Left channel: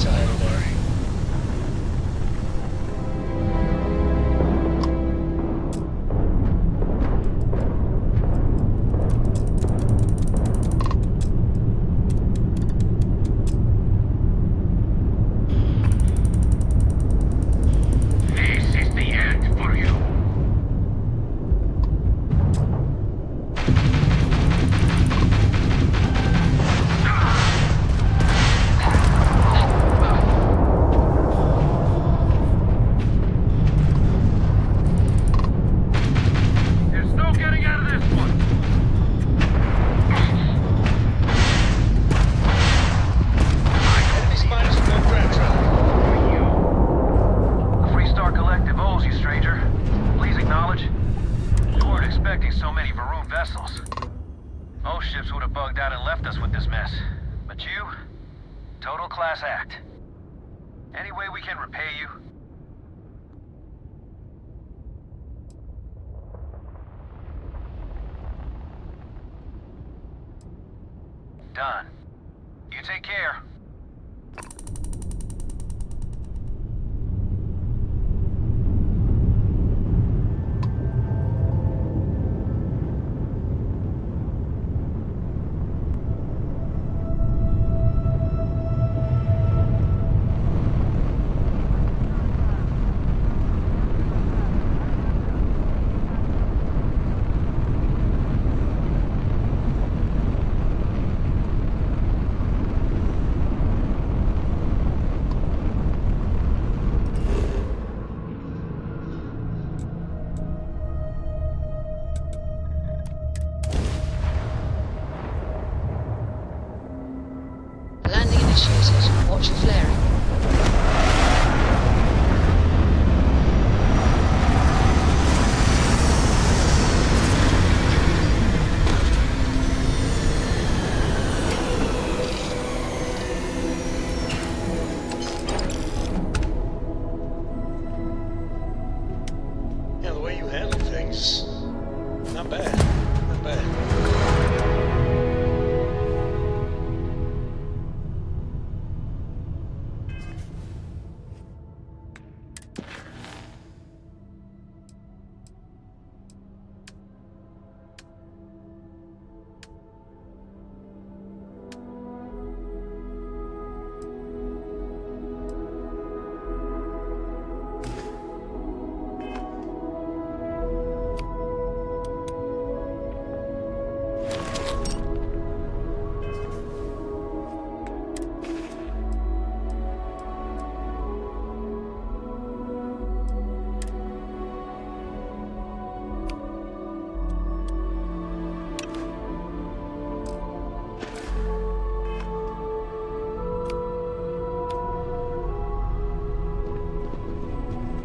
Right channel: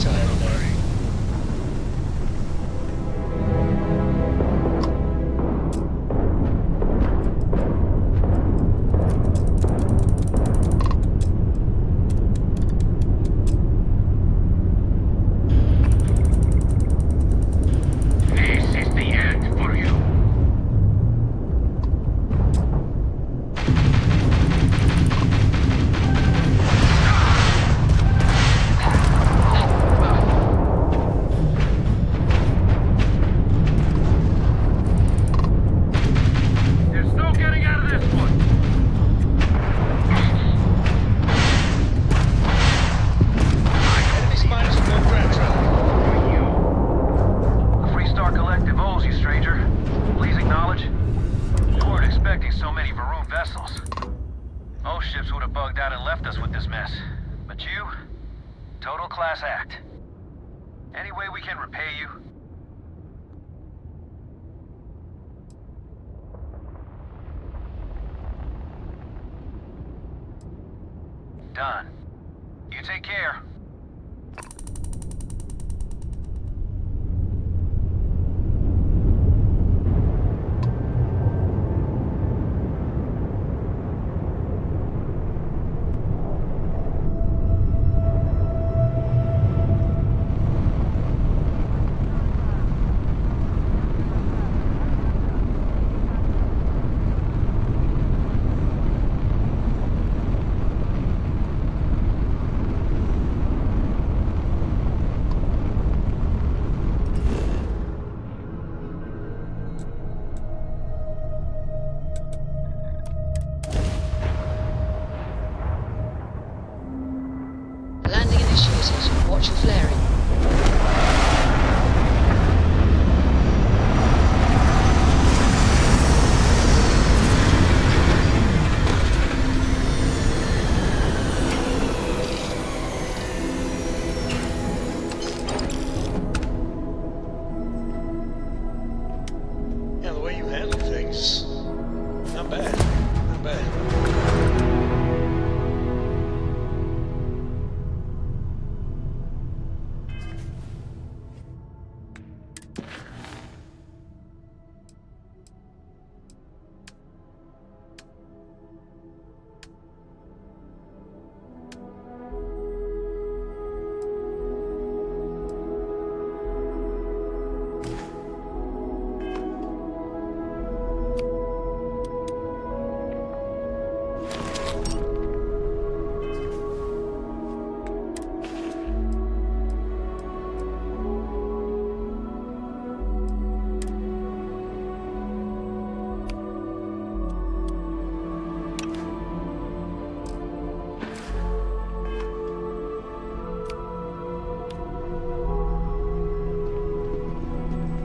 tired of that. Done. You take care. Landing initiated. Watch your flaring. Yeah, the way you handle things, not bad, not bad.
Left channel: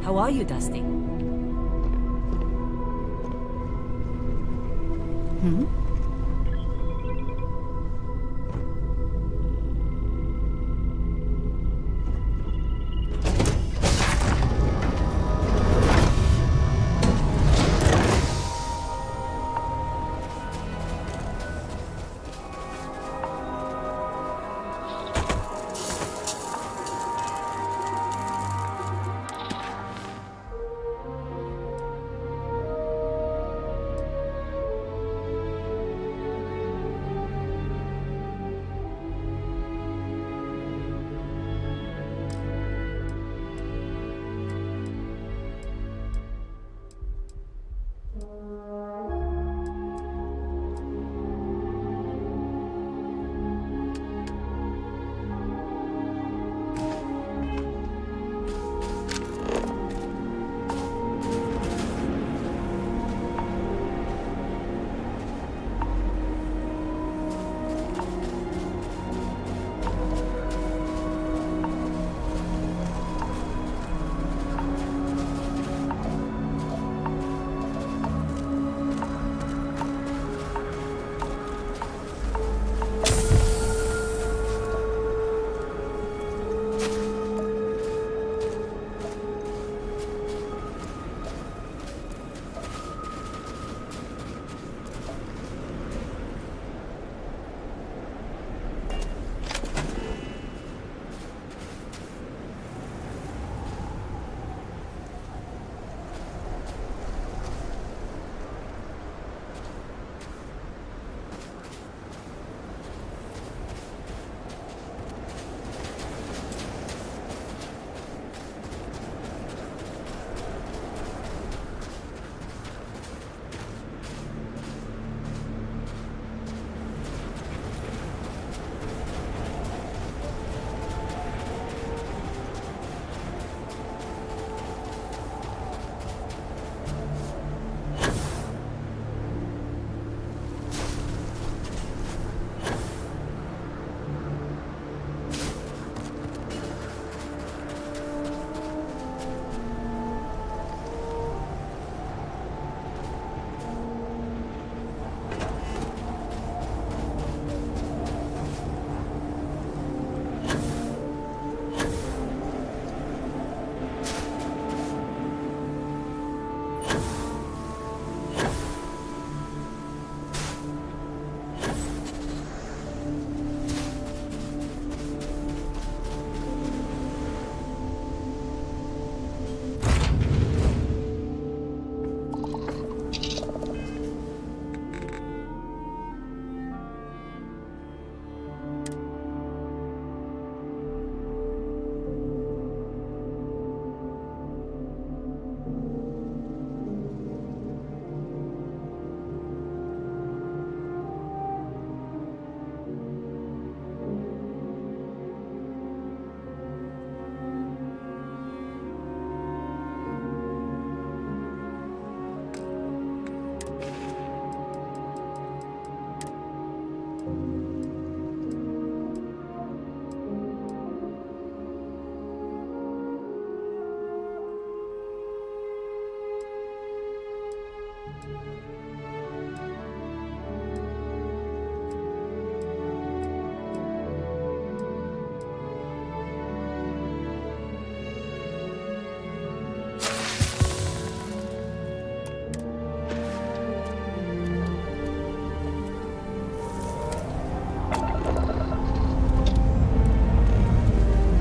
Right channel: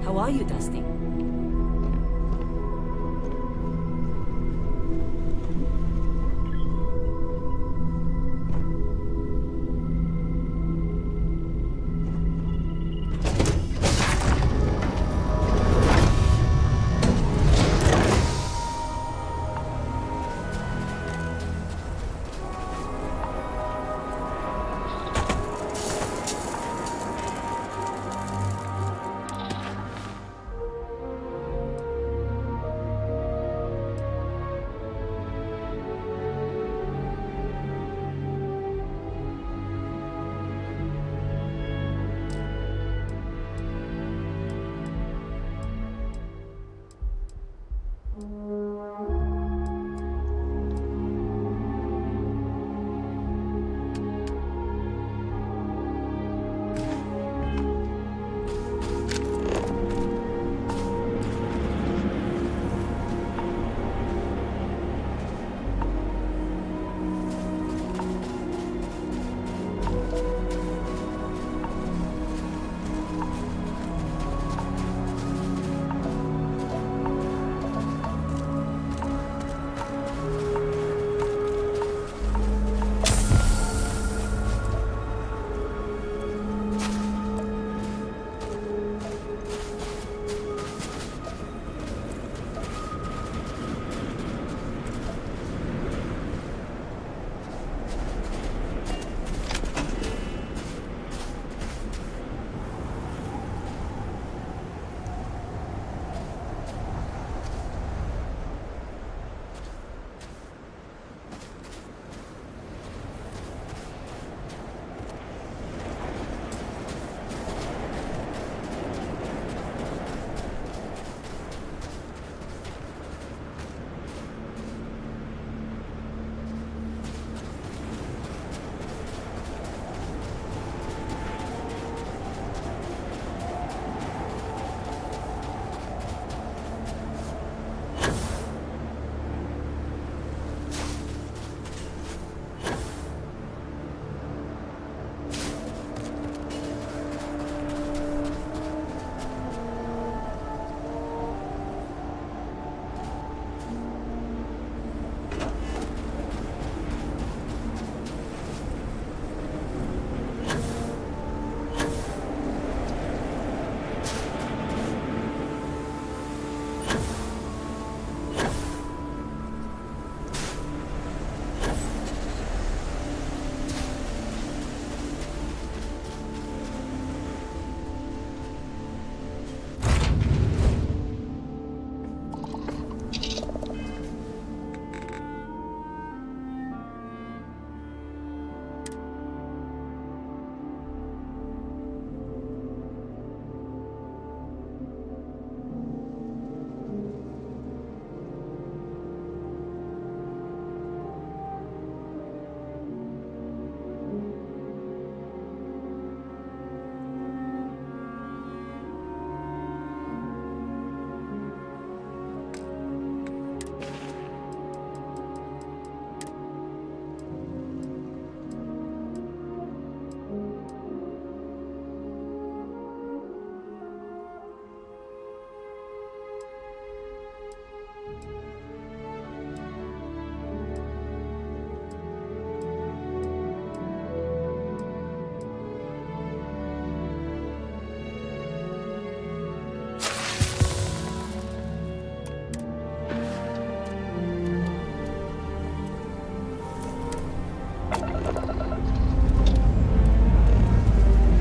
How are you, Dusty? Hmm?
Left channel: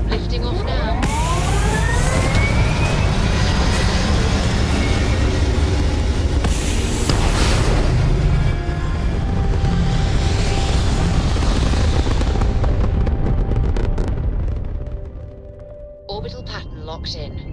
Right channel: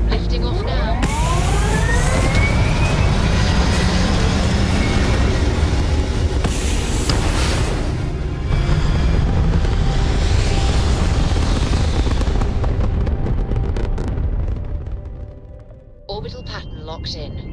Lifting off now. Orbital pattern locked in.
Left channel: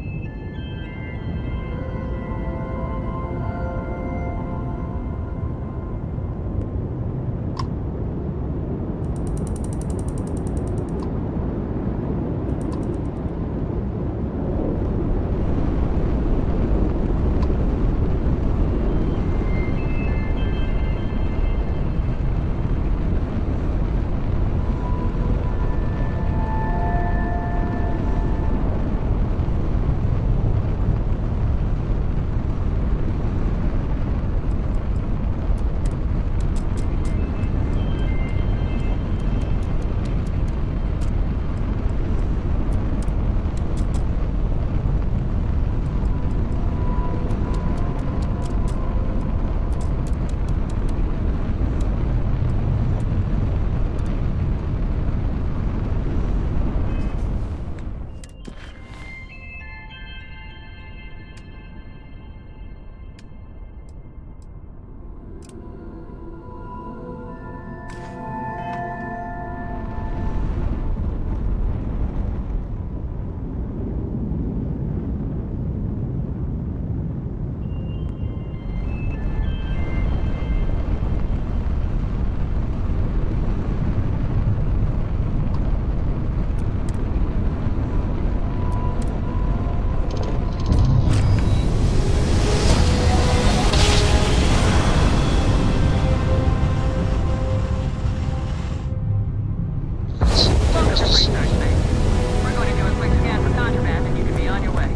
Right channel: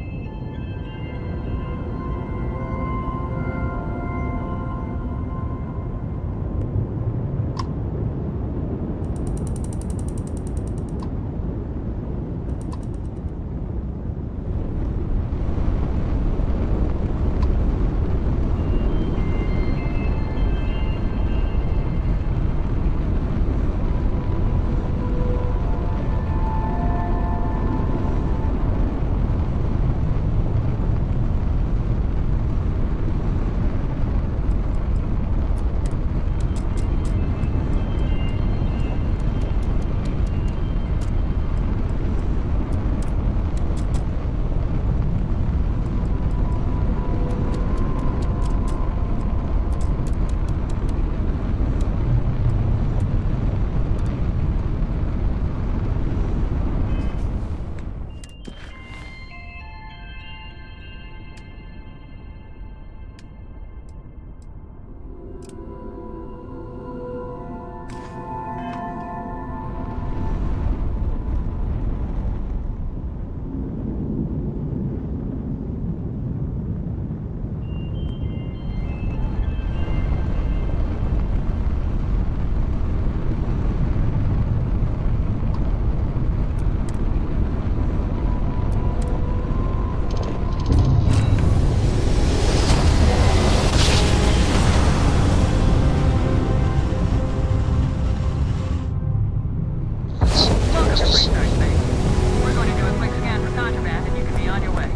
We're going to do a quick scan for contraband and you can be on your way.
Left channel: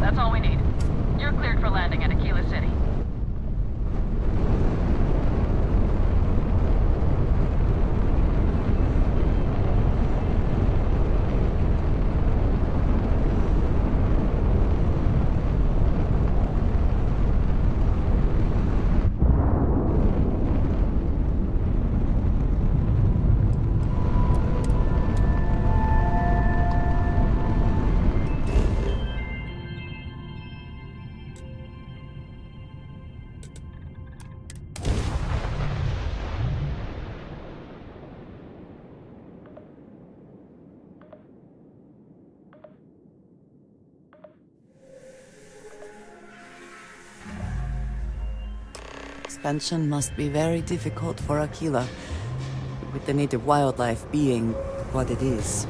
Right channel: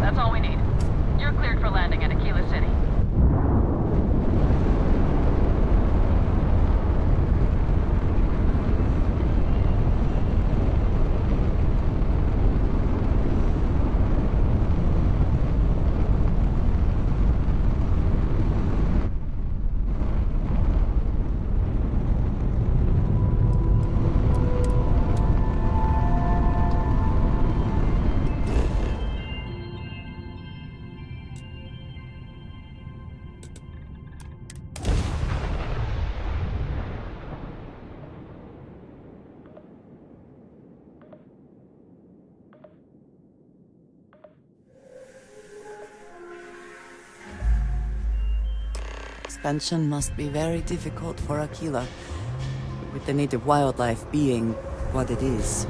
That's all we need. You're cleared for landing at Aquila City. Expansion must be very difficult for Aquila, with the native wildlife being what it is.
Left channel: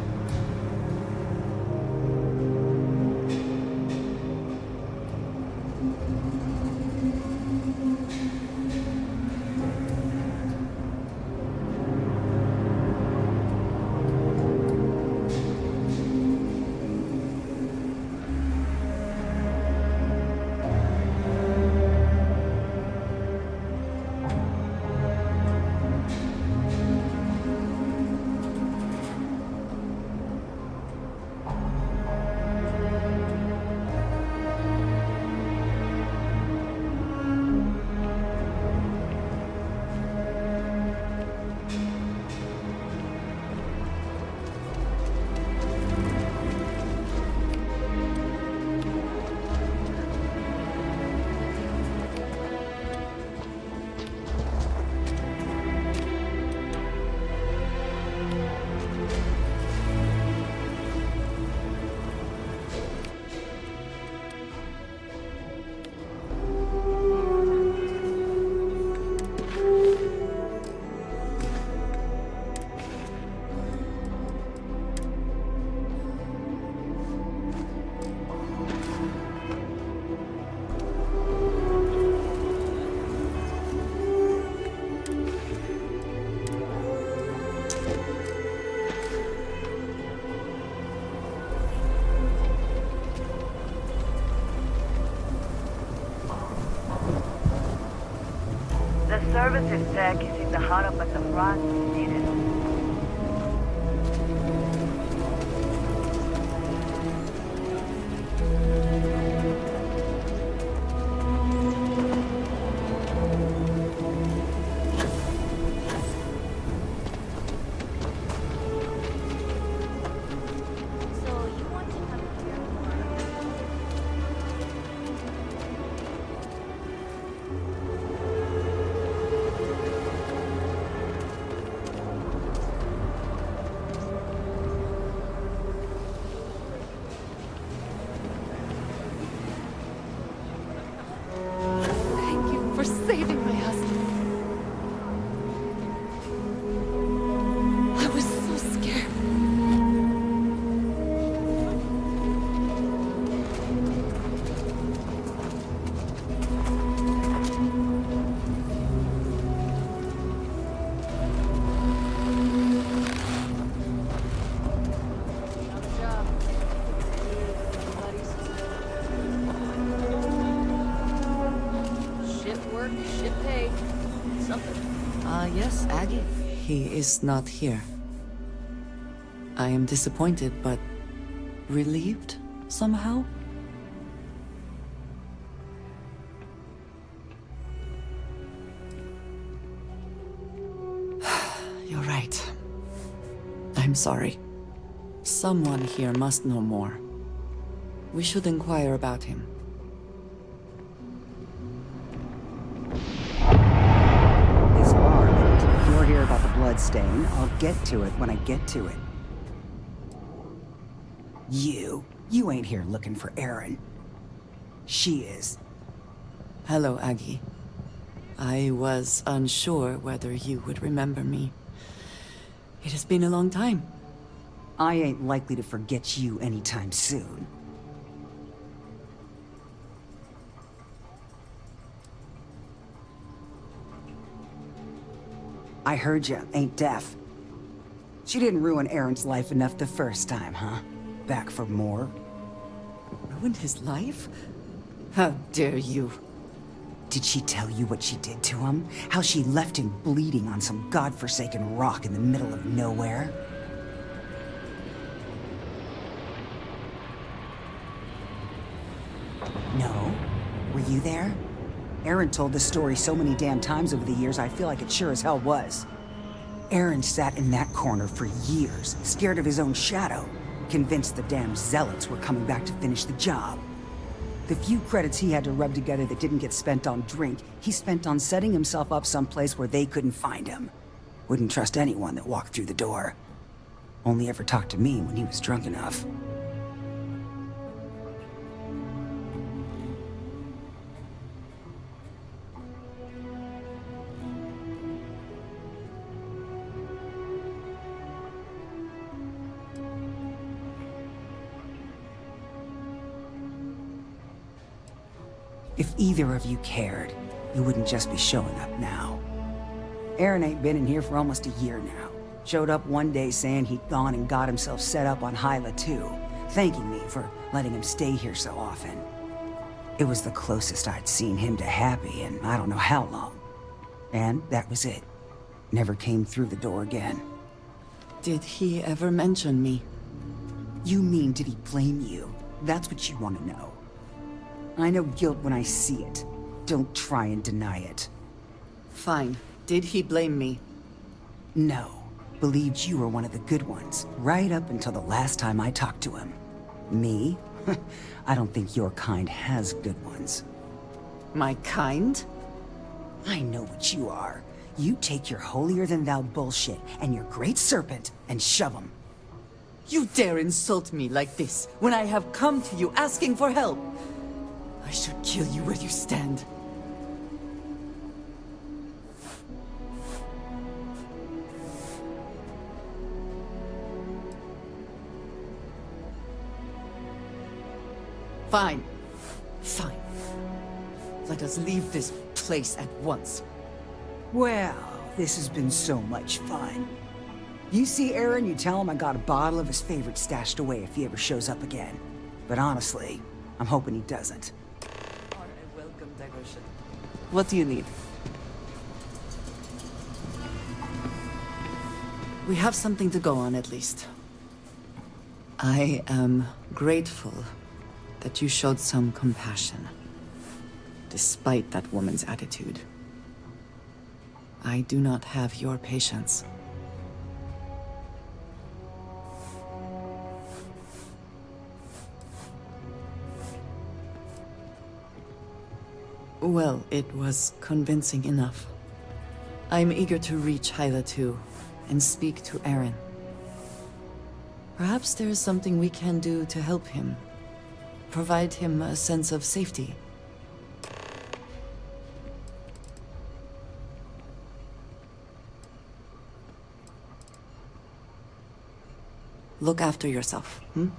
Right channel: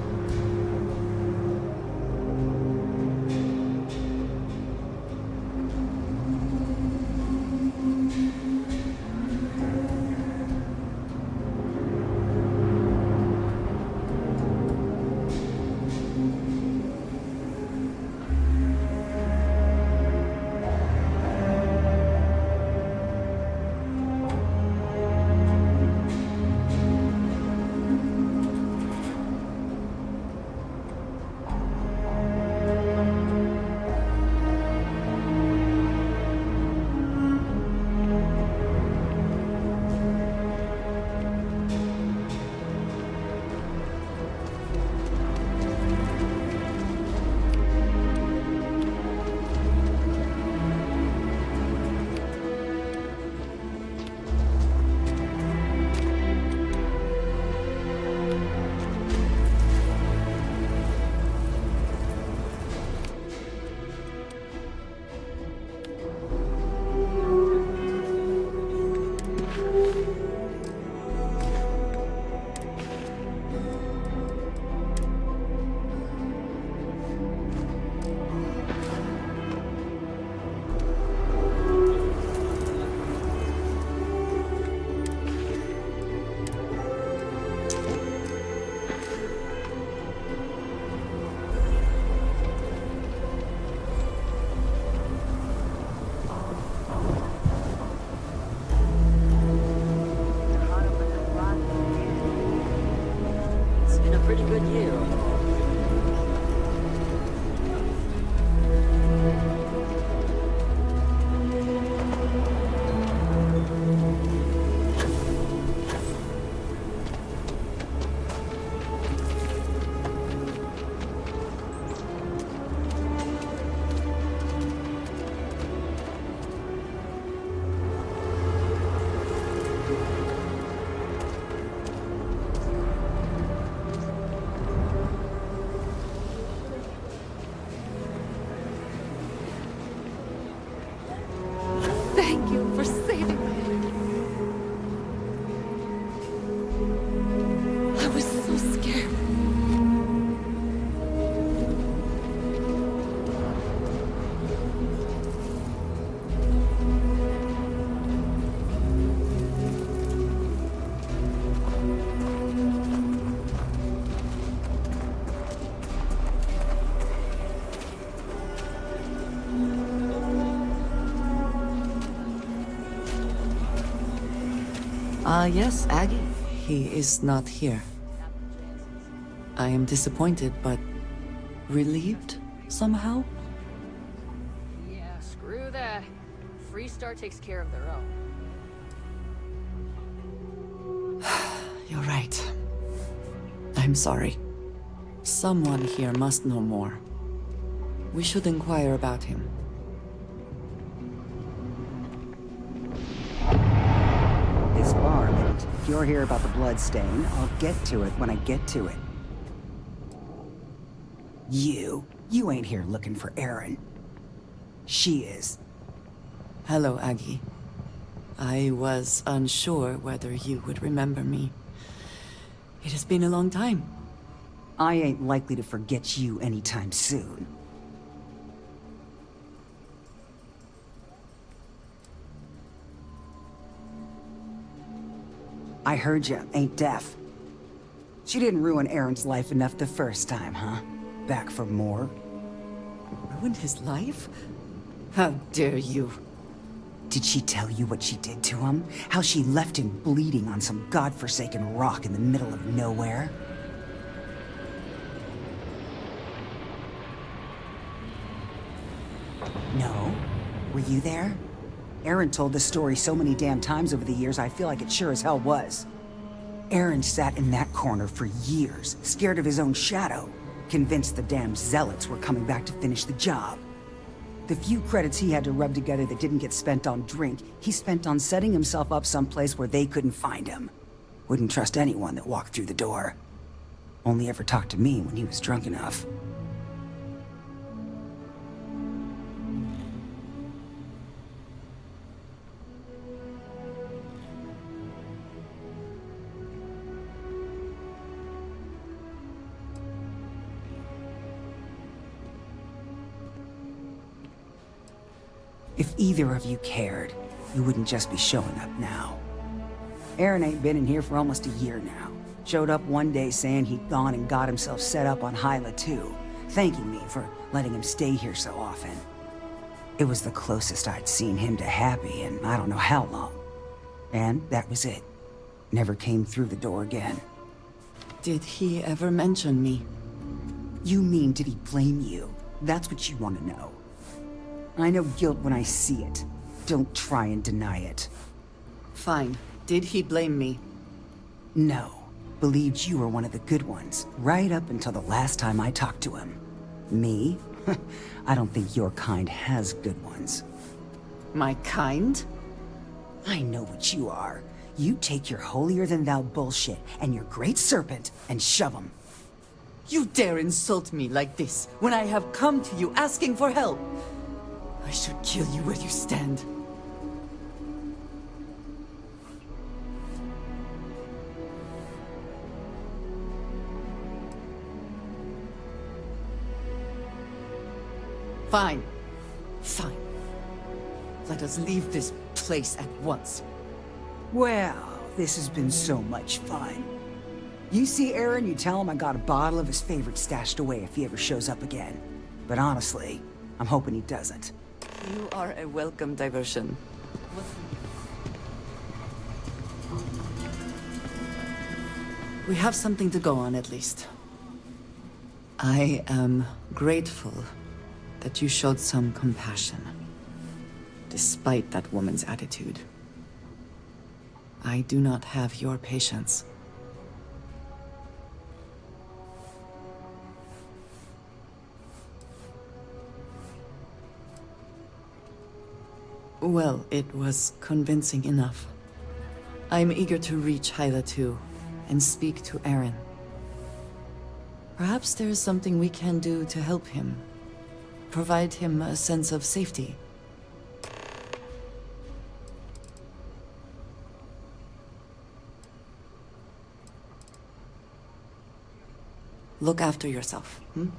Thank you for saving my husband. I was so scared. Yes, Aggie. He is not here. I am disappointed, but relieved somehow. Yeah, screw that. Freestar takes care of their own. You're right. I'm sorry. Someone here must know more. We should inquire about him. This bar, mate. If you're here about the blood stain, I'll get to it when I get to it. You ain't here looking for Erin. She is. Hello, Aggie. I was unsure whether you would remember me. It has been a long time. I ain't likely to forget you anytime soon. I heard you ain't deaf. She didn't ruin Erin's life enough the first time, huh? Back for more? Ruined his life? How dare you? Did she tell you what she did to him? How she left him bleeding on some godforsaken rock in the middle of nowhere? No? Were you there? Erin told the story so many damn times over the years, I feel like it sure as hell was. Erin sat in that corner for years, scared of his own shadow, convinced the damn zealots were coming back to finish the job. The few credits he had to rub together that didn't get spent on drink, he spent on setting himself up someplace where they couldn't find him. Wouldn't trust anyone that walked through the door. Only ever talked to me when he was drunk enough. If either of you cared, you wouldn't just be showing up now. Erin ain't been in here for almost a year now. Showed up one day saying he'd gone and got himself set up on Hyla too, thanking me for letting him stay here so often. It was the closest I'd seen him to happy in I don't know how long. And that was it. Never came through the door again. Did he ever mention me? You mean, did he blame you? That's what you want to know. I know guilt when I see it. Don't try and deny it. Fine. Did he blame me? No. Believed you were one of the good ones, right up until the last time I talked to him. Me? I don't think your kind has good ones. My kind? I know what you are. You take your holier-than-thou bullshit and your great serpent and shove 'em. You dare insult me like this when I have come to you asking for help? I should kill you where you stand. Fine. Fine. Let us leave this place at once. Well, this has been so much fun. You see Erin, you tell him I got a bottle of his favorite stashed away if he ever shows up again. But honestly, I'm hoping he doesn't. You are a welcome diversion. What do you need? We have something to go on, at least. I am grateful that you showed some compassion, despite that woman's attitude. I do not have your patience. Well, it was convincing enough. I'm eager to reach Hyla too, and speak to Aaron. Perhaps there is something we can do to help him. Provide him a sense of safety. Look after yourself, hmm?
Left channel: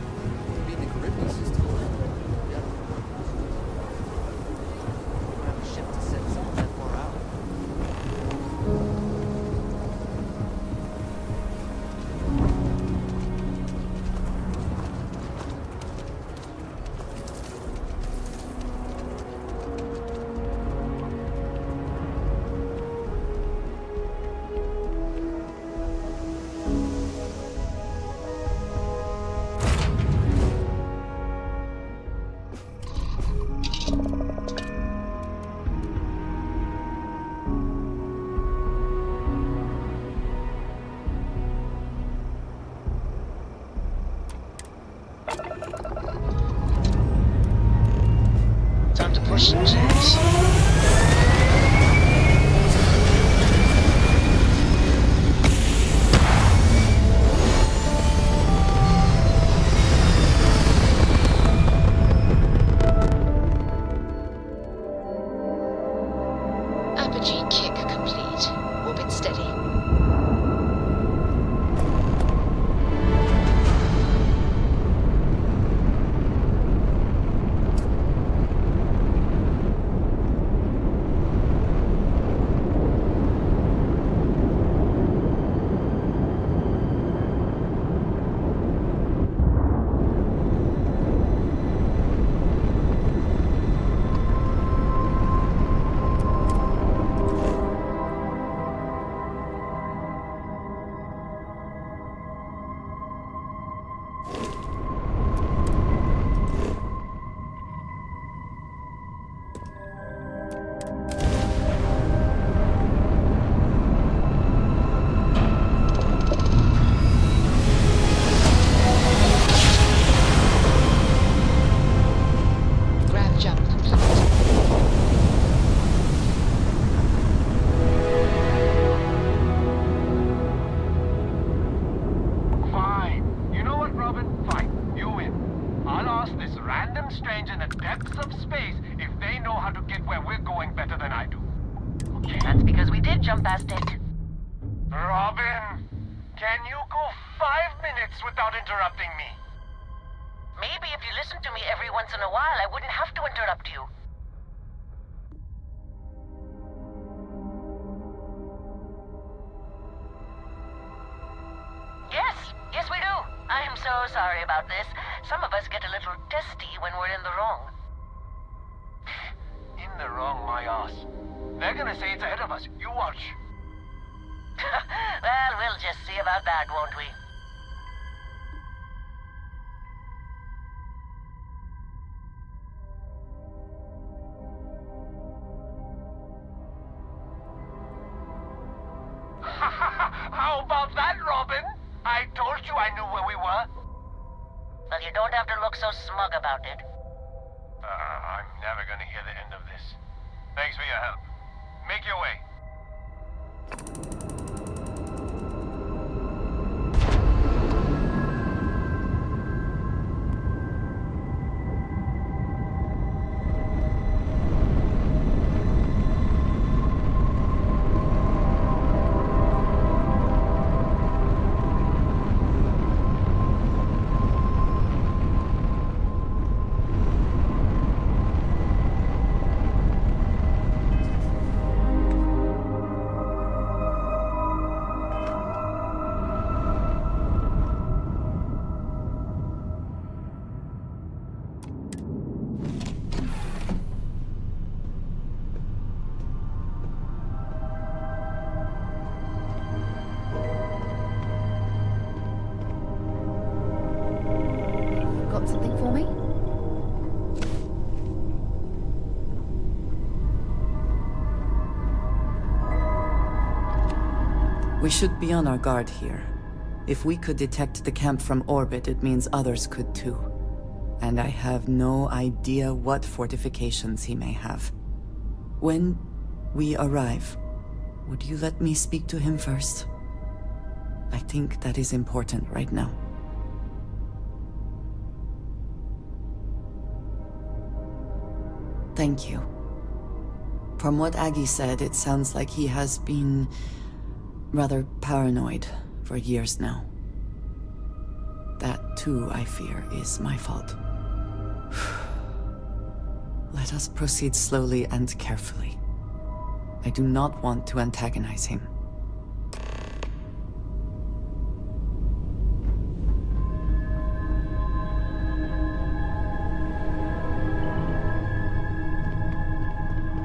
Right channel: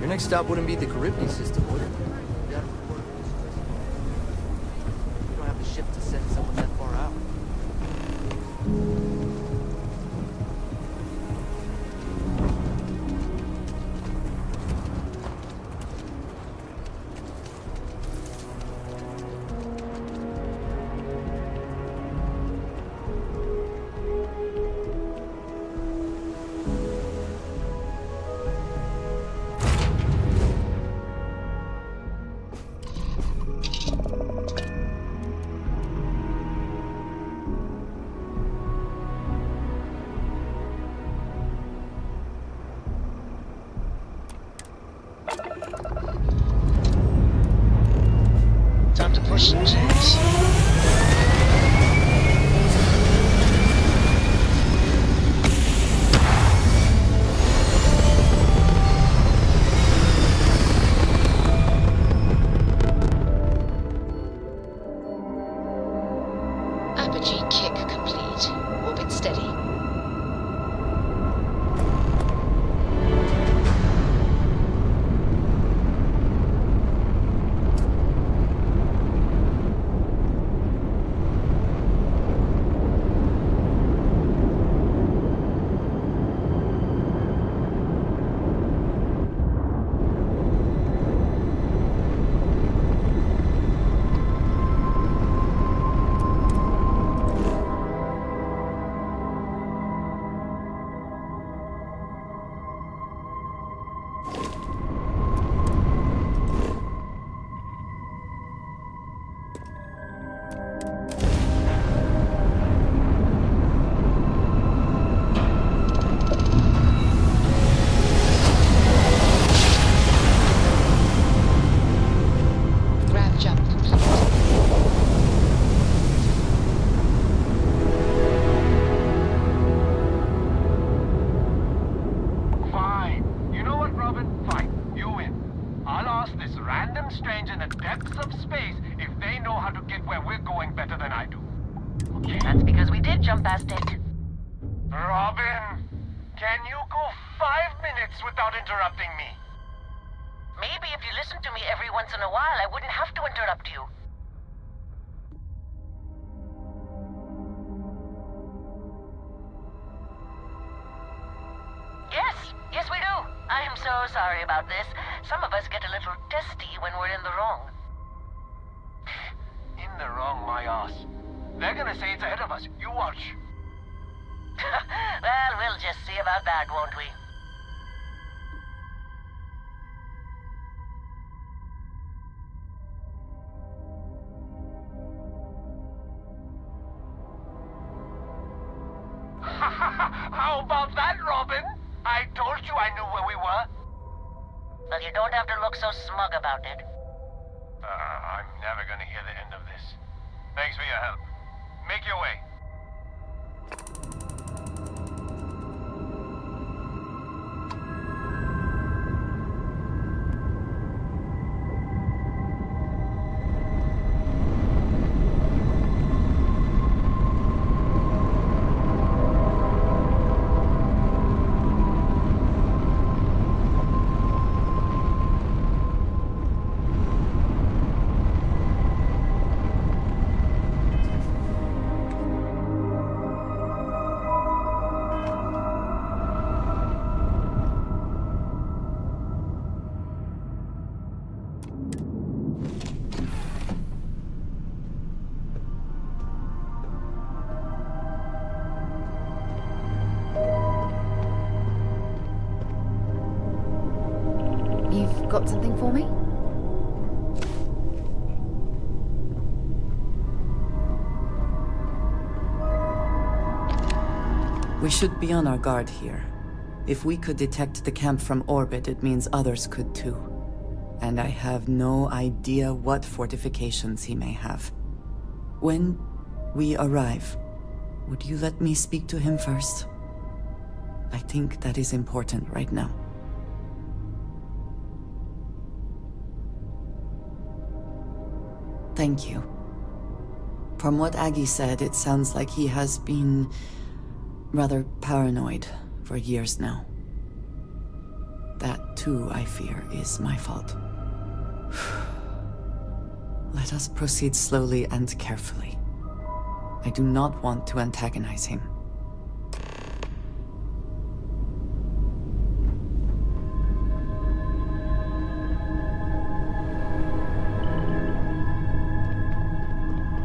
Your next stop wouldn't be the Caribbean system, would it? You don't have a ship to send someone that far out. Time to push some cheese. Apogee kick complete. Orbit steady. Grav jump complete. Fine. You know what, Robin? Fine. You win. I'll ask this random stranger in the depths of space if they know how to get where we're going better than I do. Okay? That's because we did jump past it. Robin, can you go 5 minutes without interrupting me? Maybe if you listened to me every once in a while, I wouldn't have to interrupt you. Yes, we do. I am so sorry about this. Some of us get a little testy when we're in the wrong. In the wrong, my ass. They're gonna say it's ahead of us. You watch. Well, we'll just see about that, won't we? How about that, Robin? I told you I knew where we were. Well, you don't have to look so smug about it. I'm never gonna hear the end of this. Thanks for your help. Make your way. Got something for me? We should be on our guard here. If we could detect the camp from orbit, it means others could too. And I have no idea what fortifications he may have. When we arrive, would you let me speak to him first? I think that is important right now. Thank you. From what Aggie said, it sounds like he has been rather paranoid for years now. That too, I fear, is my fault. Let us proceed slowly and carefully. I do not want to antagonize him.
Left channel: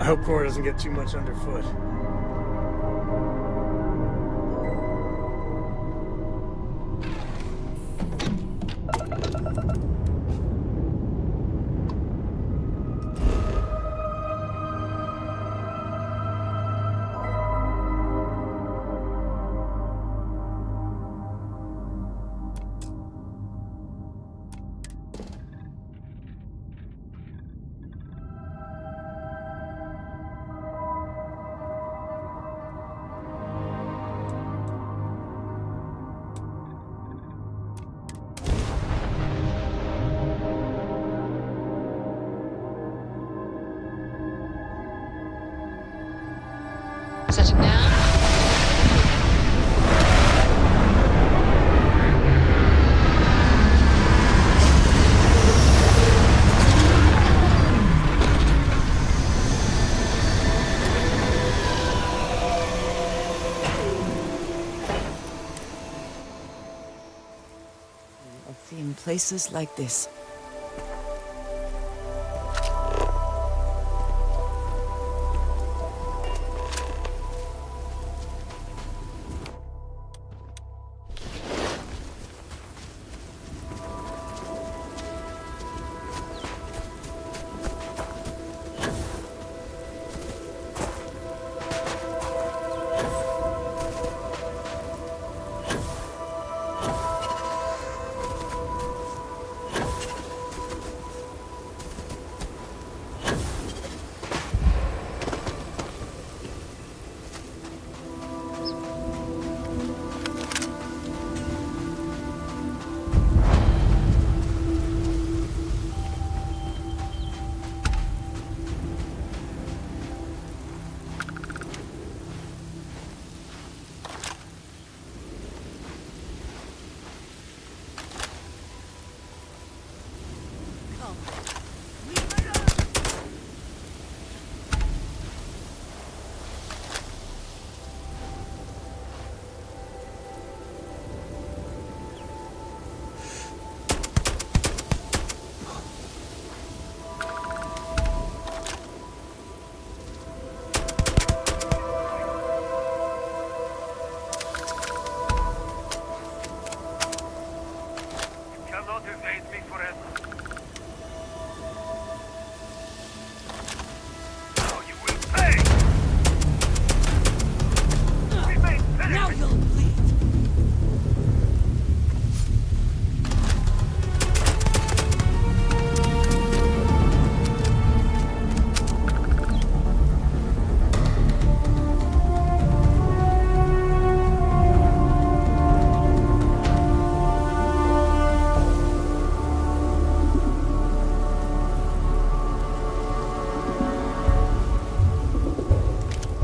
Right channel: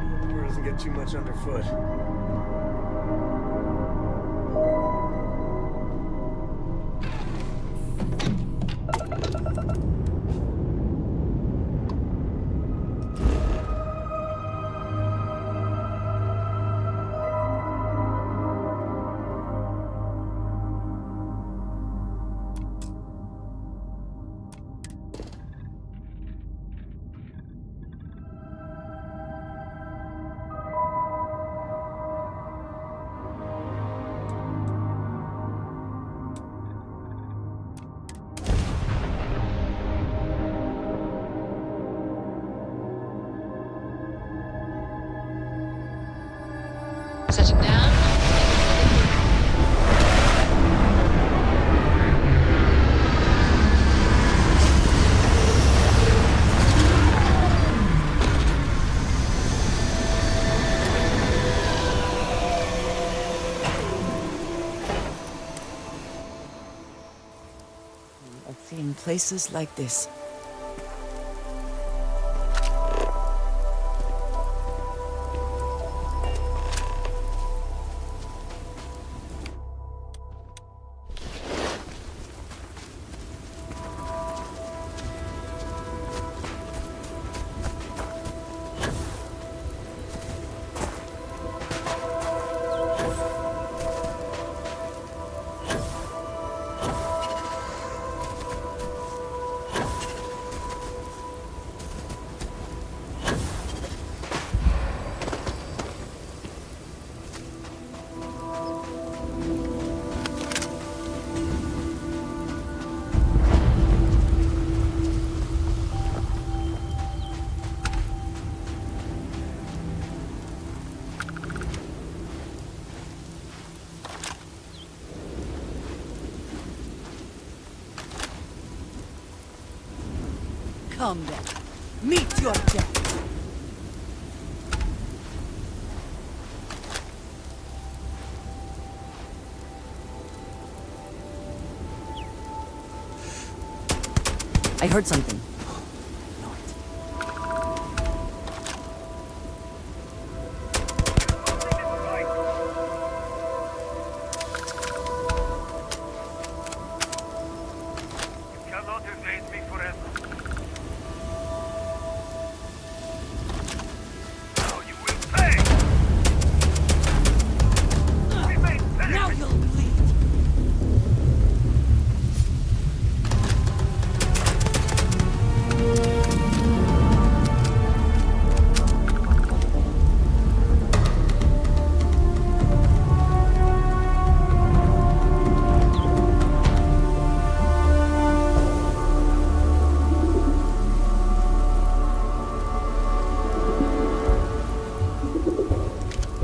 I hope Cora doesn't get too much underfoot. Setting down. I've seen places like this. Calm down. Meet your objective. I heard something. You cannot evade me forever. Now you will pay! Remain Now penetrated. you'll bleed.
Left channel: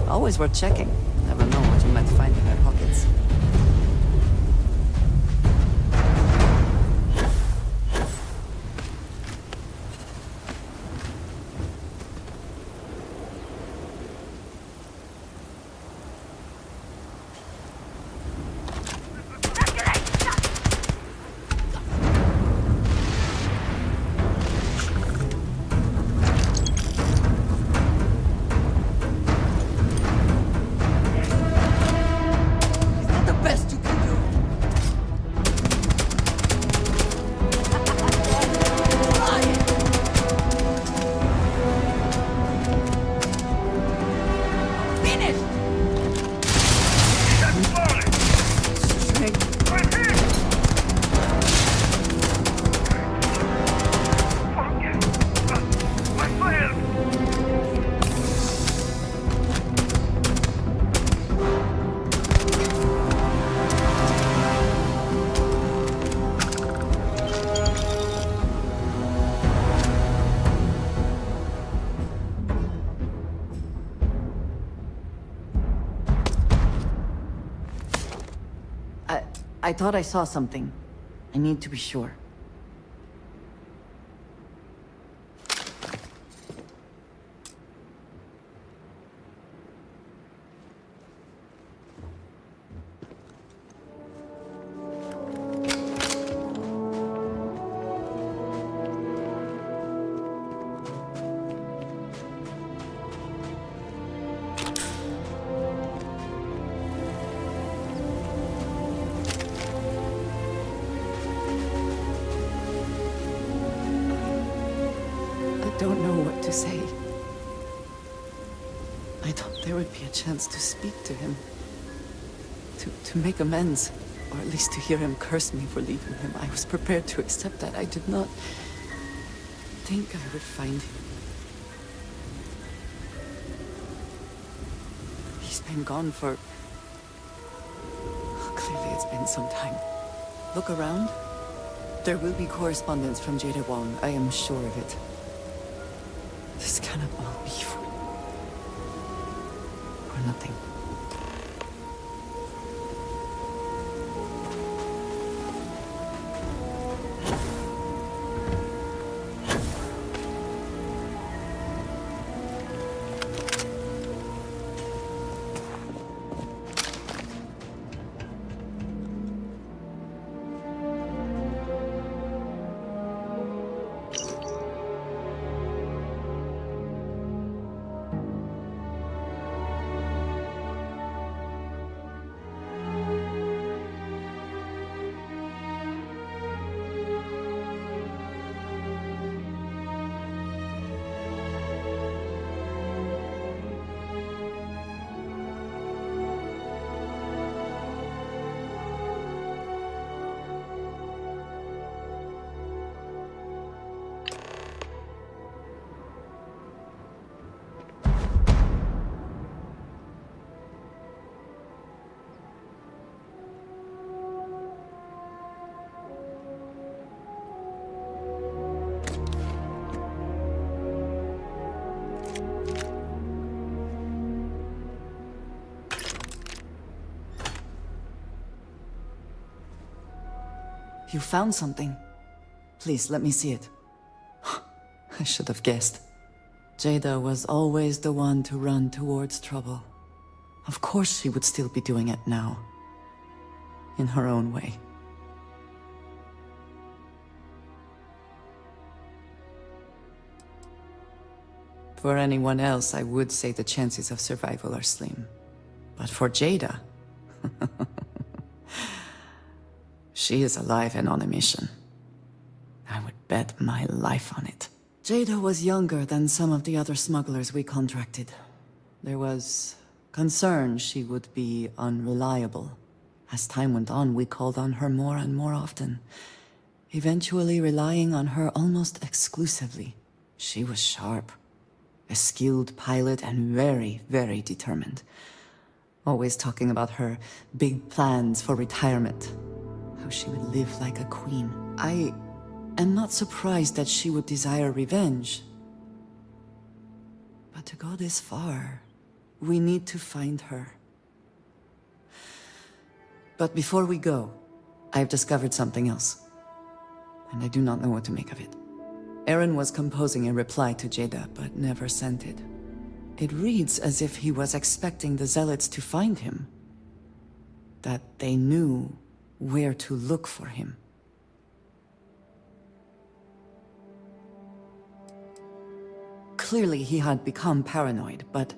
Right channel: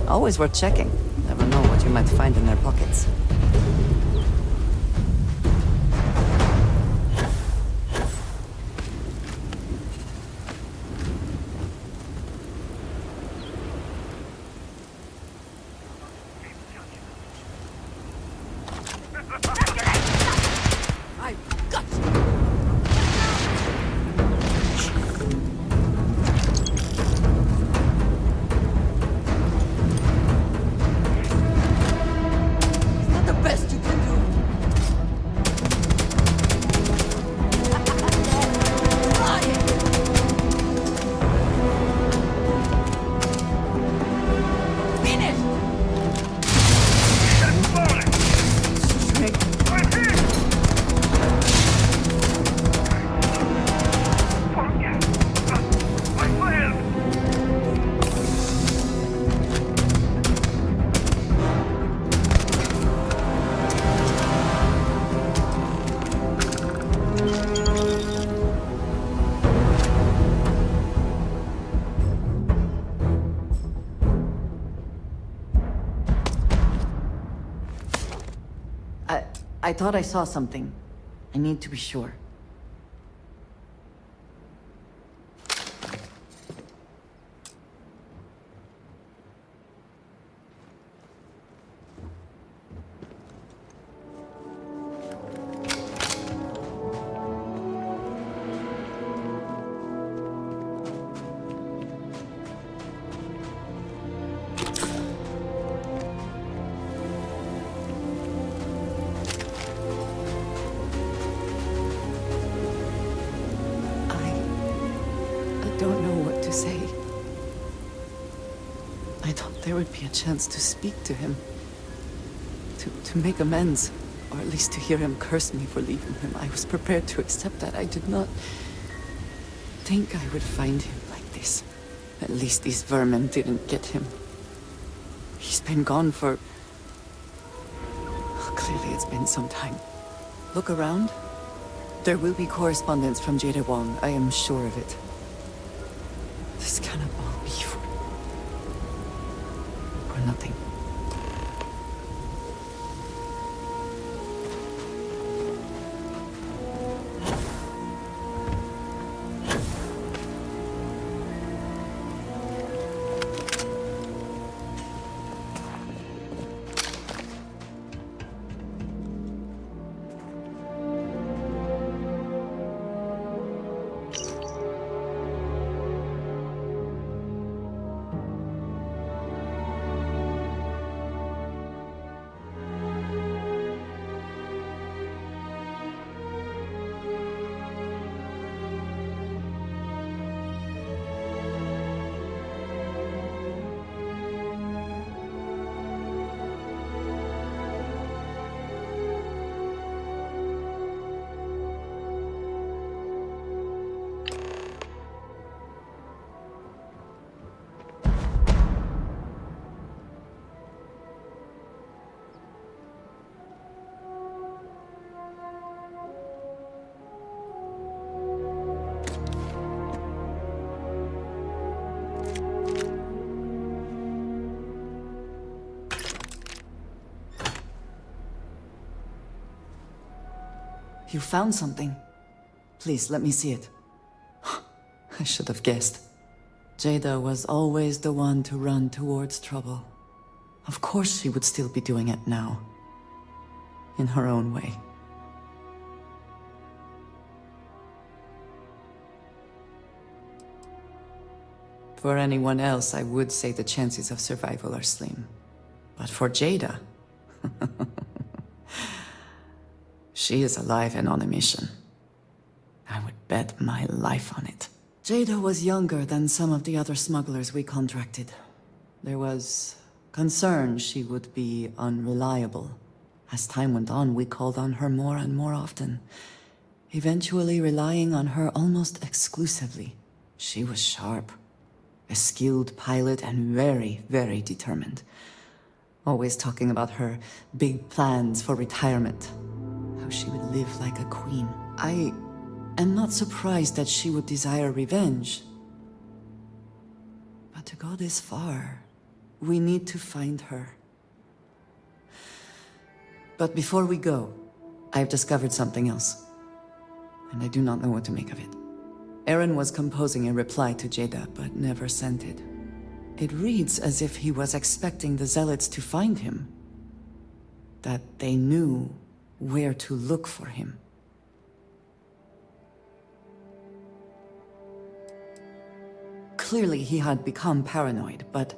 Always worth checking. Never know what you might find in their pockets. I've got you. Is that I thought I saw something. I need to be sure. I don't know what to say. I thought there would be a chance to speak to him. To make amends. Or at least to hear him curse me for leaving him. I was prepared to accept that. I did not think I would find him like this. At least these vermin didn't get him. He's been gone for... Clearly it's been some time. Look around. There will be correspondence from Jada Wong. I am sure of it. This cannot all be for nothing. You found something. Please, let me see it. I should have guessed. Jada was always the one to run towards trouble. Of course she would still be doing it now. In her own way. For anyone else, I would say the chances of survival are slim. But for Jada... She is alive and on a mission. I would bet my life on it. Jada was younger than some of the other smugglers we contracted. There was concern she would be unreliable. As time went on, we called on her more and more often, eventually relying on her almost exclusively. She was sharp, a skilled pilot and very, very determined. Always talking about her big plans for retirement. How she would live like a queen. I am not surprised that she would desire revenge. But to go this far, we need to find her. But before we go, I've discovered something else. And I do not know what to make of it. Aaron was composing a reply to Jada, but never sent it. It reads as if he was expecting the Zealots to find him. That they knew where to look for him. Clearly he had become paranoid, but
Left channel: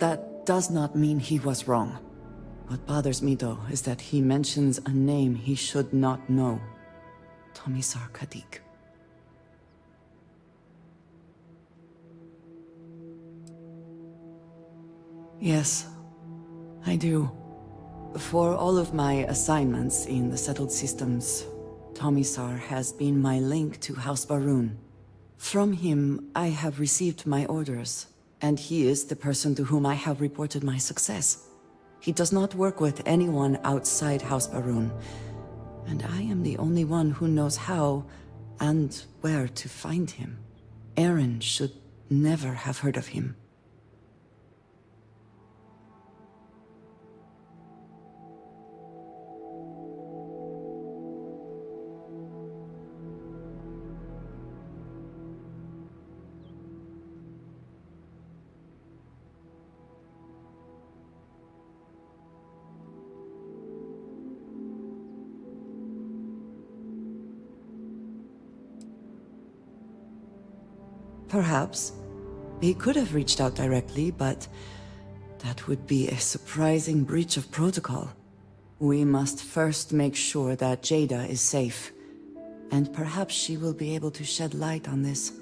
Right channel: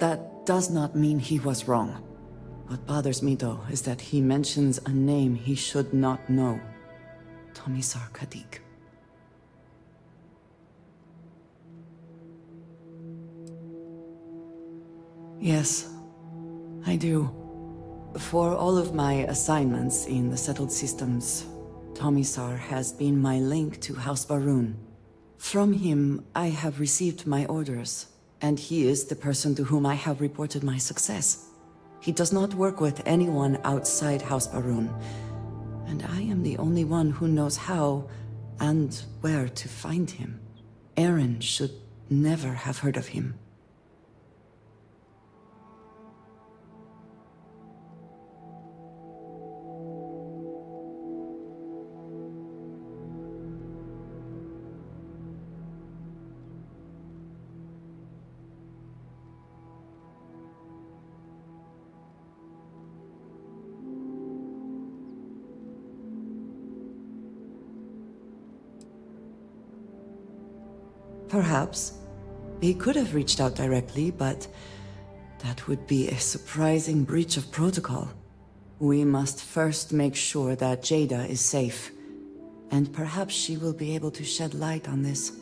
that does not mean he was wrong. What bothers me, though, is that he mentions a name he should not know. Tomisar Kadik. Yes, I do. For all of my assignments in the settled systems, Tomisar has been my link to House Barun. From him, I have received my orders, and he is the person to whom I have reported my success. He does not work with anyone outside House Barun, and I am the only one who knows how and where to find him. Aaron should never have heard of him. Perhaps. He could have reached out directly, but that would be a surprising breach of protocol. We must first make sure that Jada is safe, and perhaps she will be able to shed light on this.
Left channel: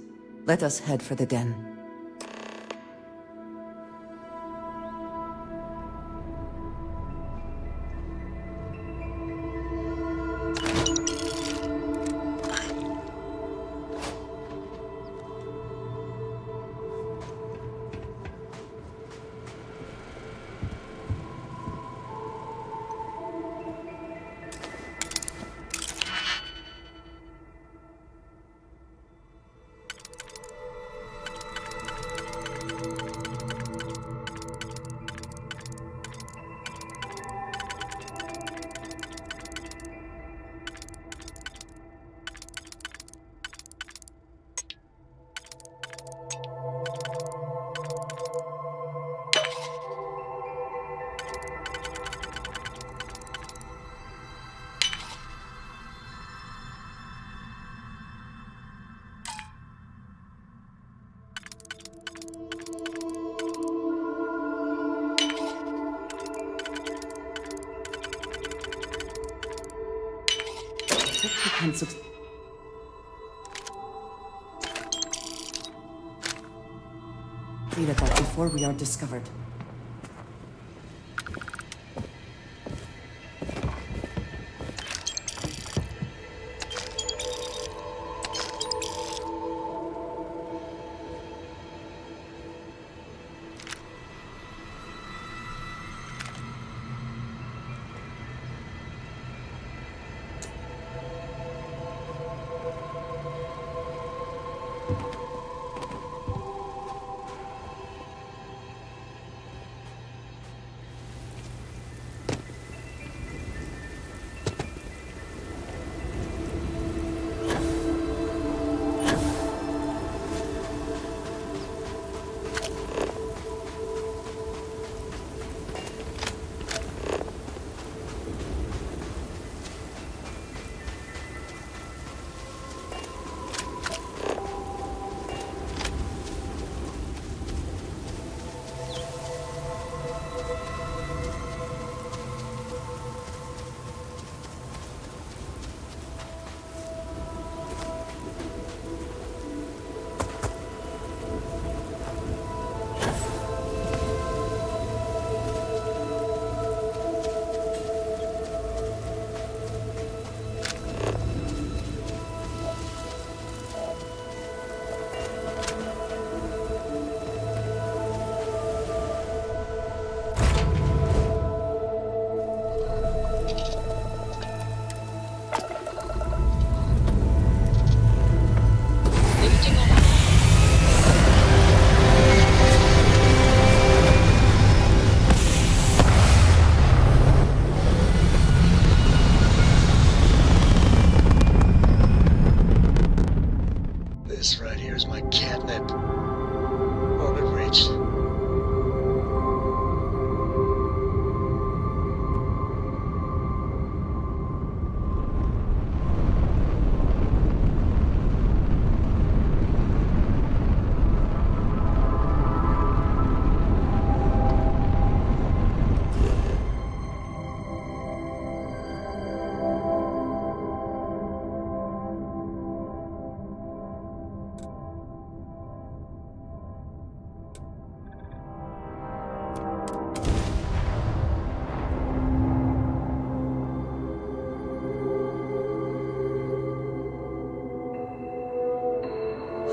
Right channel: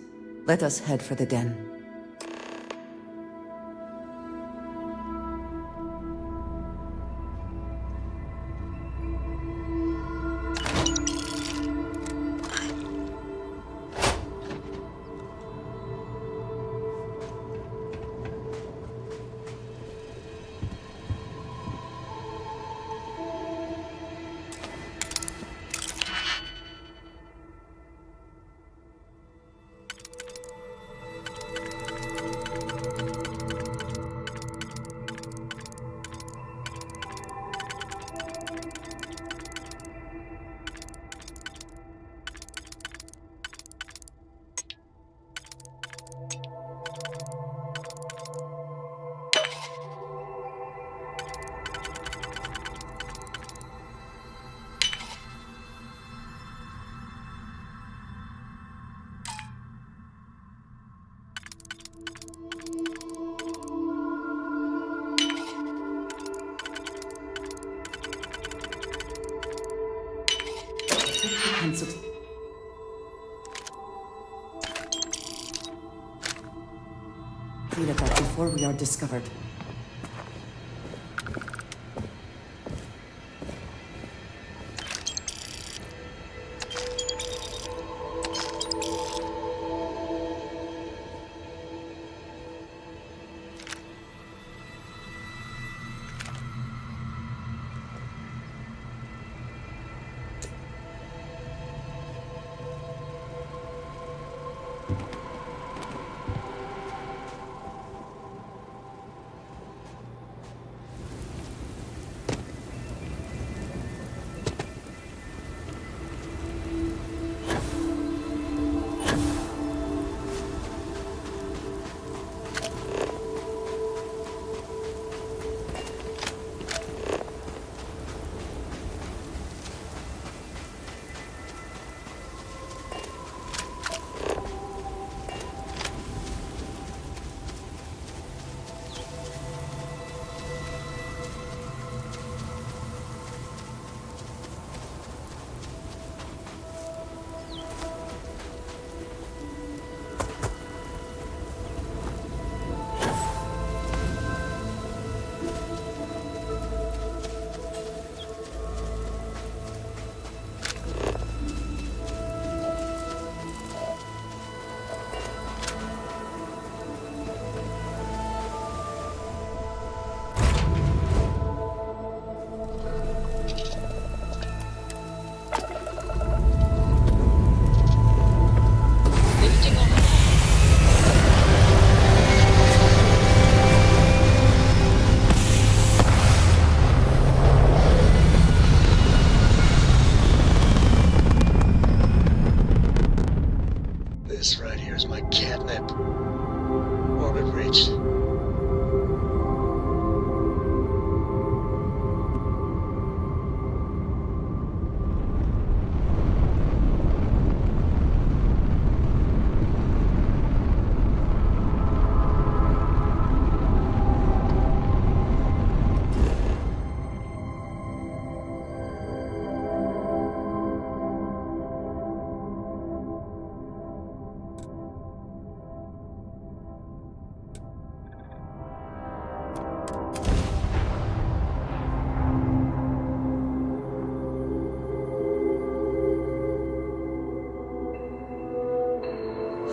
Let us head for the den. Clear that before we are discovered. This right here is my catnip. Orbit reached.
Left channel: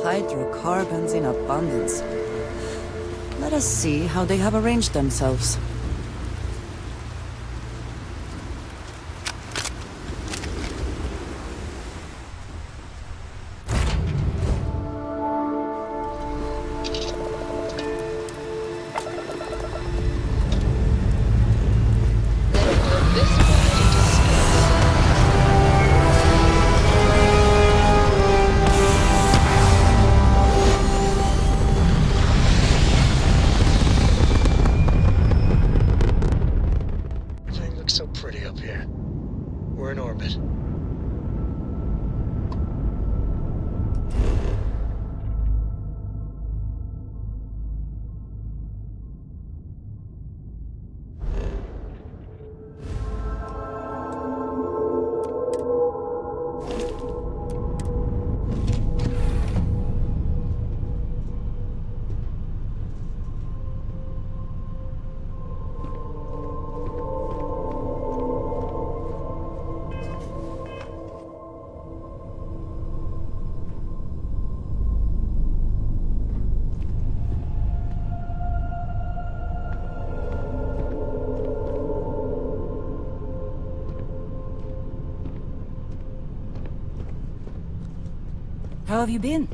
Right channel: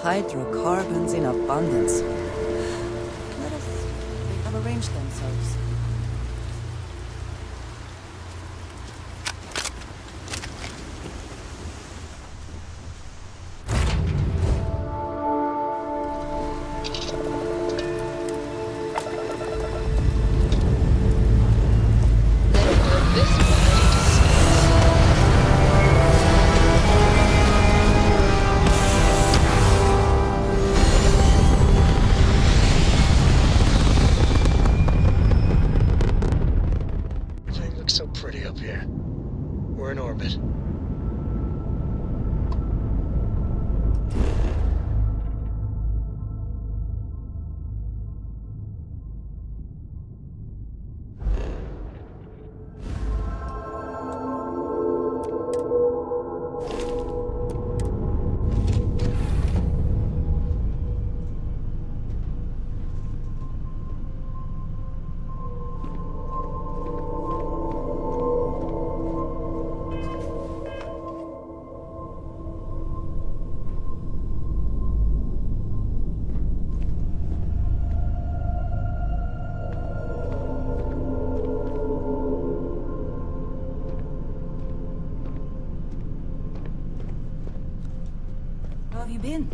Hydrocarbons in abundance. Let us see how they have arranged themselves. How have you been?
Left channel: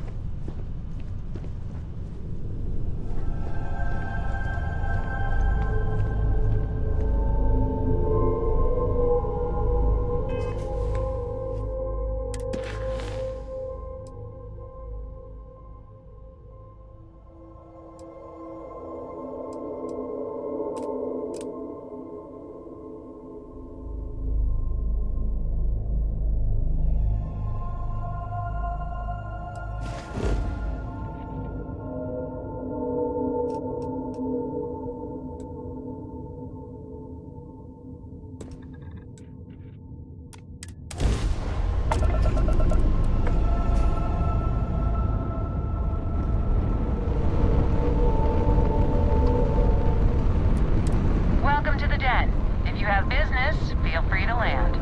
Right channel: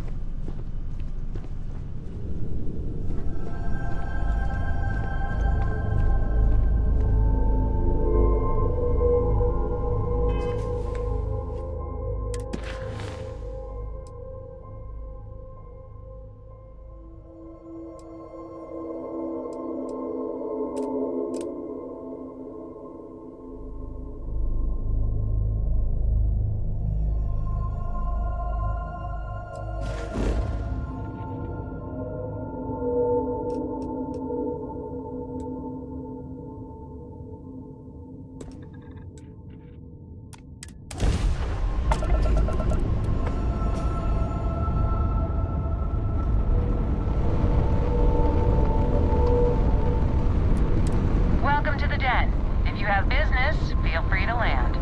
Welcome to the den. If you have business, feel free to land.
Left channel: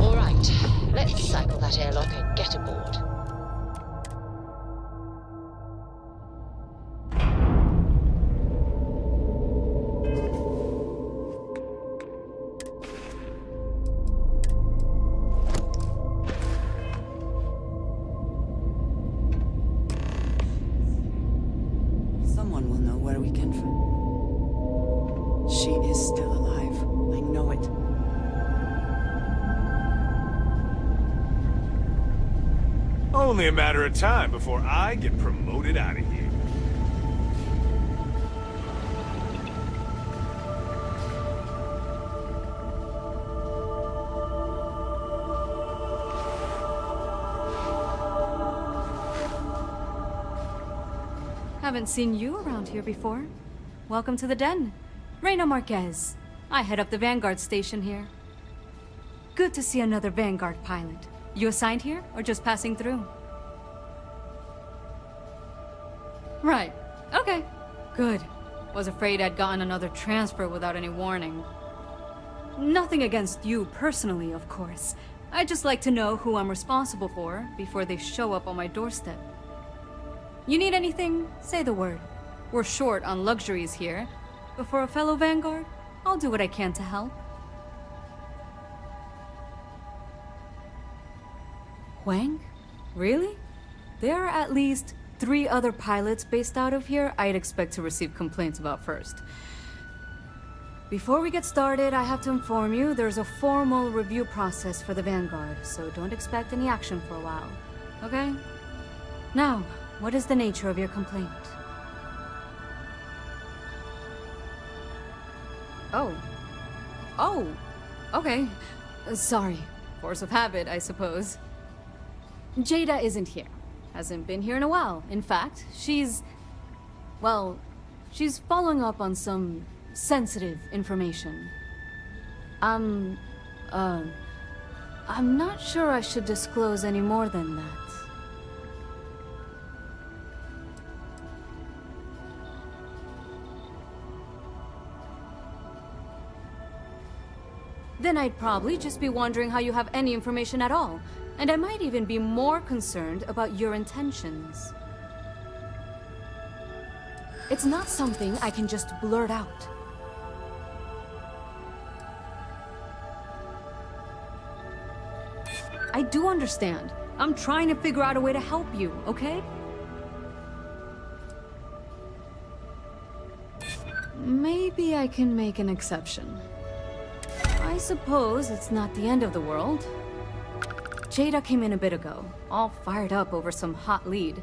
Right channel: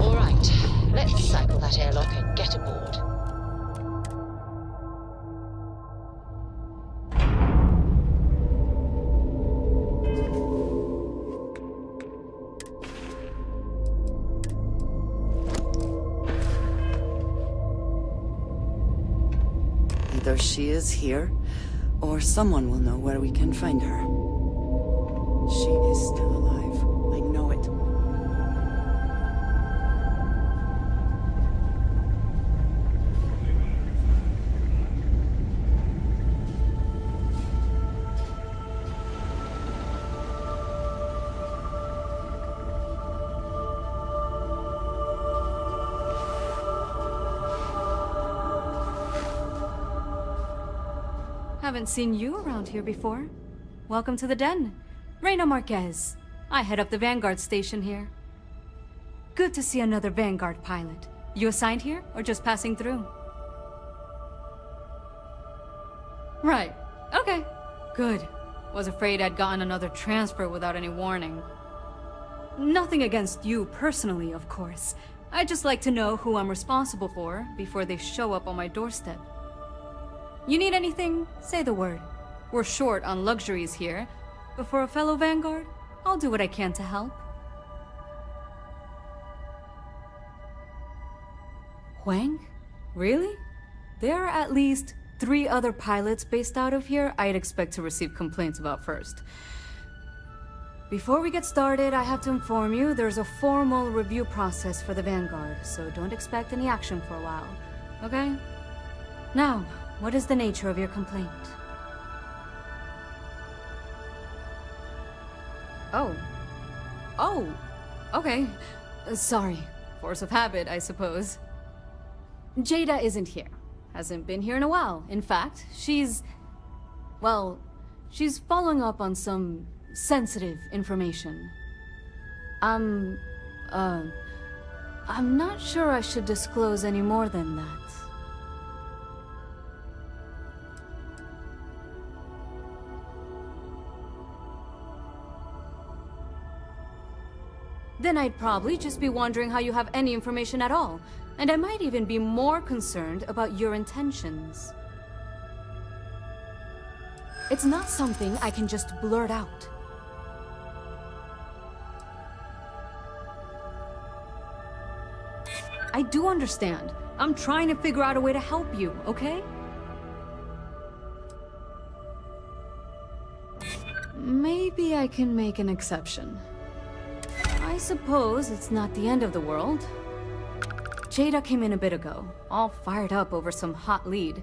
All right, let's cycle that airlock and get aboard. Either she is here, or someone will know where we can find her. She is still alive. I know it. Only a matter of time before I get promoted out of here. Haven't seen you around here before. Welcome to the den. Reina Marquez. I head up the Vanguard station here. Good to see another Vanguard pilot. You assigned here, or just passing through? Right. Okay. Good. Was afraid I'd gotten another transfer without any warning. Nothing against you personally, of course. I'd just like to know who I'm responsible for before they show up on my doorstep. You need anything? Say the word. We're short on luxuries here, but for a fellow Vanguard, I'll do what I can to help. Huang? Really? There are at least 3 other pilots based out of here I'd expect to receive complaints about first. Before we get started, I have to inform you there's a formal review process for the Vanguard, so don't expect any action for a while, okay? Now, what is the nature of your complaint? Oh, okay. Sorry. Force of habit, I suppose. Jada isn't here. Hasn't been here in a while. In fact, she's following up on some sensitive information. I'm not sure I should disclose any more than that. Then I'd probably just be wondering how you have any information at all. And I might even be more concerned about your intentions. It's not something I can just blurt out. I do understand. I'm trying to figure out a way to help you, okay? Maybe I can make an exception. I suppose it's not the end of the world. Jada came in a bit ago, all fired up over some hot lead.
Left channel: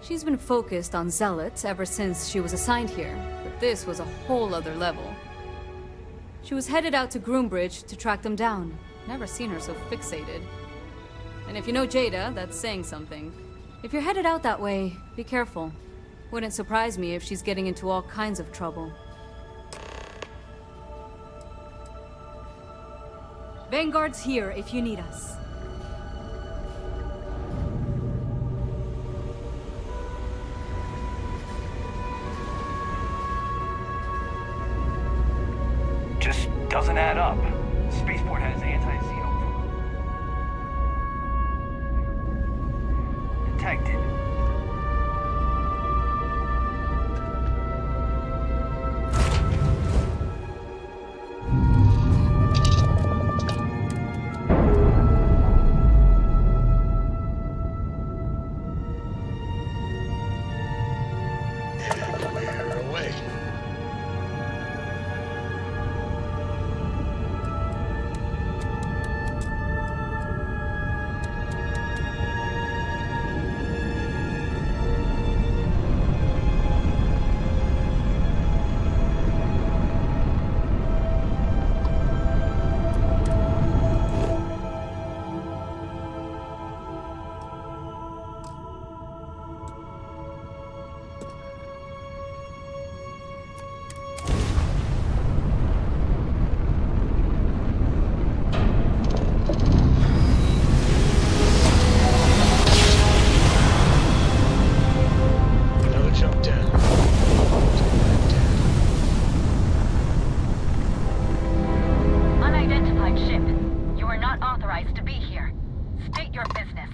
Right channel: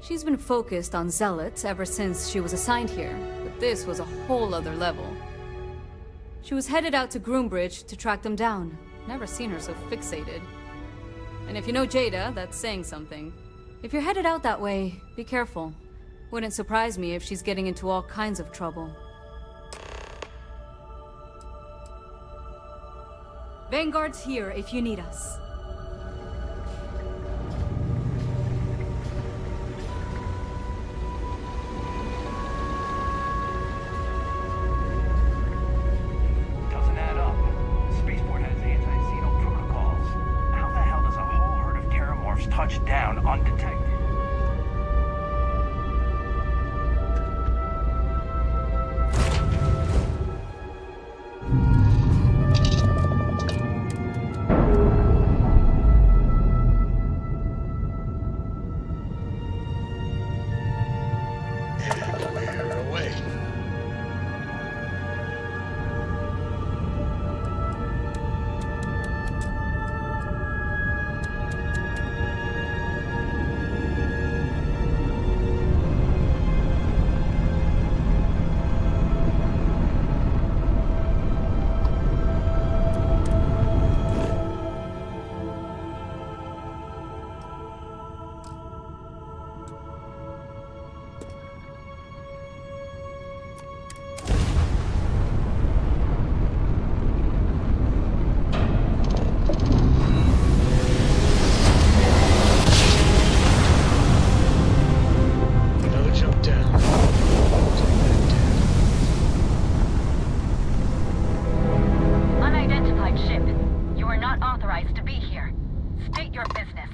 She's been focused on zealots ever since she was assigned here, but this was a whole other level. She was headed out to Groombridge to track them down. Never seen her so fixated. And if you know Jada, that's saying something. If you're headed out that way, be careful. Wouldn't surprise me if she's getting into all kinds of trouble. Vanguard's here if you need us. that up. The spaceport has anti-xeno protocols. How the hell does a whole herd of terramorphs touch down undetected? And we're away. Another jump down. Take that down. Unidentified ship. You are not authorized to be here. State your business.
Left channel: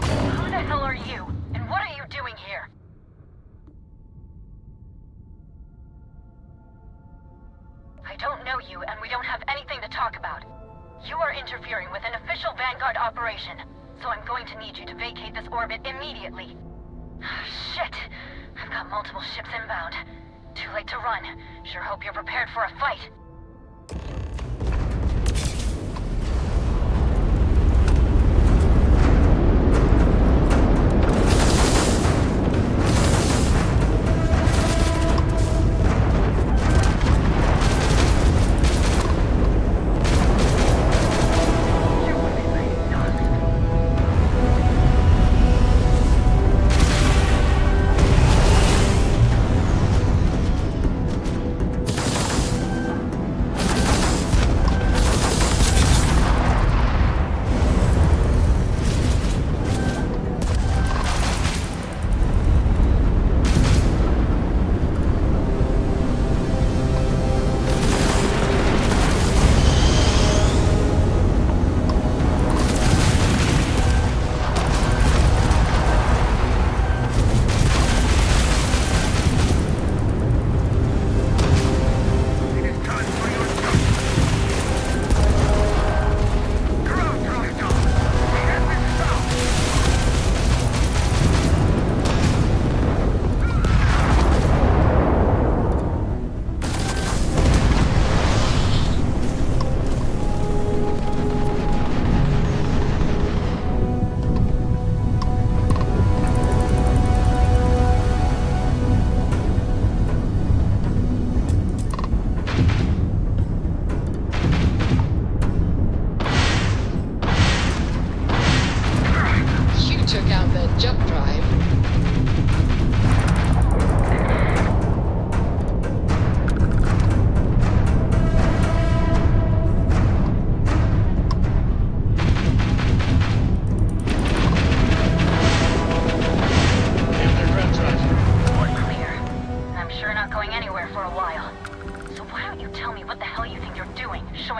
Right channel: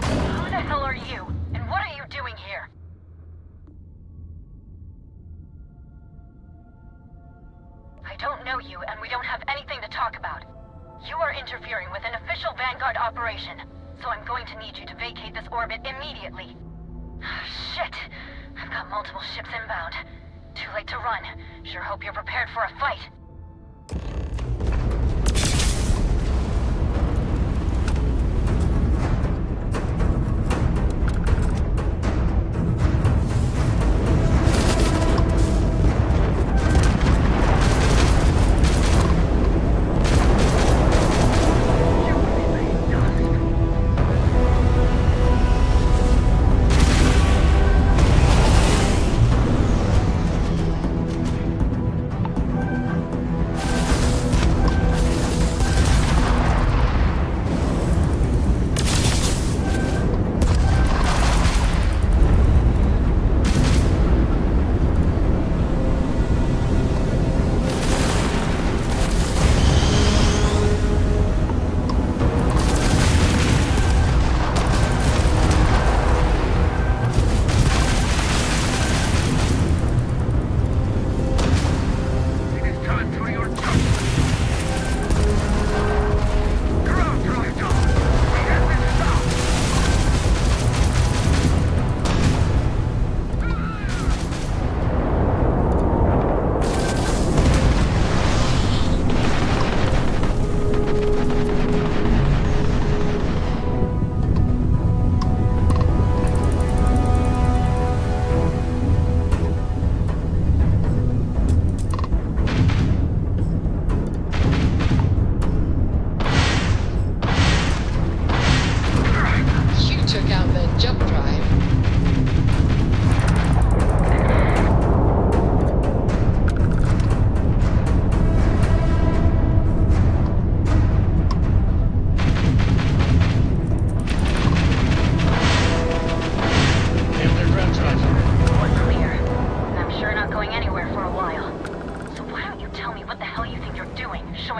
Who the hell are you? And what are you doing here? I don't know you, and we don't have anything to talk about. You are interfering with an official Vanguard operation, so I'm going to need you to vacate this orbit immediately. Shit! I've got multiple ships inbound. Too late to run. Sure hope you're prepared for a fight.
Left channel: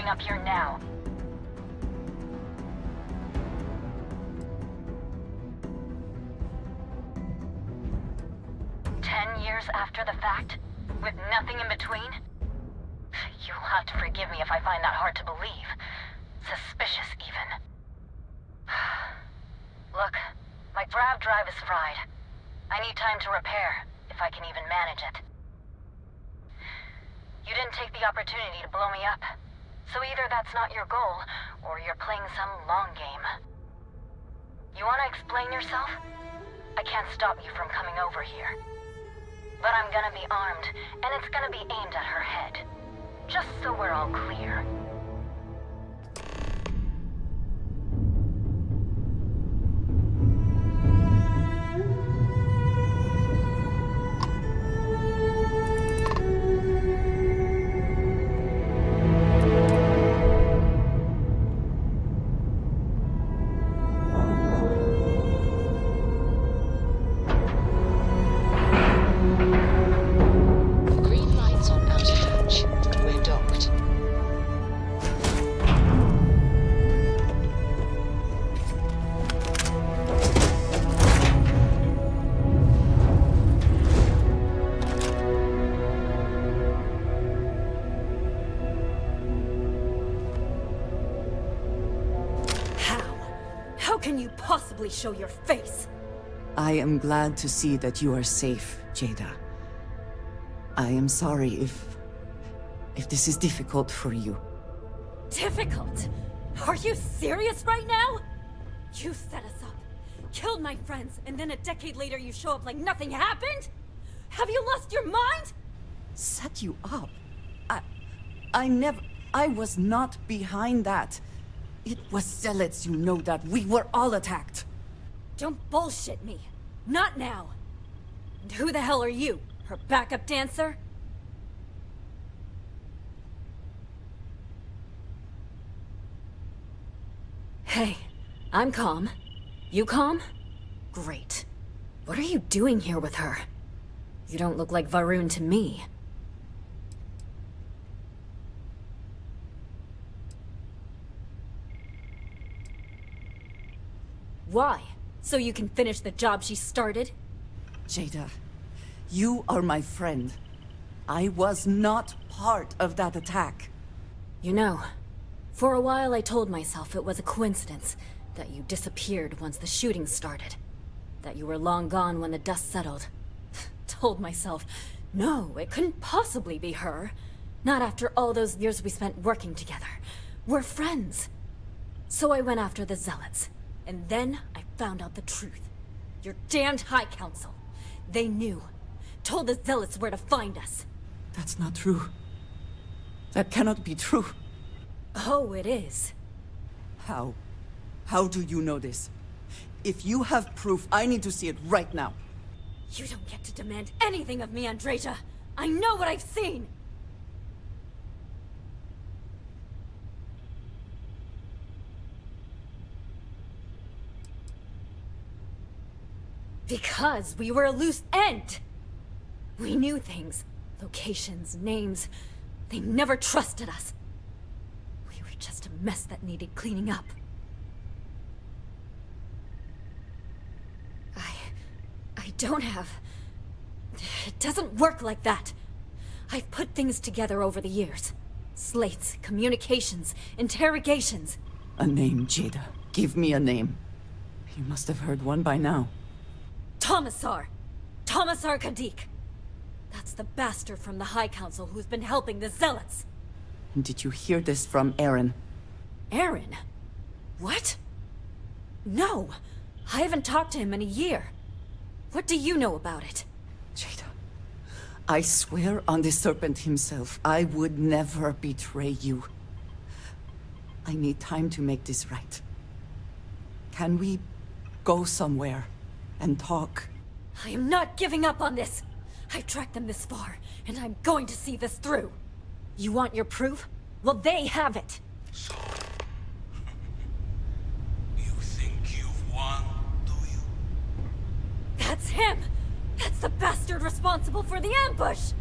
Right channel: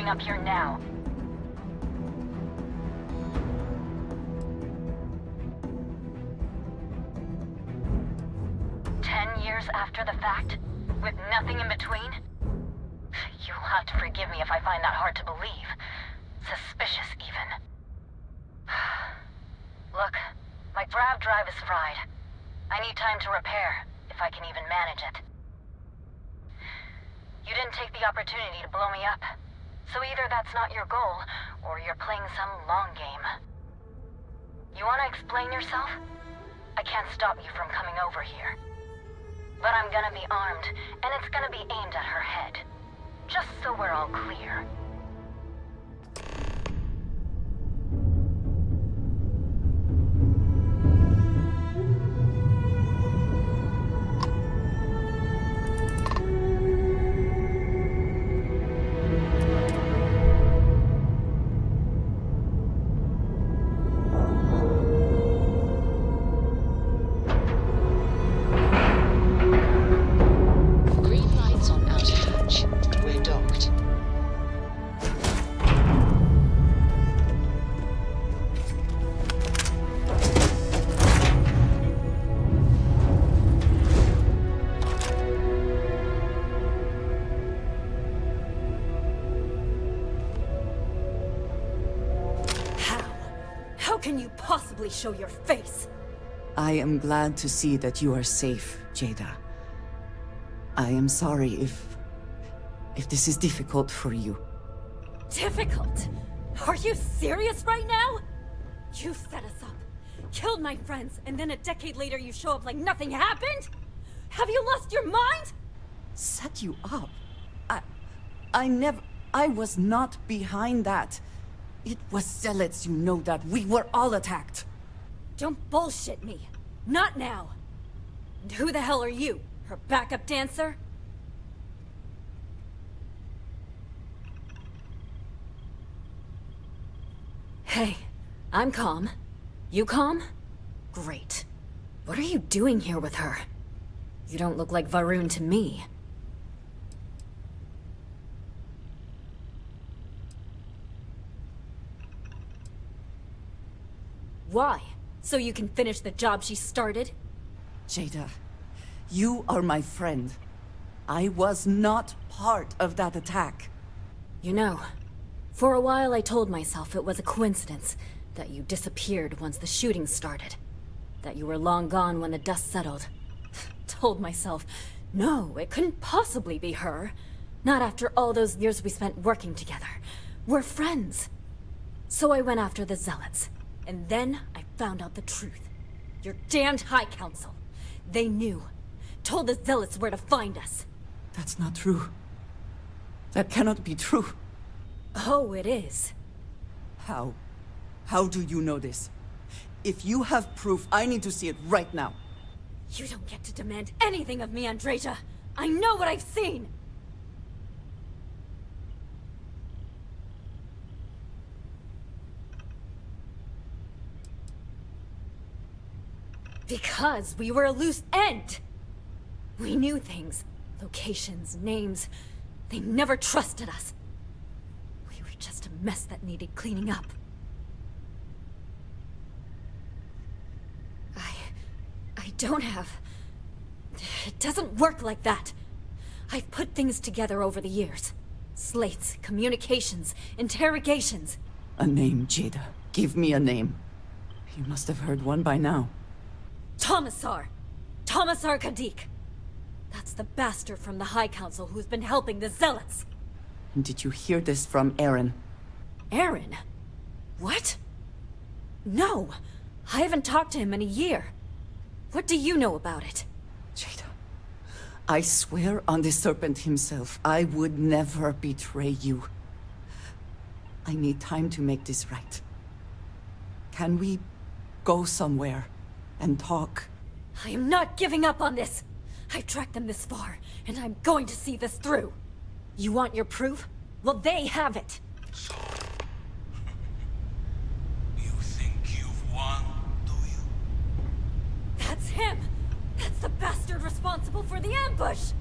up here now. Years after the fact, with nothing in between? You'll have to forgive me if I find that hard to believe. Suspicious, even. Look, my grav drive is fried. I need time to repair, if I can even manage it. You didn't take the opportunity to blow me up, so either that's not your goal, or you're playing some long game. You want to explain yourself? I can't stop you from coming over here. But I'm gonna be armed, and it's gonna be aimed at her head. Just so we're all clear. Green lights on outer hatch. can you possibly show your face? I am glad to see that you are safe, Jada. I am sorry if this is difficult for you. Difficult? Are you serious right now? You set us up, killed my friends, and then a decade later you show up like nothing happened? Have you lost your mind? Set you up? I was not behind that. It was Zealots, you know that. We were all attacked. Don't bullshit me. Not now. And who the hell are you? Her backup dancer? Hey, I'm calm. You calm? Great. What are you doing here with her? You don't look like Varun to me. Why? So you can finish the job she started? Jada, you are my friend. I was not part of that attack. You know, for a while I told myself it was a coincidence that you disappeared once the shooting started. That you were long gone when the dust settled. Told myself, no, it couldn't possibly be her. Not after all those years we spent working together. We're friends. So I went after the Zealots. And then I found out the truth. Your damned High Council. They knew. Told the Zealots where to find us. That's not true. That cannot be true. Oh, it is. How? How do you know this? If you have proof, I need to see it right now. You don't get to demand anything of me, Andreja. I know what I've seen! Because we were a loose end! We knew things. Locations, names. They never trusted us. We were just a mess that needed cleaning up. I don't have... It doesn't work like that. I've put things together over the years. Slates, communications, interrogations. A name, Jada. Give me a name. You must have heard one by now. Tomasar! Tomasar Kadik! That's the bastard from the High Council who's been helping the Zealots! And did you hear this from Aaron? Aaron? What? No! I haven't talked to him in a year. What do you know about it? Jada, I swear on the Serpent himself, I would never betray you. I need time to make this right. Can we go somewhere and talk? I am not giving up on this! I've tracked them this far, and I'm going to see this through. You want your proof? Well, they have it. So, you think you've won, do you? That's him! That's the bastard responsible for the ambush!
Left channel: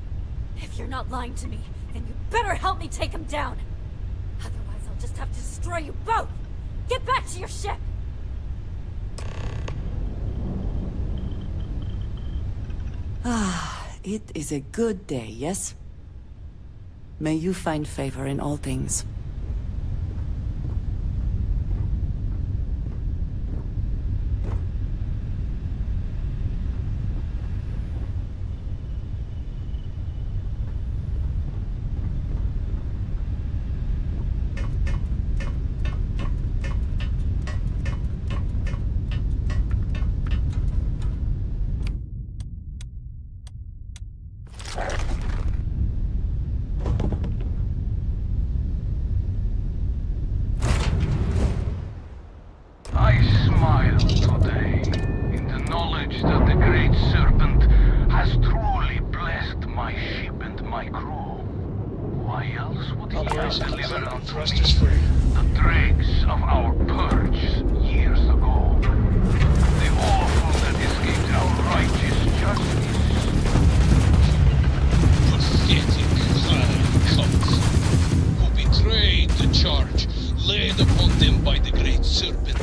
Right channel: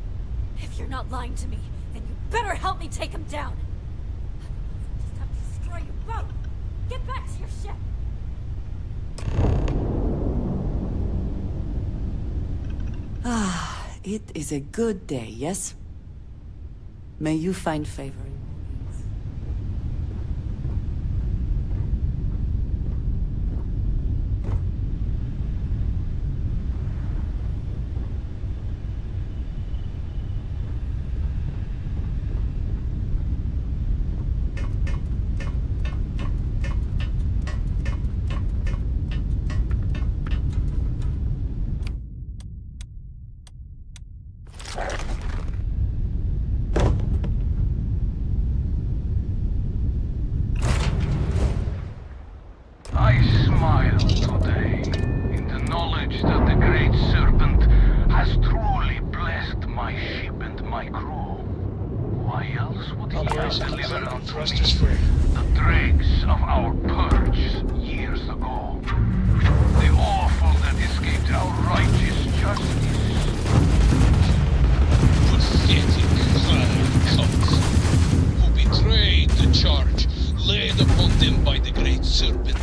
If you're not lying to me, then you better help me take him down. Otherwise, I'll just have to destroy you both! Get back to your ship! Ah, it is a good day, yes? May you find favor in all things. I smile today in the knowledge that the Great Serpent has truly blessed my ship and my crew. Why else would he have delivered unto me the dregs of our purge years ago? The awful that escaped our righteous justice. Pathetic vile cults who betrayed the charge laid upon them by the Great Serpent.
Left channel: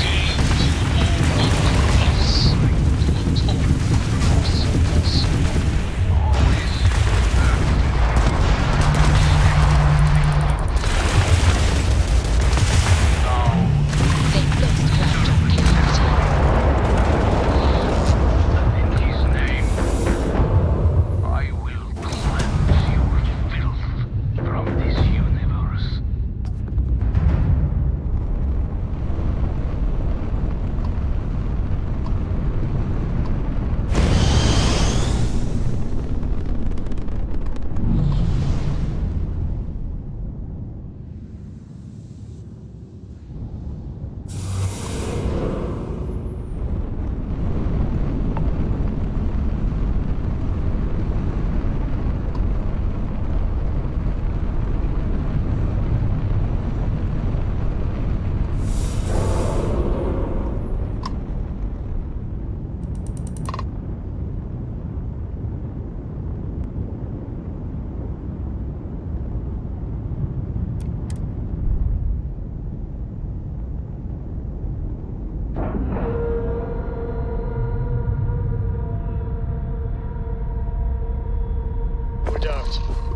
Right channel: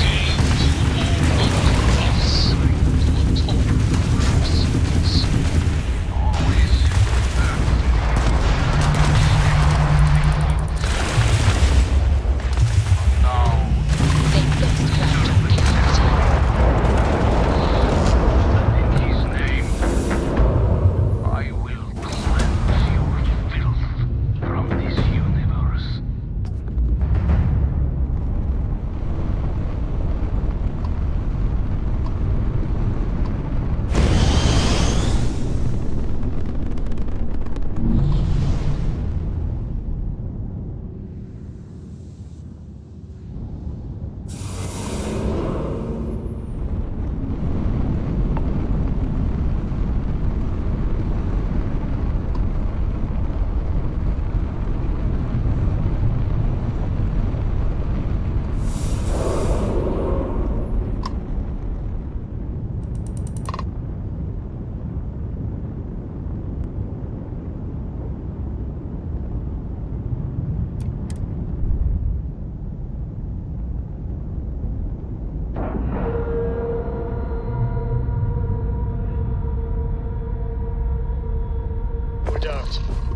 Gave you over to us to atone for sins. Always now They've lost ground. that.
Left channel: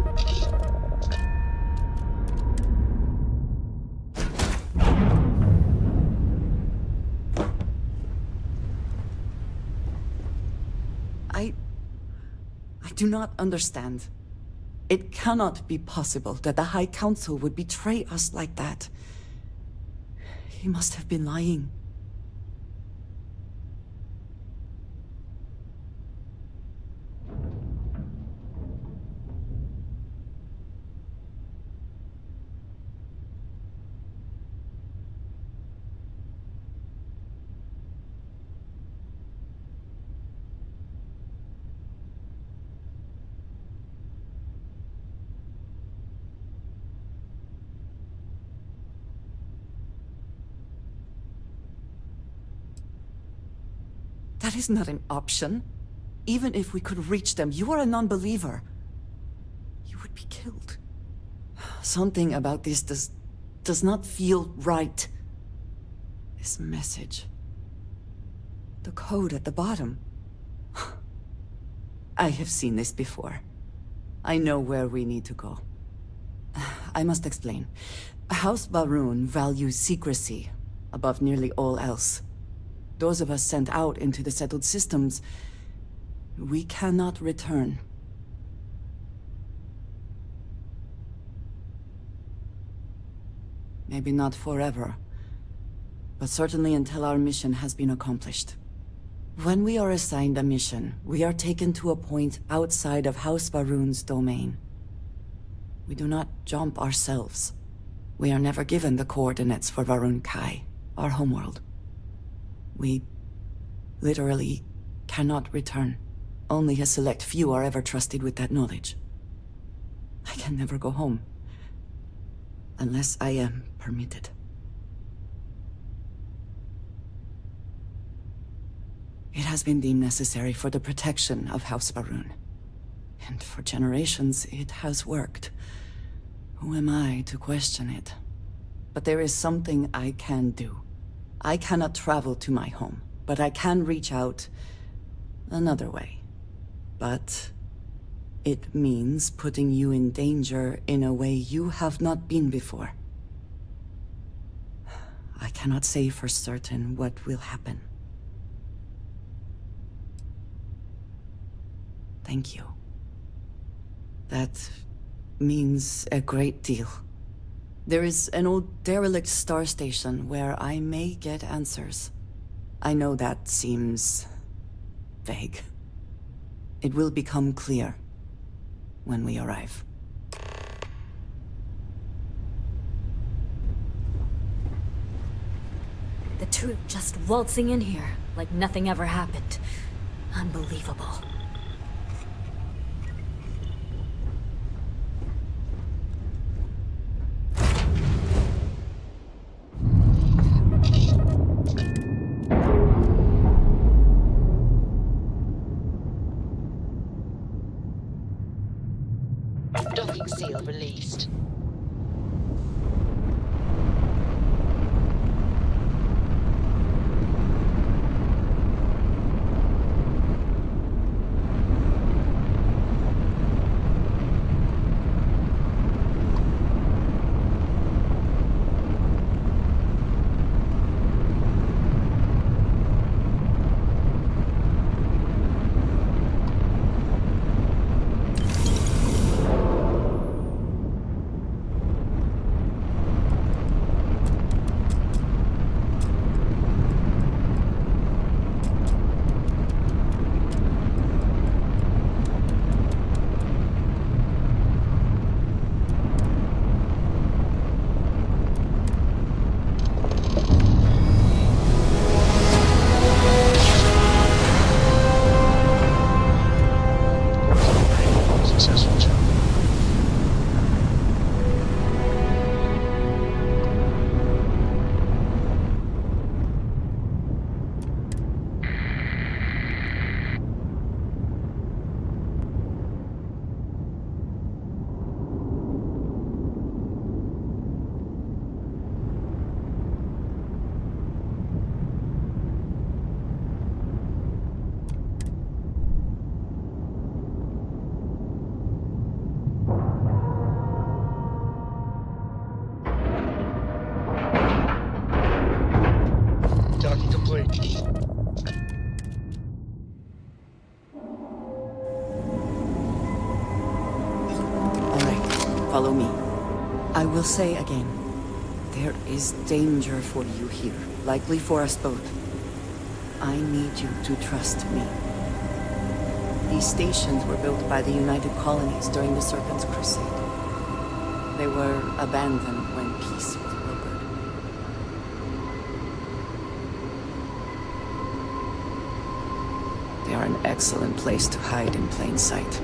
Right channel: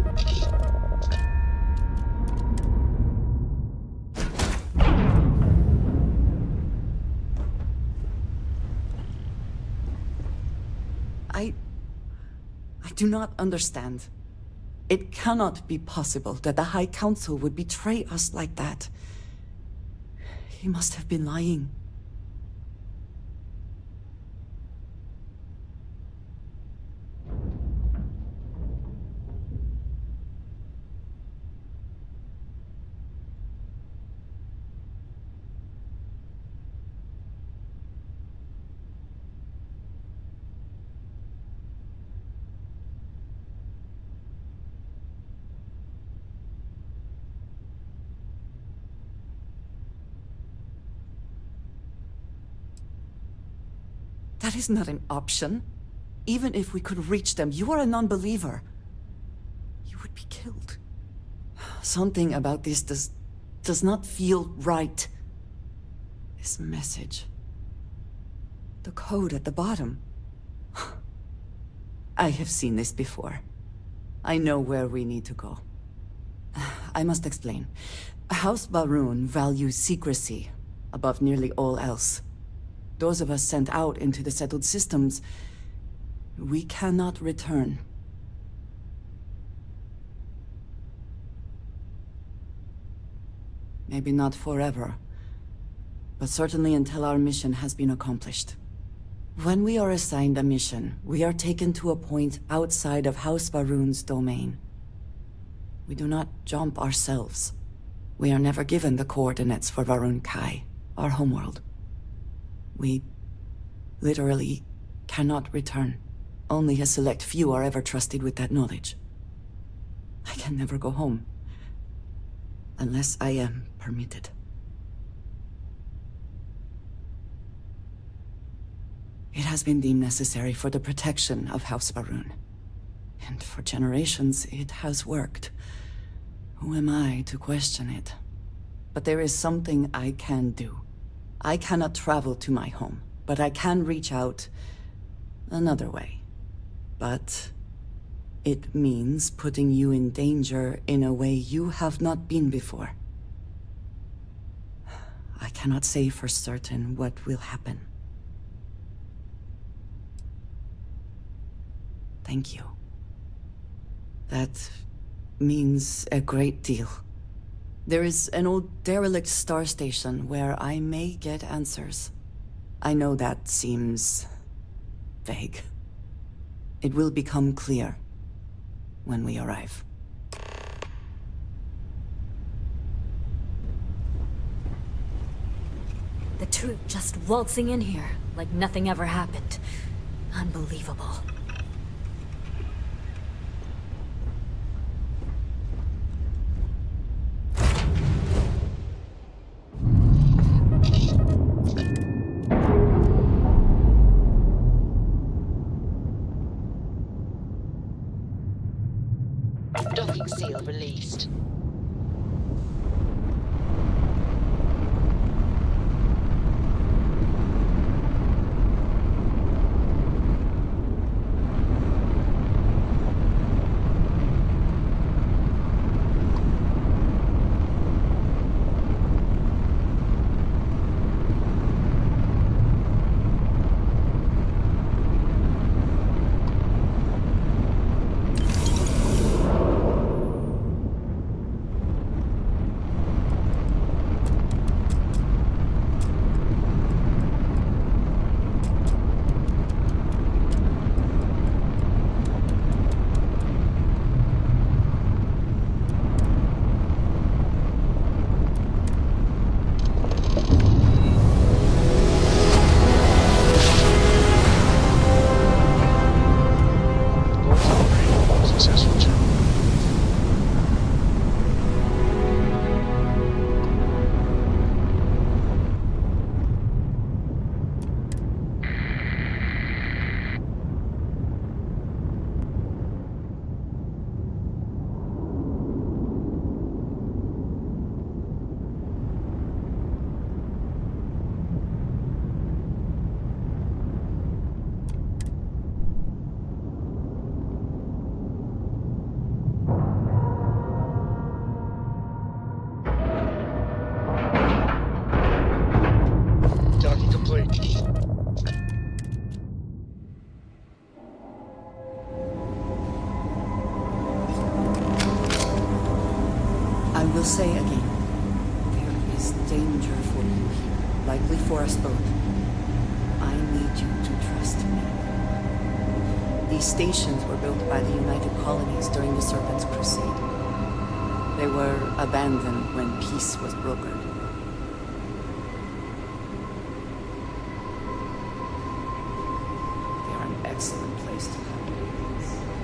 I do not understand. It cannot be possible that the High Council would betray us like that. He must have been lying. That is not an option. Even if we could reach them, you are a non-believer. You would be killed. Something about this does not feel right. This message. The code at the bottom. I have seen this before. I know where we need to go. I must explain. House Baroon values secrecy above nearly all else. Those of us sent out into the settled systems, we cannot return. Maybe not forever, but certainly until our mission has been accomplished. When we are assigned a mission, we are taken to a point outside of House Baroon's domain. We do not jump ourselves. We are never given the coordinates for Varun Kai, our homeworld. We literally cannot return. Only a select few are ever trusted with that knowledge. I can never go home. Unless I am permitted. It has been deemed necessary for the protection of House Baroon. And for generations, it has worked. Who am I to question it? But there is something I can do. I cannot travel to my home, but I can reach out another way. But it means putting you in danger in a way you have not been before. I cannot say for certain what will happen. Thank you. That means a great deal. There is an old derelict star station where I may get answers. I know that seems vague. It will become clear when we arrive. The troop just waltzing in here like nothing ever happened. Unbelievable. Docking seal released. Follow me. I will say again, there is danger for you here, likely for us both. I need you to trust me. These stations were built by the United Colonies during the Serpent's Crusade. They were abandoned when peace was brokered. They are an excellent place to hide in plain sight.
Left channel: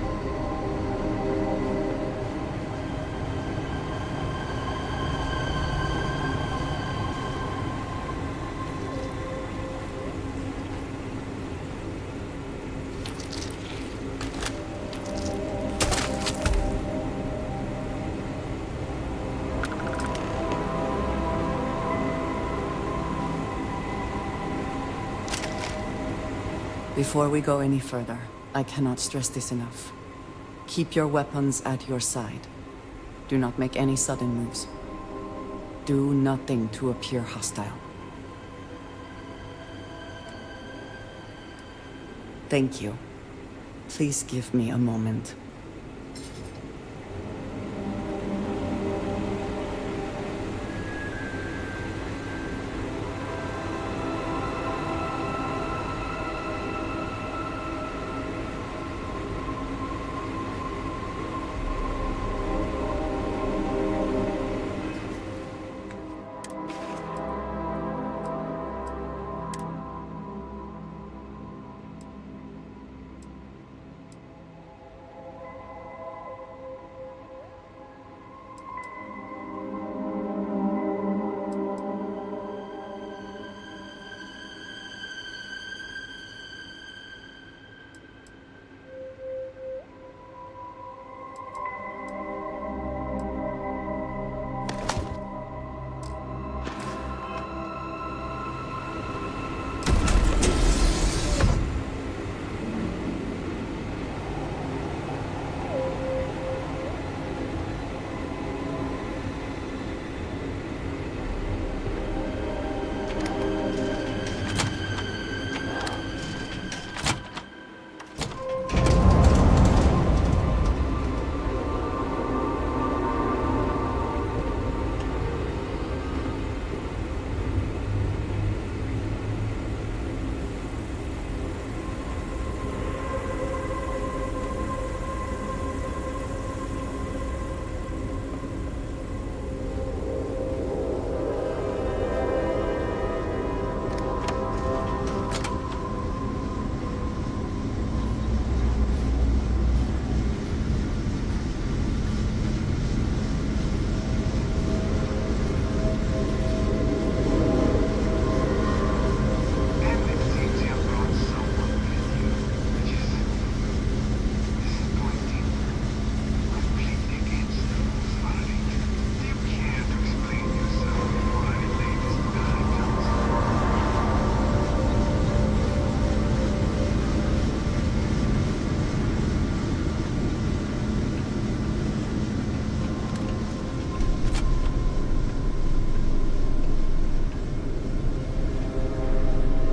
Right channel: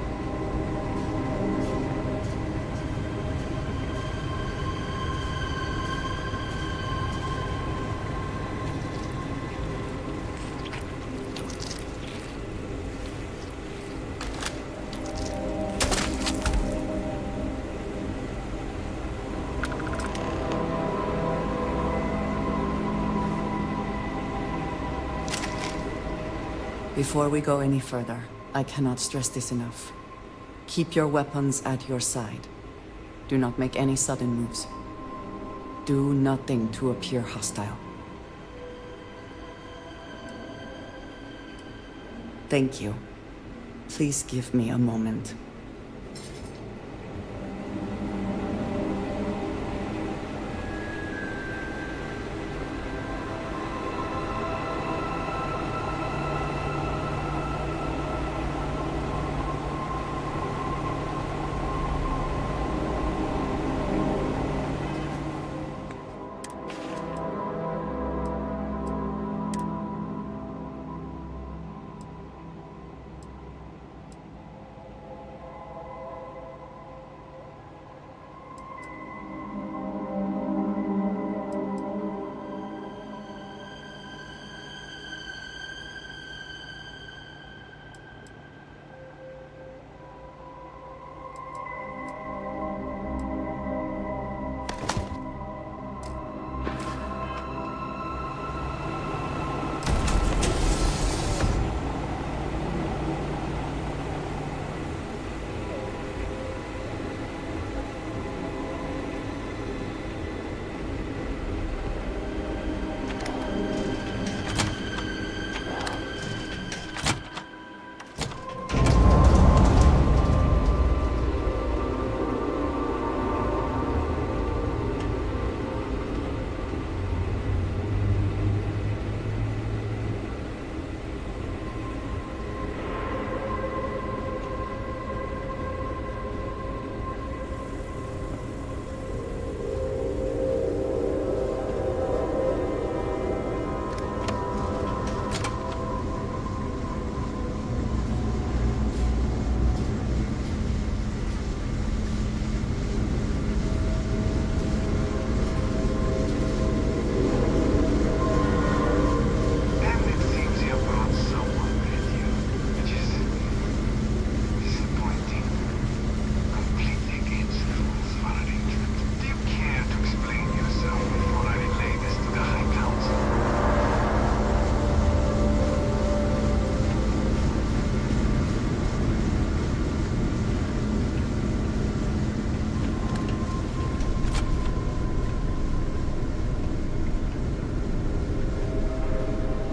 Before we go any further, I cannot stress this enough. Keep your weapons at your side. Do not make any sudden moves. Do nothing to appear hostile. Thank you. Please give me a moment.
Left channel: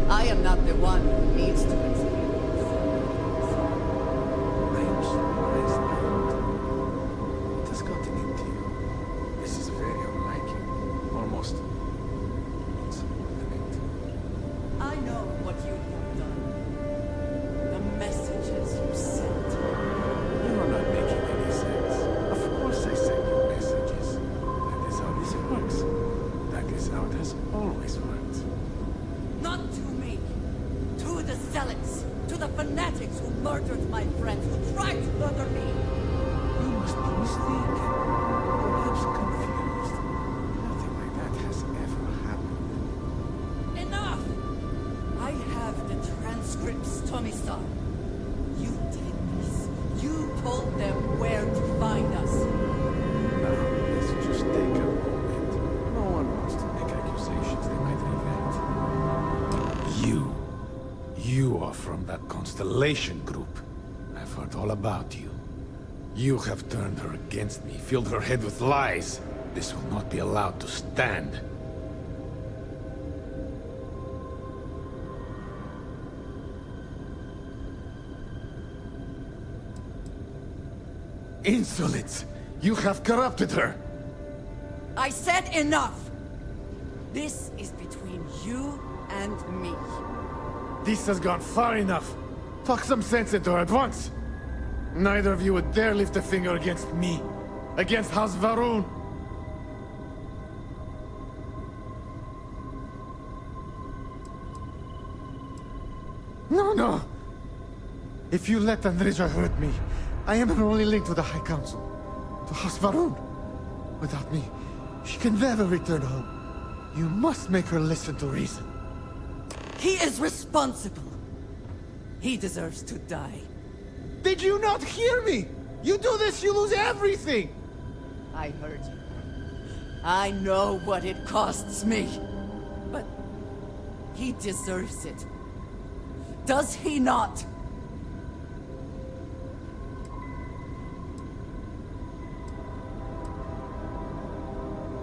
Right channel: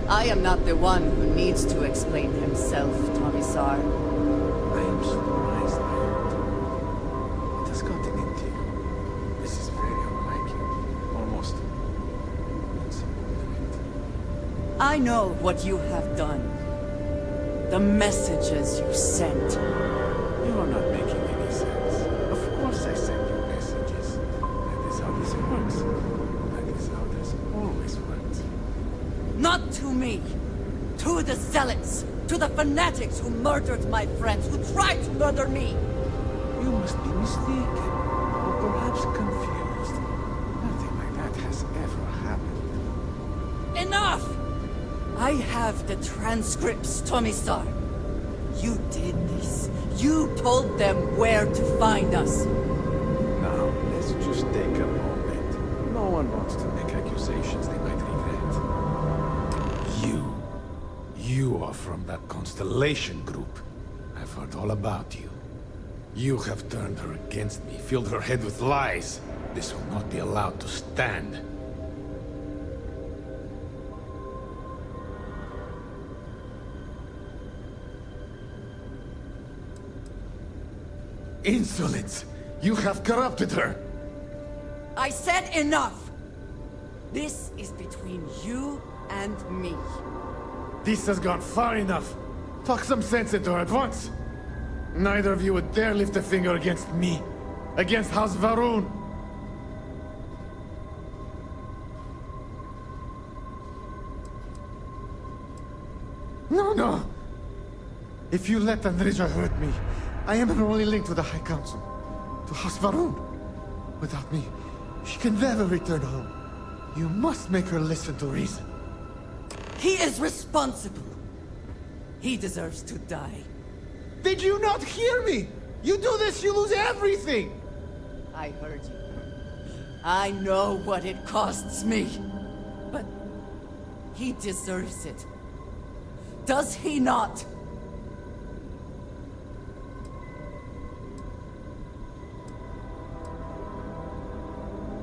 I am not the one who needs to explain himself, Commissar. I am surprised by it. What has gotten into you? This is very unlike you. Almost insubordinate. I know what you have done. The messages you sent. You are not making any sense. Of course I send you messages. That is how this works. That is how it has always worked. Not to me! To the zealots! To the fanatics who murdered my friends, who tried to murder me! You must be mistaken, or perhaps confused. Nothing like that has ever happened. Enough! I have the transcripts, Commissar. You did this. You told them where to find us. Now, let's just take a moment. No one wants to make accusations they might regret. You are from that Constellation group. I've heard all about you. You have turned her against me, filled her head with lies. This will not be allowed to stand. Insolence! You have corrupted her! I said enough! This is between you and me. This has gone far enough. Talk some sense into her at once. Neither of you would dare lift a finger against me. Against House Varun. No! If you let Andreja hurt me, I am her only link to the High Council. To House Varun. Without me, she can never return home. You must make her listen to reason. He is responsible. He deserves to die. Did you not hear me? You do this, you lose everything! I heard you. I know what it costs me. But he deserves it. Does he not?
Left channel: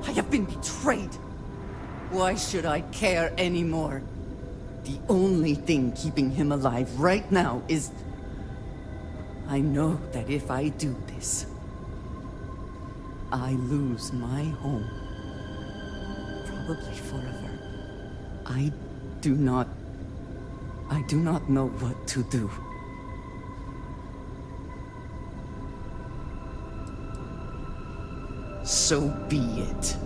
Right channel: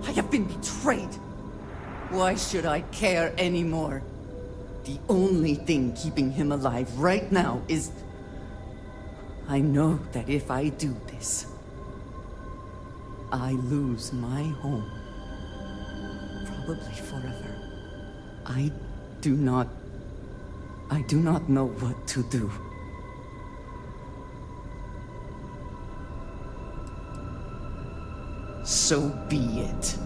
I have been betrayed. Why should I care anymore? The only thing keeping him alive right now is... I know that if I do this, I lose my home. Probably forever. I do not know what to do. So be it.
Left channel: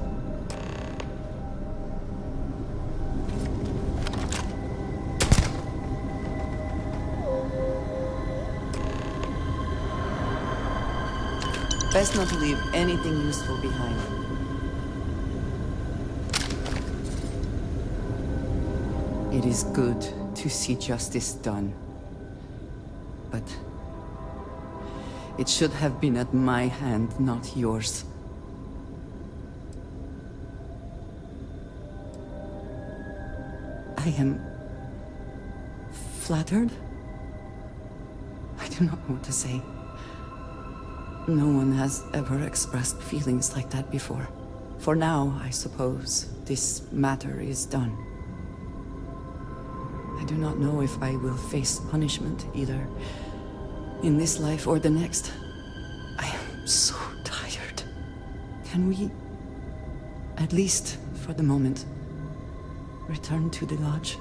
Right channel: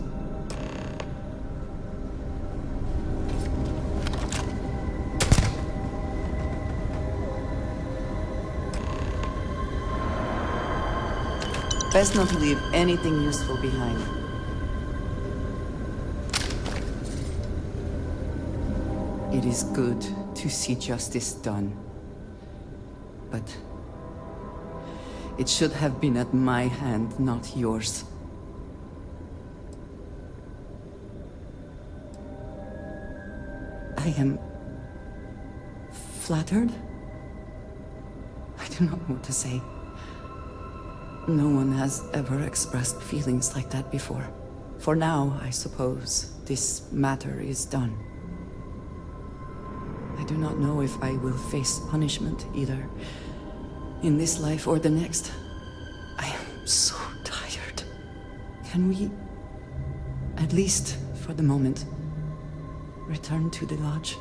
Best not to leave anything useful behind. It is good to see justice done. But it should have been at my hand, not yours. I am flattered. I do not know what to say. No one has ever expressed feelings like that before. For now, I suppose, this matter is done. I do not know if I will face punishment, either in this life or the next. I am so tired. Can we, at least for the moment, return to the lodge?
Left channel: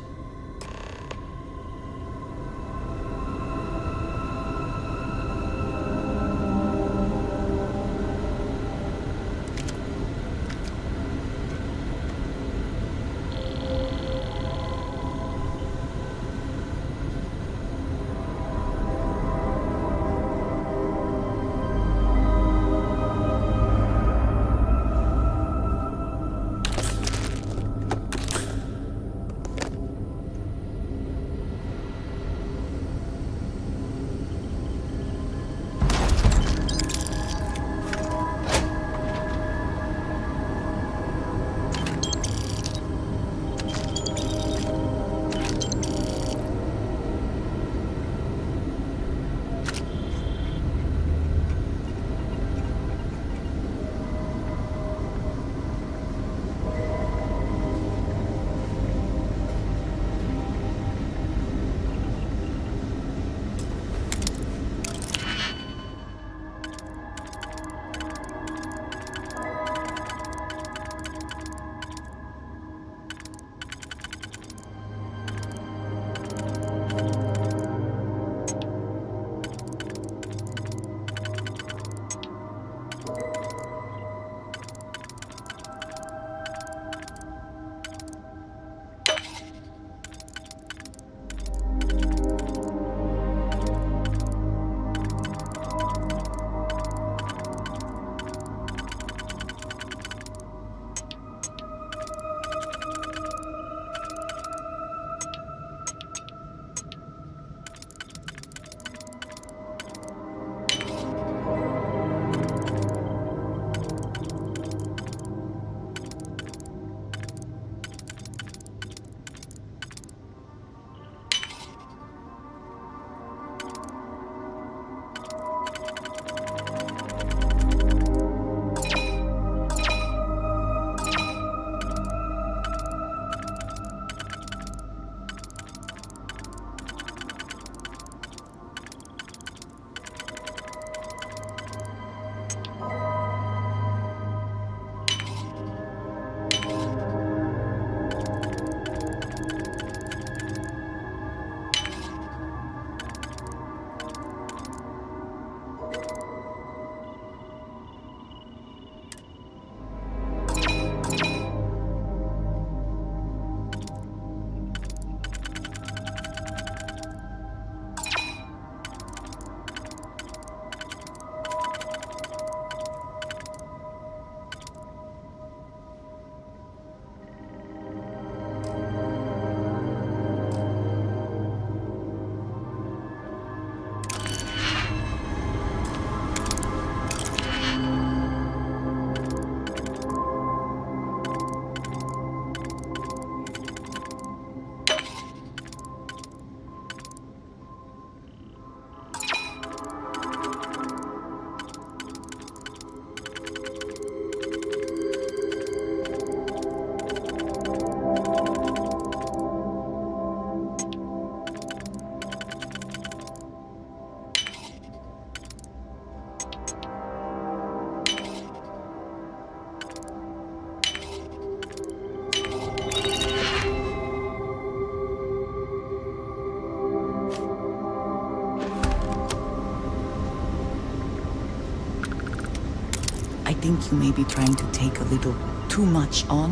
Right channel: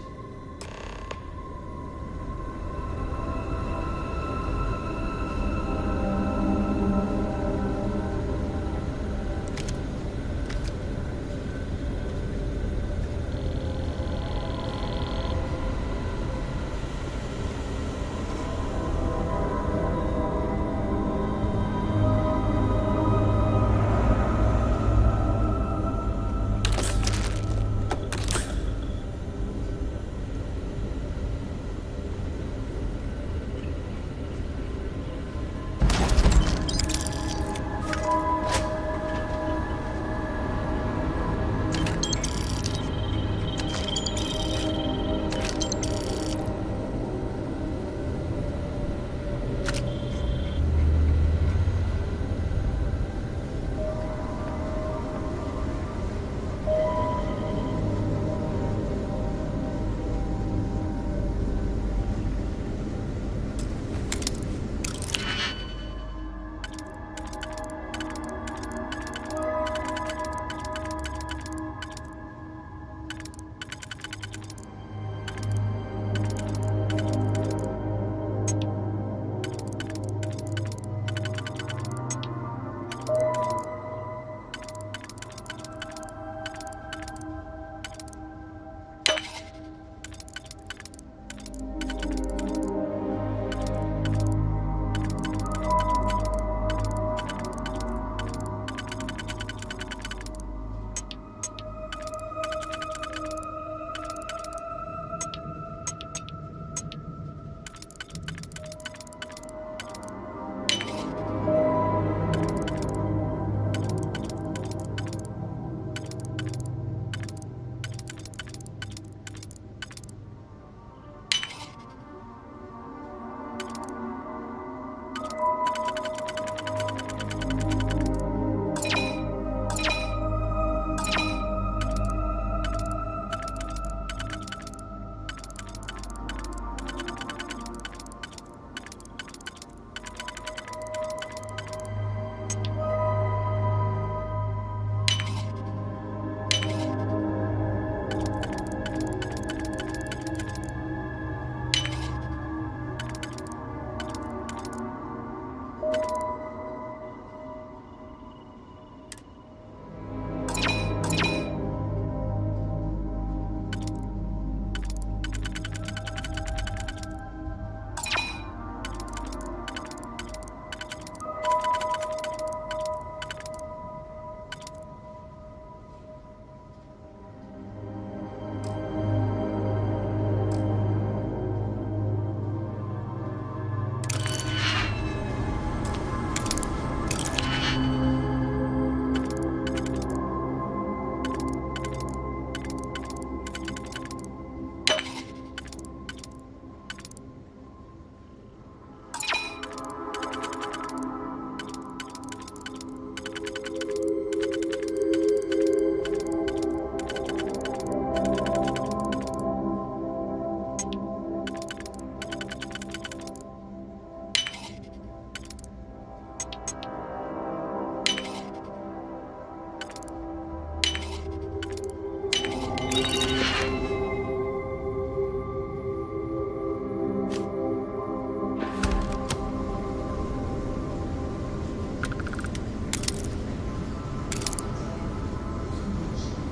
think you may be trying to take a little too much on.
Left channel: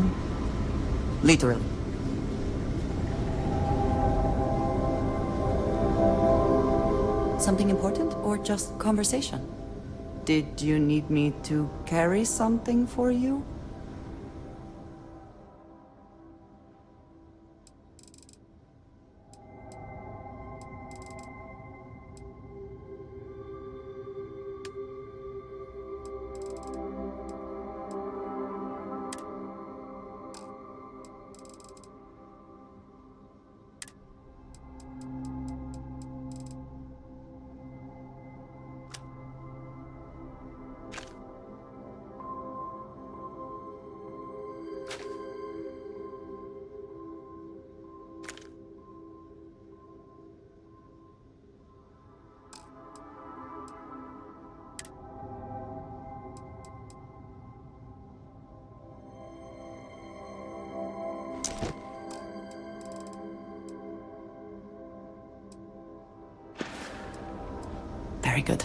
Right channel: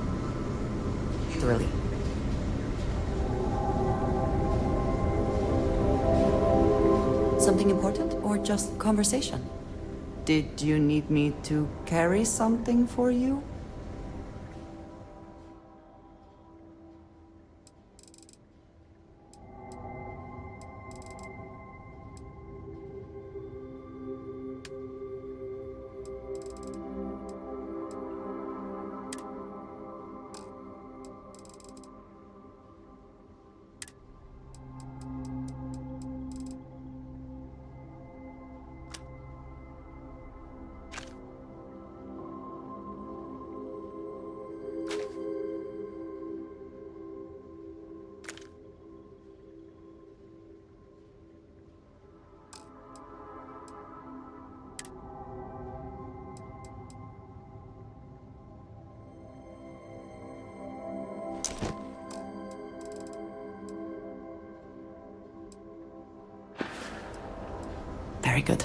Literally. Something important or just conversation? Did you need me to carry something for you? Very good.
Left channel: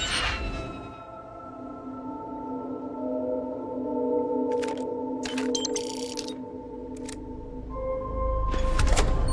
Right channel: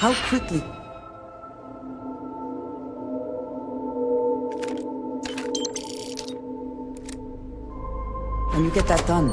How quickly? When you get that done.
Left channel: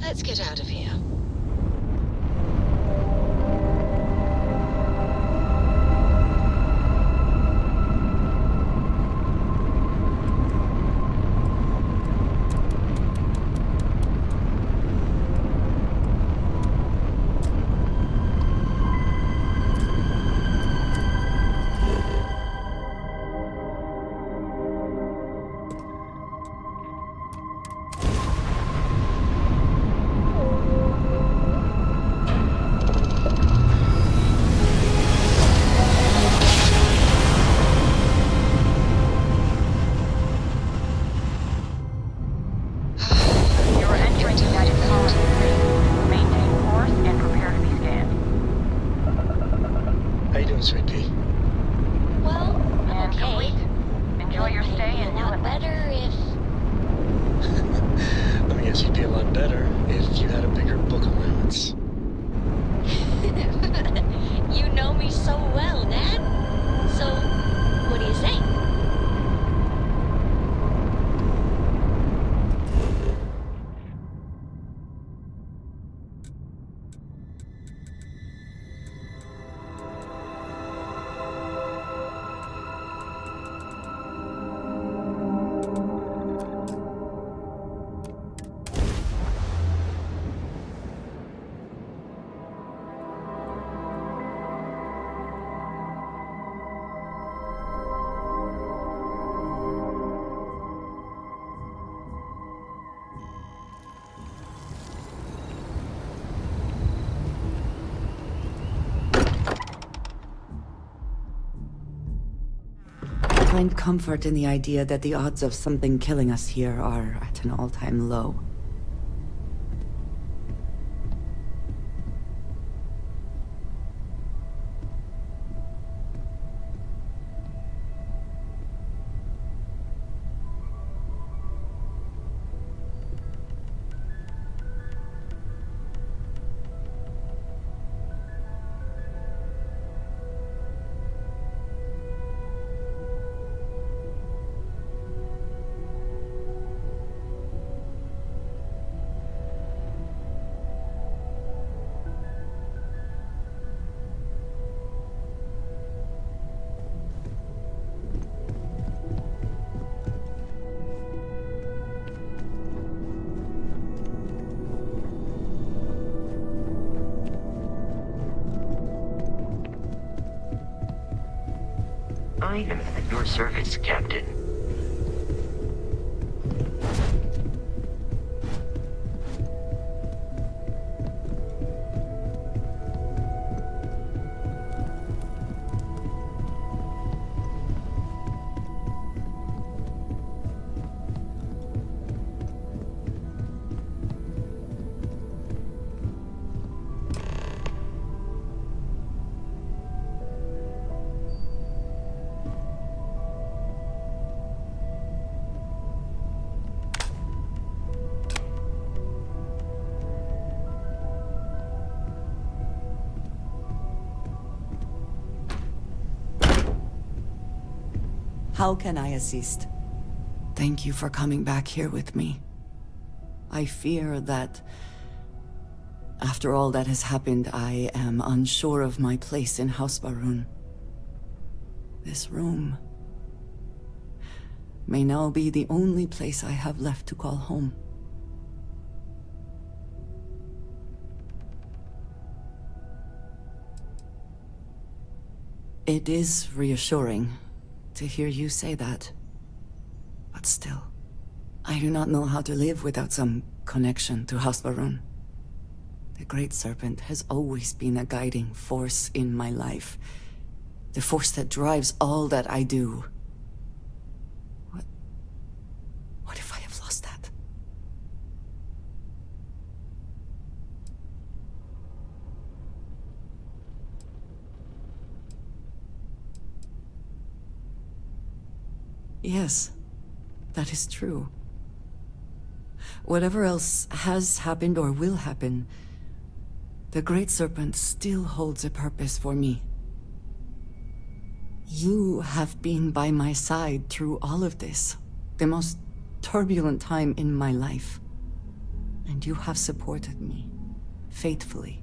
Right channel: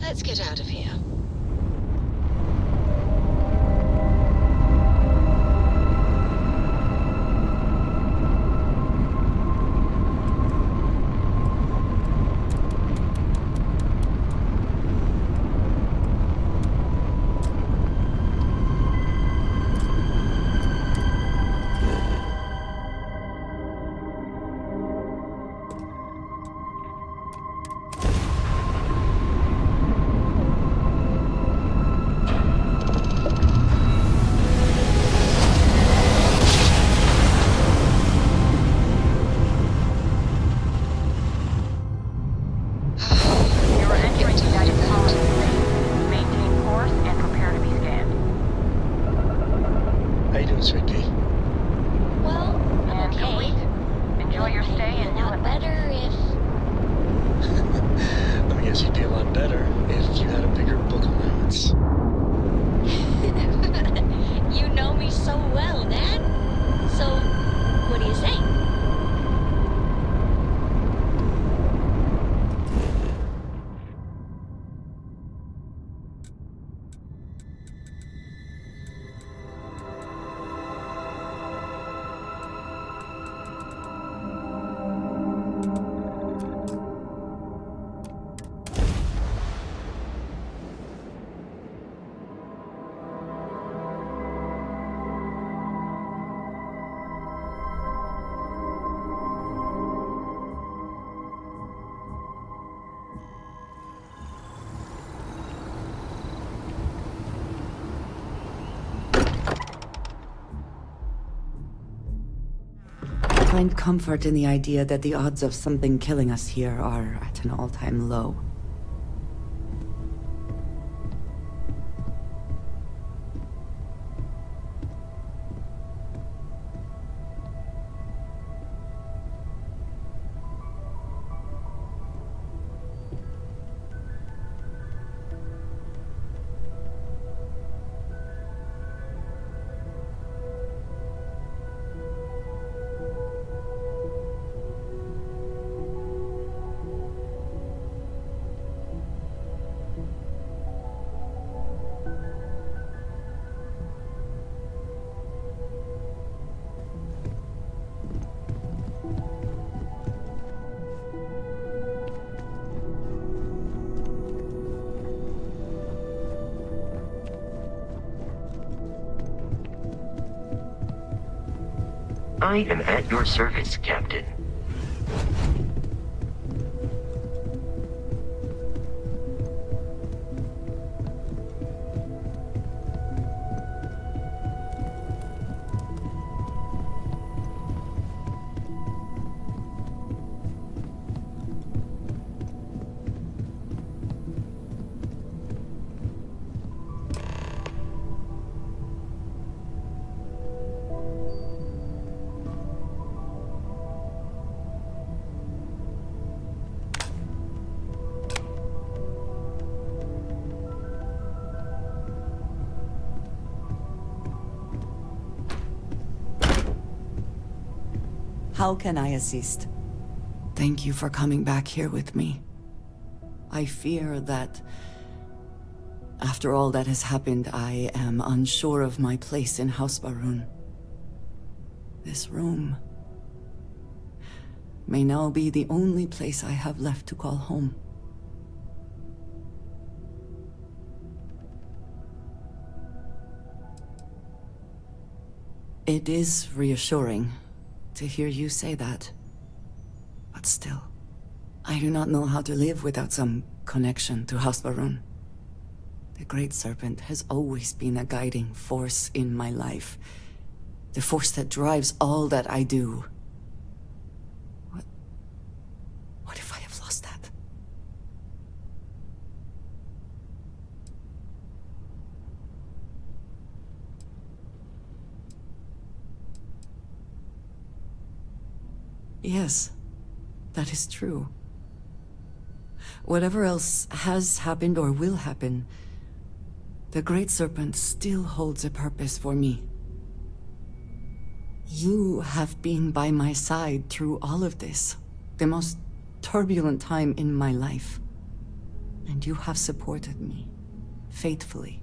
Let's get out of here. You're entering United Colony 3. Maintain course and prepare to be scanned. How you doing, Sweet Pea? Well, I'm And okay. complete. Enjoy your I'd stay be a and lot better if... Let me guess, you'd be a lot better if you had a bigger book allowance. You know me so well, Dad. So, what do you say? I find comfort in the idea that the odds of something killing us here are at an all-time low. I am at your service, Captain. How can I assist? Thank you for coming back here with me. I fear that, after all that has happened, I am unsure of my place in House Baroon. This room may now be the only place I have left to call home. It is reassuring to hear you say that. But still, I do not know how to live without some connection to House Baroon. The Great Serpent has always been a guiding force in my life. The force that drives all that I do. What if I have lost that? Yes, that is true. Whatever else has happened or will happen, the Great Serpent still holds a purpose for me. You have been by my side through all of this, the most turbulent time in my life. And you have supported me, faithfully.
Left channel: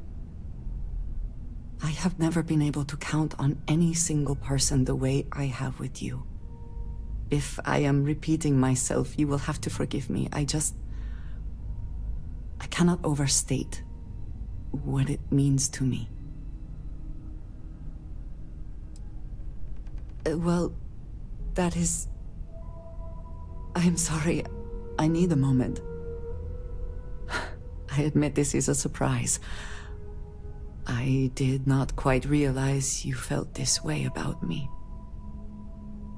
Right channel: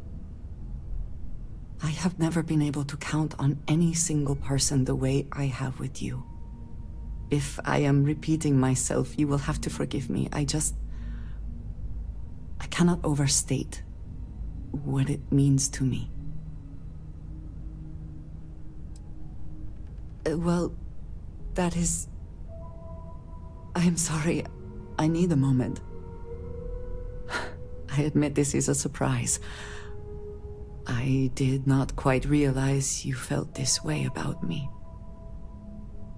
I have never been able to count on any single person the way I have with you. If I am repeating myself, you will have to forgive me. I cannot overstate what it means to me. Well, that is... I am sorry. I need a moment. I admit this is a surprise. I did not quite realize you felt this way about me.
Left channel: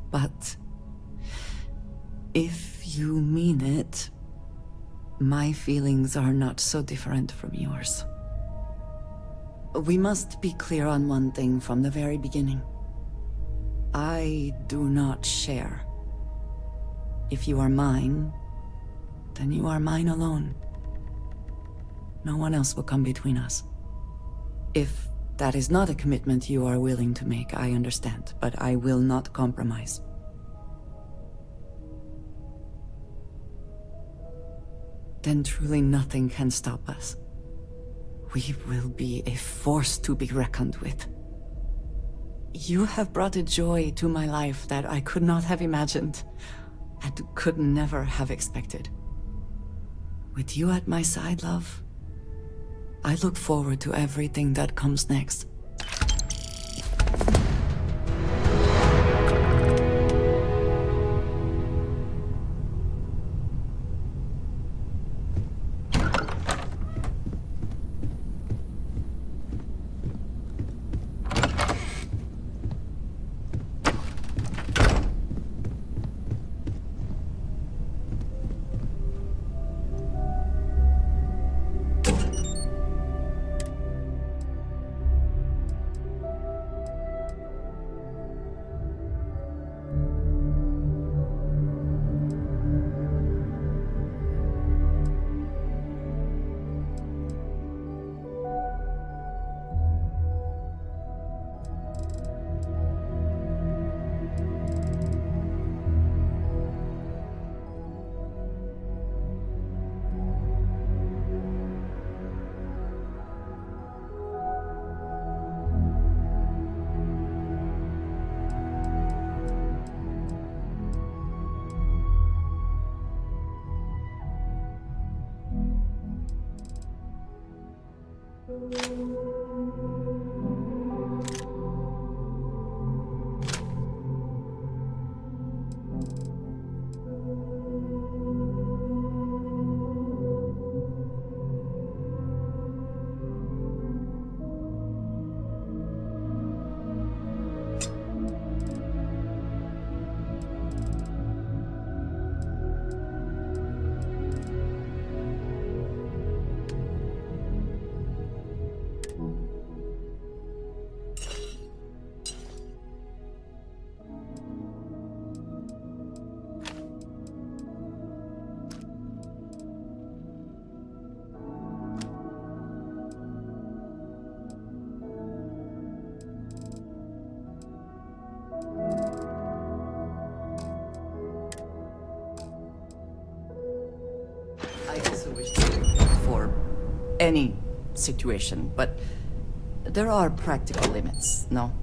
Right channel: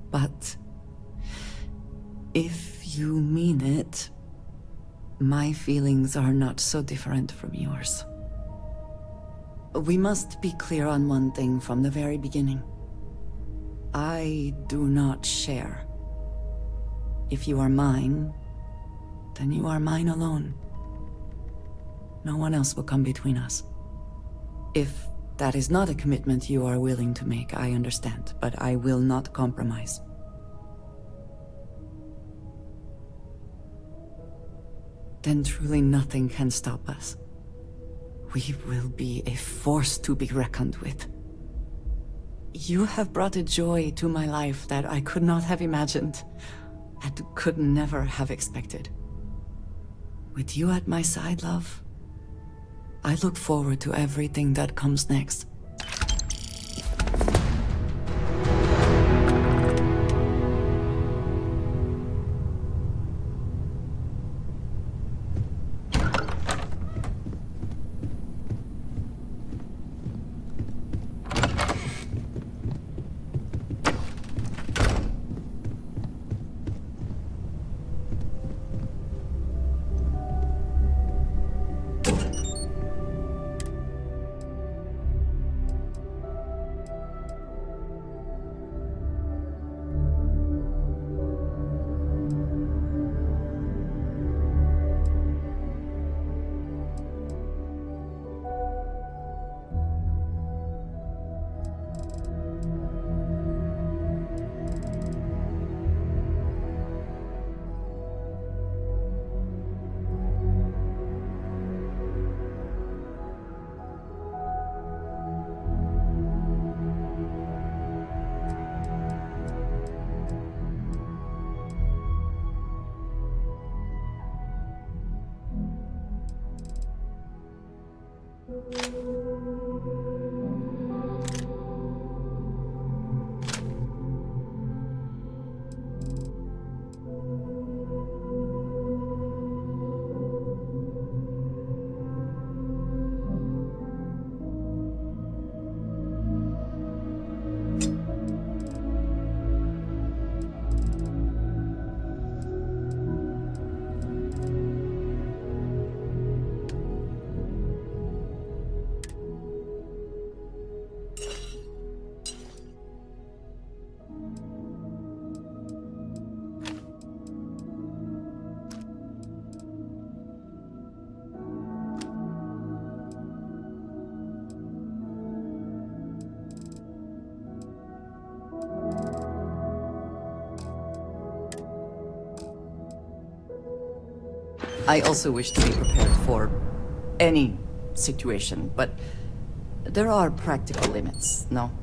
But if you mean it, my feelings are not so different from yours. We must be clear on one thing from the very beginning. I do not share. If you are mine, then you are mine alone. No one else will come between us. If that is not a commitment you are willing to make, I understand, but I will not compromise. Then truly nothing can stop us. We will be a force to be reckoned with. You have brought a joy to my life that I could not have imagined, and could never have expected. With you at my side, love, I look forward to everything that comes next. I also wish to be prepared for any situation, but there are practical limits, no?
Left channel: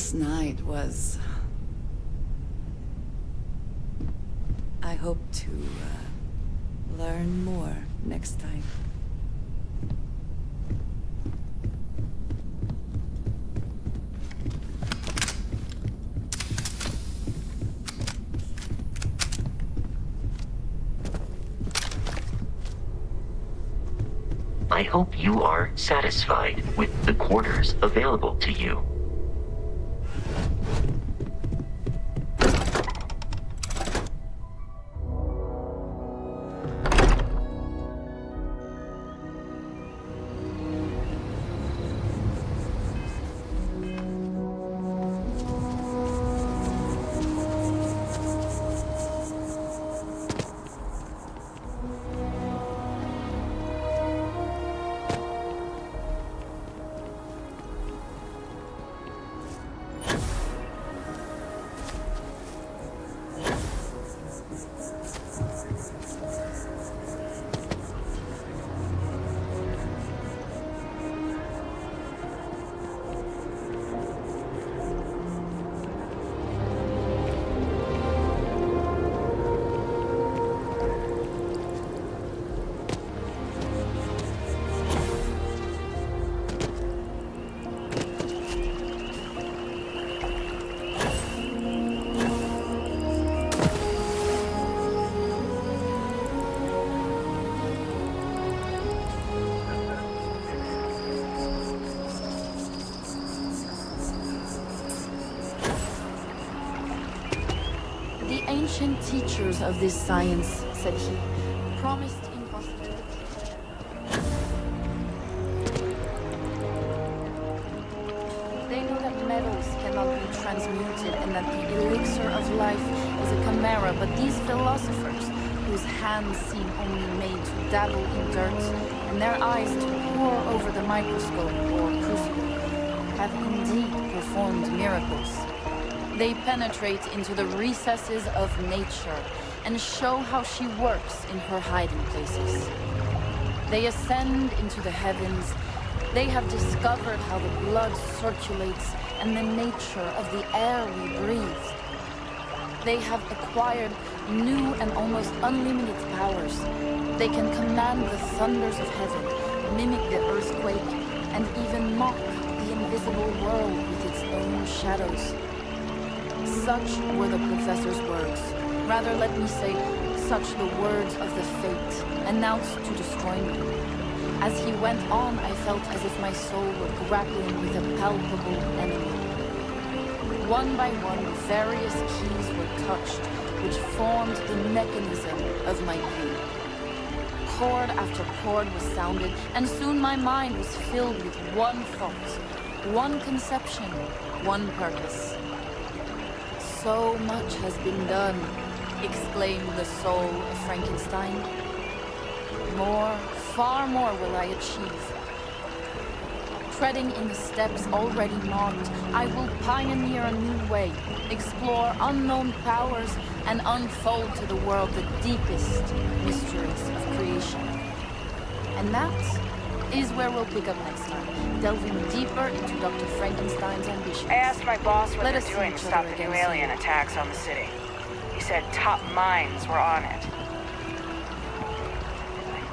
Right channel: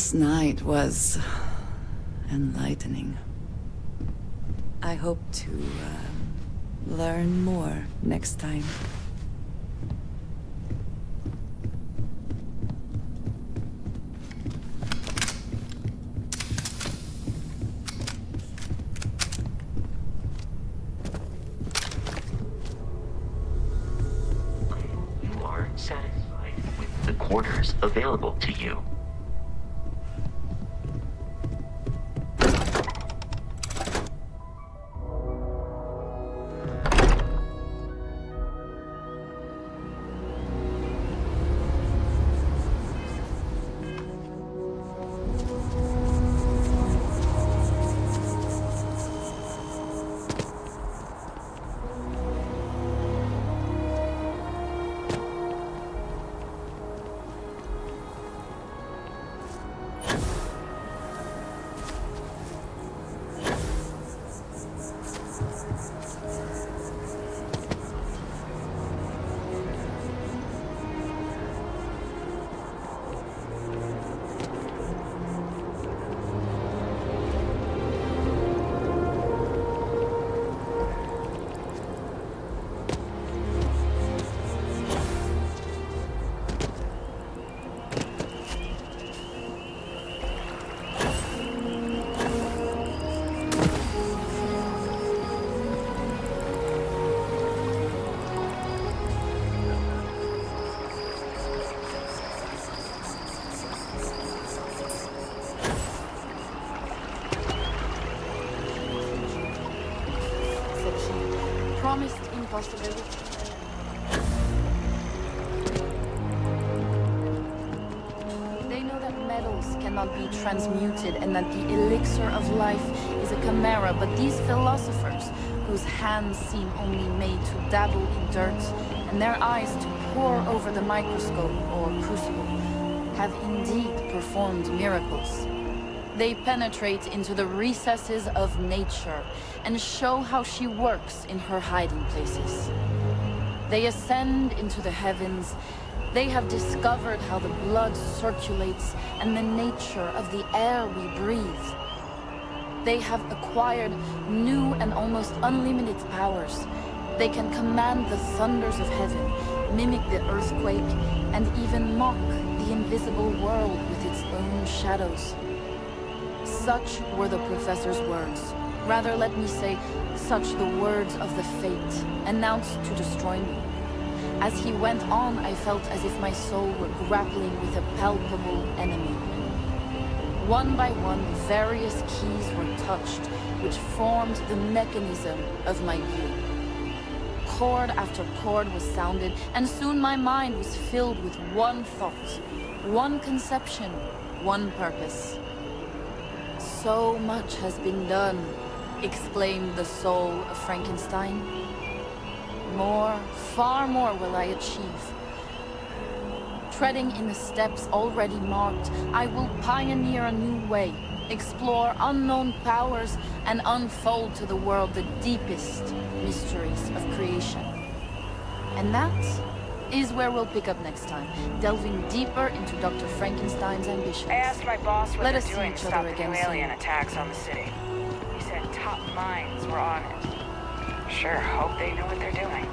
Last night was enlightening. I hope to learn more next time. I hope you are satisfied with the quarters available to you. Teachers of this science, said he, promised impossibility. They know that metals cannot be transmuted and that the elixir of life is a chimera, but these philosophers, whose hands seem only made to dabble in dirt and their eyes to pore over the microscope or crucible, have indeed performed miracles. They penetrate into the recesses of nature and show how she works in her hiding places. They ascend into the heavens. They have discovered how the blood circulates and the nature of the air we breathe. They have acquired new and almost unlimited powers. They can command the thunders of heaven, mimic the earthquake, and even mock the invisible world with its own shadows. Such were the professor's words. Rather, let me say, such the words of the fate, announced to destroy me. As he went on, I felt as if my soul were grappling with a palpable enemy. One by one, various keys were touched, which formed the mechanism of my view. Chord after chord was sounded, and soon my mind was filled with one thought, one conception, one purpose. So much has been done, exclaimed the soul of Frankenstein. More, far more will I achieve. Treading in the steps already marked, I will pioneer a new way, explore unknown powers, and unfold to the world the deepest mysteries of creation. And that is where we'll pick up next time, delving deeper into Dr. Frankenstein's ambitions. I asked my boss what Let they're us see doing to each stop other the again new soon. alien attacks on the city. He said top minds were on it. Sure hope they know what they're doing.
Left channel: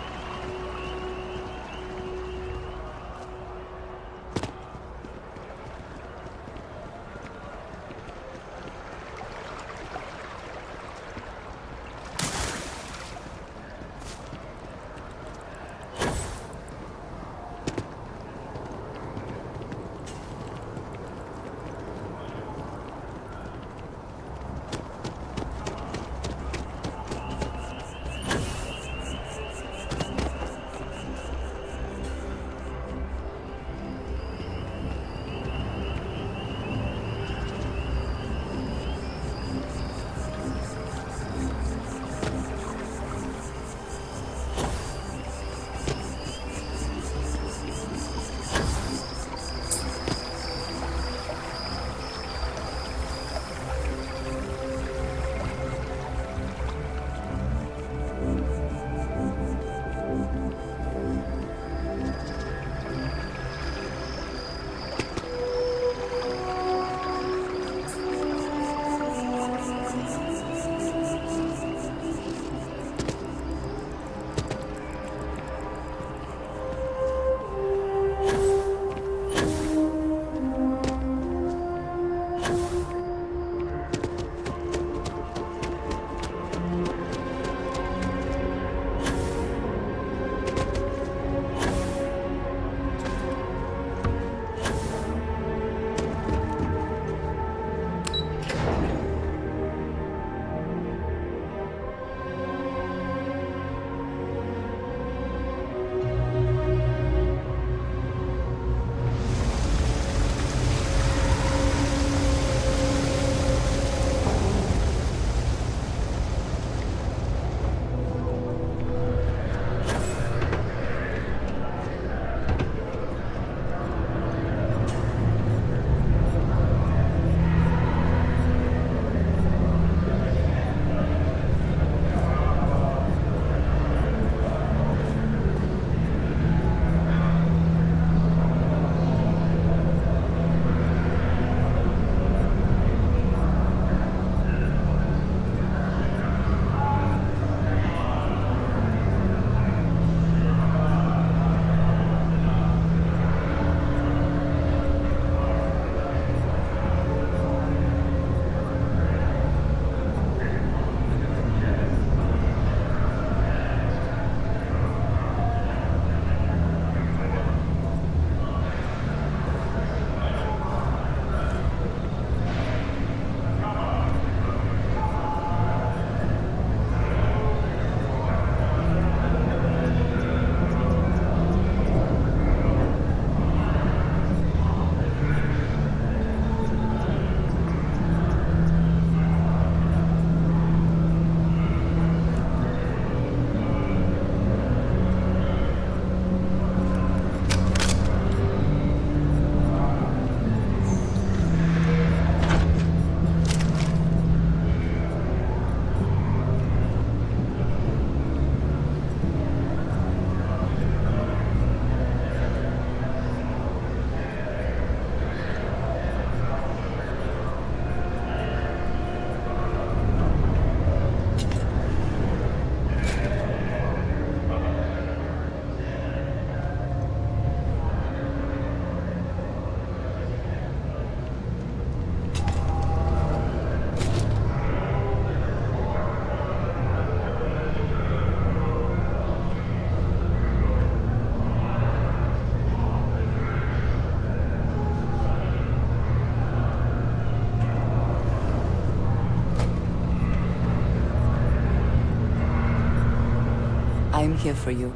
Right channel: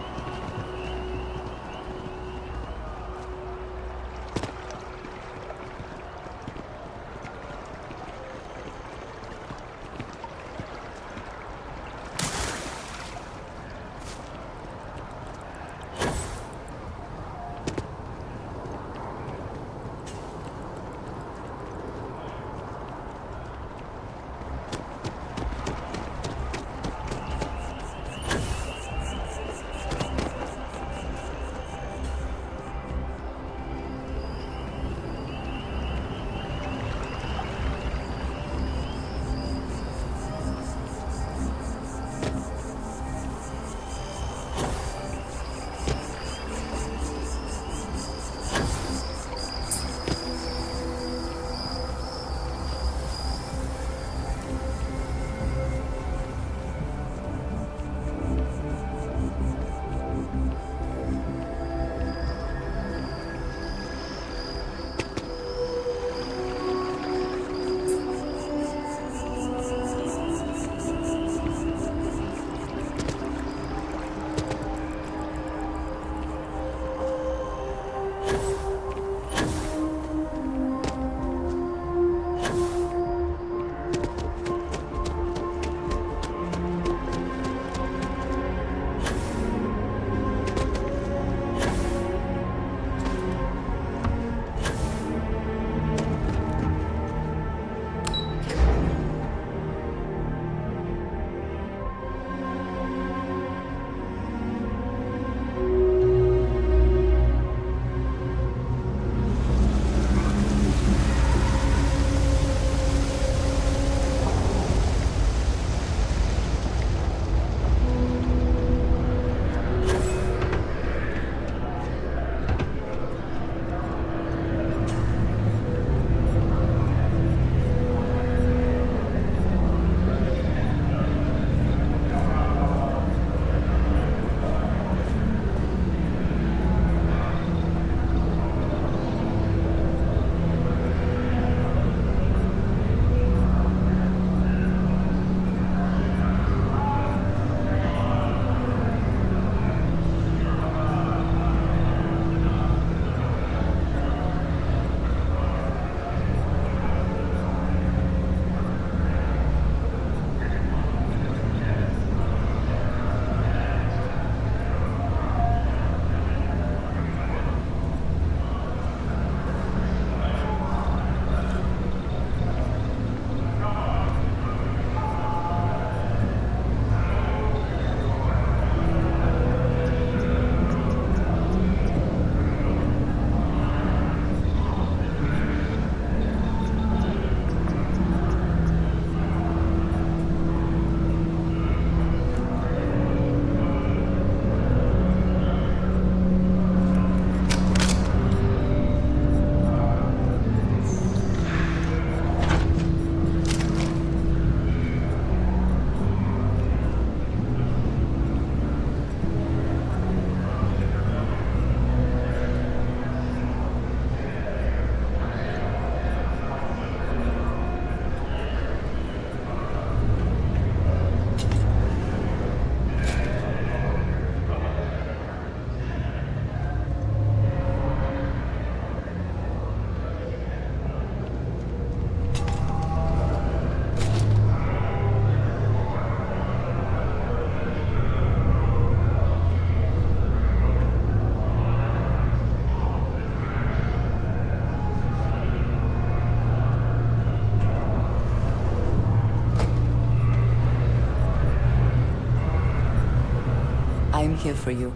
I'm here for you,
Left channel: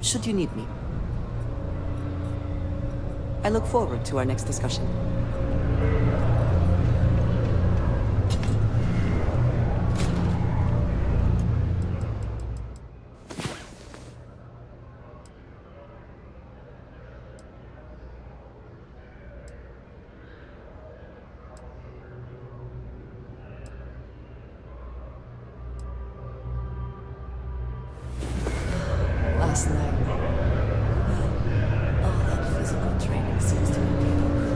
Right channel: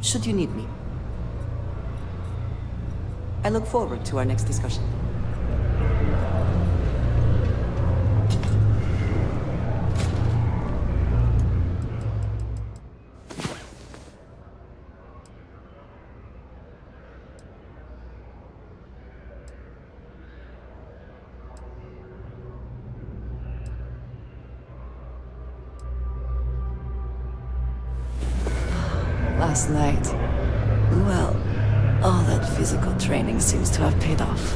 should you need me. I look forward to our next discussion. Last night, well, all that physical training seems to have paid off.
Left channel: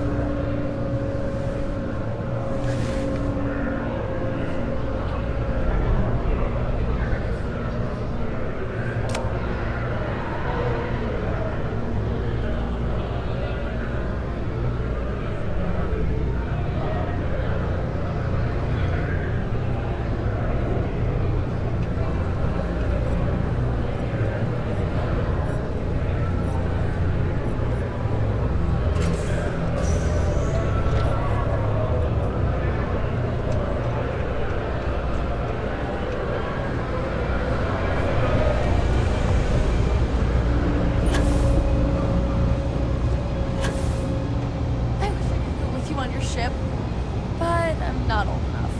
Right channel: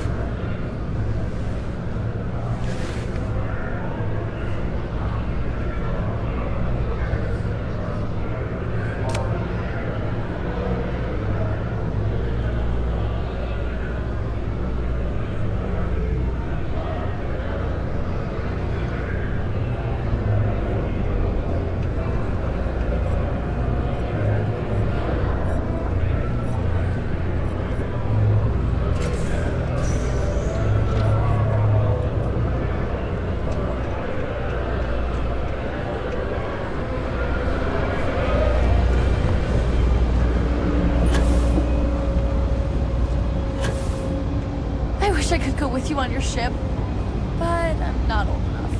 With you on your ship, but I'm not old enough.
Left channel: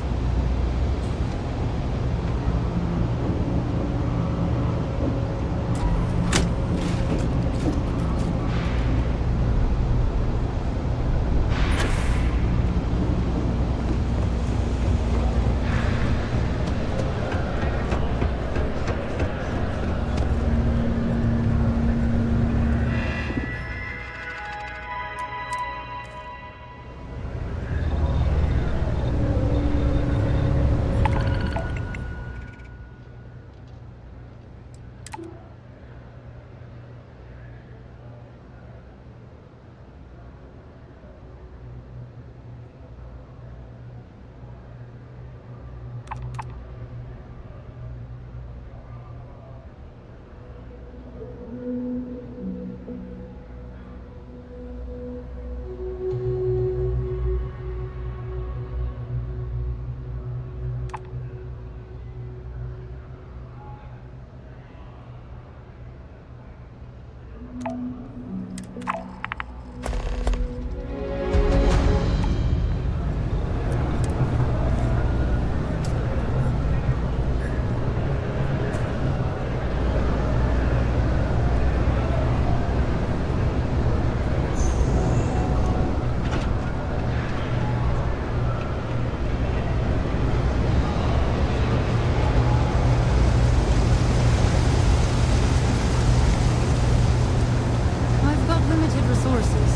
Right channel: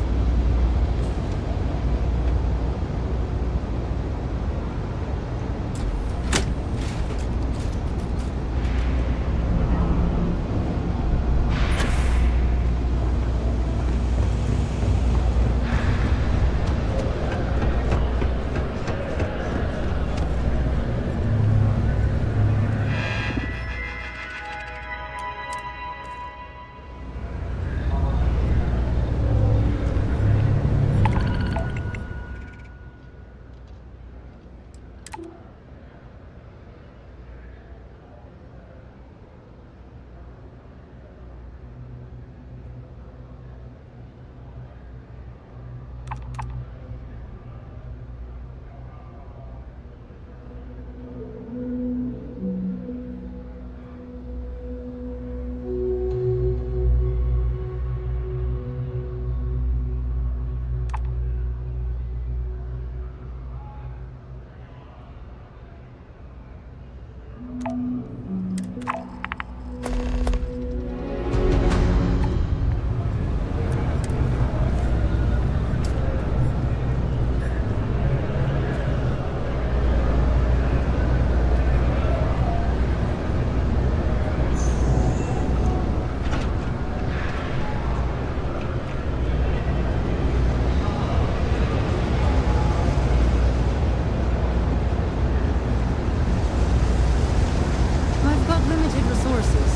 Resources.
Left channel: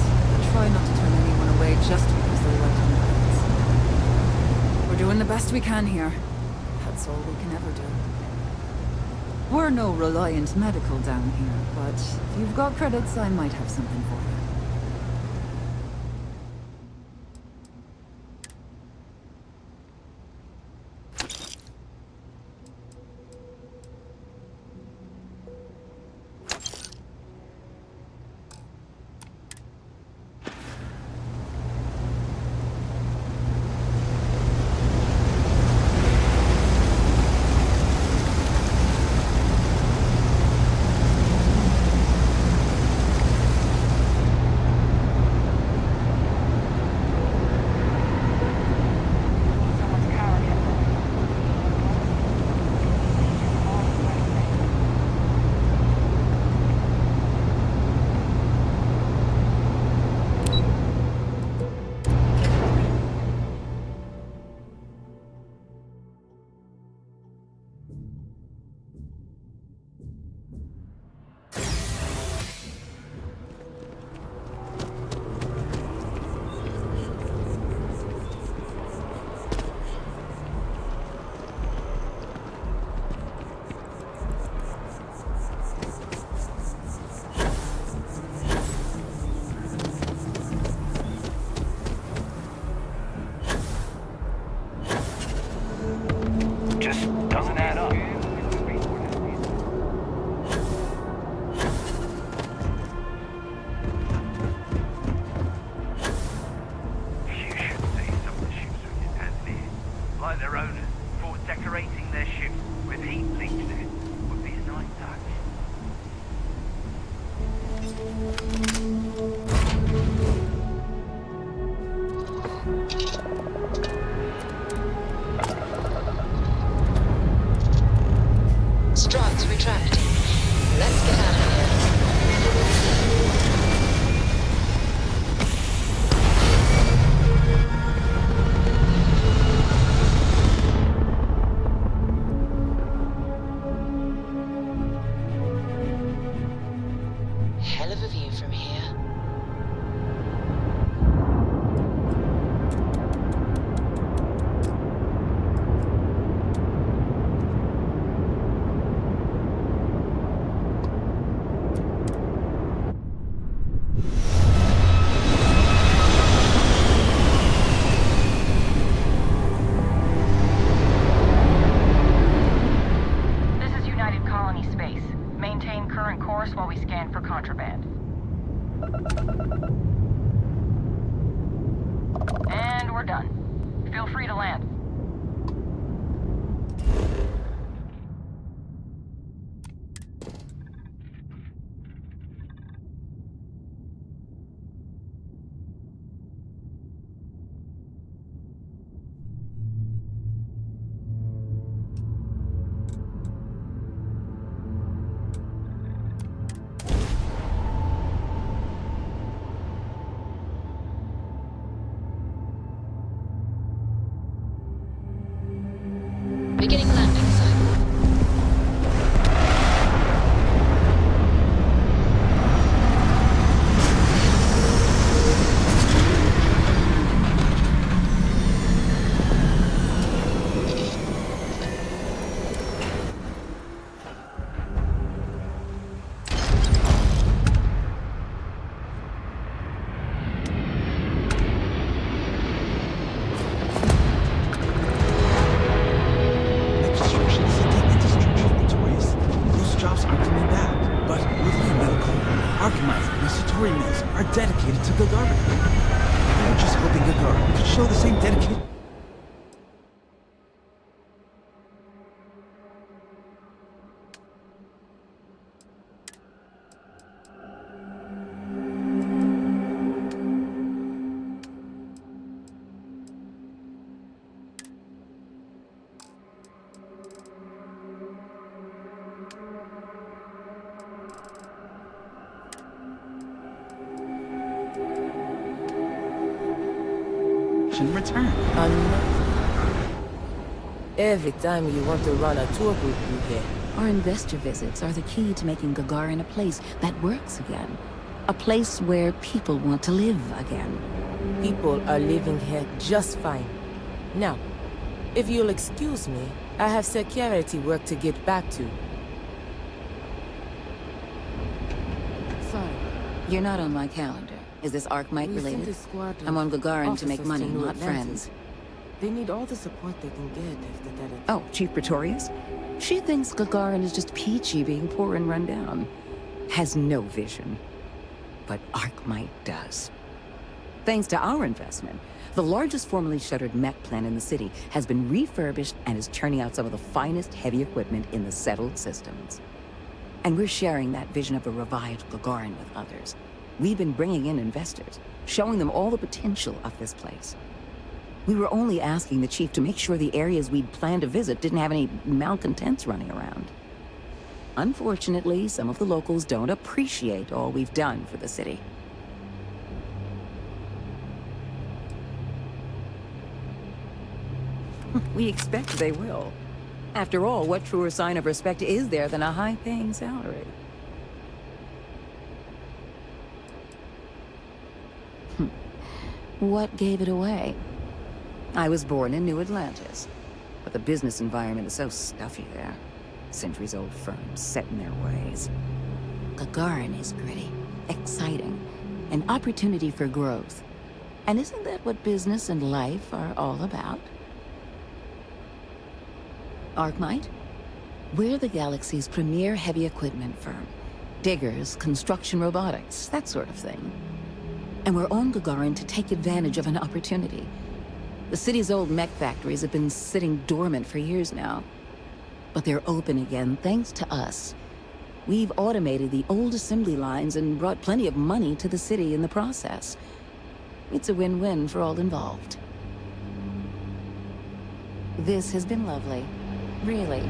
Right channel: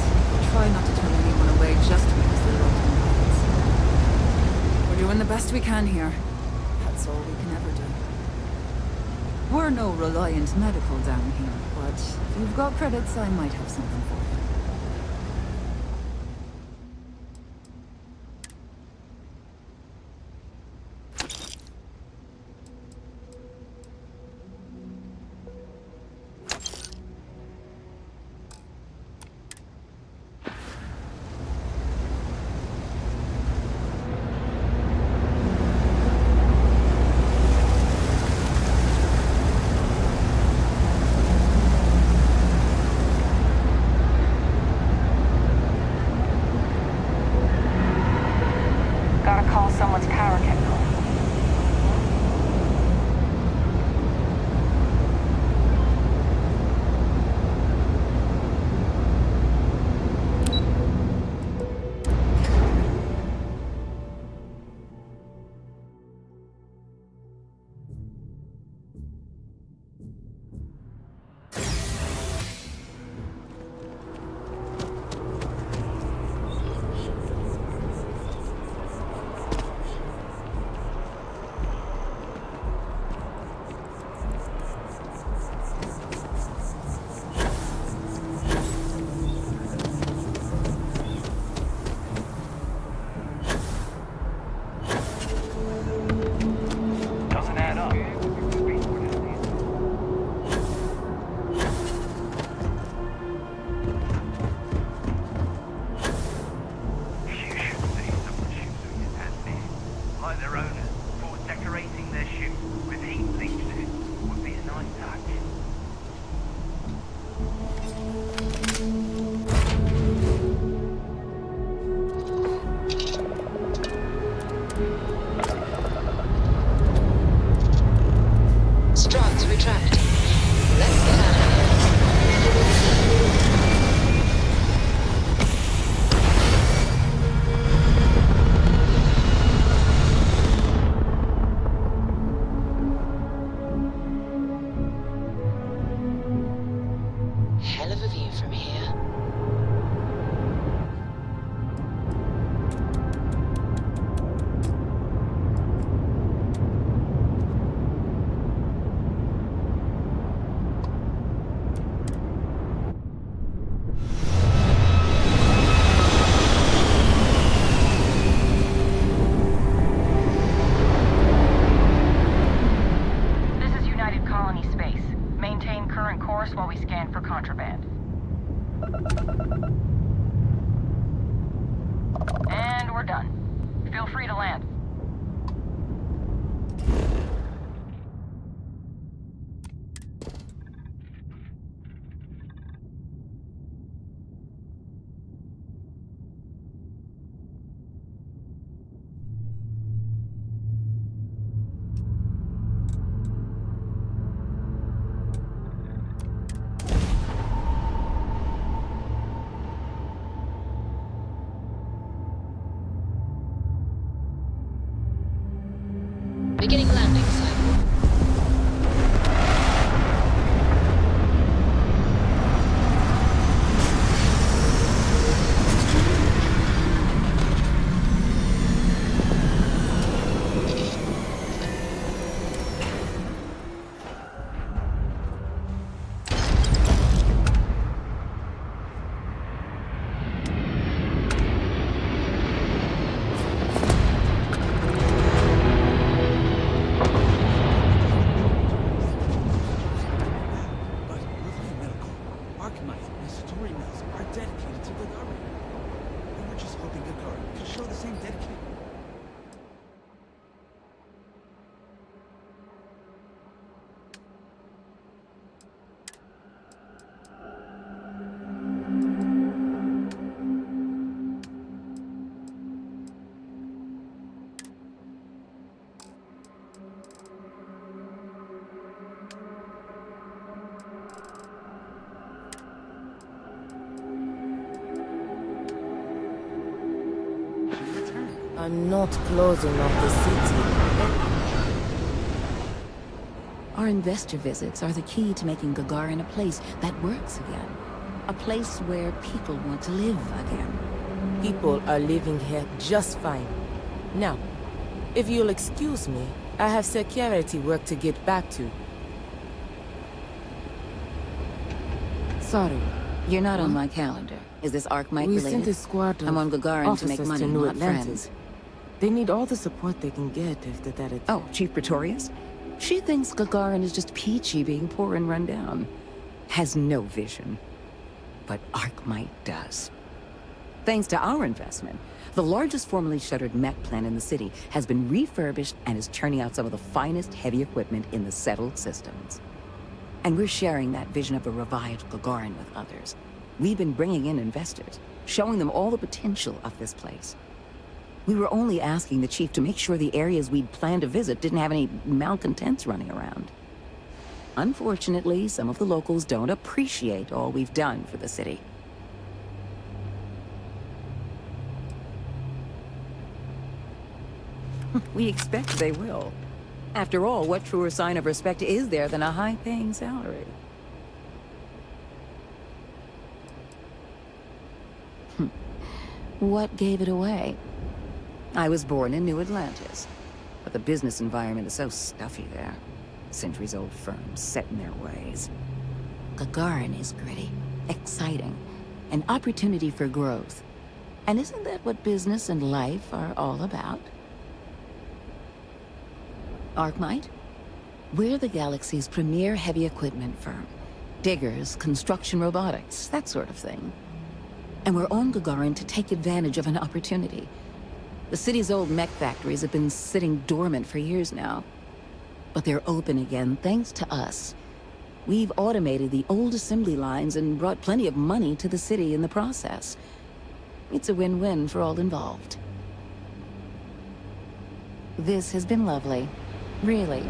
Try not to turn anyone away just because they're like We're doing the best we can here. That's all we can ever do. We're no Reliant Medical down here, but if you've got credits, I might have something for you. coordinates retracting. Let's get out of here. Hell of a view from here. This is United Colony Space. Maintain current course while we scan for contraband. And we're done. Feel free to land. Beginning landing cycle. Dedicated to Gagarin. We were just hoping Gagarin could show the same dedication. Return. I'm not closing on the city. Every time you want to run a tour group, you hear. Our investor visits are the key to making Gagarin a place that works again. A place where people want to live again. People are living here just fine. Now, if you'll excuse me, I have security work to get back to. Sorry, you're not on my calendar. Is this Arc-Mite related? We sent a squad of I'm on Gagarin to make money, New not Atlantis. friends. They need all the support they can get after that attack. Oh, Chief Pretorius? She thinks Gagarin is just peachy being poor and run down. Has no vision. But Arc-Mite does. Thanks to our investment, the largest formerly shuttered mech plant in the city has been refurbished and is churning out some of the finest heavy equipment in the settled systems. And we're sharing that vision of a revived Gagarin with others. We've been bringing in investors, showing them all the potential of this place. We were only asking the chief to make sure the areas we'd planned to visit didn't have any malcontents running around. Unfortunately, some of the locals don't appreciate all we've done for the city. We expect they will. After all, what truer sign of respect is there than a high-paying salary? What gave it away? I was born in New Atlantis, but the business environment is so stuffy there. Centuries-old firms set in their ways. Gagarin is gritty, exciting, an opportunity for growth. And isn't that what business and life are all about? Arc-Mite? We're the galaxy's premier heavy equipment firm. Diggers, construction robotics, that sort of thing. And we're on Gagarin to take advantage of an opportunity. The city's old mech factories have been sitting dormant for years now. But they're open again thanks to us. We've automated the old assembly lines and brought plenty of money to the city in the process. It's a win-win for all involved. This has been lovely. Really.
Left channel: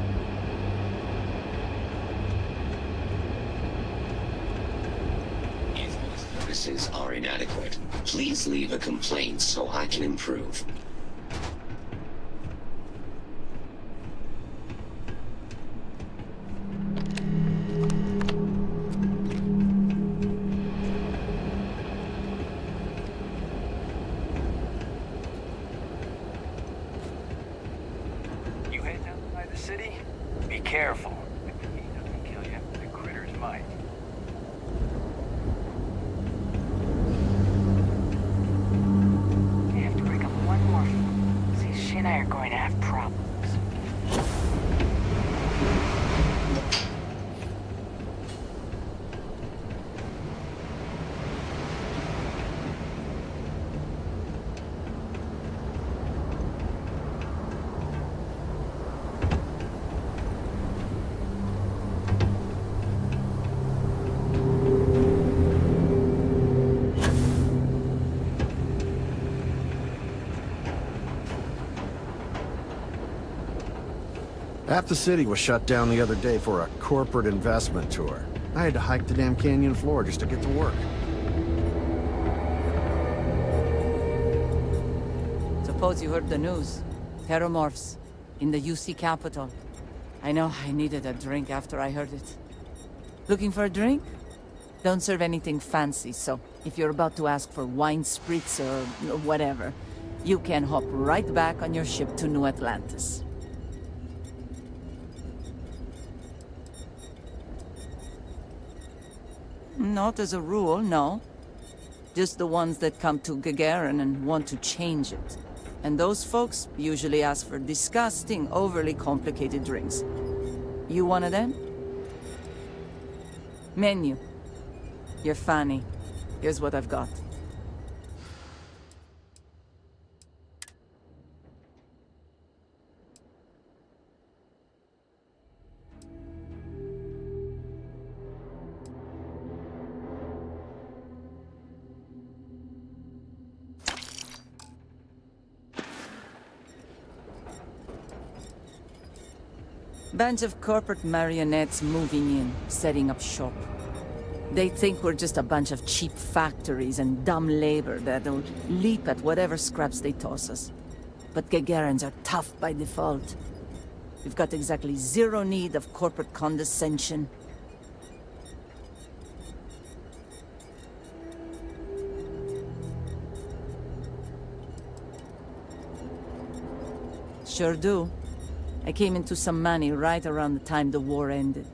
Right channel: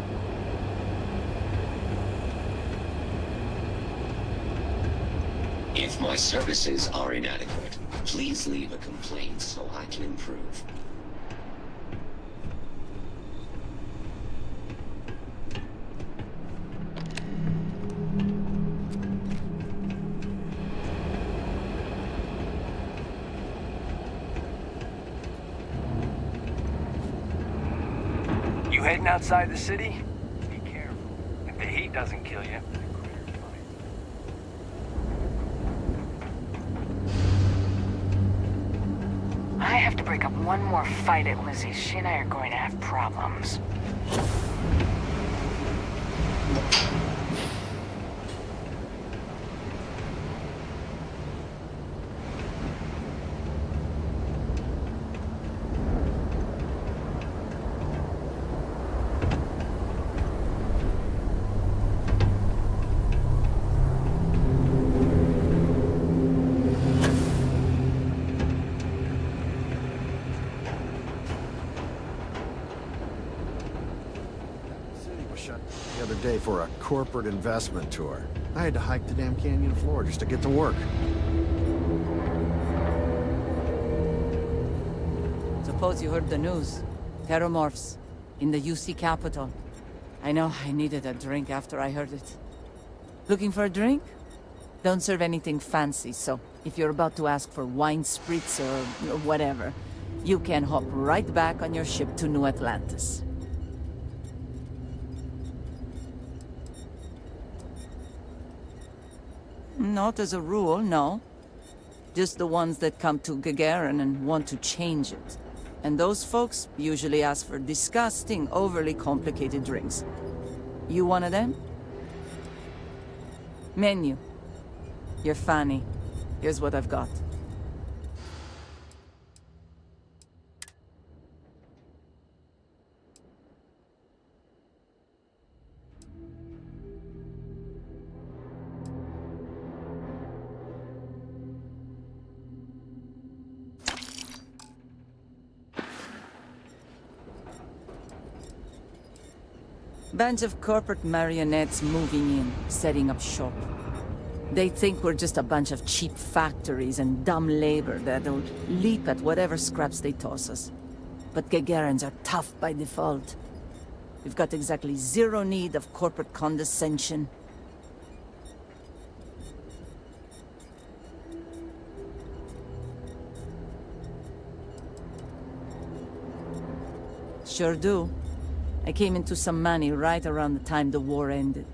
services are inadequate. Please leave a complaint so I can improve. You heading outside the city? Be careful. If the heat doesn't kill you, the critters might. I have to break up one more fight at Lizzie's. She and I are going to have problems. Half the city was shut down the other day for a corporate investment tour. I had to hike the damn canyon floor just to get to work. Suppose you heard the news. Terramorphs in the UC capital. I know I needed a drink after I heard it. Looking for a drink? Don't serve anything fancy, so if you're about to ask for wine spritz or whatever, you can hop right back on your ship to New Atlantis. Not as a rule, no. Just the ones that come to Gagarin and want to change it. And those folks usually ask for disgusting, overly complicated drinks. You one of them? Menu. You're funny. Here's what I've got. Bunch of corporate marionettes moving in, setting up shop. They think we're just a bunch of cheap factories and dumb labor that'll leap at whatever scraps they toss us. But Gagarins are tough by default. We've got exactly zero need of corporate condescension. Sure do. I came into some money right around the time the war ended.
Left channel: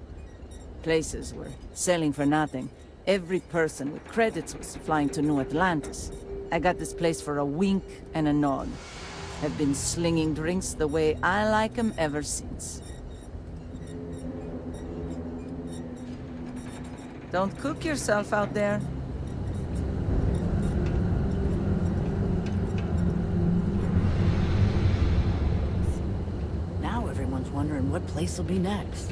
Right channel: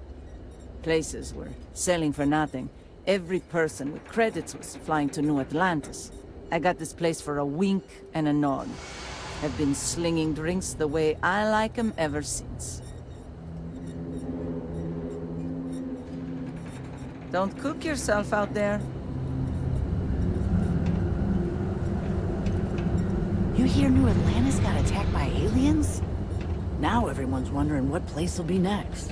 Places were selling for nothing. Every person with credits was flying to New Atlantis. I got this place for a wink and a nod. Have been slinging drinks the way I like 'em ever since. Don't cook yourself out there. You hear New Atlantis got attacked by aliens? Now everyone's wondering what place will be next.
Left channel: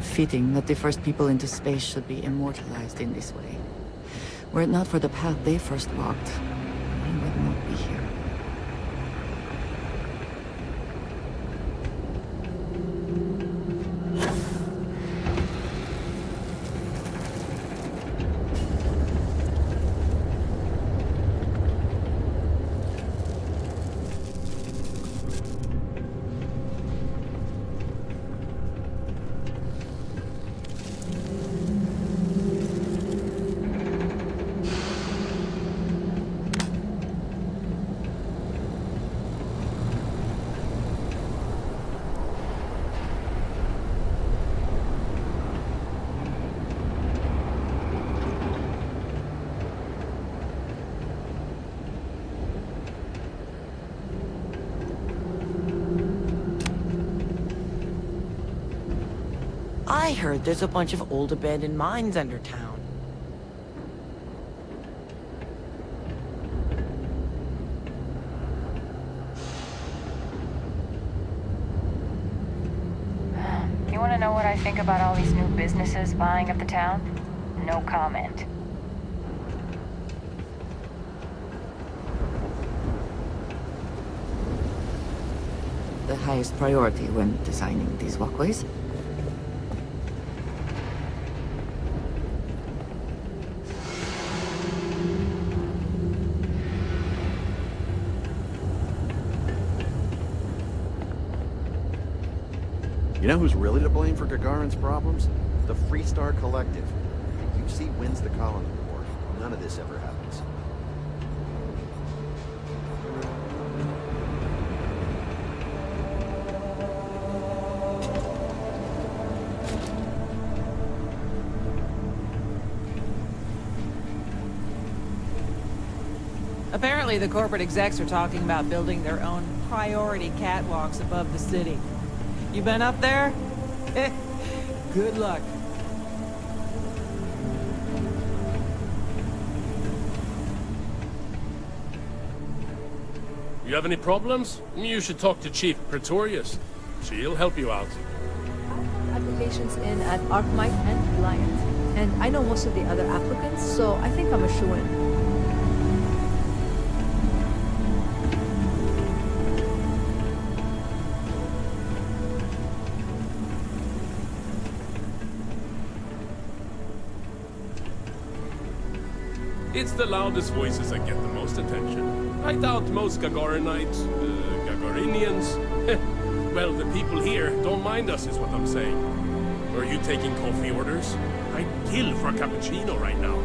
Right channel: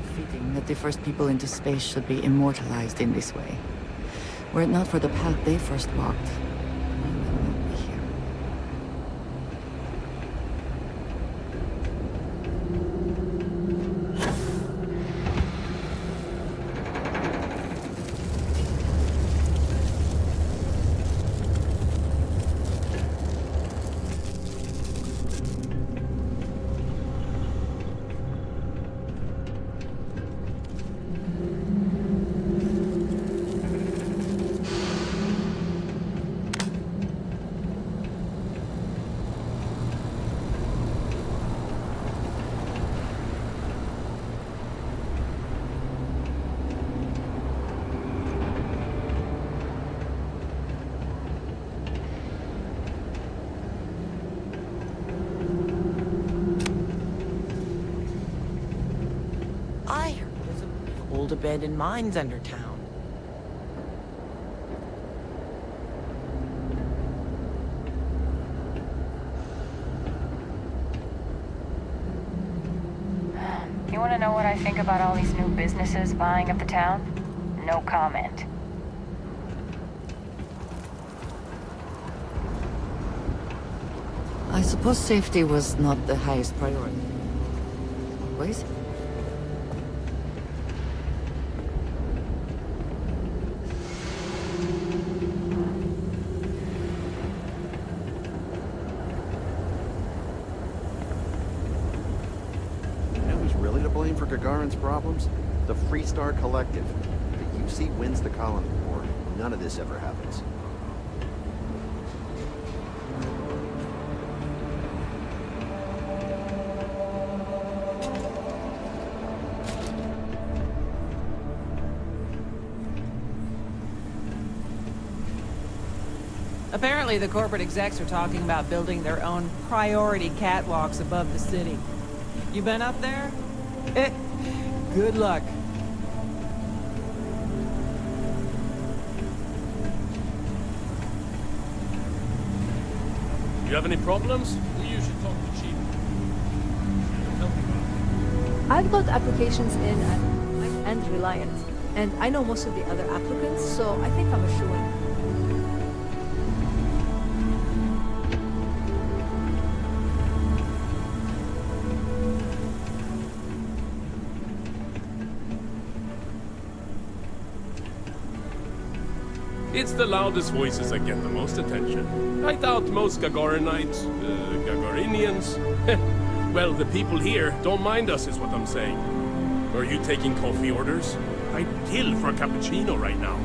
Fitting that the first people into space should be immortalized in this way. Were it not for the path they first walked, we would not be here. I heard there's a bunch of old abandoned mines under town. You You want to know what I think about all these new businesses buying up the town? No comment. I suppose safety was not the highest priority when designing these walkways. You know who's really to blame for Gagarin's problems? The Freestar Collective. The UC wins the colony war. None of this ever happens. Apparently, the corporate execs are talking about building their own priority catwalks above the city. You been up there? Good luck. You have any problems? You should talk to Chief Pretorius. She'll help you out. I've got applications in at Arkmite and Reliant, and I know most of the other applicants, so I think I'm a shoo-in. It's the loudest voices that get the most attention. I doubt most Gagarinites, Gagarinians. Well, the people here don't mind us is what I'm saying. Are you taking coffee orders? I'd kill for a cappuccino right now.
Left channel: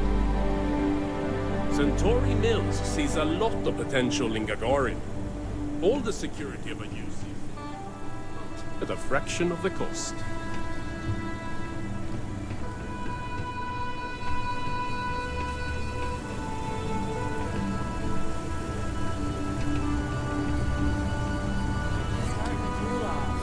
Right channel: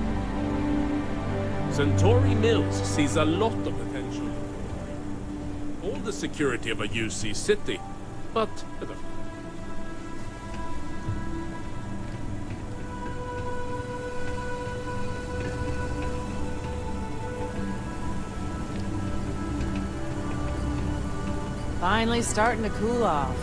Centauri Mills sees a lot of potential in Gagarin. All the security of a UC city, but at a fraction of the cost. Finally starting to cool off.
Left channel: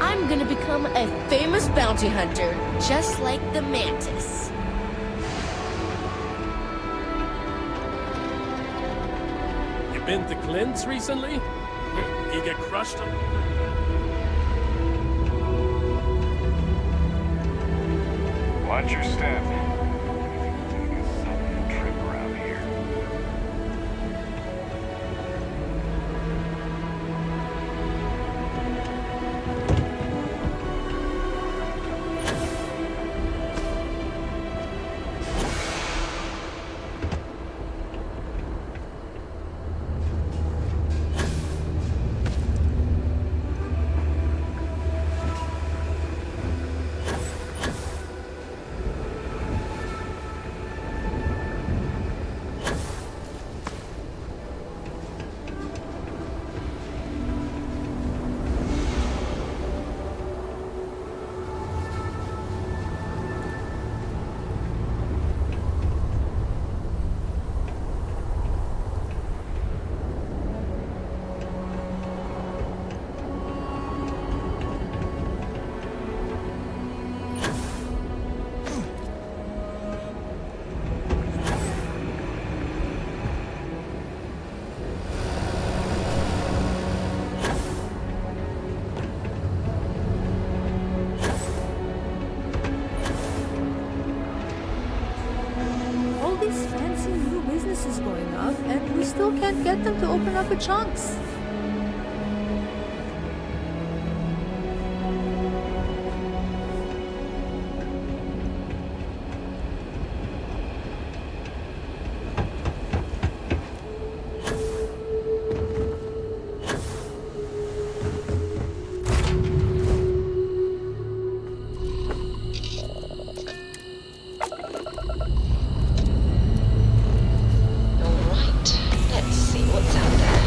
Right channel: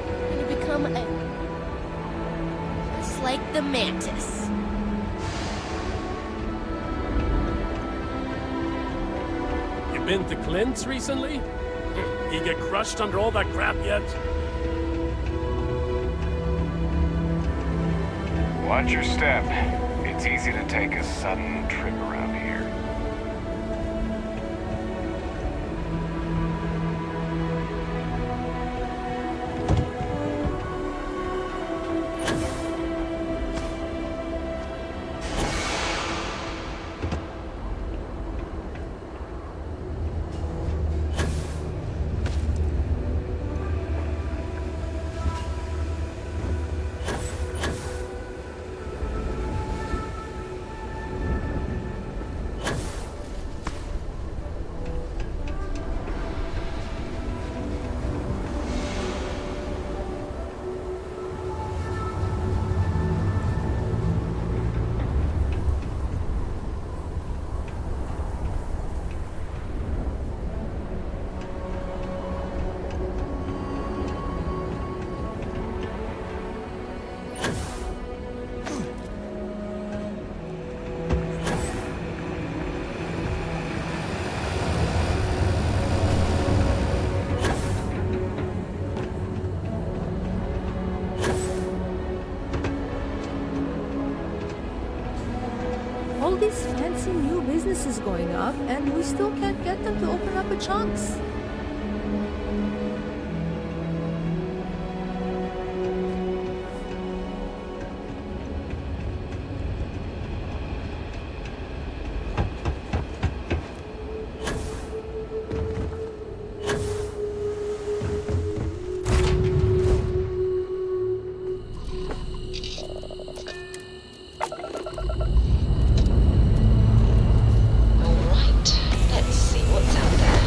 I'm gonna become a famous bounty hunter, just like the Mantis. You been to Clint's recently? He get crushed under all that crap yet? Watch your step. It's easy to take a sudden trip around here. All these fancy new businesses going up, and we still can't get them to open up at chunks. Alright, let's see what's out there.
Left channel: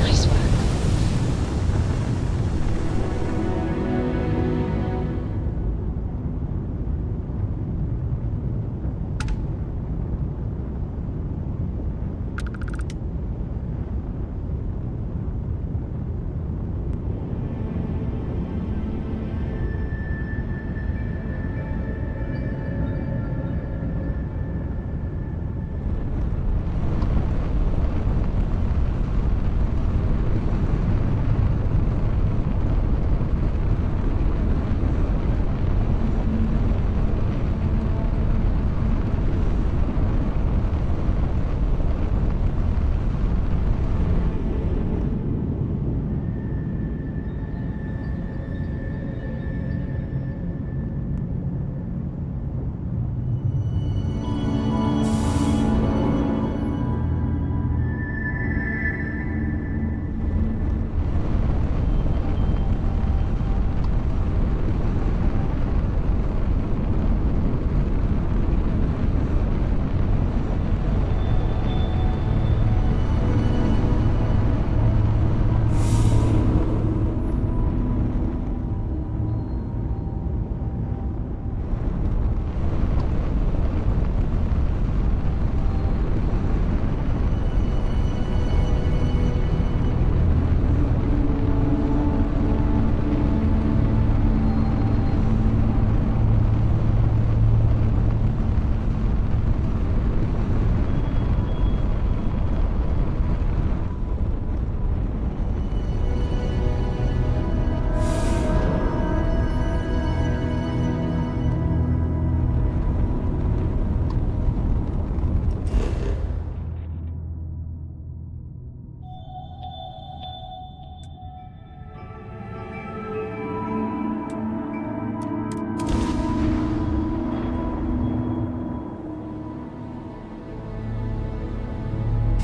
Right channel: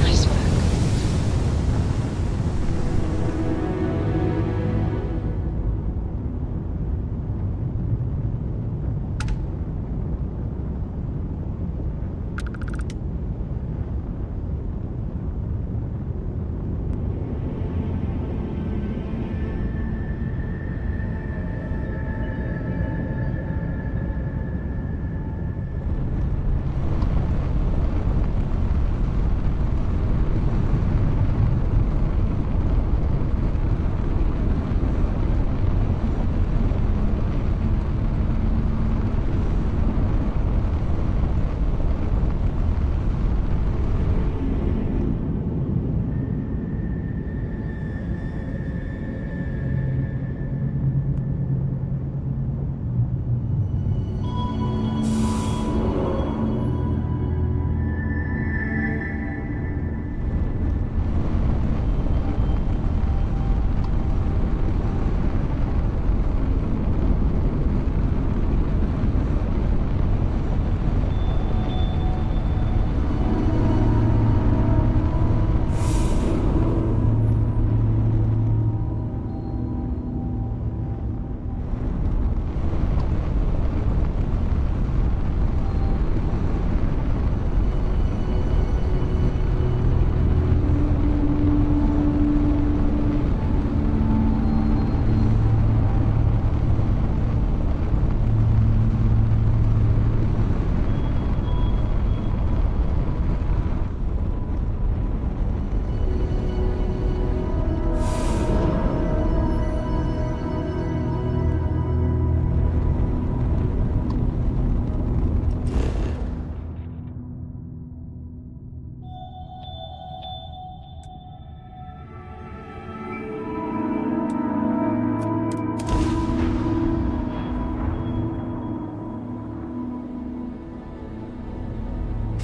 Nice work.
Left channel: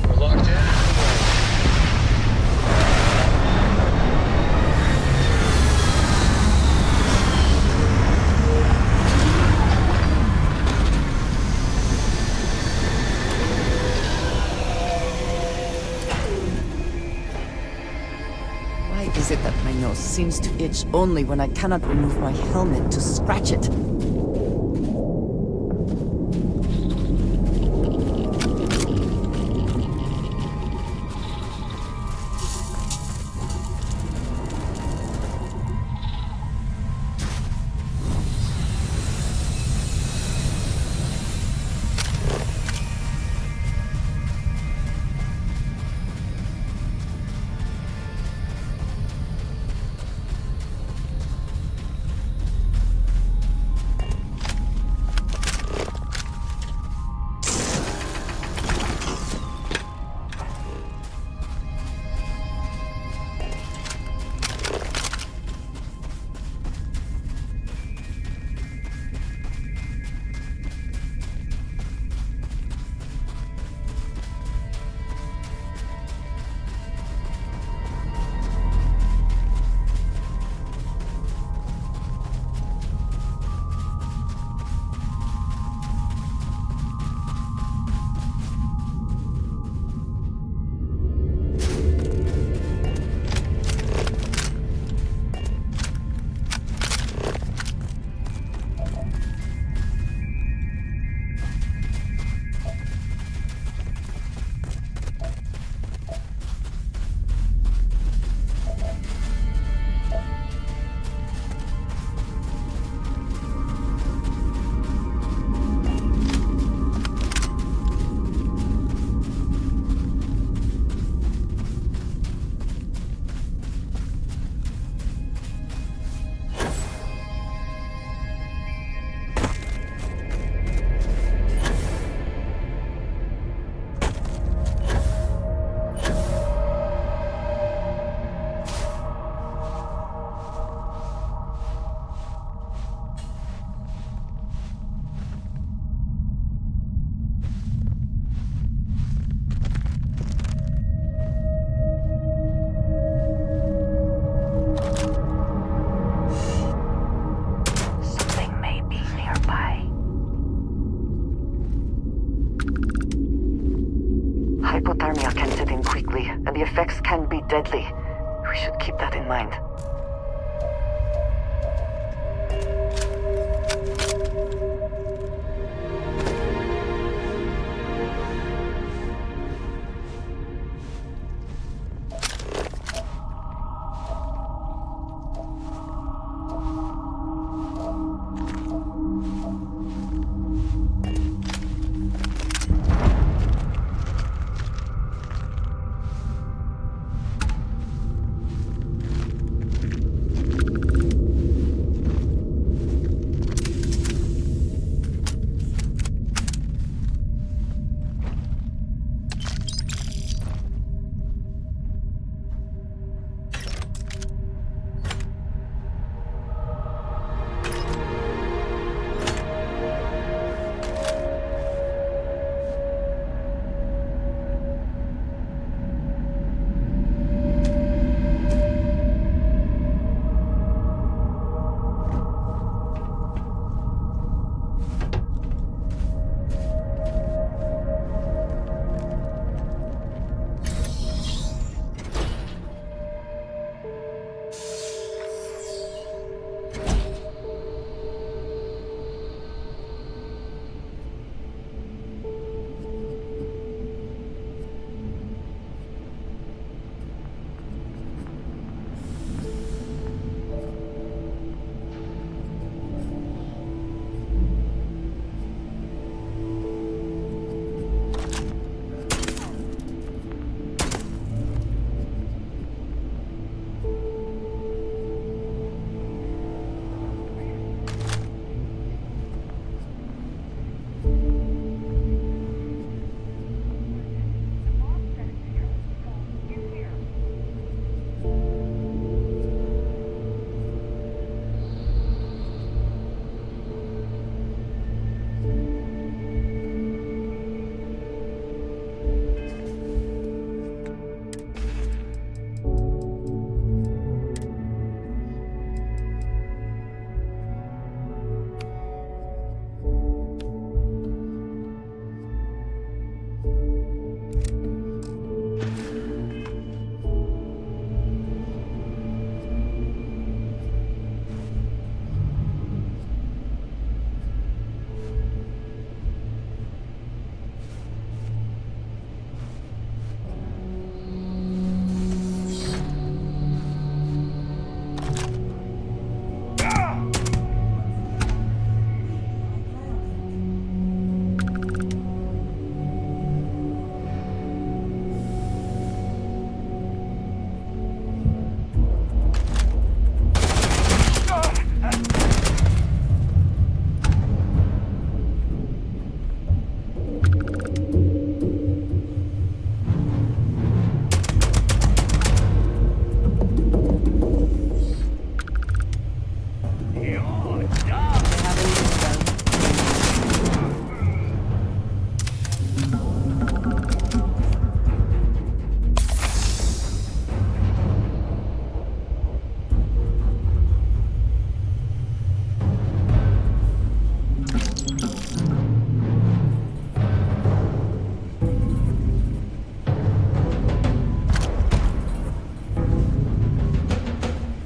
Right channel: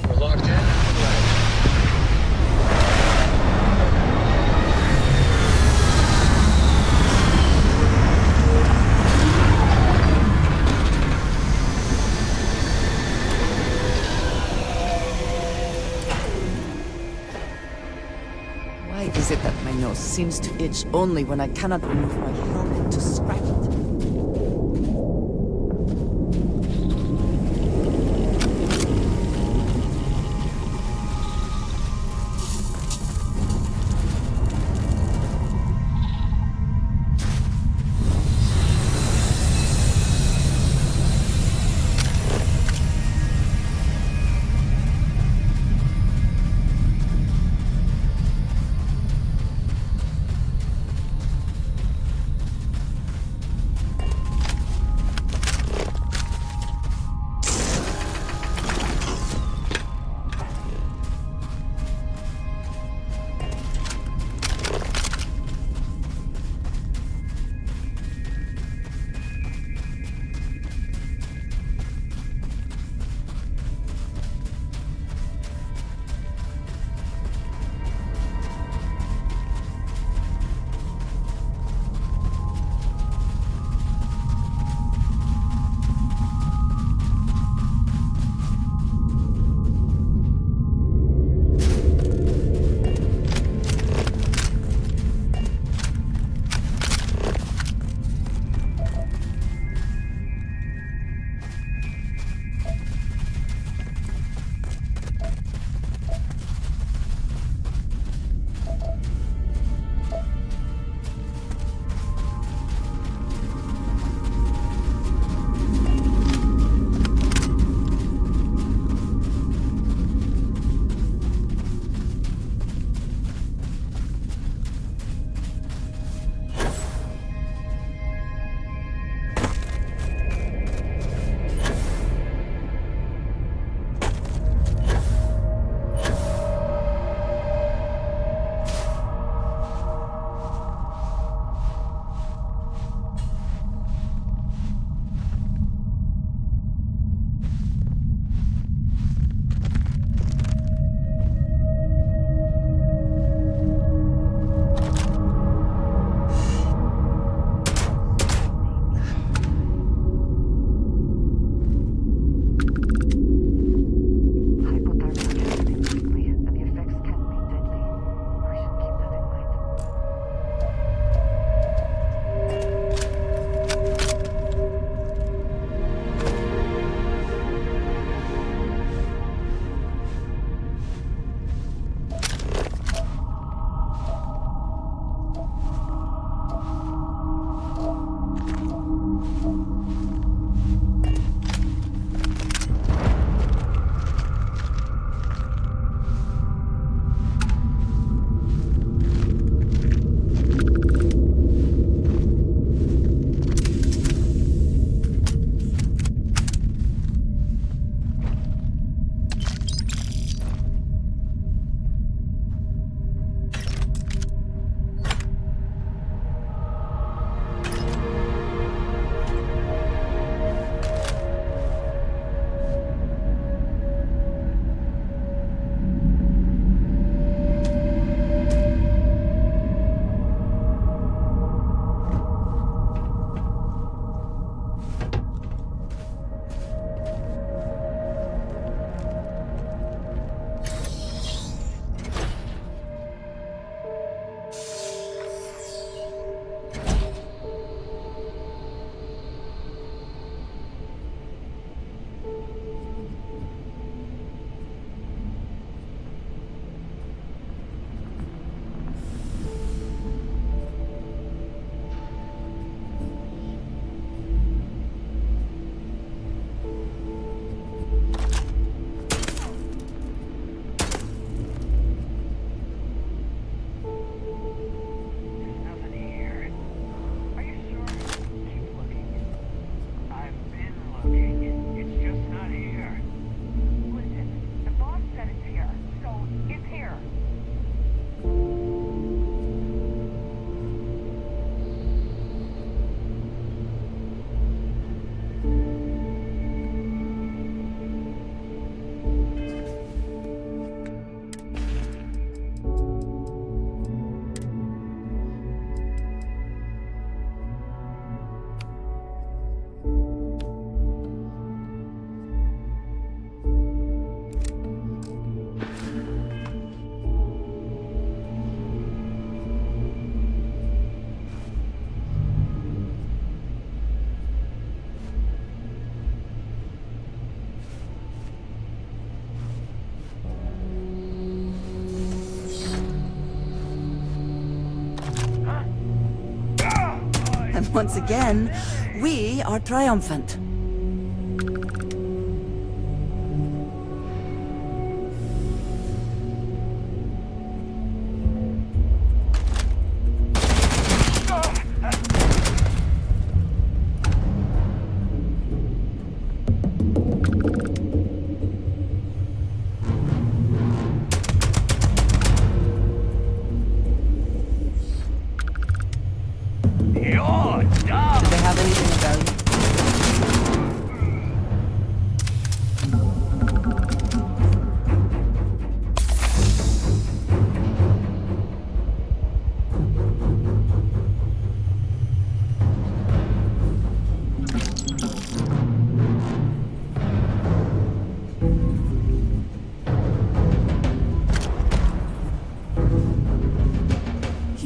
We're locked in and live. Why is it that my nose seems to itch only when I cannot remove my helmet to scratch it? Once again, we are triumphant.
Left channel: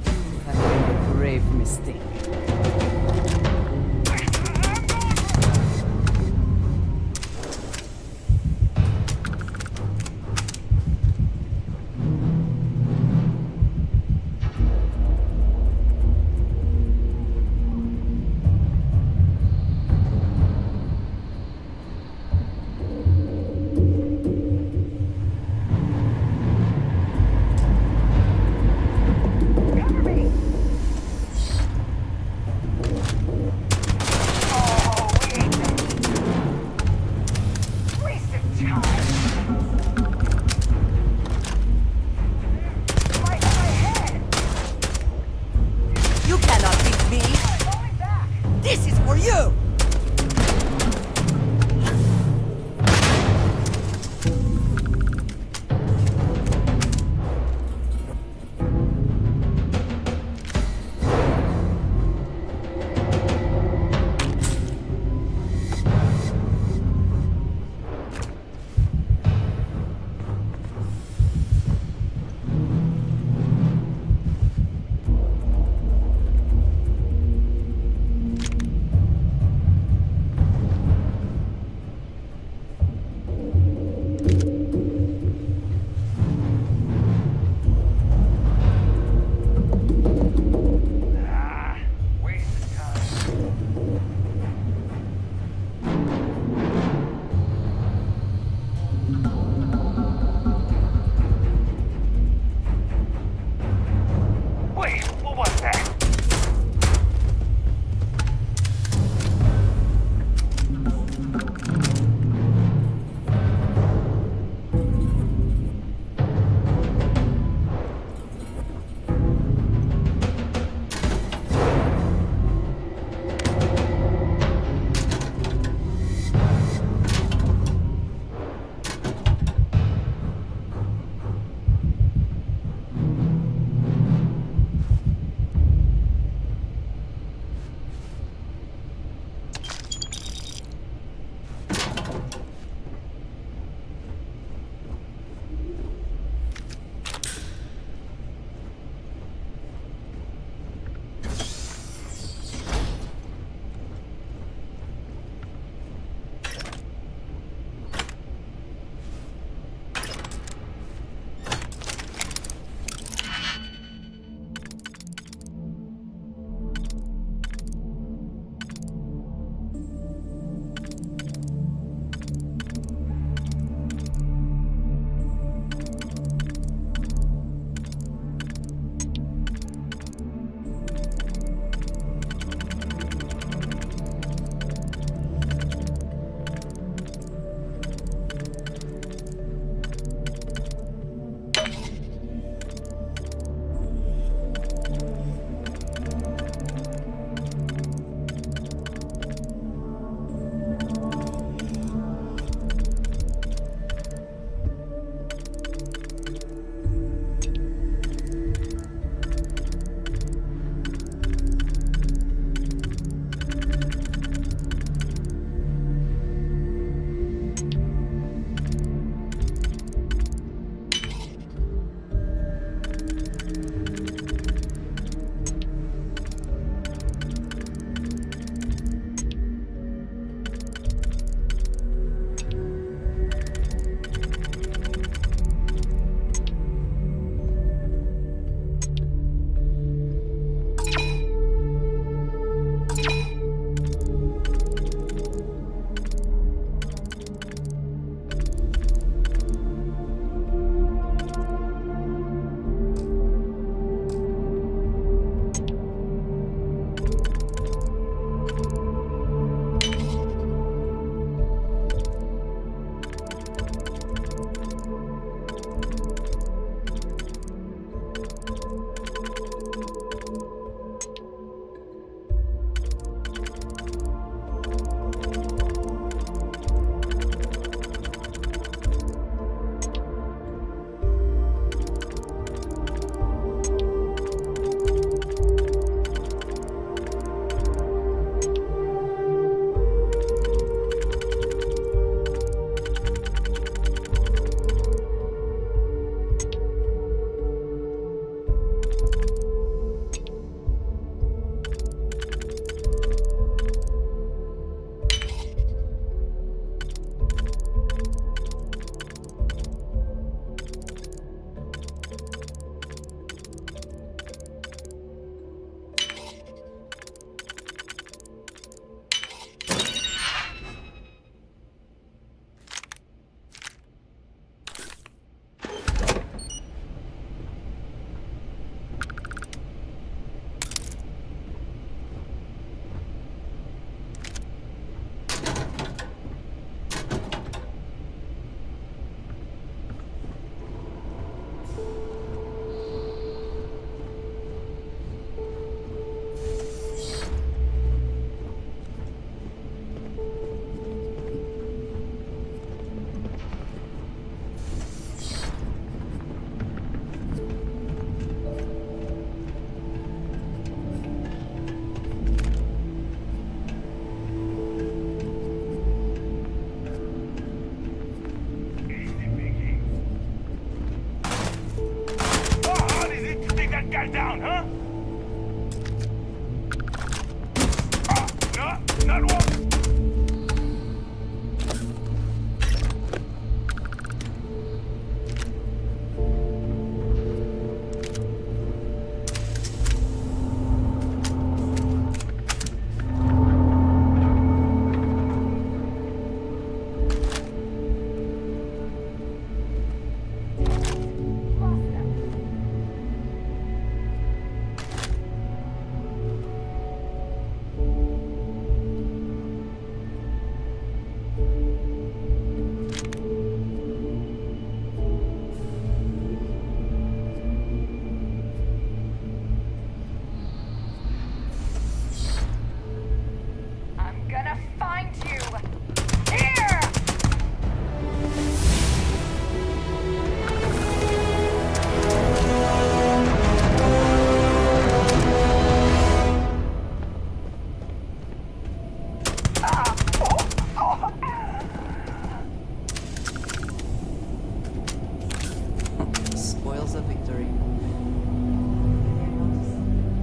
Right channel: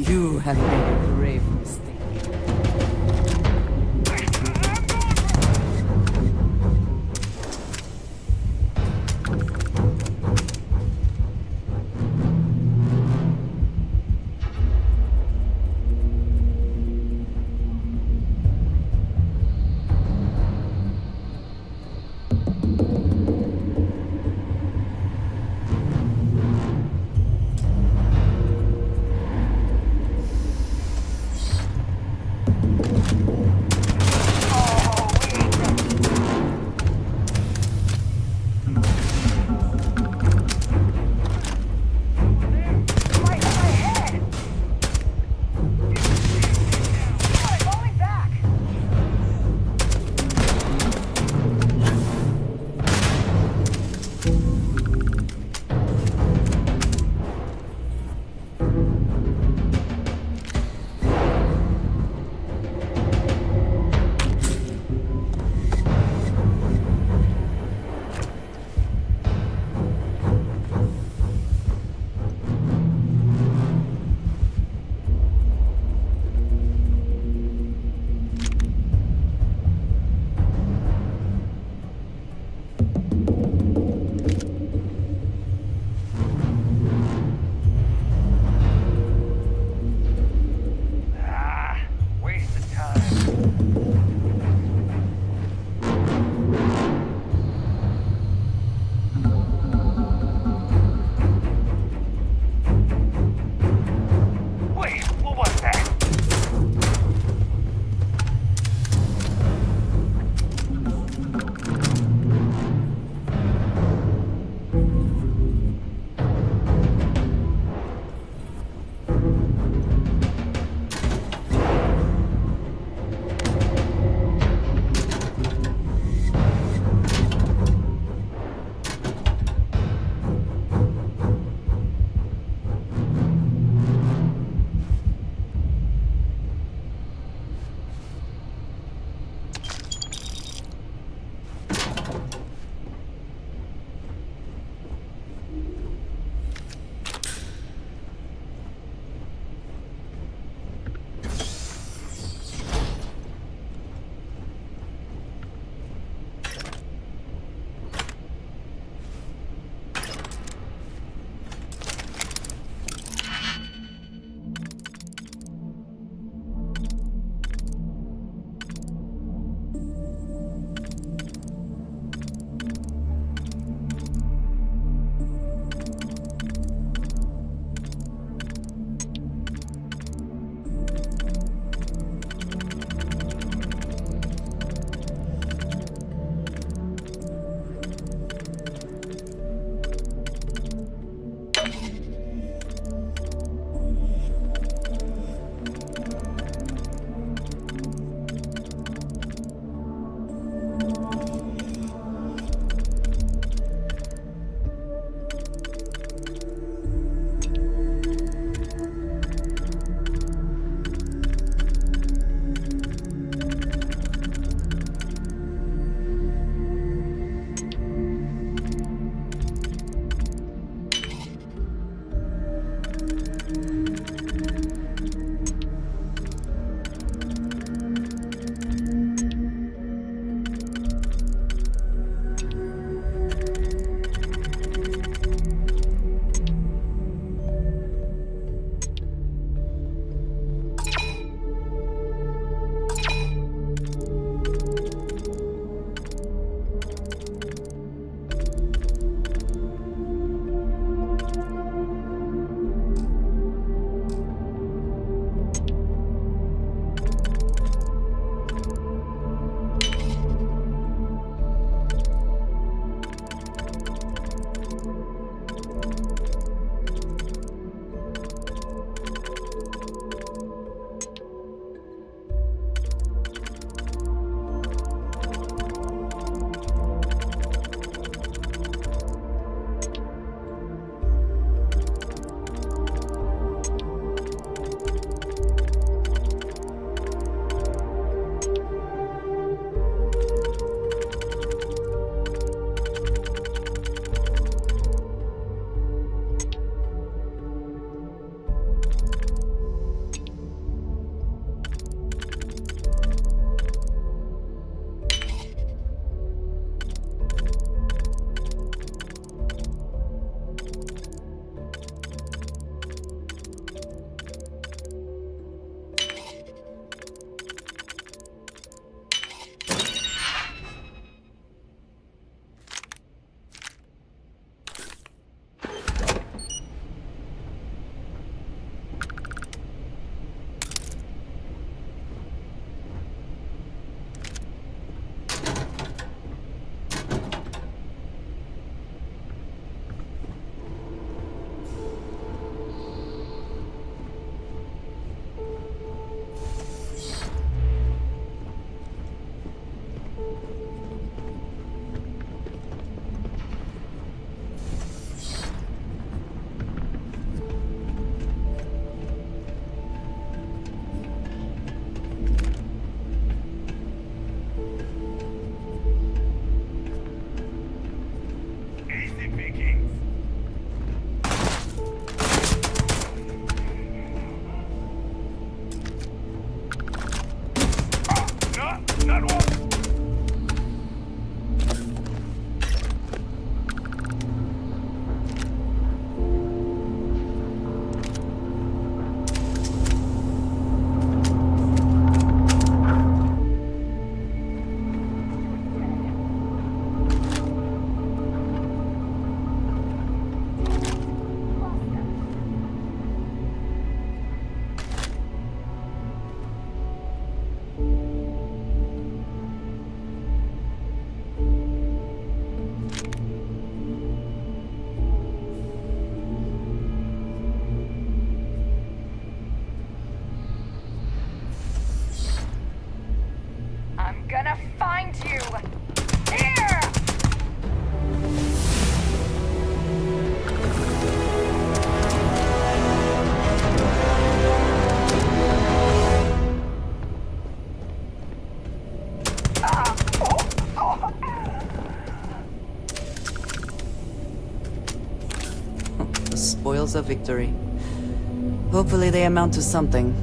You have made a grave mistake. I'm gonna find you! Here! The spoils of victory. Hopefully they amount to something.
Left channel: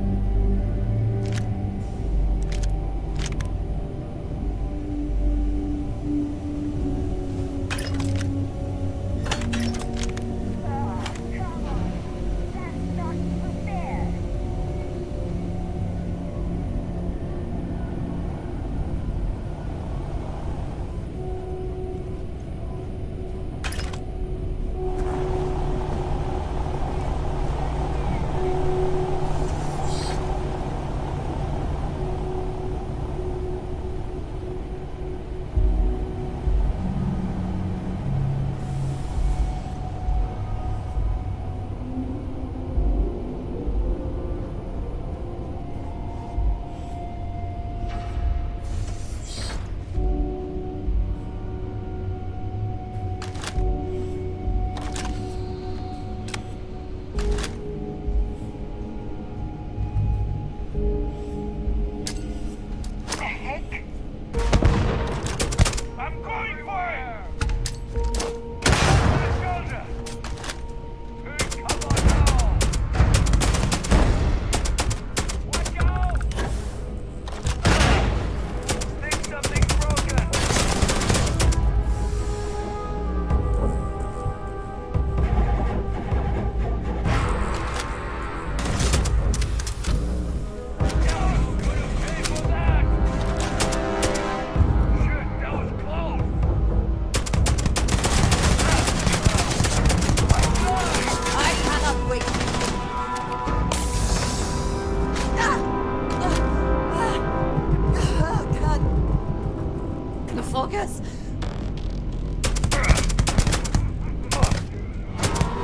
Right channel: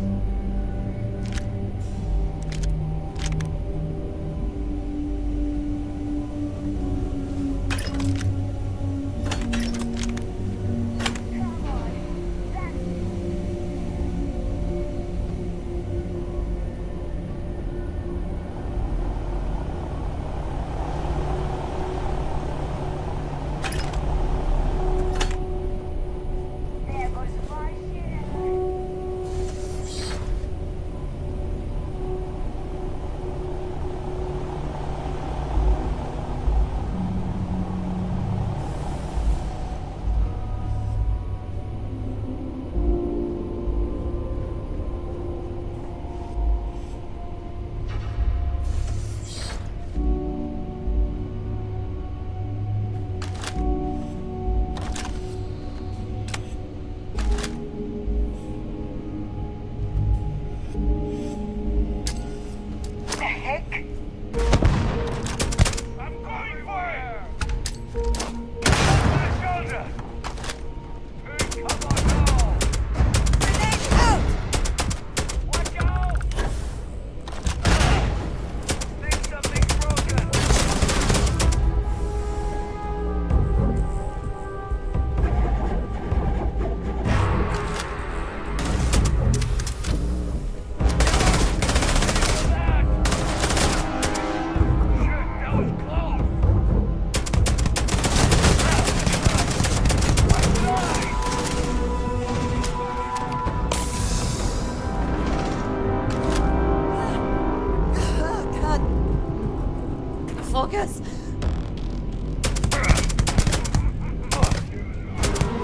Focus!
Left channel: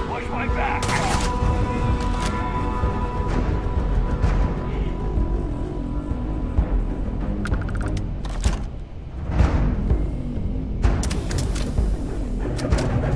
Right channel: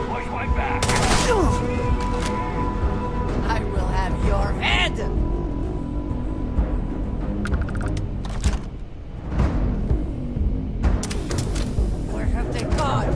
Watch my back! I will have your head! Where have they gone?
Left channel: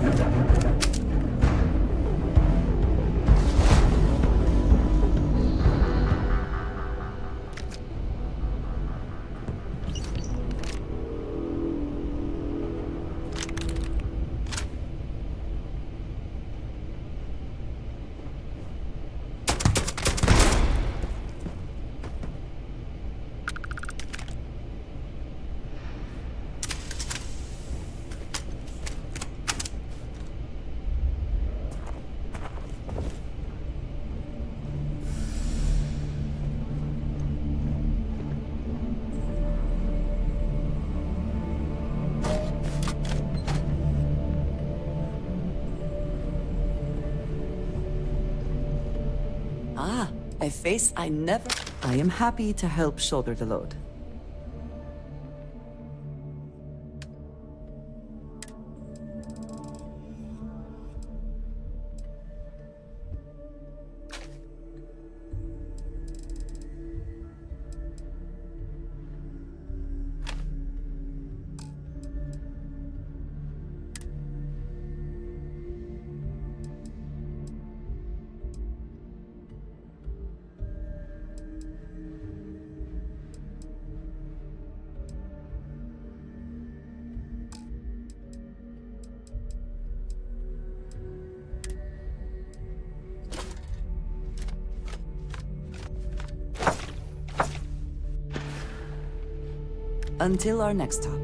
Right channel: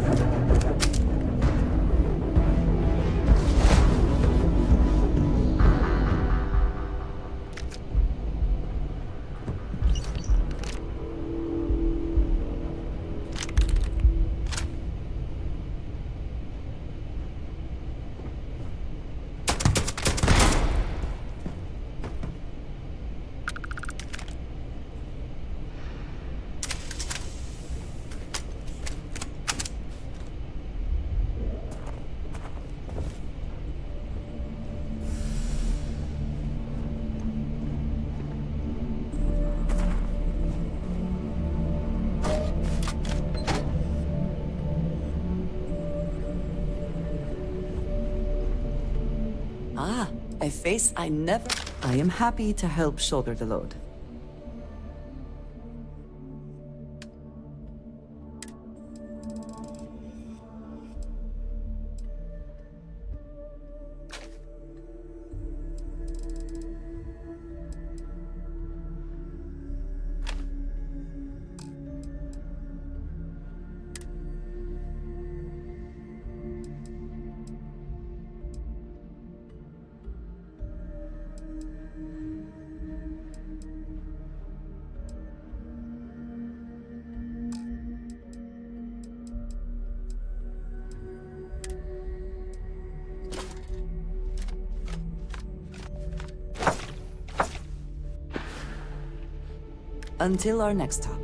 Ah, a face I never... I am happy to help shoulder the load. Until our next talk.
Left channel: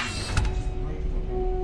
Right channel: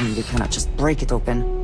You cannot just break it open.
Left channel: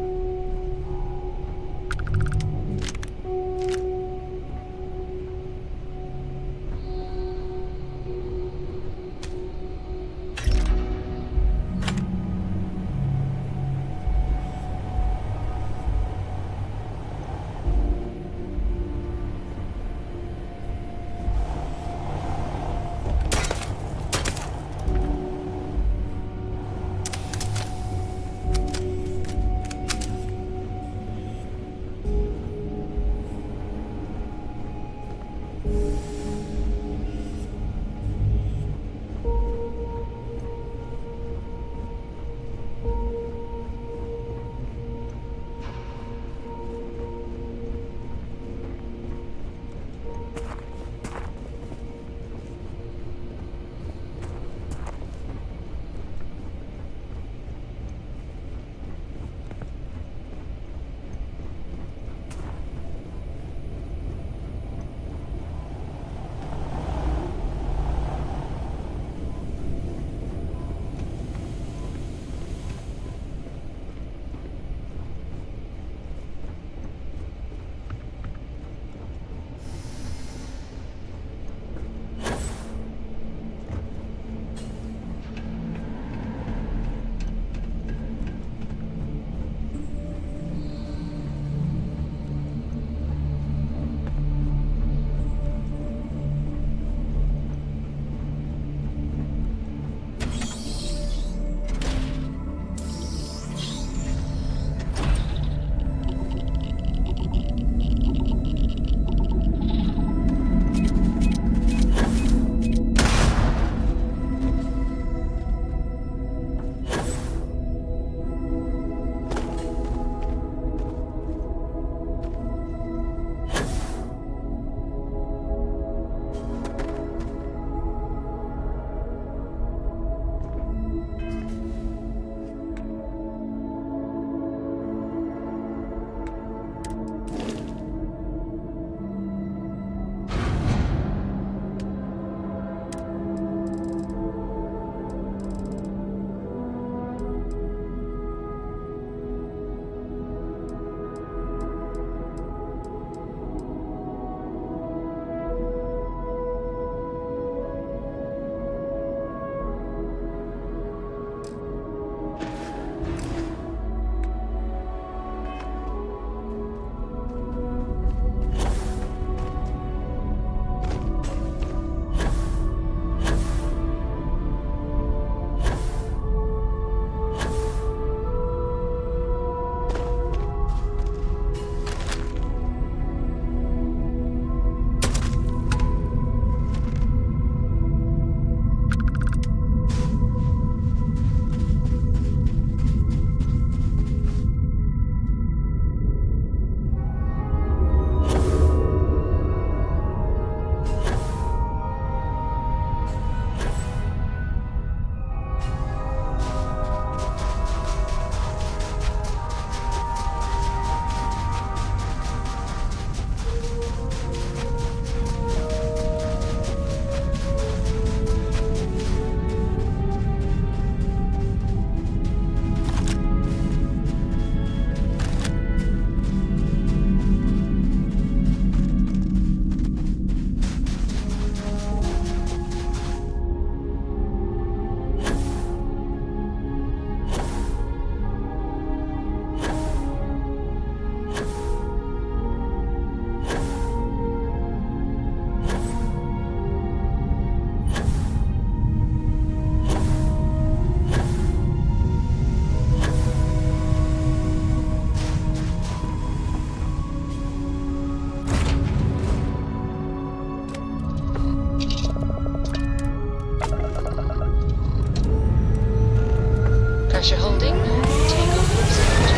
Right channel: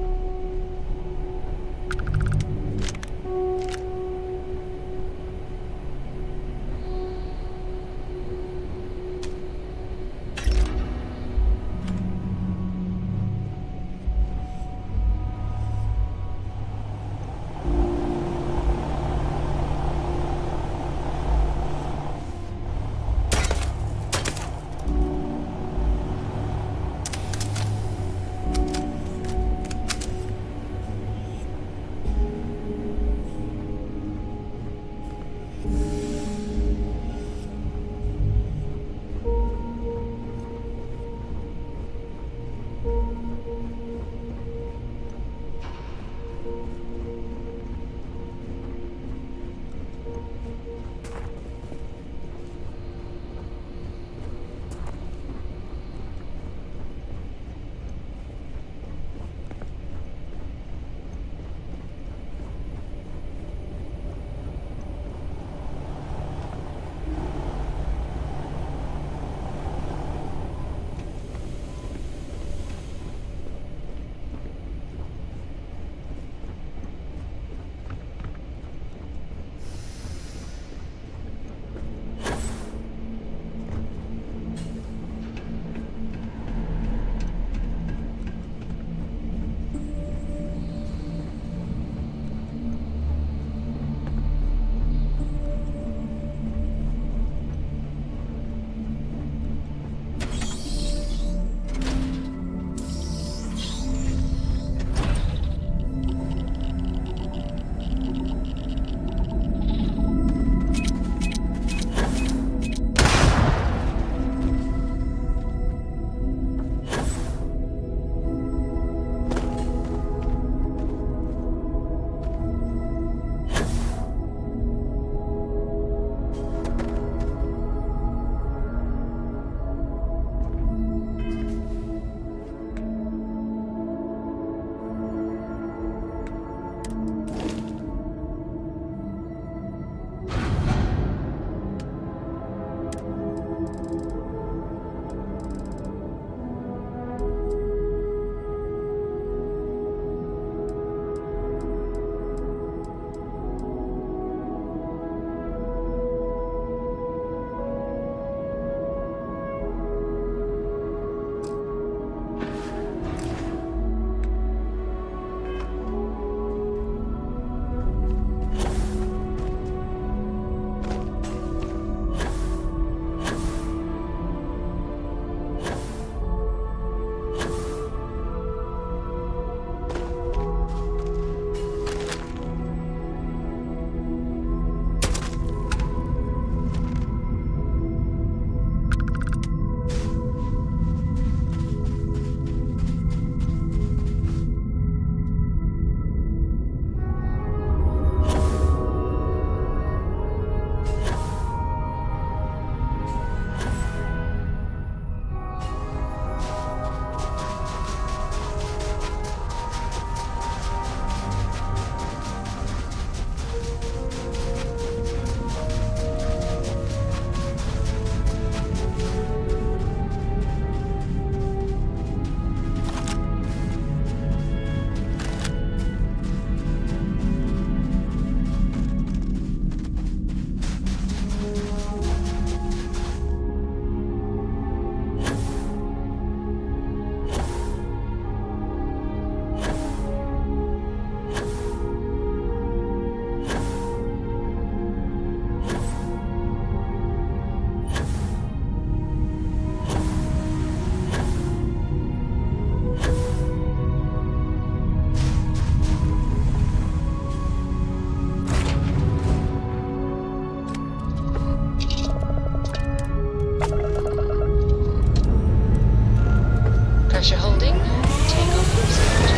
Pressure holding. Takeoff observed.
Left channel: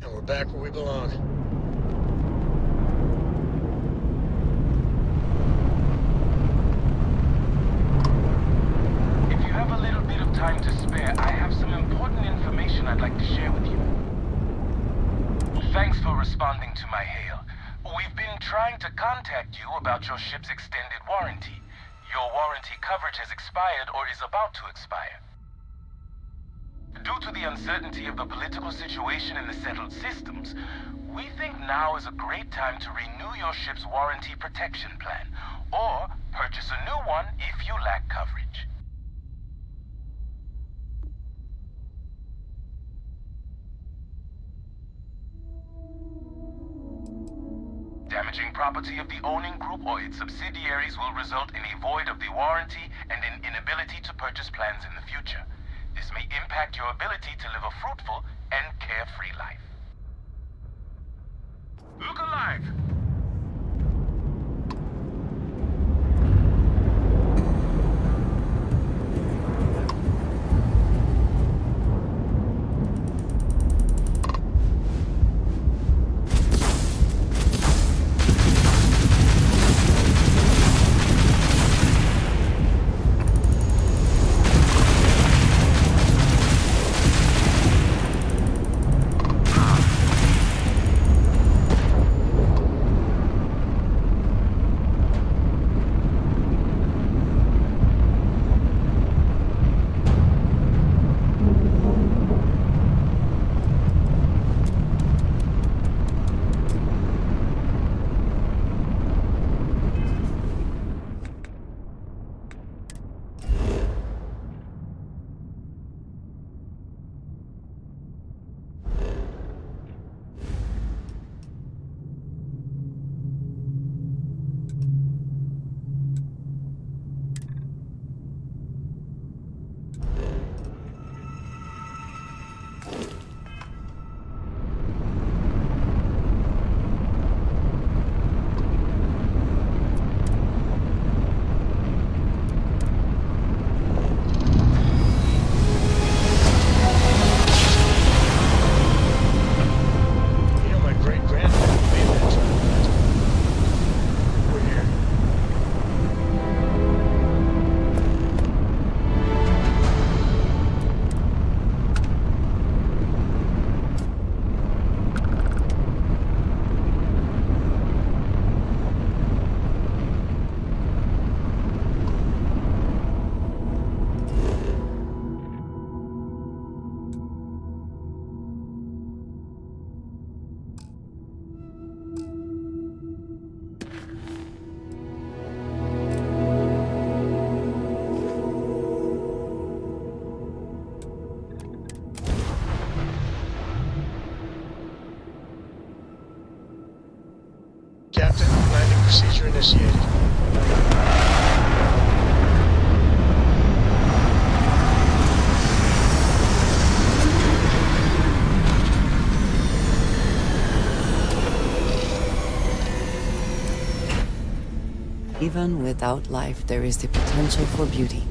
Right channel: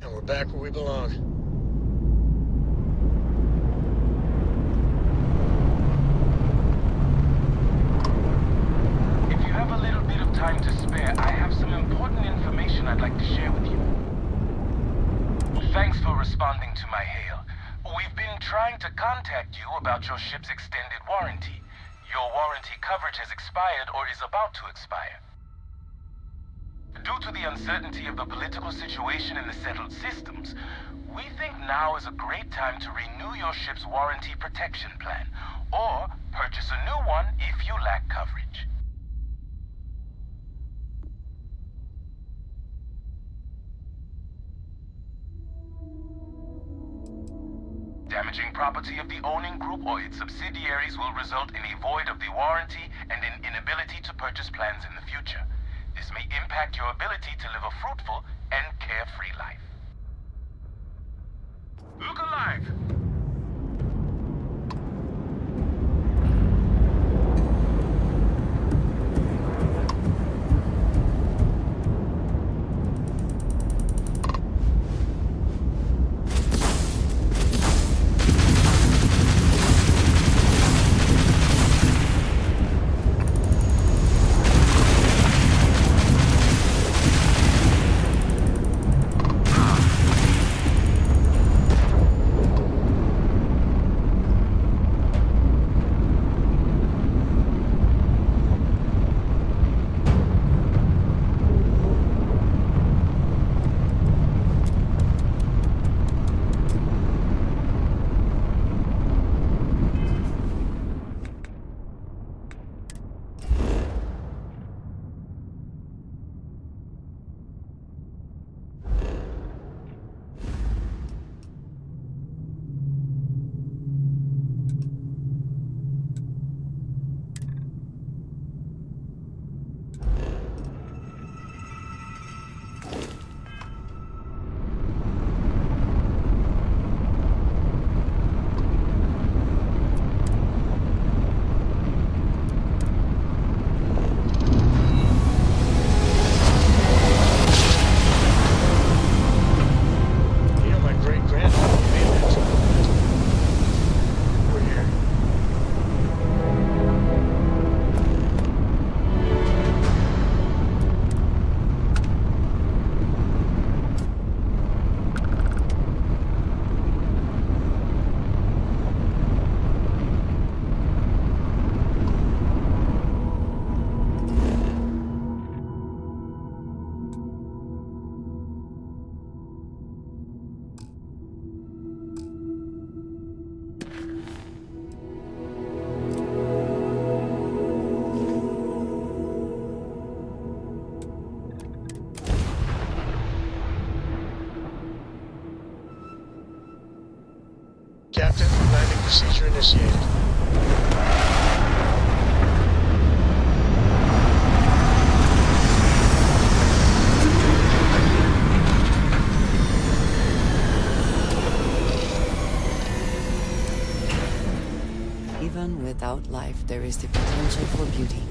And we're back where we belong. If you have a little bit of time to spare, I have some important information I'd like to share with you. Thanks for responding to my hail. We've been trying to contact you about your ship's extended warranty. Your warranty coverage has expired or is about to expire. Due to the uncertainty of the political situation in the settled systems, we think now is a great time to renew your ship's warranty protection plan, or purchase a new one if you lack coverage. Damaging property of the owning group or its subsidiaries will result in a void of the warranty and an inability to purchase plans in the future. This may impact your ability to live a fruitful and carefree life. Look alive! Captain, landing procedure initiated. Even without life, there is the potential for beauty.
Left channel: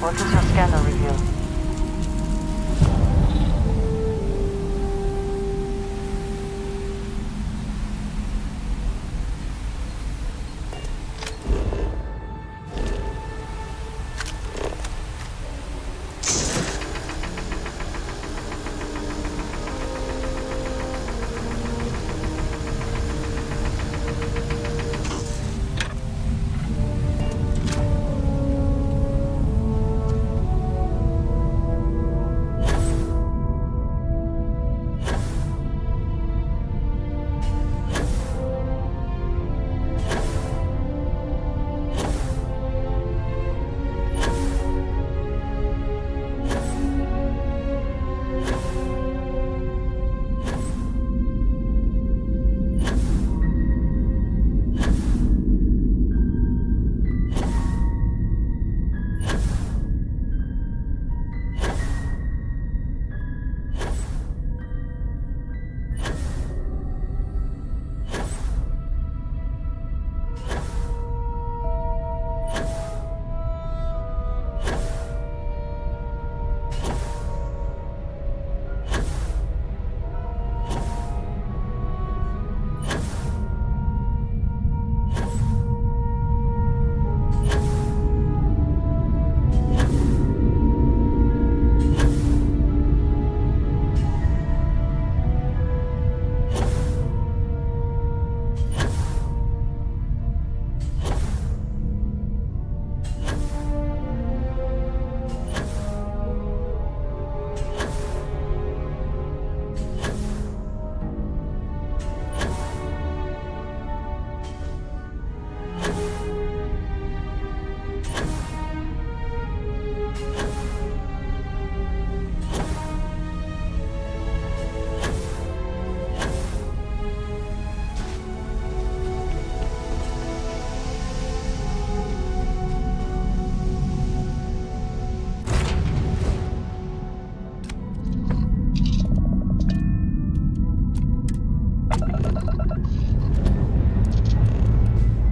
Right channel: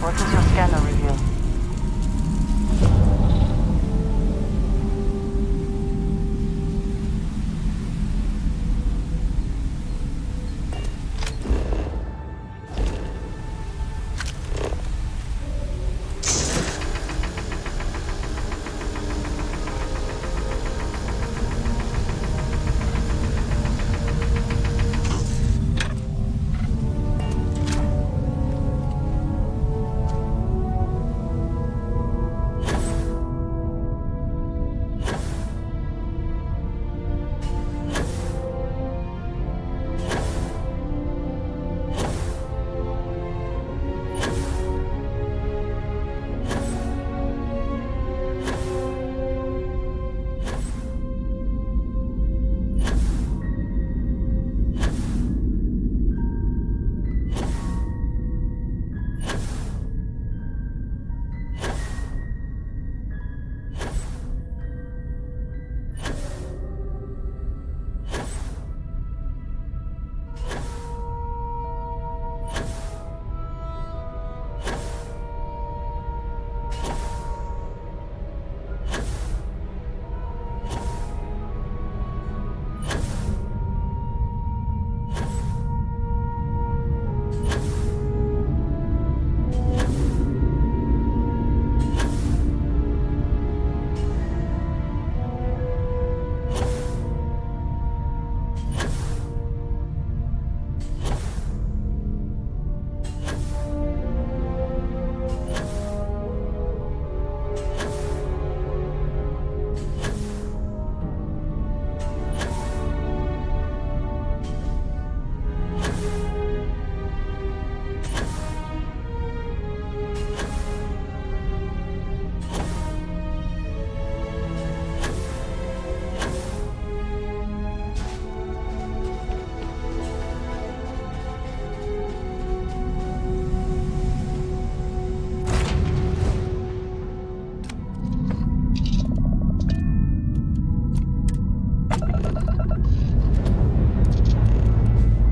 What does your scanner reveal?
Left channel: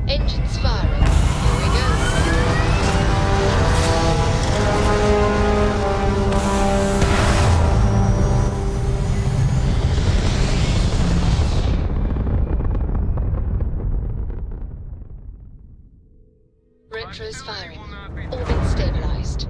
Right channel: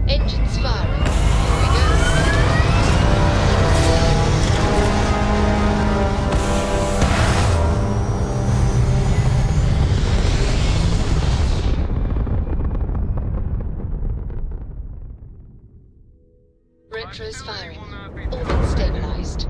Engines firing. Here we go. Retros firing. Orbit stabilized.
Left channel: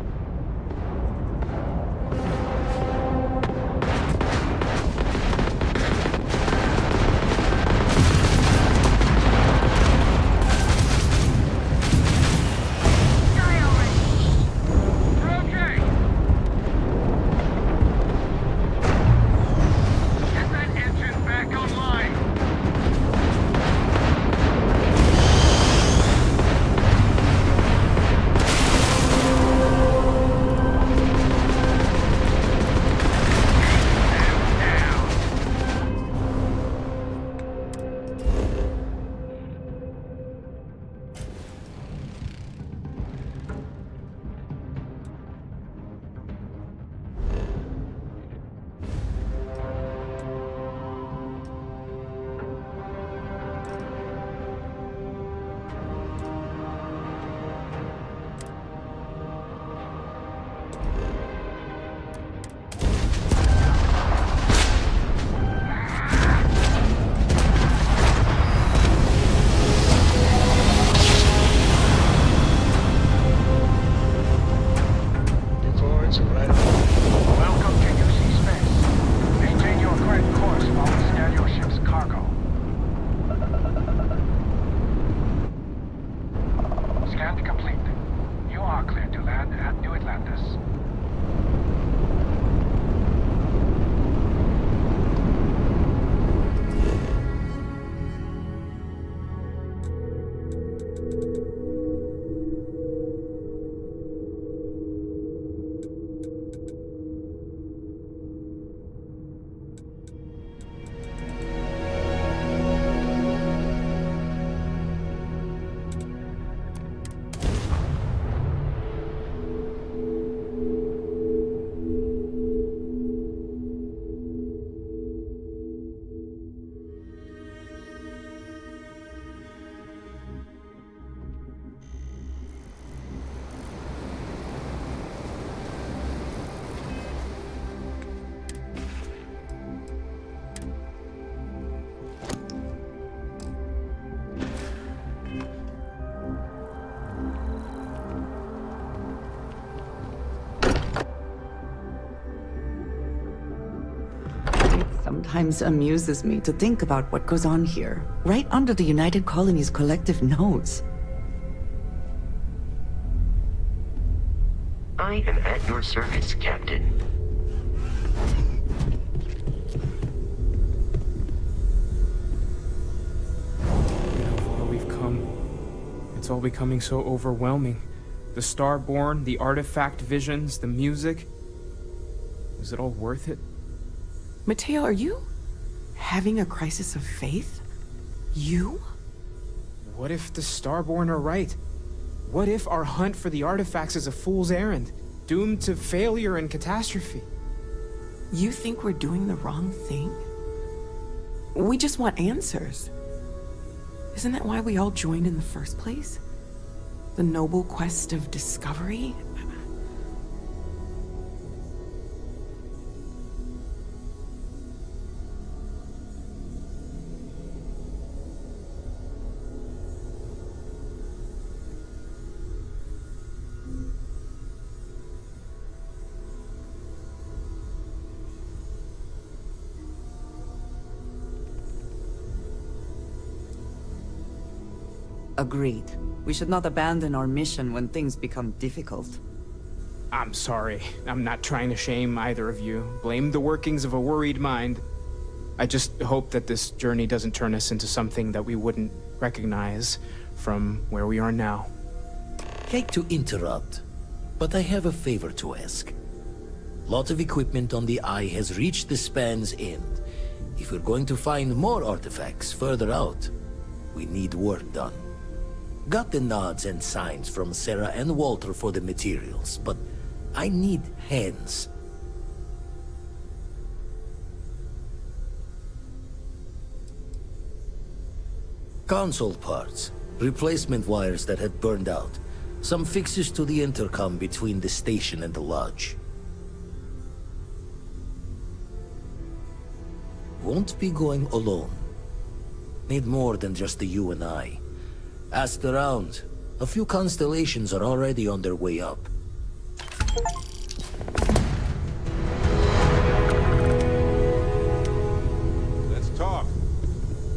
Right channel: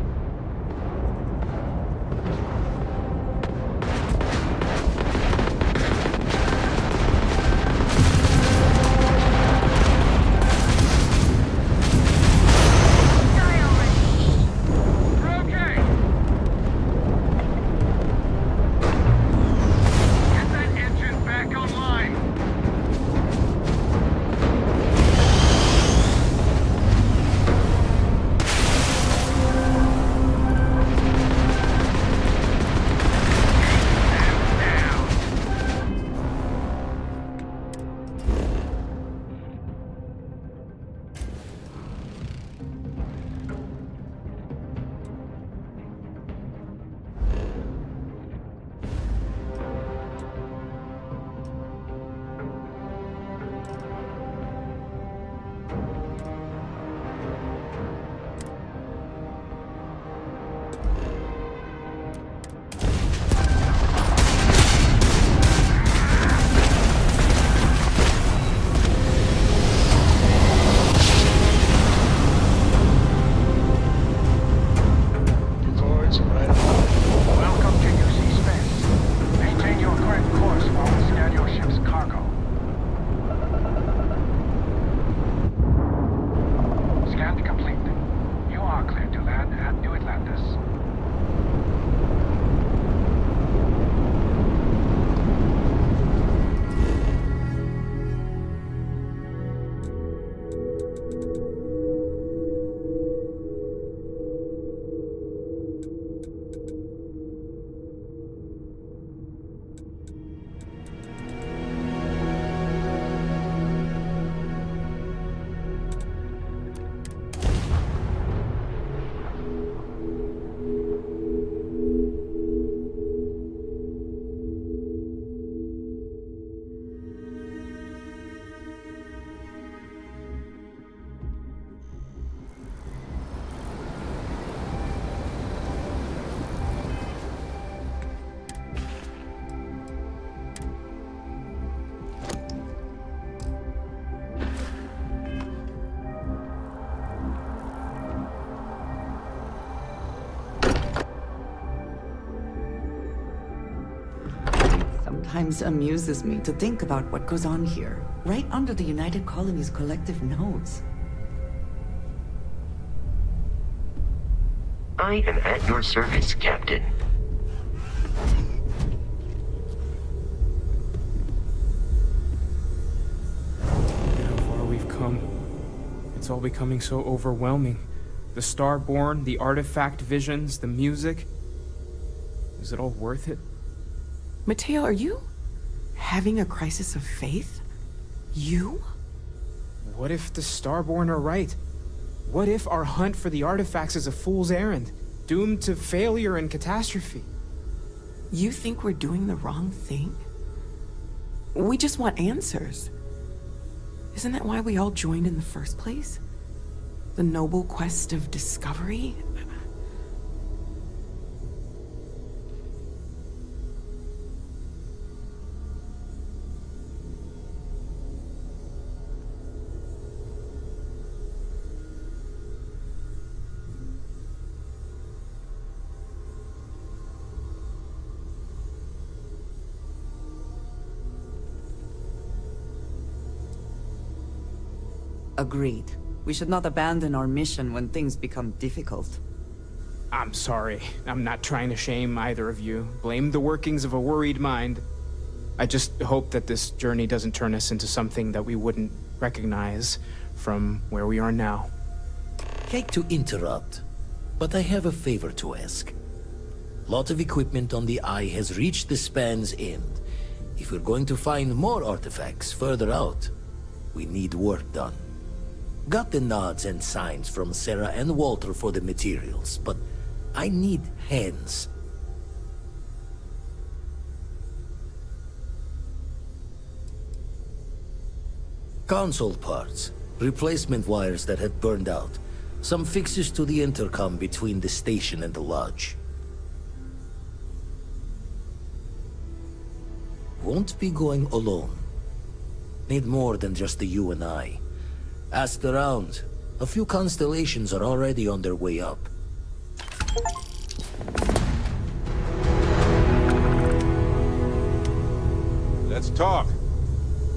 sometimes amuses me to think about what goes on here, right under the United Colony's collective nose. I am at your service, Captain. Look at how far we've come. It's all becoming so overwhelming. The Starborn, the artifact visions, the music. Is it all worth it? Mateo, are you having a crisis of faith? You? What if the Starborn are right? What if our hunt for the artifacts is a fool's errand, doomed to failure and catastrophe? You think we're doing the wrong thing? We just want answers. Isn't that why we all joined in the first place? The noble quest of discovery? Agreed. We should not abandon our mission when things become difficult. I'm sorry. I'm not trying to shame either of you. Blame the workings of a worried mind. I just hope that this journey doesn't turn us into something that we wouldn't recognize from where we are now. Hate to interrupt, but I have a favor to ask. Lot of equipment on the Eye has reached the span's end. If we're going to find more artifacts further out, we need work done. Got the nods and signs from Sarah and Walter for the materials, but I need hands. Console parts, replacement wires that had burned out, some fixes to the intercom between the station and the lodge. Won't be going alone. Need more than just the you and I. Asked around. A few constellations are already on their way up. Let's talk.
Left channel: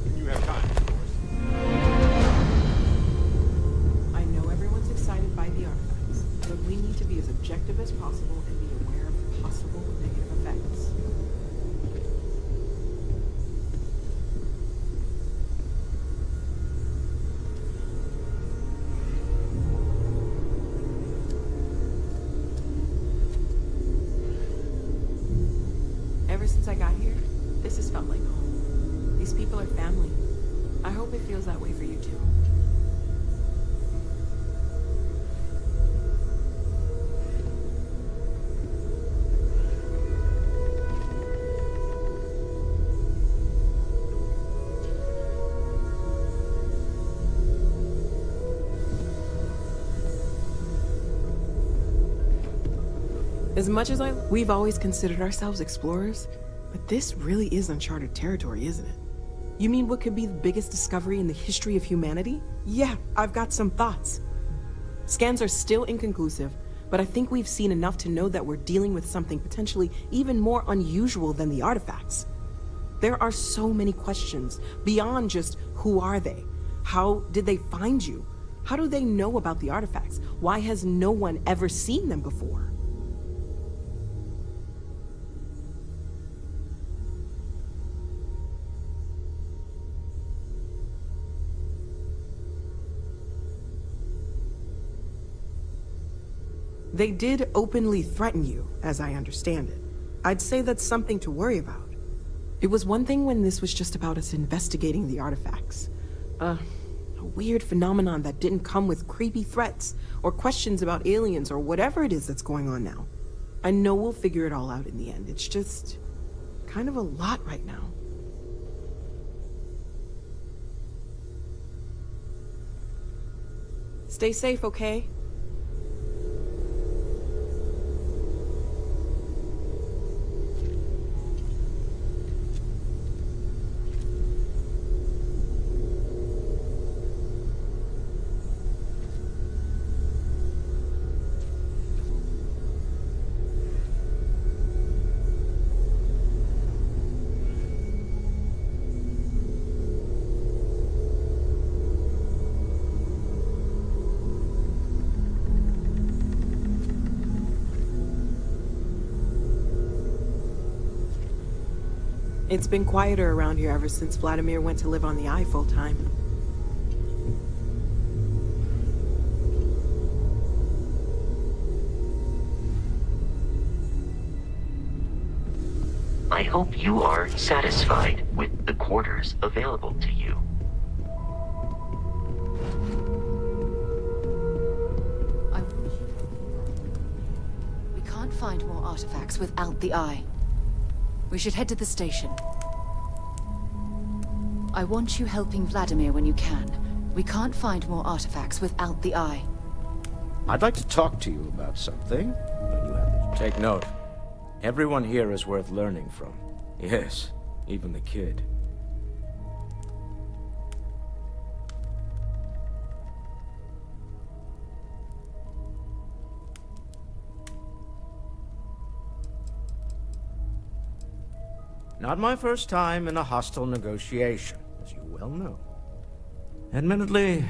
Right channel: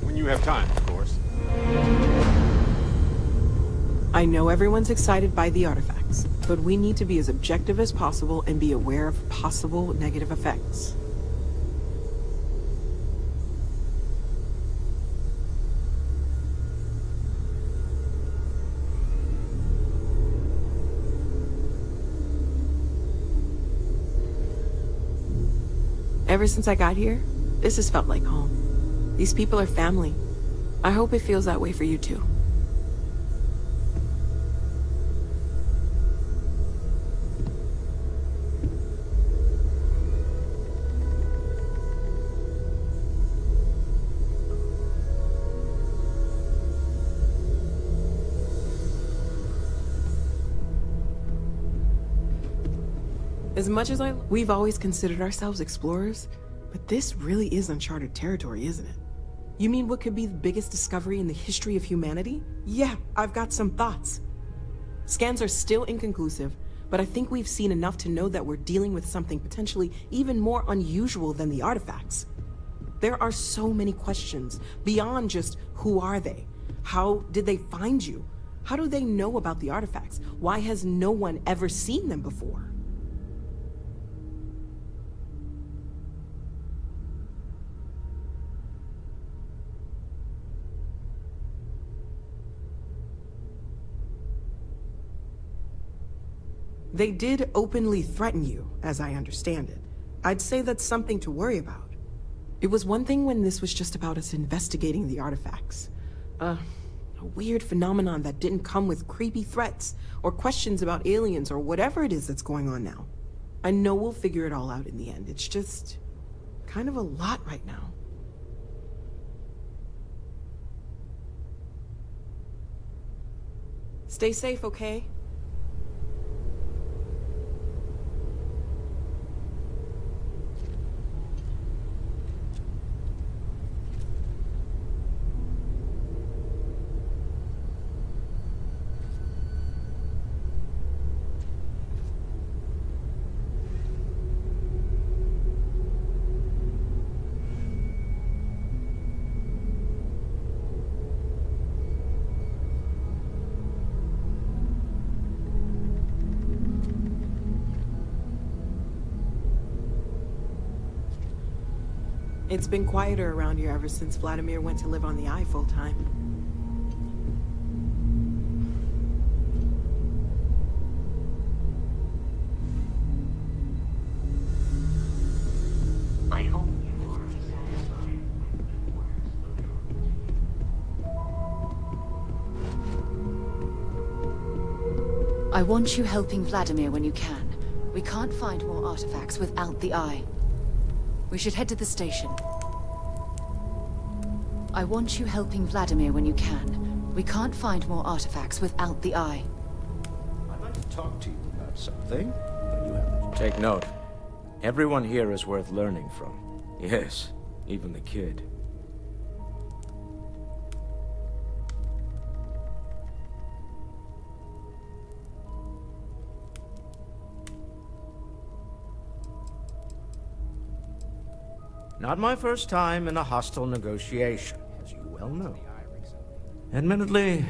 When you have time, of course. I know everyone's excited by the artifacts, but we need to be as objective as possible and be aware of possible negative effects. Ever since I got here, this has felt like home. These people are family. I hope it feels that way for you too. As much as we've always considered ourselves explorers, but this really is uncharted territory, isn't it? You mean what could be the biggest discovery in the history of humanity? Yeah, I've got some thoughts. Scans are still inconclusive, but I think we've seen enough to know that we're dealing with something potentially even more unusual than the artifacts. There are so many questions beyond just who are they? How did they find you? How do they know about the artifacts? Why has no one ever seen them before? They did openly threaten you, as I understand it. I'd say that's something to worry about. It was one thing when this was just about us investigating the artifacts. A weird phenomenon that didn't come with creepy threats or questions about aliens or whatever it is that's going on now. I know we'll figure it all out in the end. It's just kind of a lot right now. Stay safe, okay? It's been quieter around here ever since Vladimir went to live on the Eye full-time. I hope you are satisfied with the quarters available to you. I want you helping Vladimir when you can. We can't find more artifacts without the Eye. We should head to the station. I want you helping Vladimir when you can. We can't find more artifacts without the Eye. I'd like to talk to you about something, when you have... Take note. Everyone here is worth learning from. Yes, even the kid. Not my first time in a hostile negotiation, as you well know. Admittedly,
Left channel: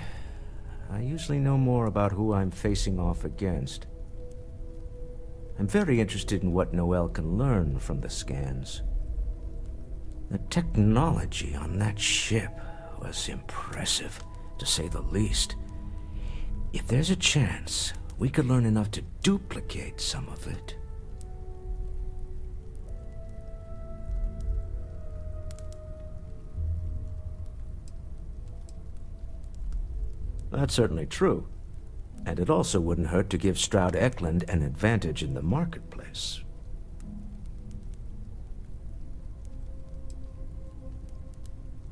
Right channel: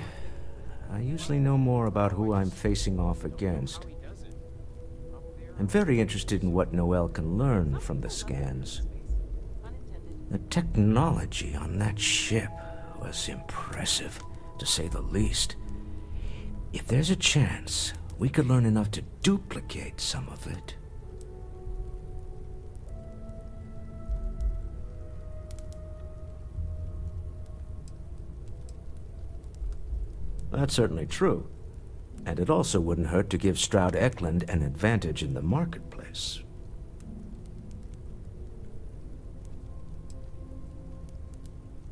I usually know more about who I'm facing off against. I'm very interested in what Noel can learn from the scans. The technology on that ship was impressive, to say the least. If there's a chance, we could learn enough to duplicate some of it. That's certainly true. And it also wouldn't hurt to give Stroud Eklund an advantage in the marketplace.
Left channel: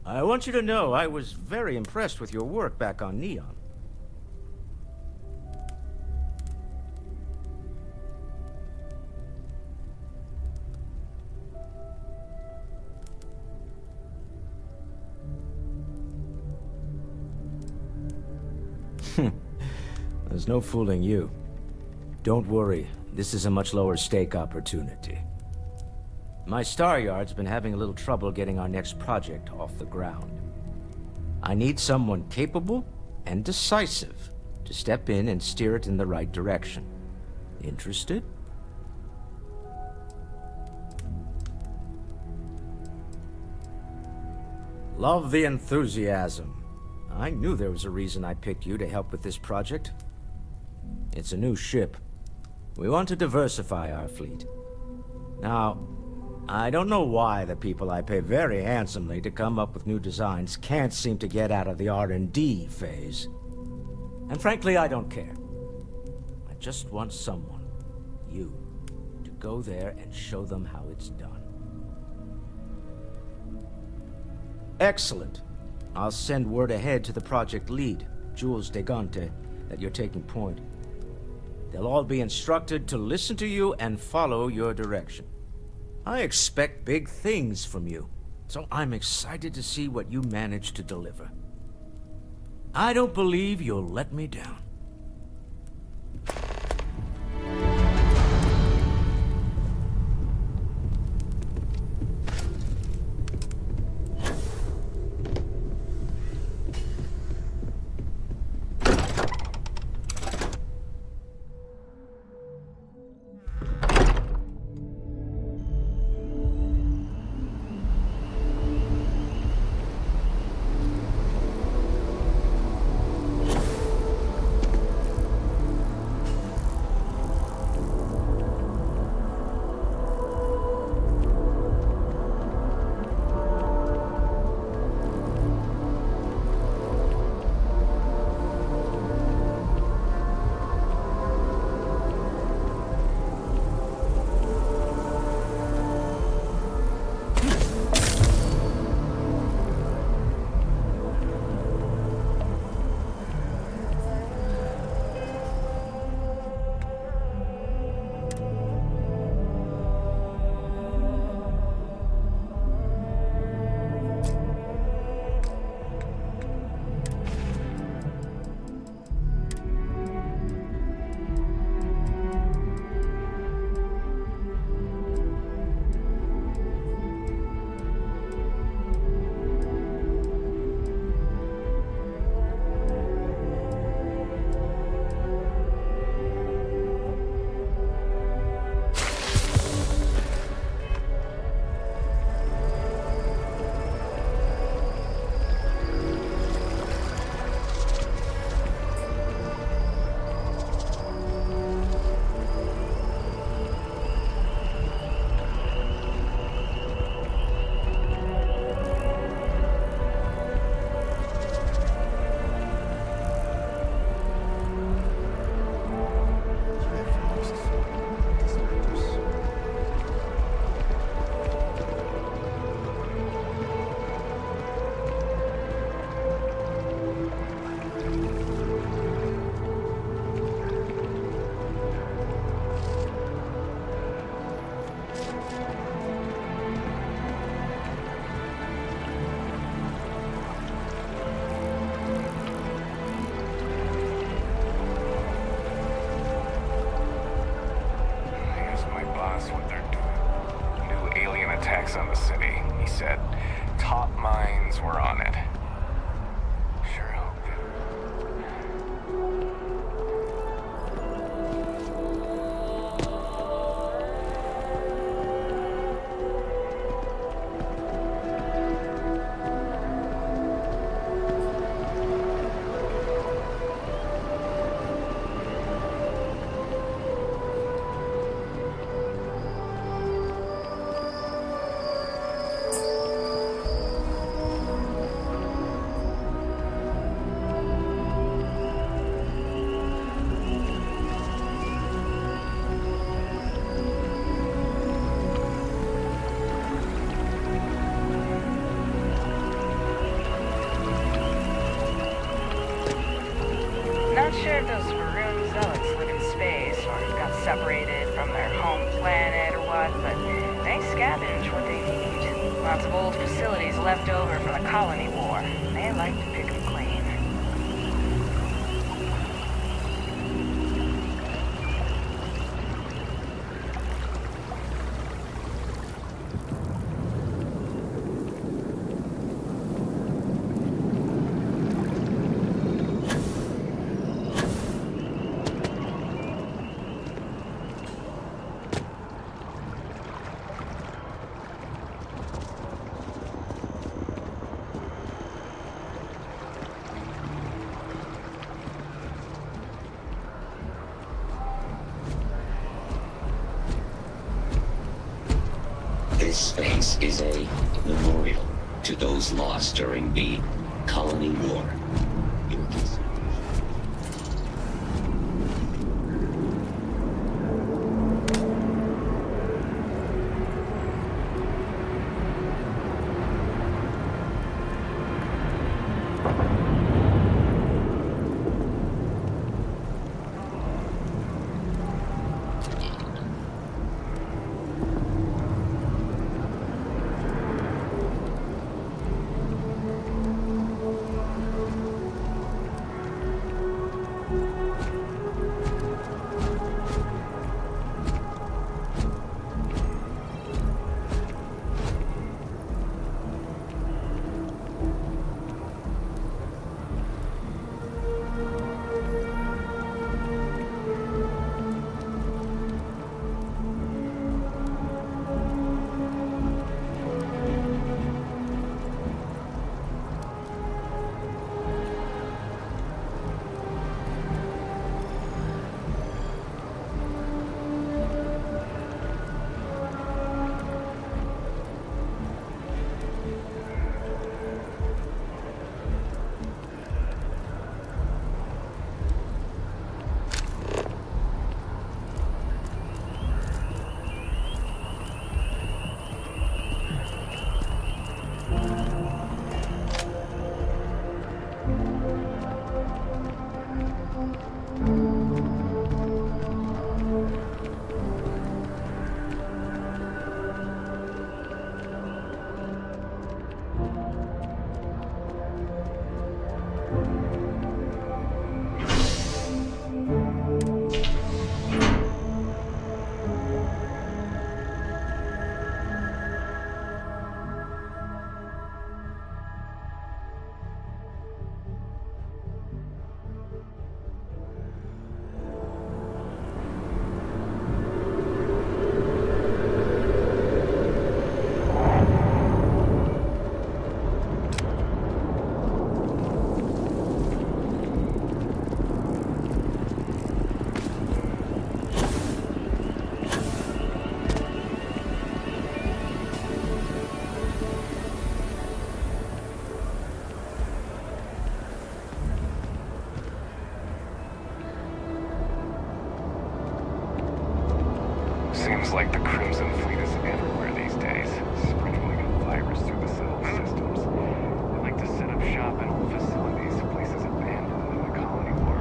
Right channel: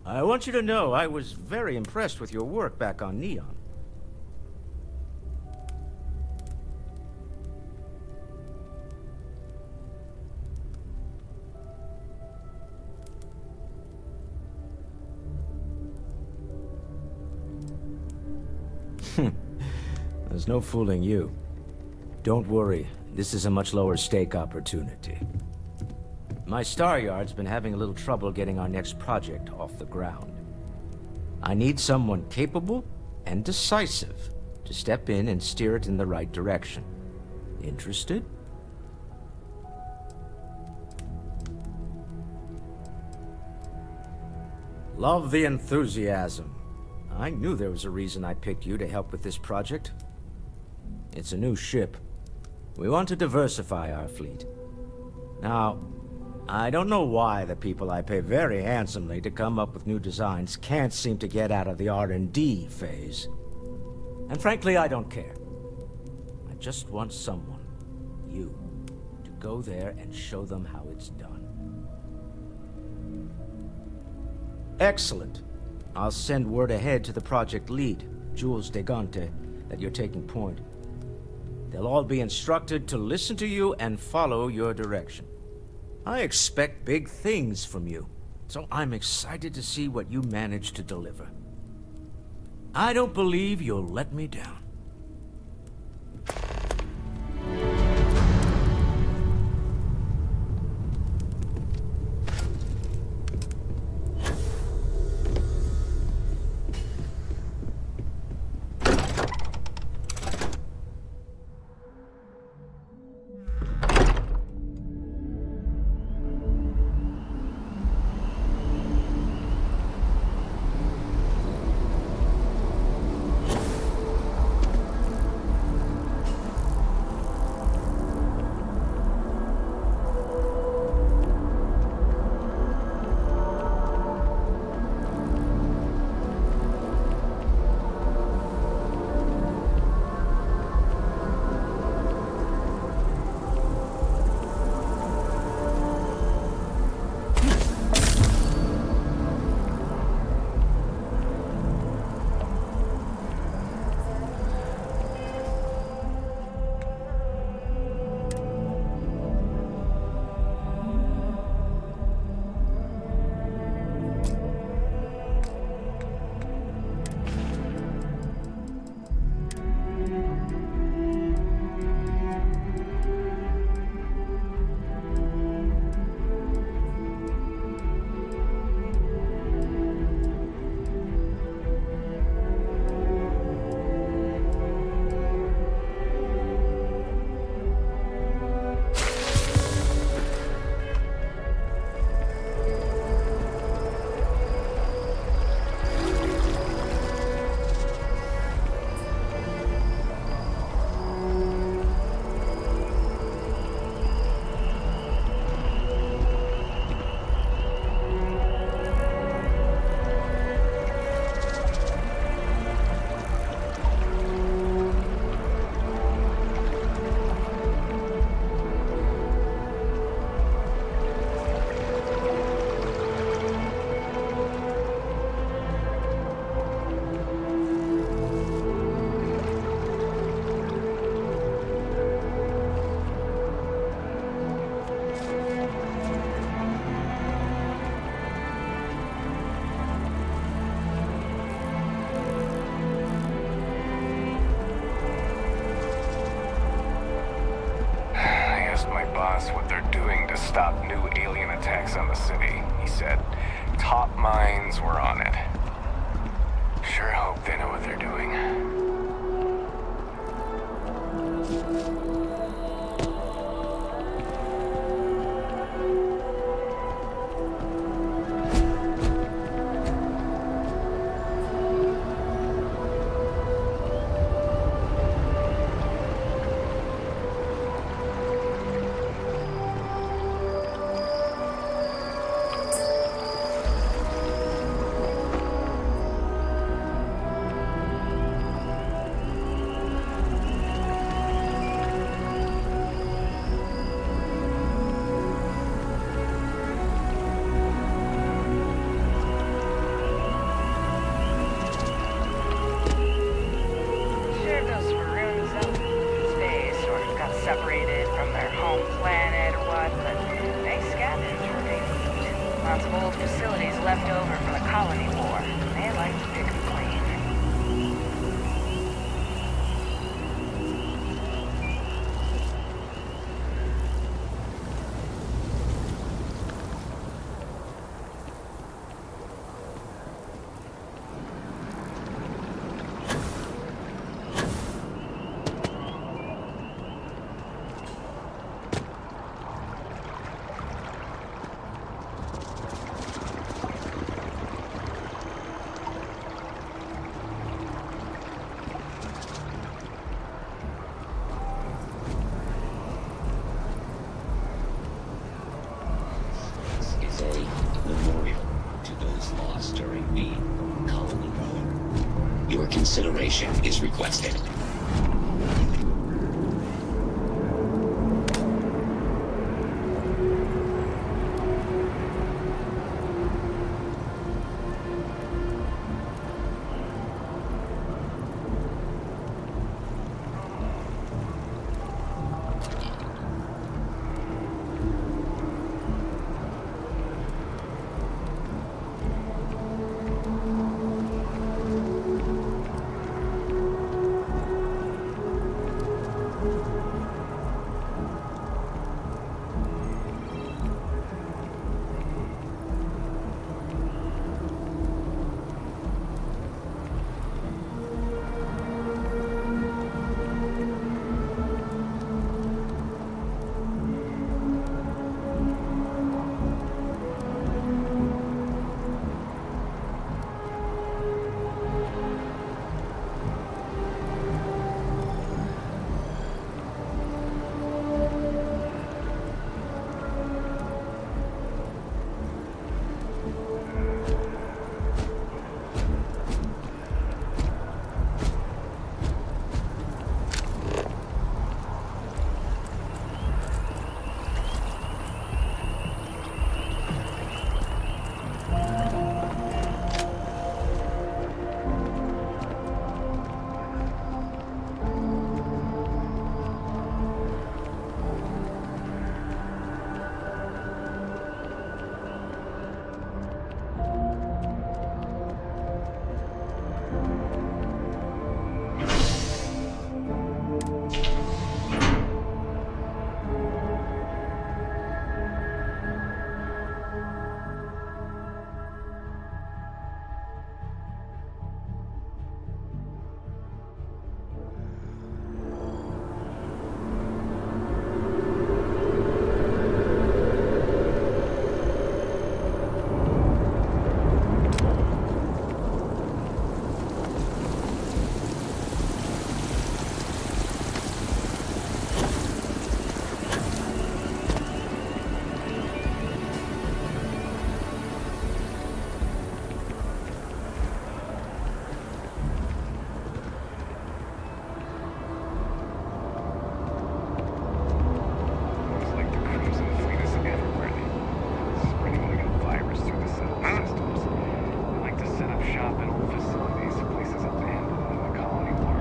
I want you to know I was very impressed with your work back on Neon. There's no fooling you. Don't worry, this is a much lower stake opportunity. My Star Yard's been having a little trouble getting our next project off the ground. I need someone capable and decisive to step in and steer it in the right direction. Interested? Love the enthusiasm. I knew there was a reason I picked you to help with this project. It's a new ship. We want to diversify our fleet. Now, I don't know why the people I pay very handsomely to come up with new designs can't seem to get out of the R&D phase. And frankly, I don't care. I just want someone, you, to go there and show them how it's done. Excellent. I'll send word ahead to the project lead, Jules Degante, that you're taking point. They'll all be instructed to listen to you and follow your direction. I expect big things from you, so I'm excited to see what you manage to deliver. I don't believe you'll let me down. boss what they're doing to stop new alien attacks on the city. He said top minds were on it. Sure hope they know what they're doing. Not sure if those maroon zealots live in space or got separated from their home planet or what, but they scavenge what they need. Lots of old facilities left over from the colony war. They like to pick them clean. This space is a memorial to those lost during the Colony War. Your consideration is requested. Seems like the Crimson Fleet is everywhere these days, spreading like a virus through the settled systems. They like to set up shop at old facilities, places abandoned in the colony war.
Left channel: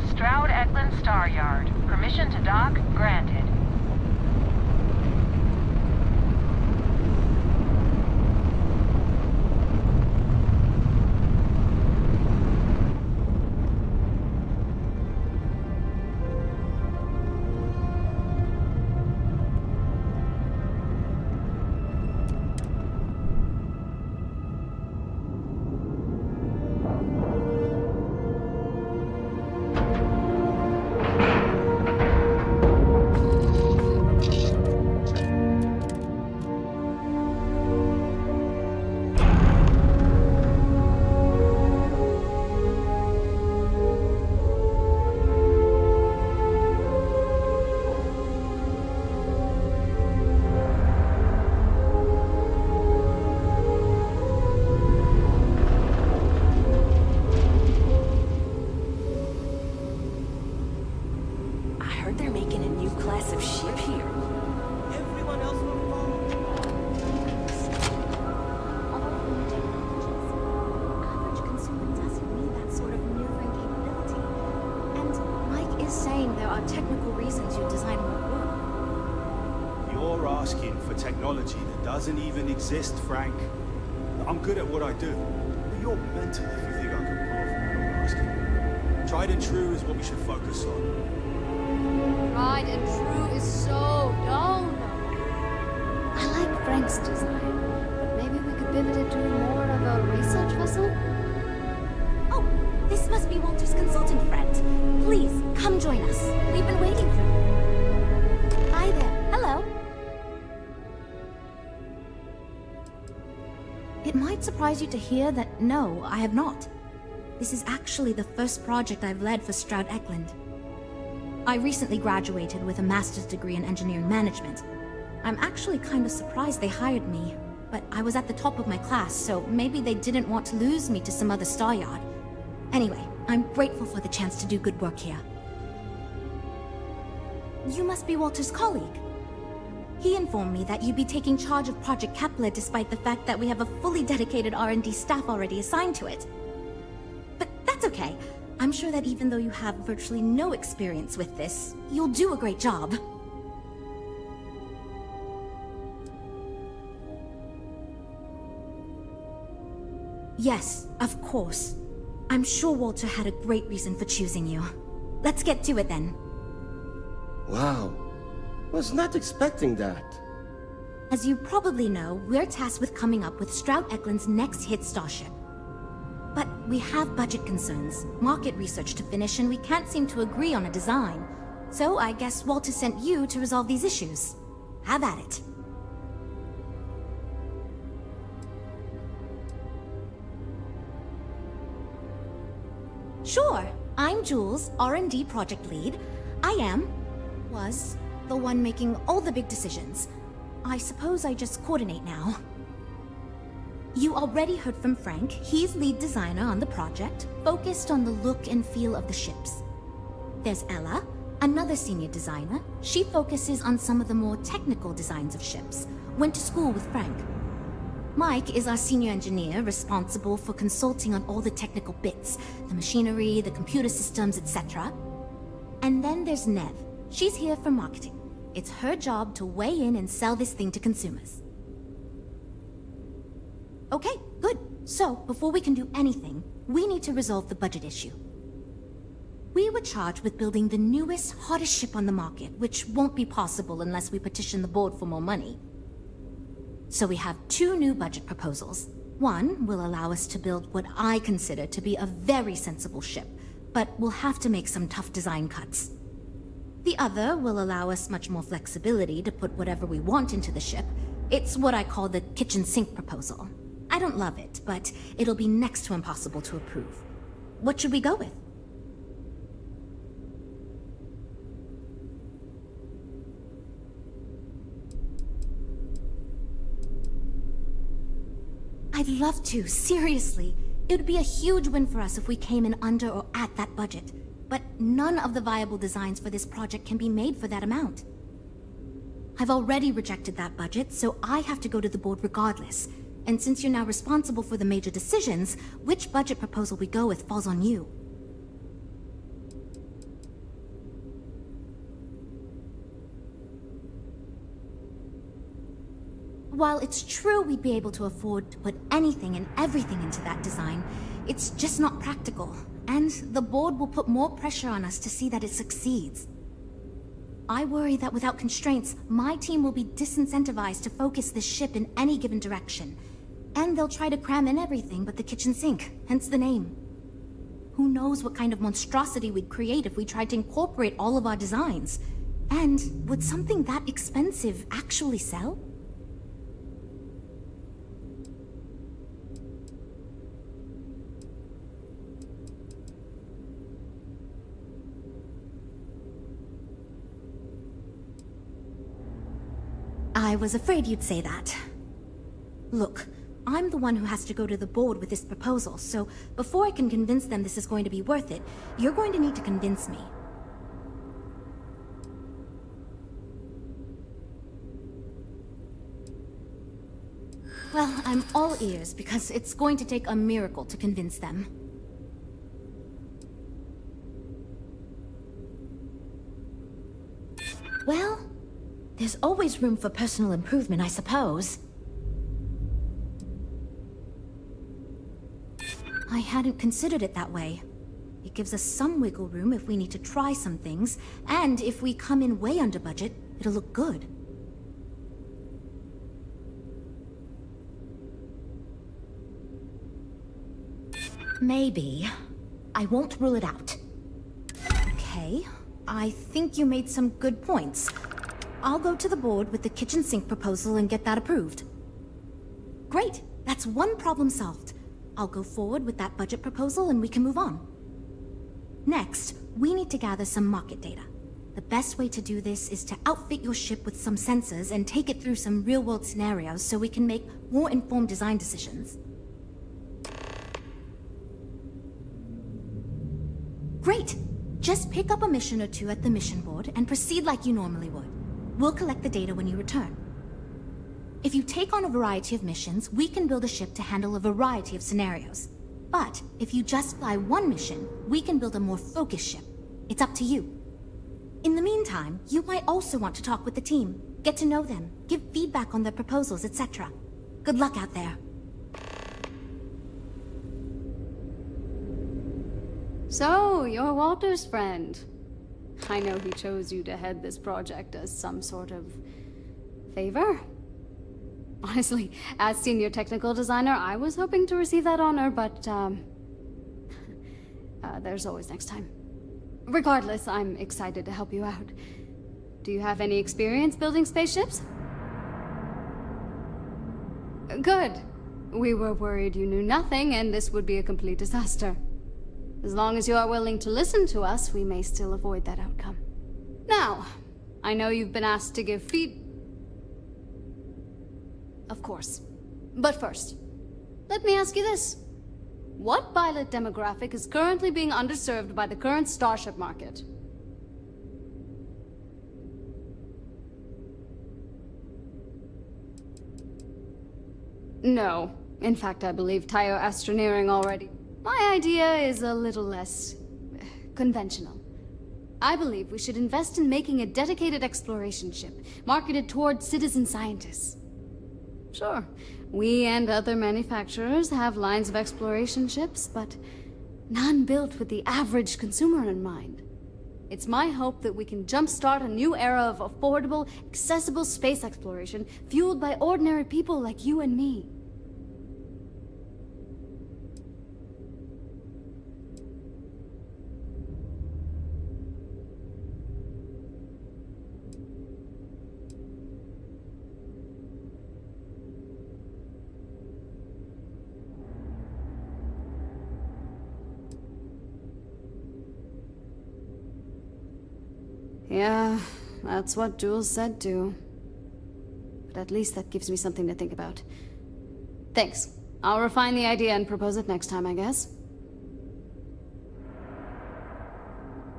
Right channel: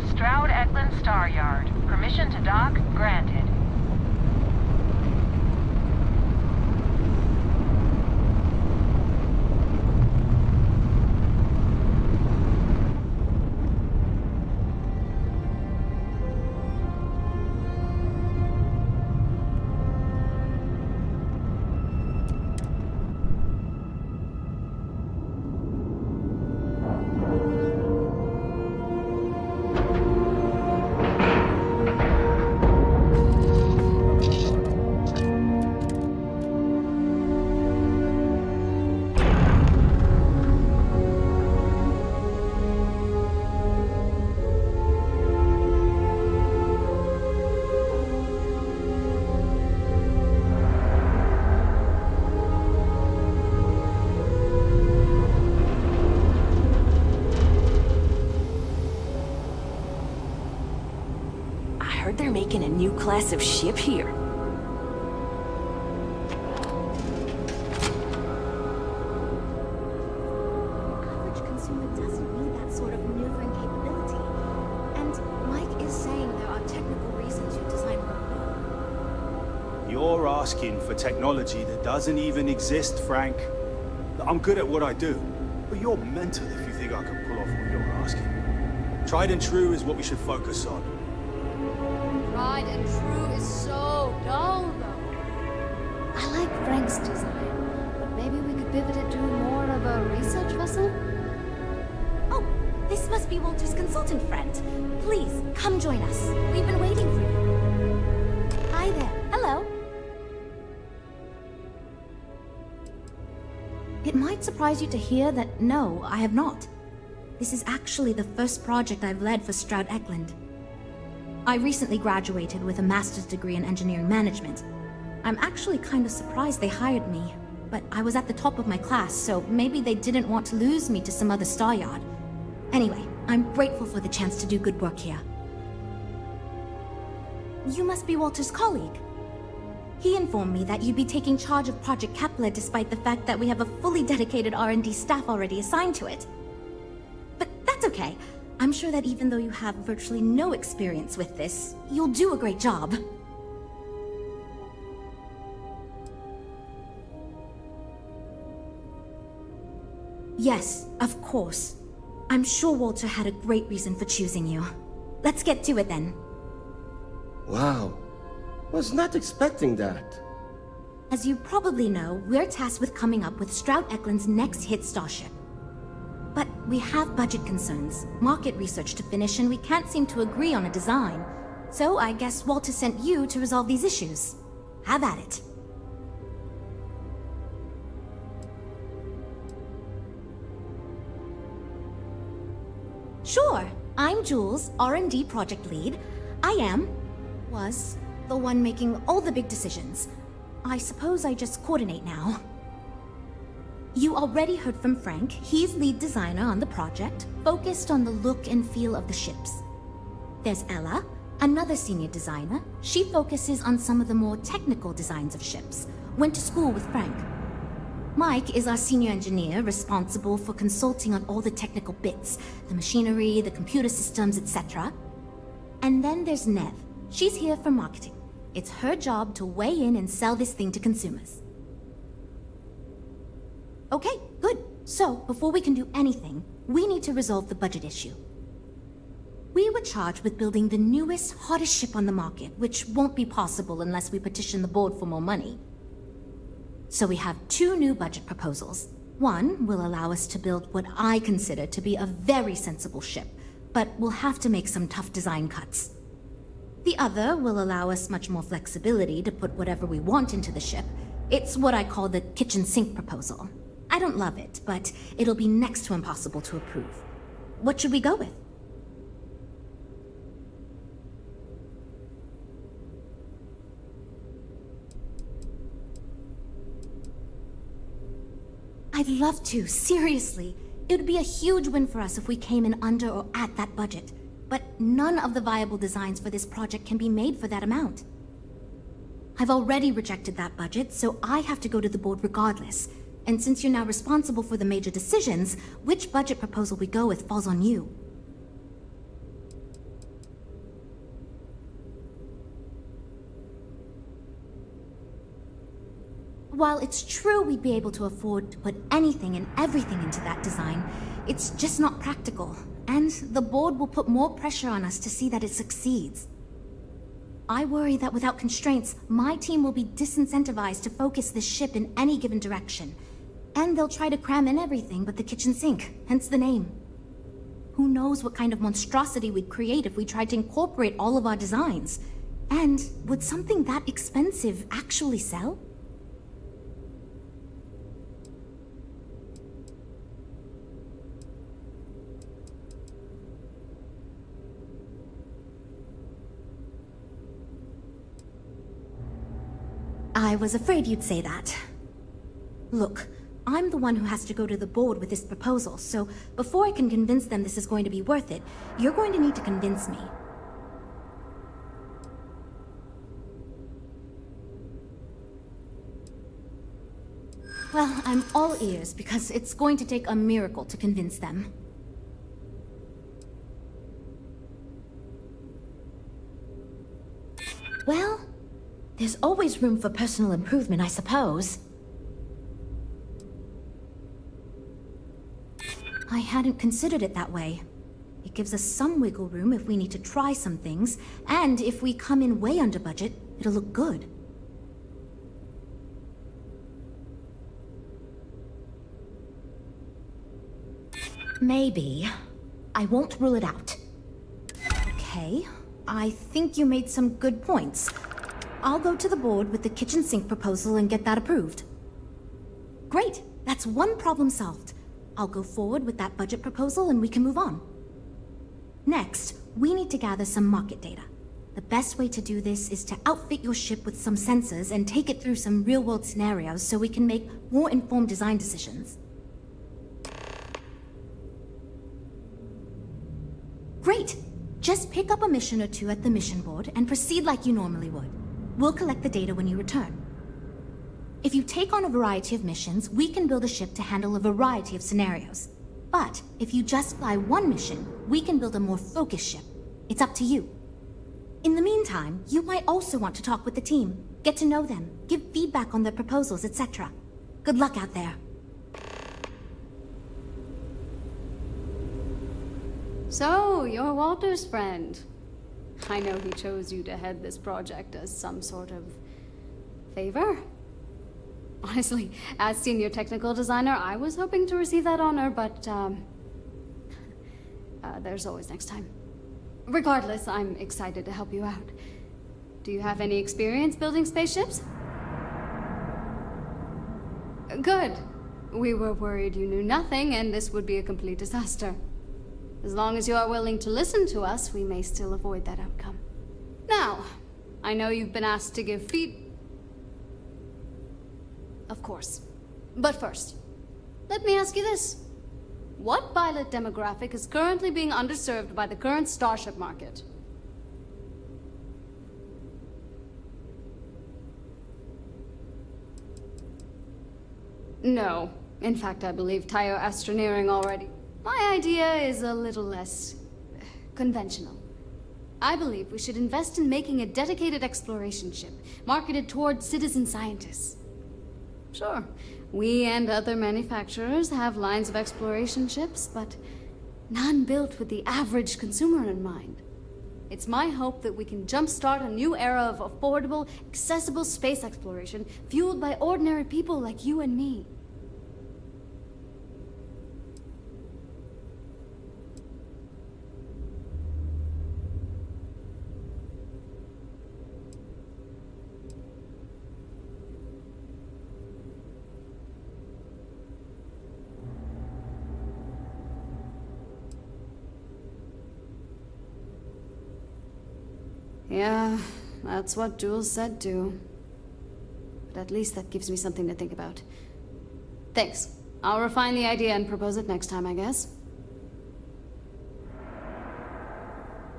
the Stroud-Eklund Star Yard. Permission to dock granted. They're making a new class of ship here. Average consumer doesn't need that sort of maneuvering capability. And Mike is saying there are technical reasons your design won't work. You're asking for technology that doesn't even exist, Frank. I'm good at what I do, but you're mental if you think I can pull off what you're asking. Tried and true is what we should focus on. Tried and true is so dull, though. I like Frank's design, but maybe we could pivot it to more of a research vessel? Oh, this must be Walter's consultant friend. Please, come join us. We've been waiting for you. Hi there. Hello. It might surprise you to hear that no, I have not. This is actually the first project I've led for Stroud-Eklund. I recently graduated with a master's degree in engineering management. I'm actually kind of surprised they hired me, but I was at the top of my class, so maybe they didn't want to lose me to some other star yard. Anyway, I'm grateful for the chance to do good work here. You must be Walter's colleague. He informed me that you'd be taking charge of Project Kepler despite the fact that we have a fully dedicated R&D staff already assigned to it. But that's okay. I'm sure that even though you have virtually no experience with this, you'll do a great job. Yes, of course. I'm sure Walter had a great reason for choosing you. Let's get to it then. Wow. Was not expecting that. As you probably know, we're tasked with coming up with Stroud-Eklund's next hit starship. But we have budget concerns, market research to finish, and we can't seem to agree on a design. So I guess Walter sent you to resolve these issues. Have at it. Sure. I'm Jules, R&D project lead. I was, the one making all the big decisions. I suppose I just coordinate now. You already heard from Frank. He's lead designer on the project, focused on the look and feel of the ships. There's Ella, another senior designer. She focuses on some of the more technical designs of ships. Went to school with Frank. Mike is our senior engineer, responsible for consulting on all the technical bits, the machinery, the computer systems, etc. And then there's Nev. She's here for marketing. It's her job to weigh in and sell this thing to consumers. Okay, good. So, before we can do anything, we need to resolve the budget issue. We were charged with building the newest, hottest ship on the market, which won't be possible unless we petition the board for more money. So we have two new budget proposals. One will allow us to build what I consider to be a very sensible ship, but we'll have to make some tough design cuts. The other will allow us much more flexibility to put whatever we want into the ship. It's what I call the kitchen sink proposal. I don't love it, but it'll be next to impossible to approve. What should we go with? I'd love to, seriously. It would be a huge win for us if we came in under or at that budget. But none of the viable designs for this project can be made for that amount. I've already rejected that budget, so I have to go to the board regardless. And since you're now responsible for the major decisions, which budget proposal we go with falls on you. While it's true we'd be able to afford to put anything and everything into that design, it's just not practical, and the board will put more pressure on us to see that it succeeds. I worry that without constraints, my team will be disincentivized to focus this ship in any given direction, and they'll try to cram in everything but the kitchen sink, hence the name. Who knows what kind of monstrosity we'd create if we tried to incorporate all of our designs? And would something that expensive actually sell? I was afraid you'd say that. Look, I'm the one who has to go to the board with this proposal, so before I can convince them this is going to be worth it, you're going to need to convince me. Well, I'm all ears because it's going to take a miracle to convince them. Well, there's always room for personal improvement, I suppose. I hadn't considered it that way. It gives us some wiggle room if we need to try some things, and if we come in way under budget, it'll look good. Maybe. I won't rule it out. Okay, I think you made some good points. I'll go to the board with the kitchen sink proposal and get that approved. Great, that's one problem solved. I'll go forward with that budget proposal and we can move on. Next, we need to gather some market data. The best way to do this is to outfit your ship with some sensors and take it through some real-world scenarios so we can make more informed design decisions. Great! Just pick up a mission or two at the mission board and proceed like you normally would. We'll collect the data when you return. If you take on a variety of missions, we can build a ship to handle a variety of scenarios. But if you just fly one mission, we can build a more focused ship. It's up to you. In the meantime, you might also want to talk with the team, get to know them, give feedback on their proposals, etc. Good luck out there. So, you're Walter's friend. I know he chose you to head this project as some sort of favor. Honestly, as senior technical designer, I was hoping to receive that honor, but, there's always next time. Regardless, I'm excited to help you out. Do you have any experience building spaceships? Good. We were worried you knew nothing, and this would be a complete disaster. As long as you are willing to listen to us, we may still avoid that outcome. Now, I know you've been asked to give Of course. But first, let me ask you this. What pilot demographic is currently being underserved by the current starship market? No. In fact, I believe Tayo Astroneering already. My idea is a little less conventional. I believe we should invest in making a dedicated exploration ship, marketed toward citizen scientists. Sure, we and other manufacturers have lines of exploration ships, but none built with the average consumer in mind. It's my hope that we can jumpstart a new era of affordable, accessible space exploration, fueled by ordinary people like you and me. Yeah, that's what Jules said too. But at least that gives me something to think about. Thanks. I'll refine the idea and propose it next time, I guess.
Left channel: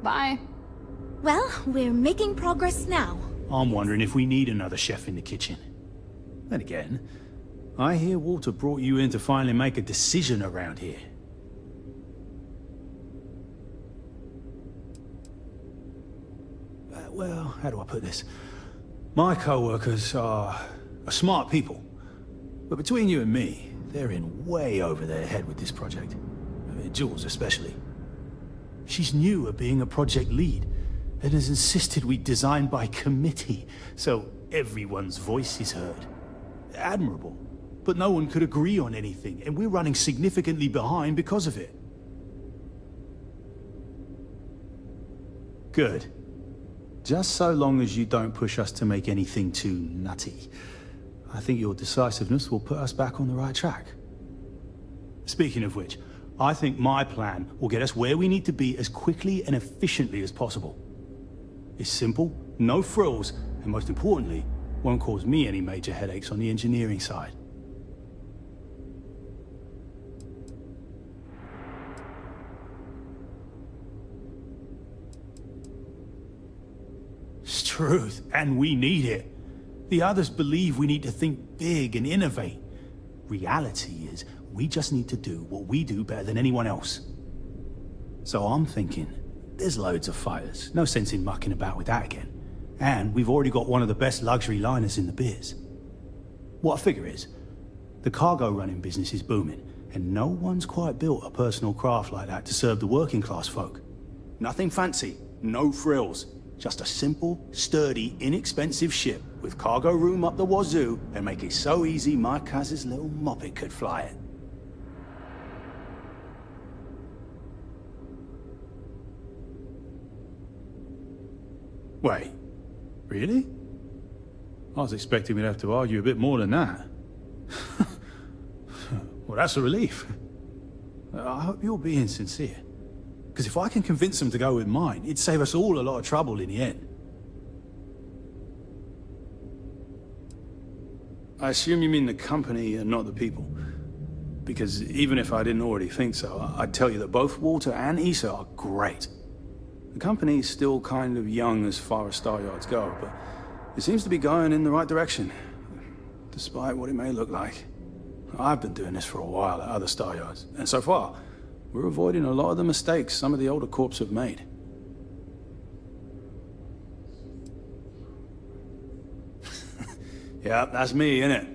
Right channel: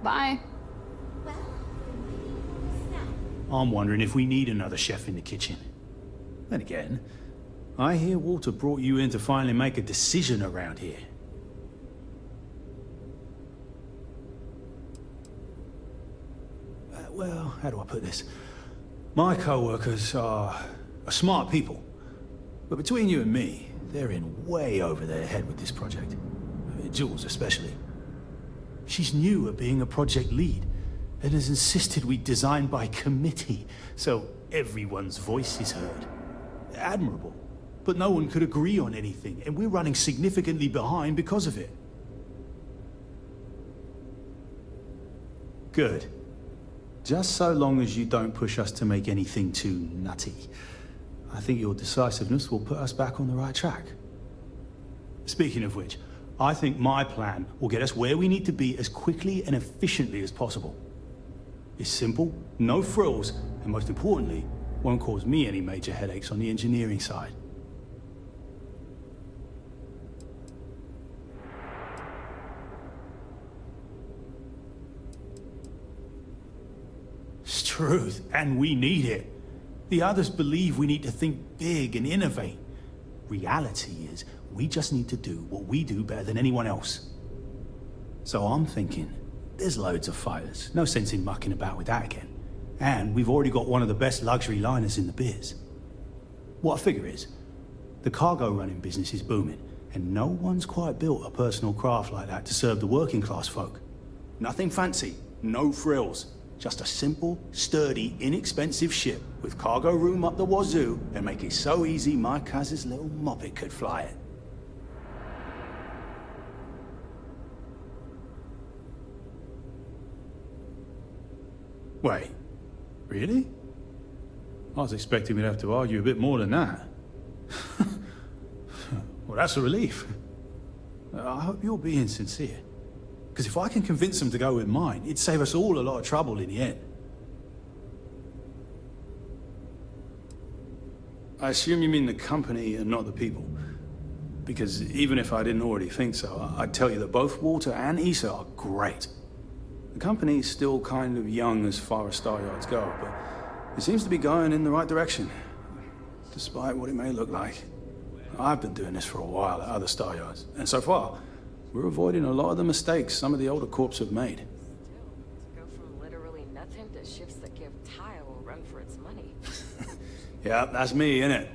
Bye. Well, we're making progress now. I'm wondering if we need another chef in the kitchen. Then again, I hear Walter brought you in to finally make a decision around here. Well, how do I put this? My co-workers are smart people, But between you and me, they're in way over their head with this project. Jules especially. She's new at being a project lead, and has insisted we design by committee, so everyone's voice is heard. Admirable. But no one could agree on anything, and we're running significantly behind because of it. Good. Just so long as you don't push us to make anything too nutty. I think your decisiveness will put us back on the right track. Speaking of which, I think my plan will get us where we need to be as quickly and efficiently as possible. It's simple, no frills, and most importantly, won't cause me any major headaches on the engineering side. It's truth, and we need it. The others believe we need to think big and innovate. Reality is, we just need to do what we do better than anyone else. So I'm thinking, there's loads of fighters. No sense in mucking about with that again. And we've already got one of the best luxury liners in the biz. What I figure is, the cargo running business is booming, and no one's quite built a personal craft like that to serve the working class folk. Nothing fancy, no frills. Just a simple, sturdy, inexpensive ship with cargo room up the wazoo and make it so easy my cousin's little moppet could fly it. Wait, really? I was expecting we'd have to argue a bit more than that. Well, that's a relief. I hope you're being sincere. Because if I can convince them to go with mine, it'd save us all a lot of trouble in the end. I assume you mean the company and not the people. Because even if I didn't already think so, I'd tell you that both Walter and Issa are great. The company's still kind of young as far as Star Yards go, but it seems to be going in the right direction, despite what it may look like. I've been doing this for a while at other Star Yards, and so far, we're avoiding a lot of the mistakes some of the older corps have made. Yeah, that's me, innit?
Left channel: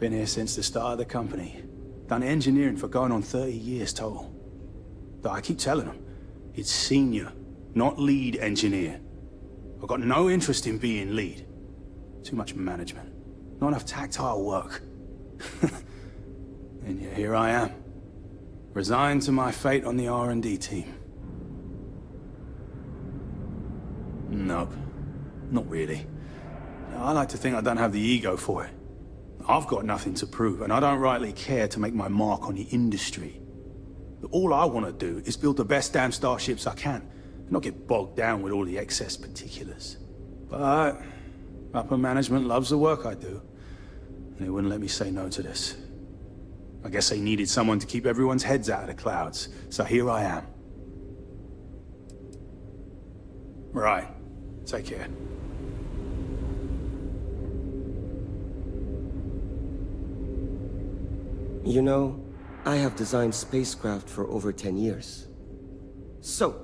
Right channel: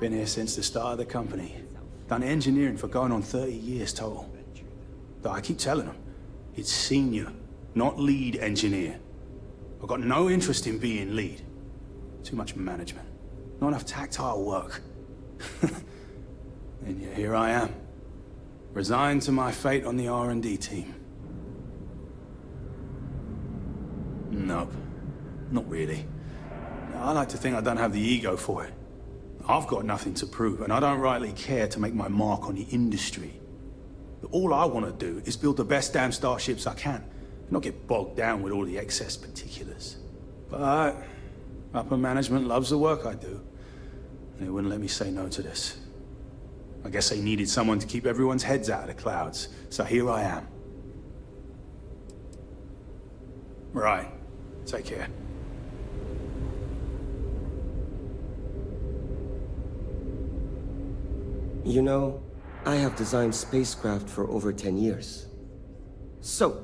Been here since the start of the company. Done engineering for going on 30 years total. But I keep telling them, it's senior, not lead engineer. I've got no interest in being lead. Too much management. Not enough tactile work. And yet here I am. Resigned to my fate on the R&D team. Nope. Not really. I like to think I don't have the ego for it. I've got nothing to prove, and I don't rightly care to make my mark on the industry. All I want to do is build the best damn starships I can, and not get bogged down with all the excess particulars. But upper management loves the work I do, and they wouldn't let me say no to this. I guess they needed someone to keep everyone's heads out of the clouds, so here I am. Right. Take care. You know, I have designed spacecraft for over 10 years. So,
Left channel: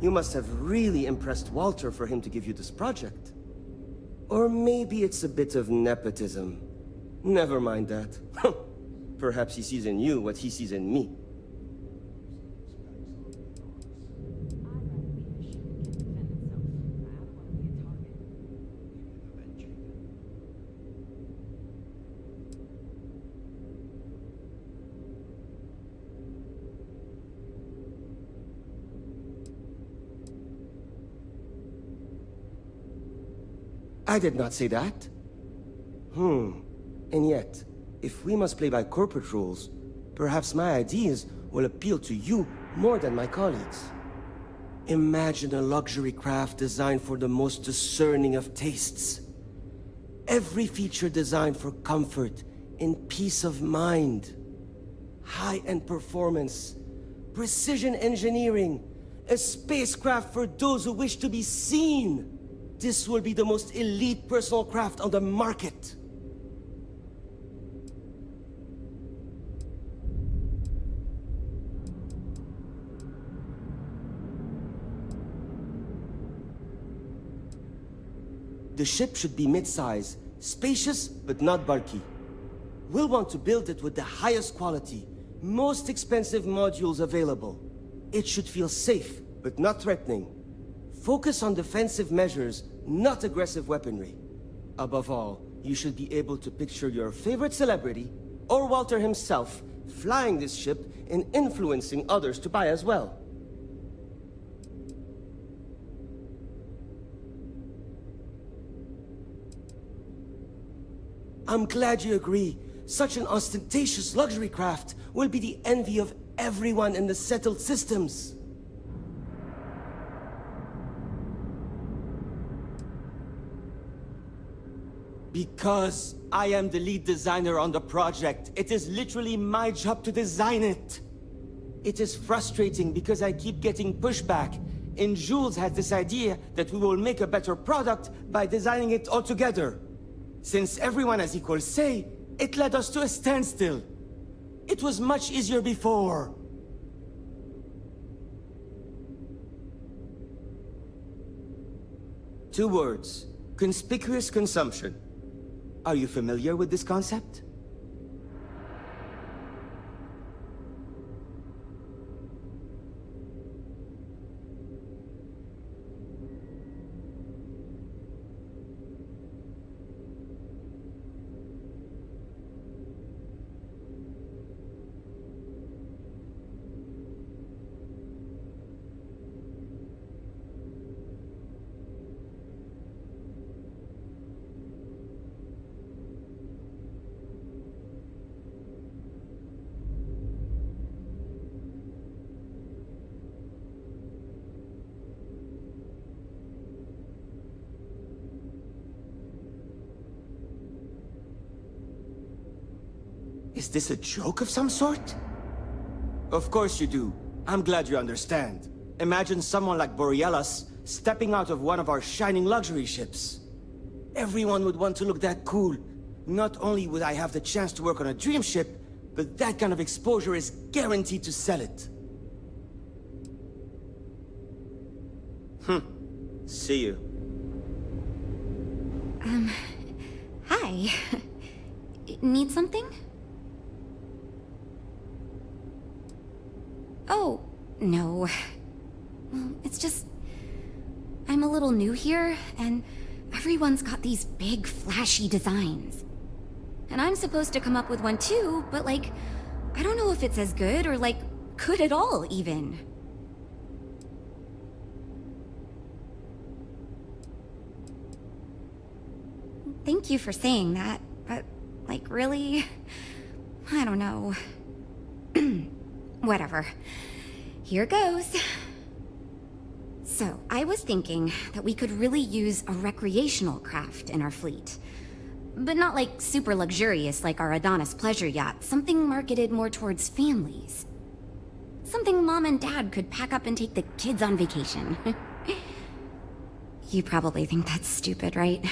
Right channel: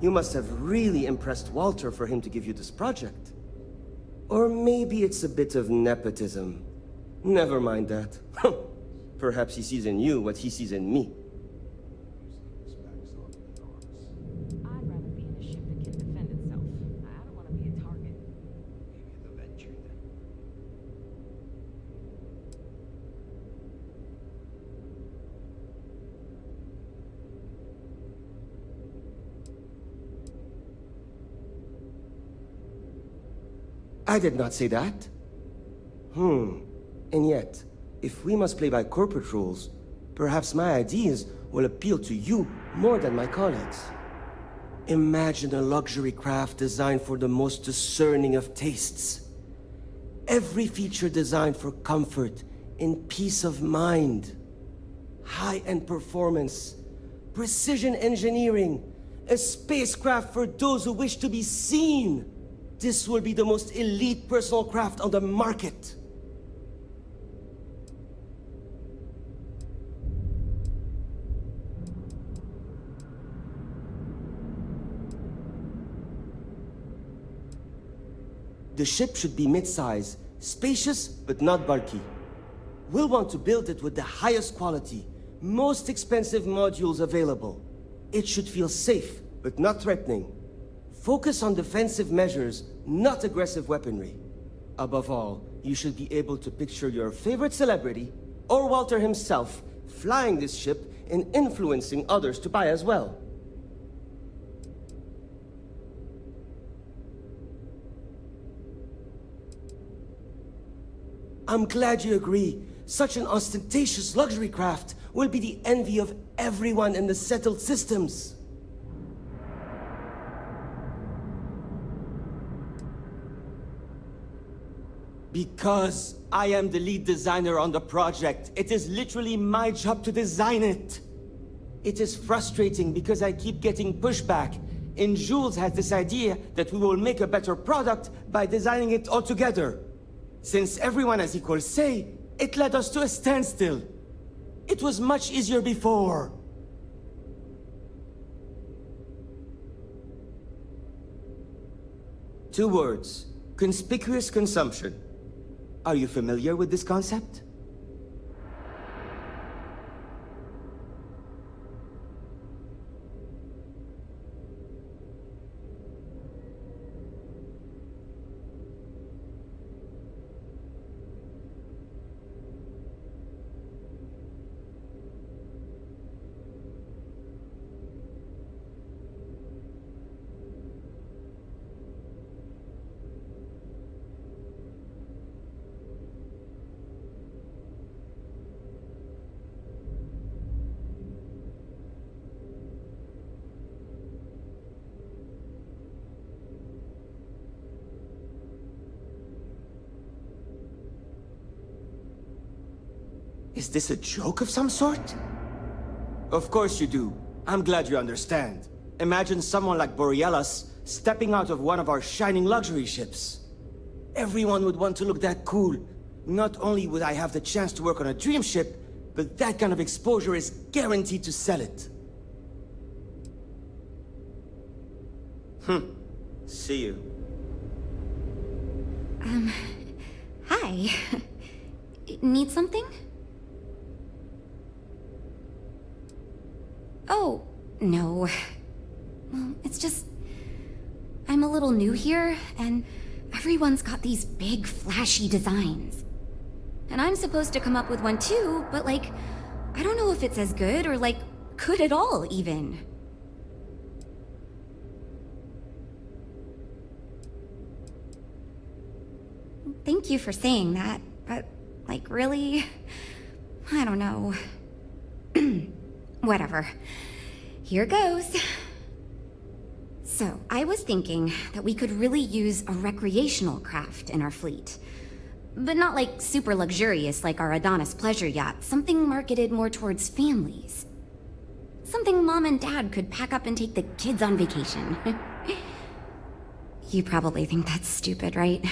you must have really impressed Walter for him to give you this project. Or maybe it's a bit of nepotism. Never mind that. Perhaps he sees in you what he sees in me. I did not say that. And yet, if we must play by corporate rules, perhaps my ideas will appeal to you more than my colleagues. Imagine a luxury craft designed for the most discerning of tastes. Every feature designed for comfort and peace of mind. High-end performance, precision engineering, a spacecraft for those who wish to be seen. This will be the most elite personal craft on the market. The ship should be mid-size, spacious but not bulky. we'll want to build it with the highest quality, most expensive modules available. It should feel safe, but not threatening. Focus on defensive measures, not aggressive weaponry. Above all, you should be able to picture your favorite celebrity, or Walter himself, flying this ship and influencing others to buy as well. I'm glad you agree. Such an ostentatious luxury craft will be the envy of everyone in the settled systems. Because I am the lead designer on the project, it is literally my job to design it. It is frustrating because I keep getting pushback, and Jules has this idea that we will make a better product by designing it all together. Since everyone has equal say, it led us to a standstill. It was much easier before. Two words: conspicuous consumption. Are you familiar with this concept? Is this a joke of some sort? Of course you do. I'm glad you understand. Imagine someone like Borealis stepping out of one of our shining luxury ships. Everyone would want to look that cool. Not only would I have the chance to work on a dream ship, but that kind of exposure is guaranteed to sell it. See you. Hi. Need something? Oh, no. Well, it's just... I'm a little new here, and everyone's got these big, flashy designs. And I'm supposed to come up with one too, but like, I don't know if it's as good or like, good at all, even. Thank you for saying that, but like, really? I don't know. Whatever. Here goes. So, I was thinking that we could really use a recreational craft in our fleet. But not like super luxurious like our Adonis pleasure yacht, something marketed more towards families. Something Mom and Dad could pack up and take the kids on vacation. You probably think that's stupid, right?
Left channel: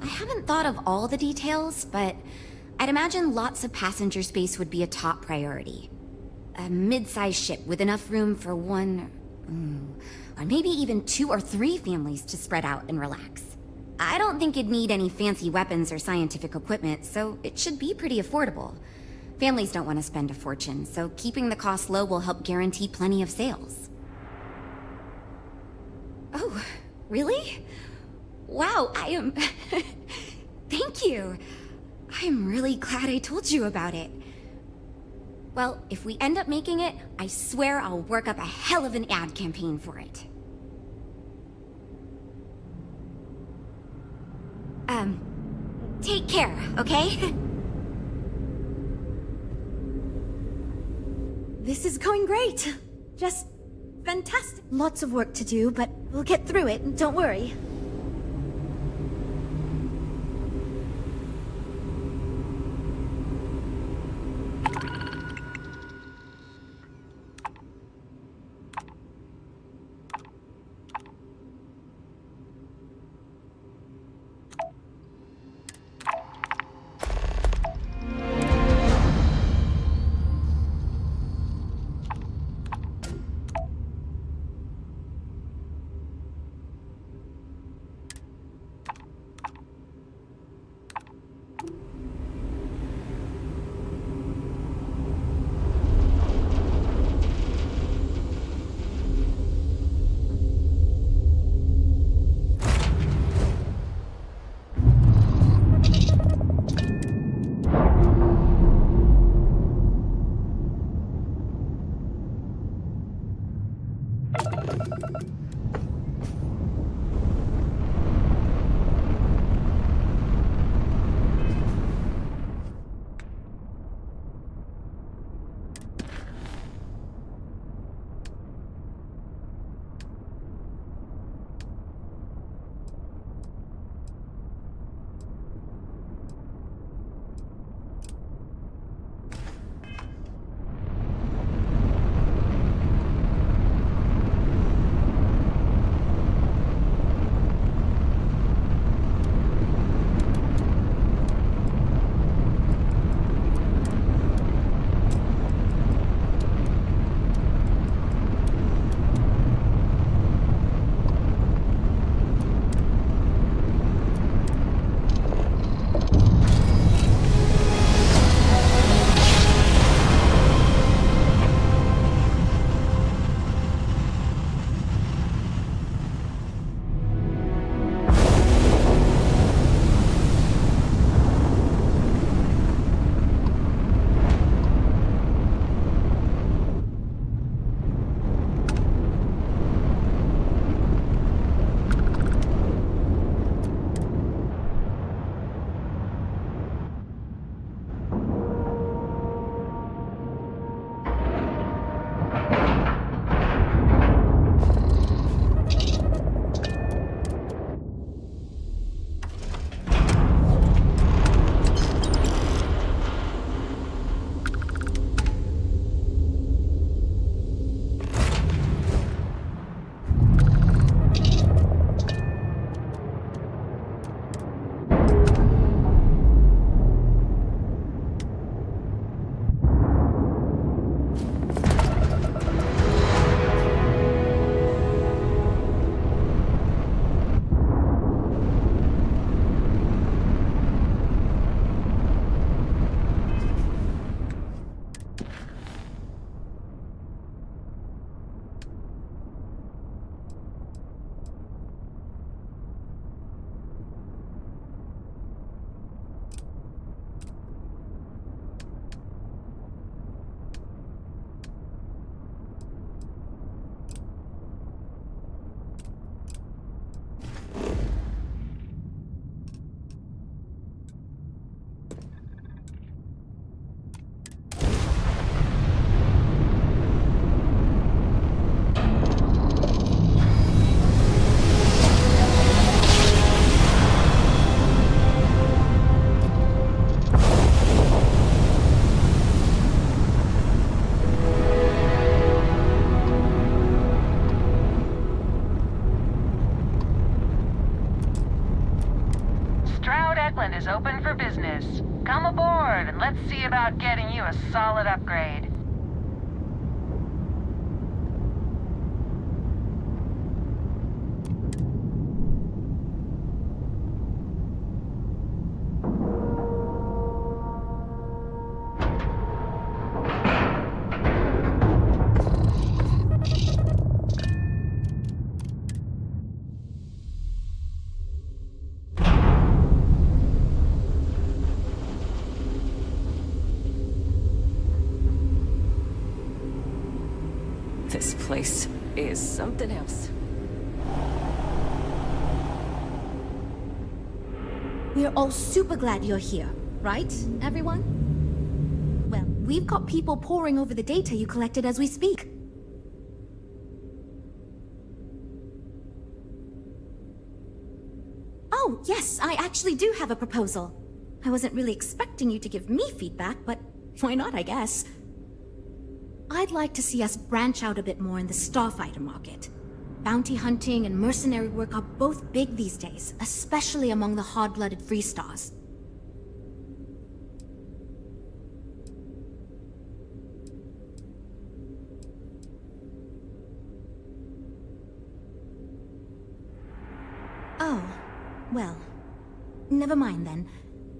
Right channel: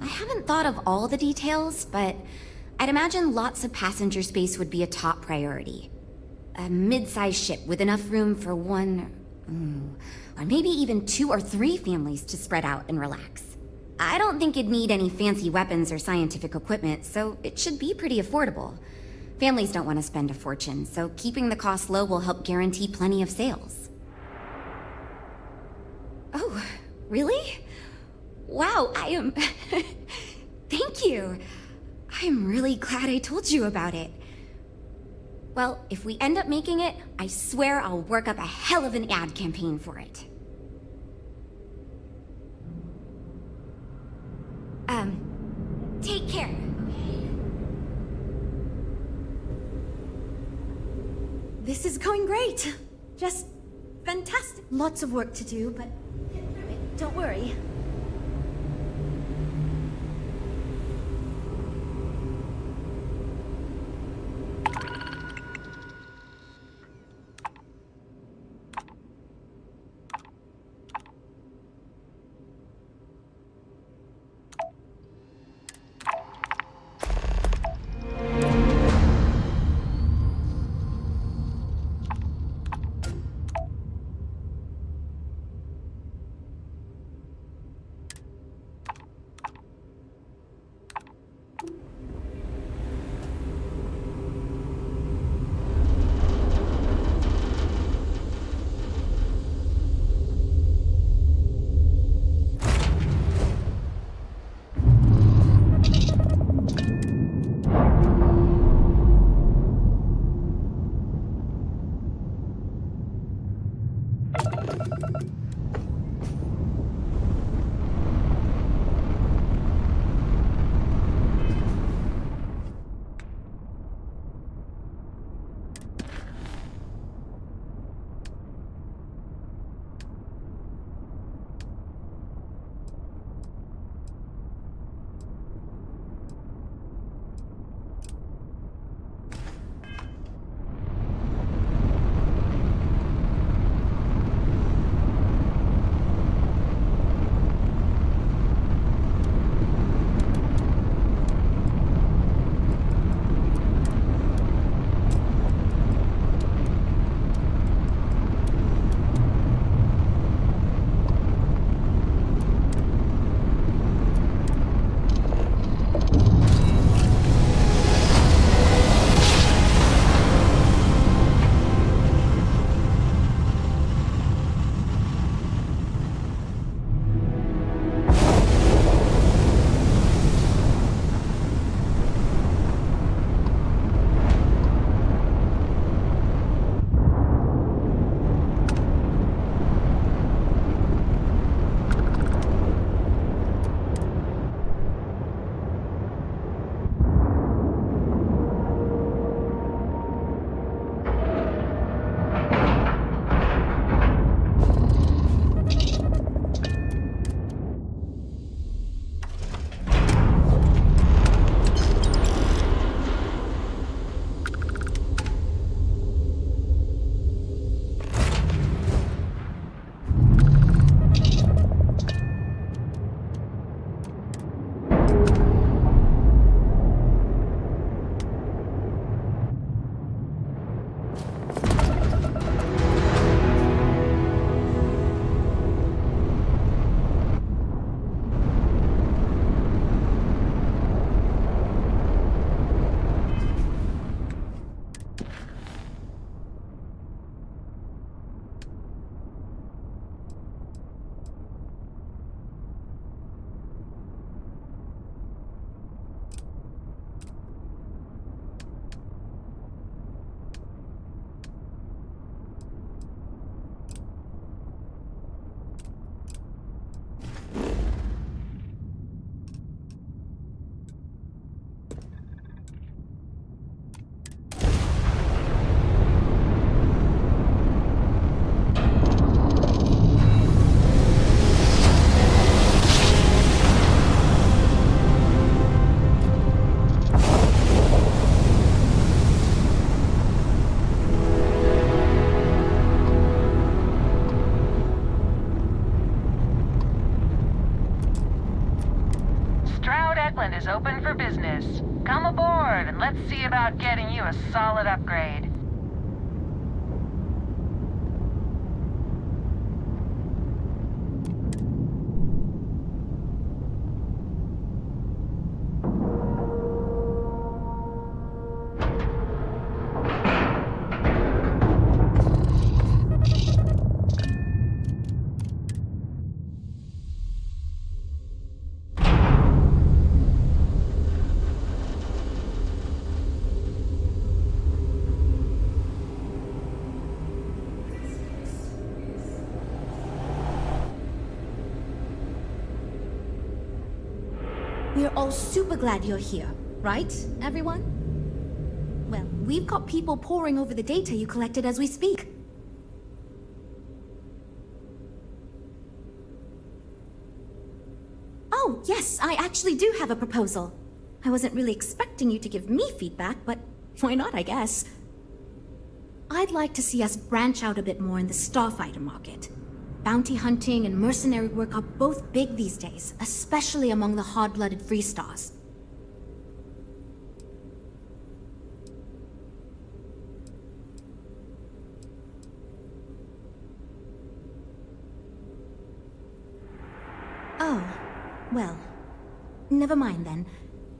I haven't thought of all the details, but I'd imagine lots of passenger space would be a top priority. A mid-sized ship with enough room for one... or maybe even 2 or 3 families to spread out and relax. I don't think it'd need any fancy weapons or scientific equipment, so it should be pretty affordable. Families don't want to spend a fortune, so keeping the cost low will help guarantee plenty of sales. Oh, really? Wow, I am... Thank you. I'm really glad I told you about it. Well, if we end up making it, I swear I'll work up a hell of an ad campaign for it. Take care, okay? This is going great. Just fantastic. Lots of work to do, but we'll get through it, don't worry. Techland is open for business. Come aboard and let's see about getting you a solid upgrade. This place is something else. We're all super glad you're here, right, everyone? Well, we've got people poring over the data you collected as we speak. Oh, yes, I actually do have a proposal. I wasn't really expecting you to give me feedback, but why not, I guess. I'd like to see us branch out a bit more in the starfighter market. Bounty hunting and mercenary work are both big these days, especially among the hard-blooded Freestars. Oh, well, never mind then.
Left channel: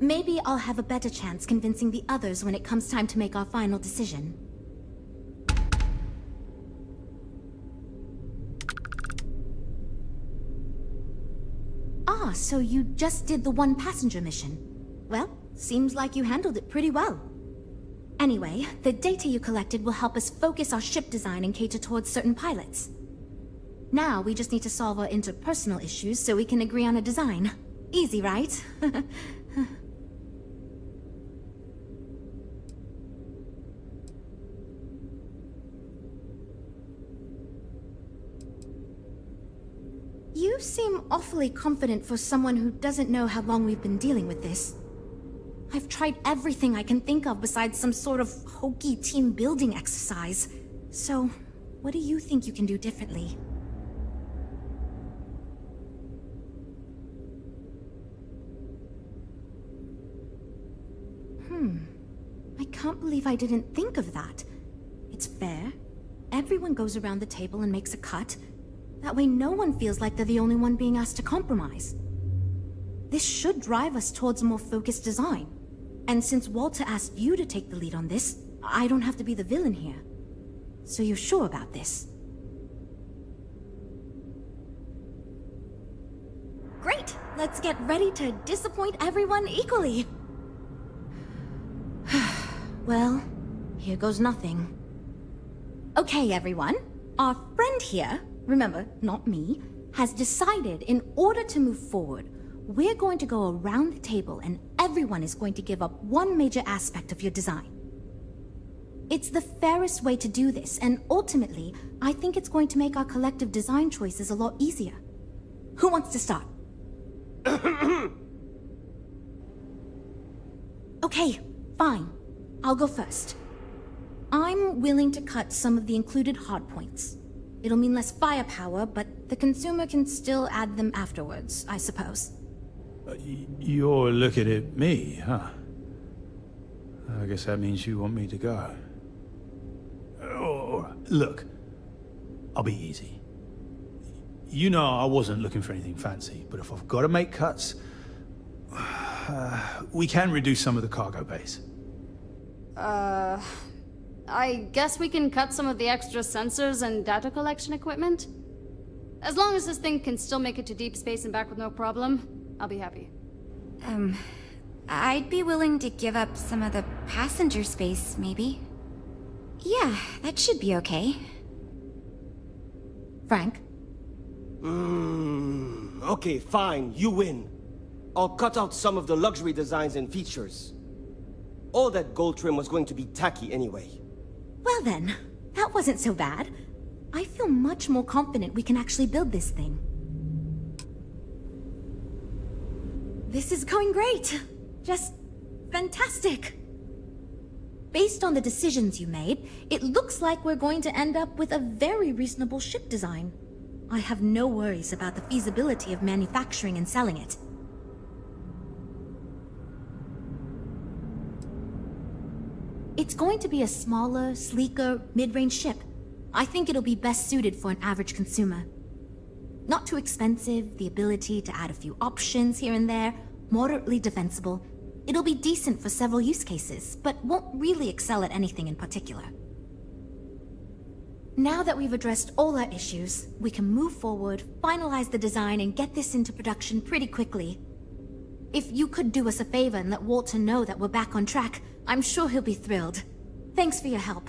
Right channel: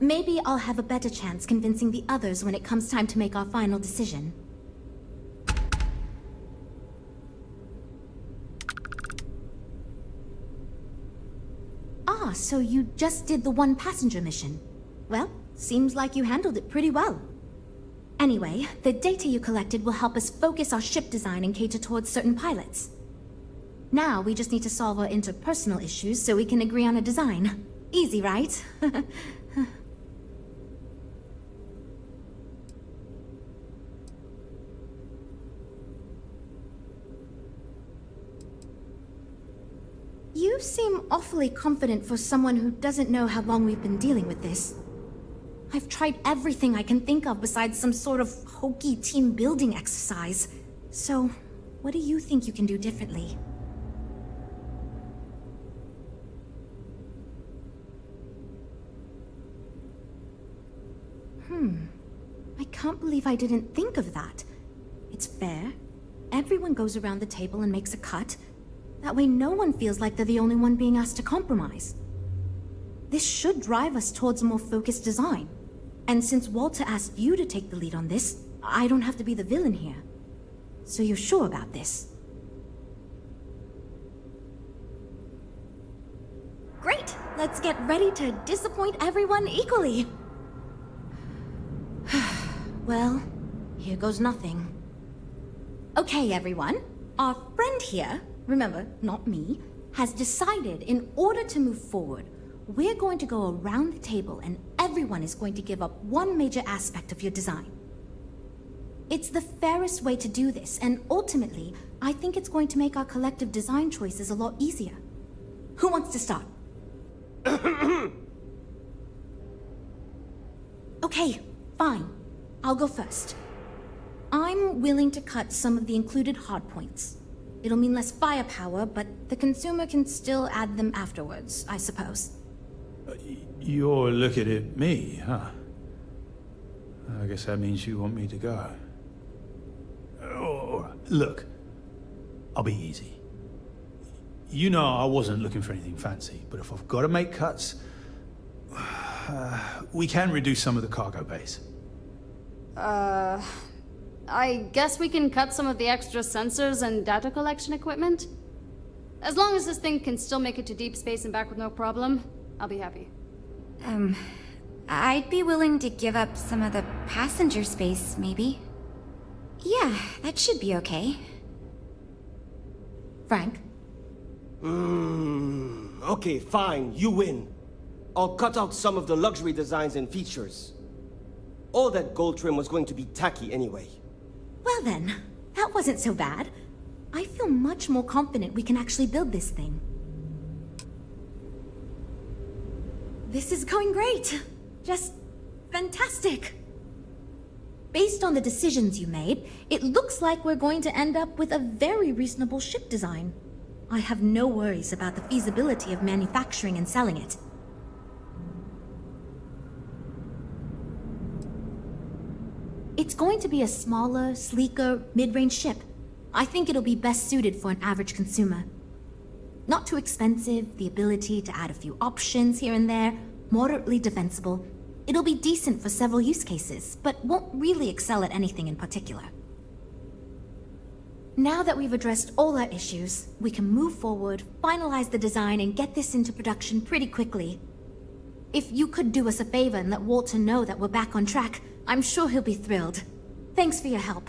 Maybe I'll have a better chance convincing the others when it comes time to make our final decision. Ah, so you just did the one passenger mission. Well, seems like you handled it pretty well. Anyway, the data you collected will help us focus our ship design and cater towards certain pilots. Now we just need to solve our interpersonal issues so we can agree on a design. Easy, right? You seem awfully confident for someone who doesn't know how long we've been dealing with this. I've tried everything I can think of besides some sort of hokey team building exercise. So, what do you think you can do differently? I can't believe I didn't think of that. It's fair. Everyone goes around the table and makes a cut. That way no one feels like they're the only one being asked to compromise. This should drive us towards a more focused design. And since Walter asked you to take the lead on this, I don't have to be the villain here. So you're sure about this? Great! Let's get ready to disappoint everyone equally. Well, here goes nothing. Okay, everyone. Our friend here, remember, not me, has decided in order to move forward, we're going to go around the table and everyone is going to give up one major aspect of your design. It's the fairest way to do this, and ultimately, I think it's going to make our collective design choices a lot easier. Who wants to start? Okay, fine. I'll go first. I'm willing to cut some of the included hardpoints. It'll mean less firepower, but the consumer can still add them afterwards, I suppose. You're looking at me, huh? I guess that means you want me to go. All right. Look, I'll be easy. You know I wasn't looking for anything fancy, but if I've got to make cuts, we can reduce some of the cargo base. I guess we can cut some of the extra sensors and data collection equipment? As long as this thing can still make it to deep space and back with no problem, I'll be happy. I'd be willing to give up some of the passenger space, maybe. Yeah, that should be okay. Frank? Okay, fine, you win. I'll cut out some of the luxury designs and features. All that gold trim was going to be tacky anyway. Well then, that wasn't so bad. I feel much more confident we can actually build this thing. This is going great. Just fantastic. Based on the decisions you made, it looks like we're going to end up with a very reasonable ship design. I have no worries about the feasibility of manufacturing and selling it. It's going to be a smaller, sleeker, mid-range ship. I think it'll be best suited for an average consumer. Not too expensive, the ability to add a few options here and there, moderately defensible. It'll be decent for several use cases, but won't really excel at anything in particular. Now that we've addressed all our issues, we can move forward, finalize the design, and get this into production pretty quickly. If you could do us a favor and let Walter know that we're back on track, I'm sure he'll be thrilled. Thanks for your help.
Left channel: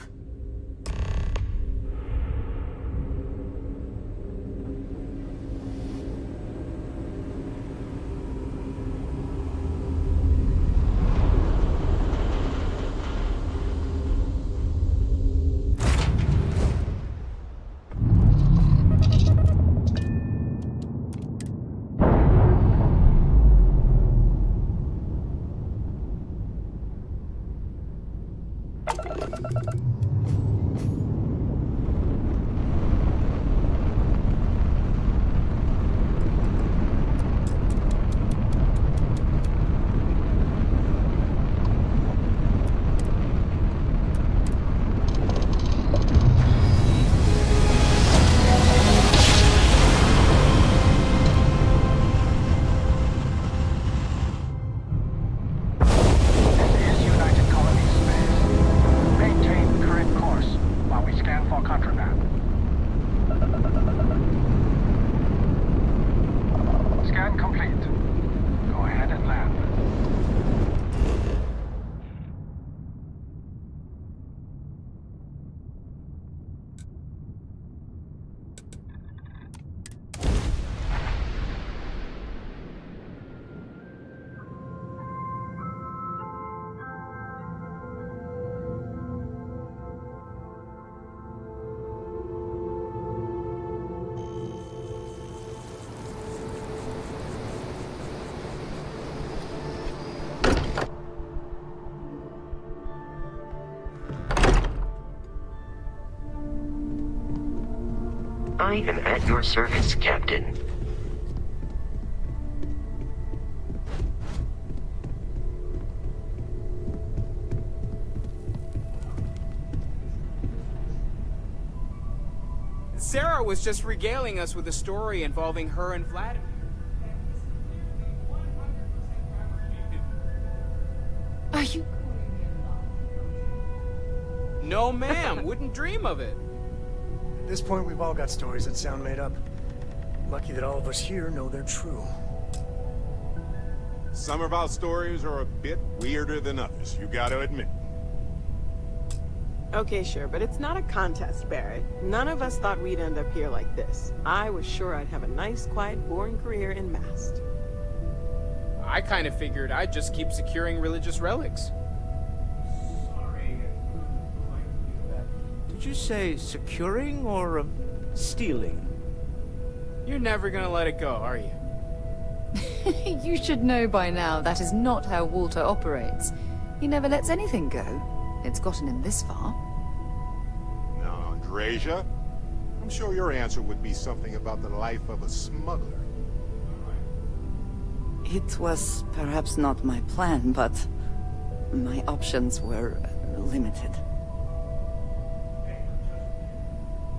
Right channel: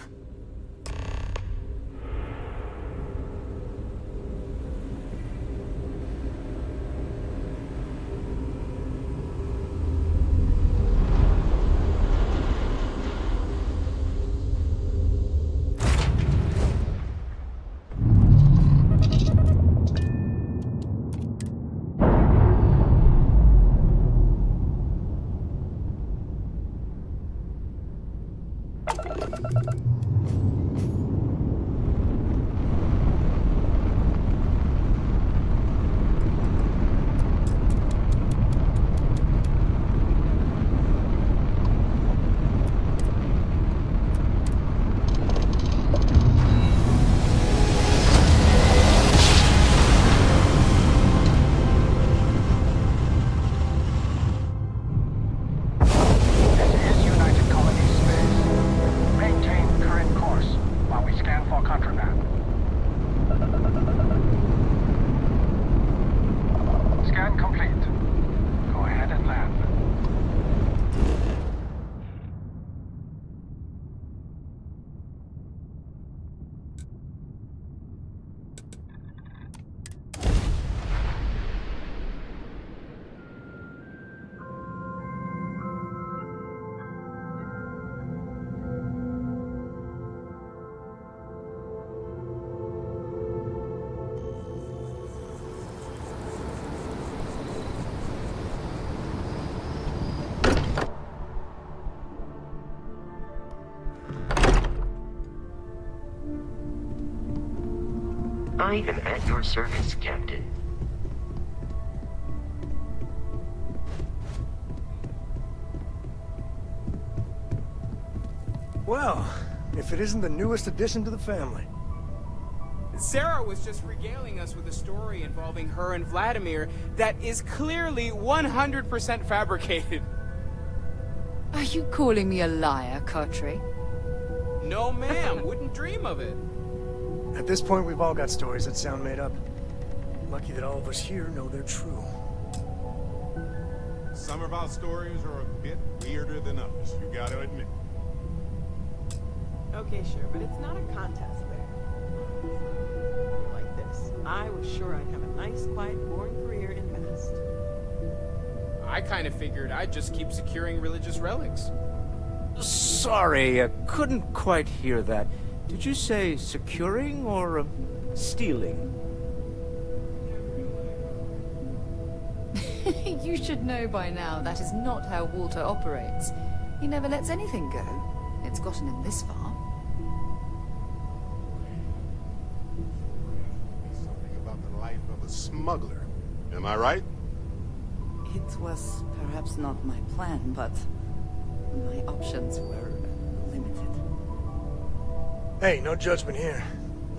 I am at your service, Captain. Well, if it isn't the newest addition to the family. Sarah was just regaling us with a story involving her and Vladimir that is clearly 100% fabricated. Are you calling me a liar, Cartray? No, ma'am. Wouldn't dream of it. At this point, we've all got stories that sound made up. Lucky that all of us here know they're true. Some of our stories are a bit weirder than others, you gotta admit. Okay, sure, but it's not a contest, Barrett. None of us thought we'd end up here like this. I was sure I'd have a nice, quiet, boring career in Mast. I kind of figured I'd just keep securing religious relics. Sorry, I couldn't quite hear that. Did you say securing or stealing? You're never gonna let it go, are you? You should know by now that is not how Walter operates. He never lets anything go. It's gotten him this far. Now, Andreja, I'm sure your answer would be something about the life of a smuggler. Am I right? It was perhaps not my plan, but my options were limited. Hey, no judgment here.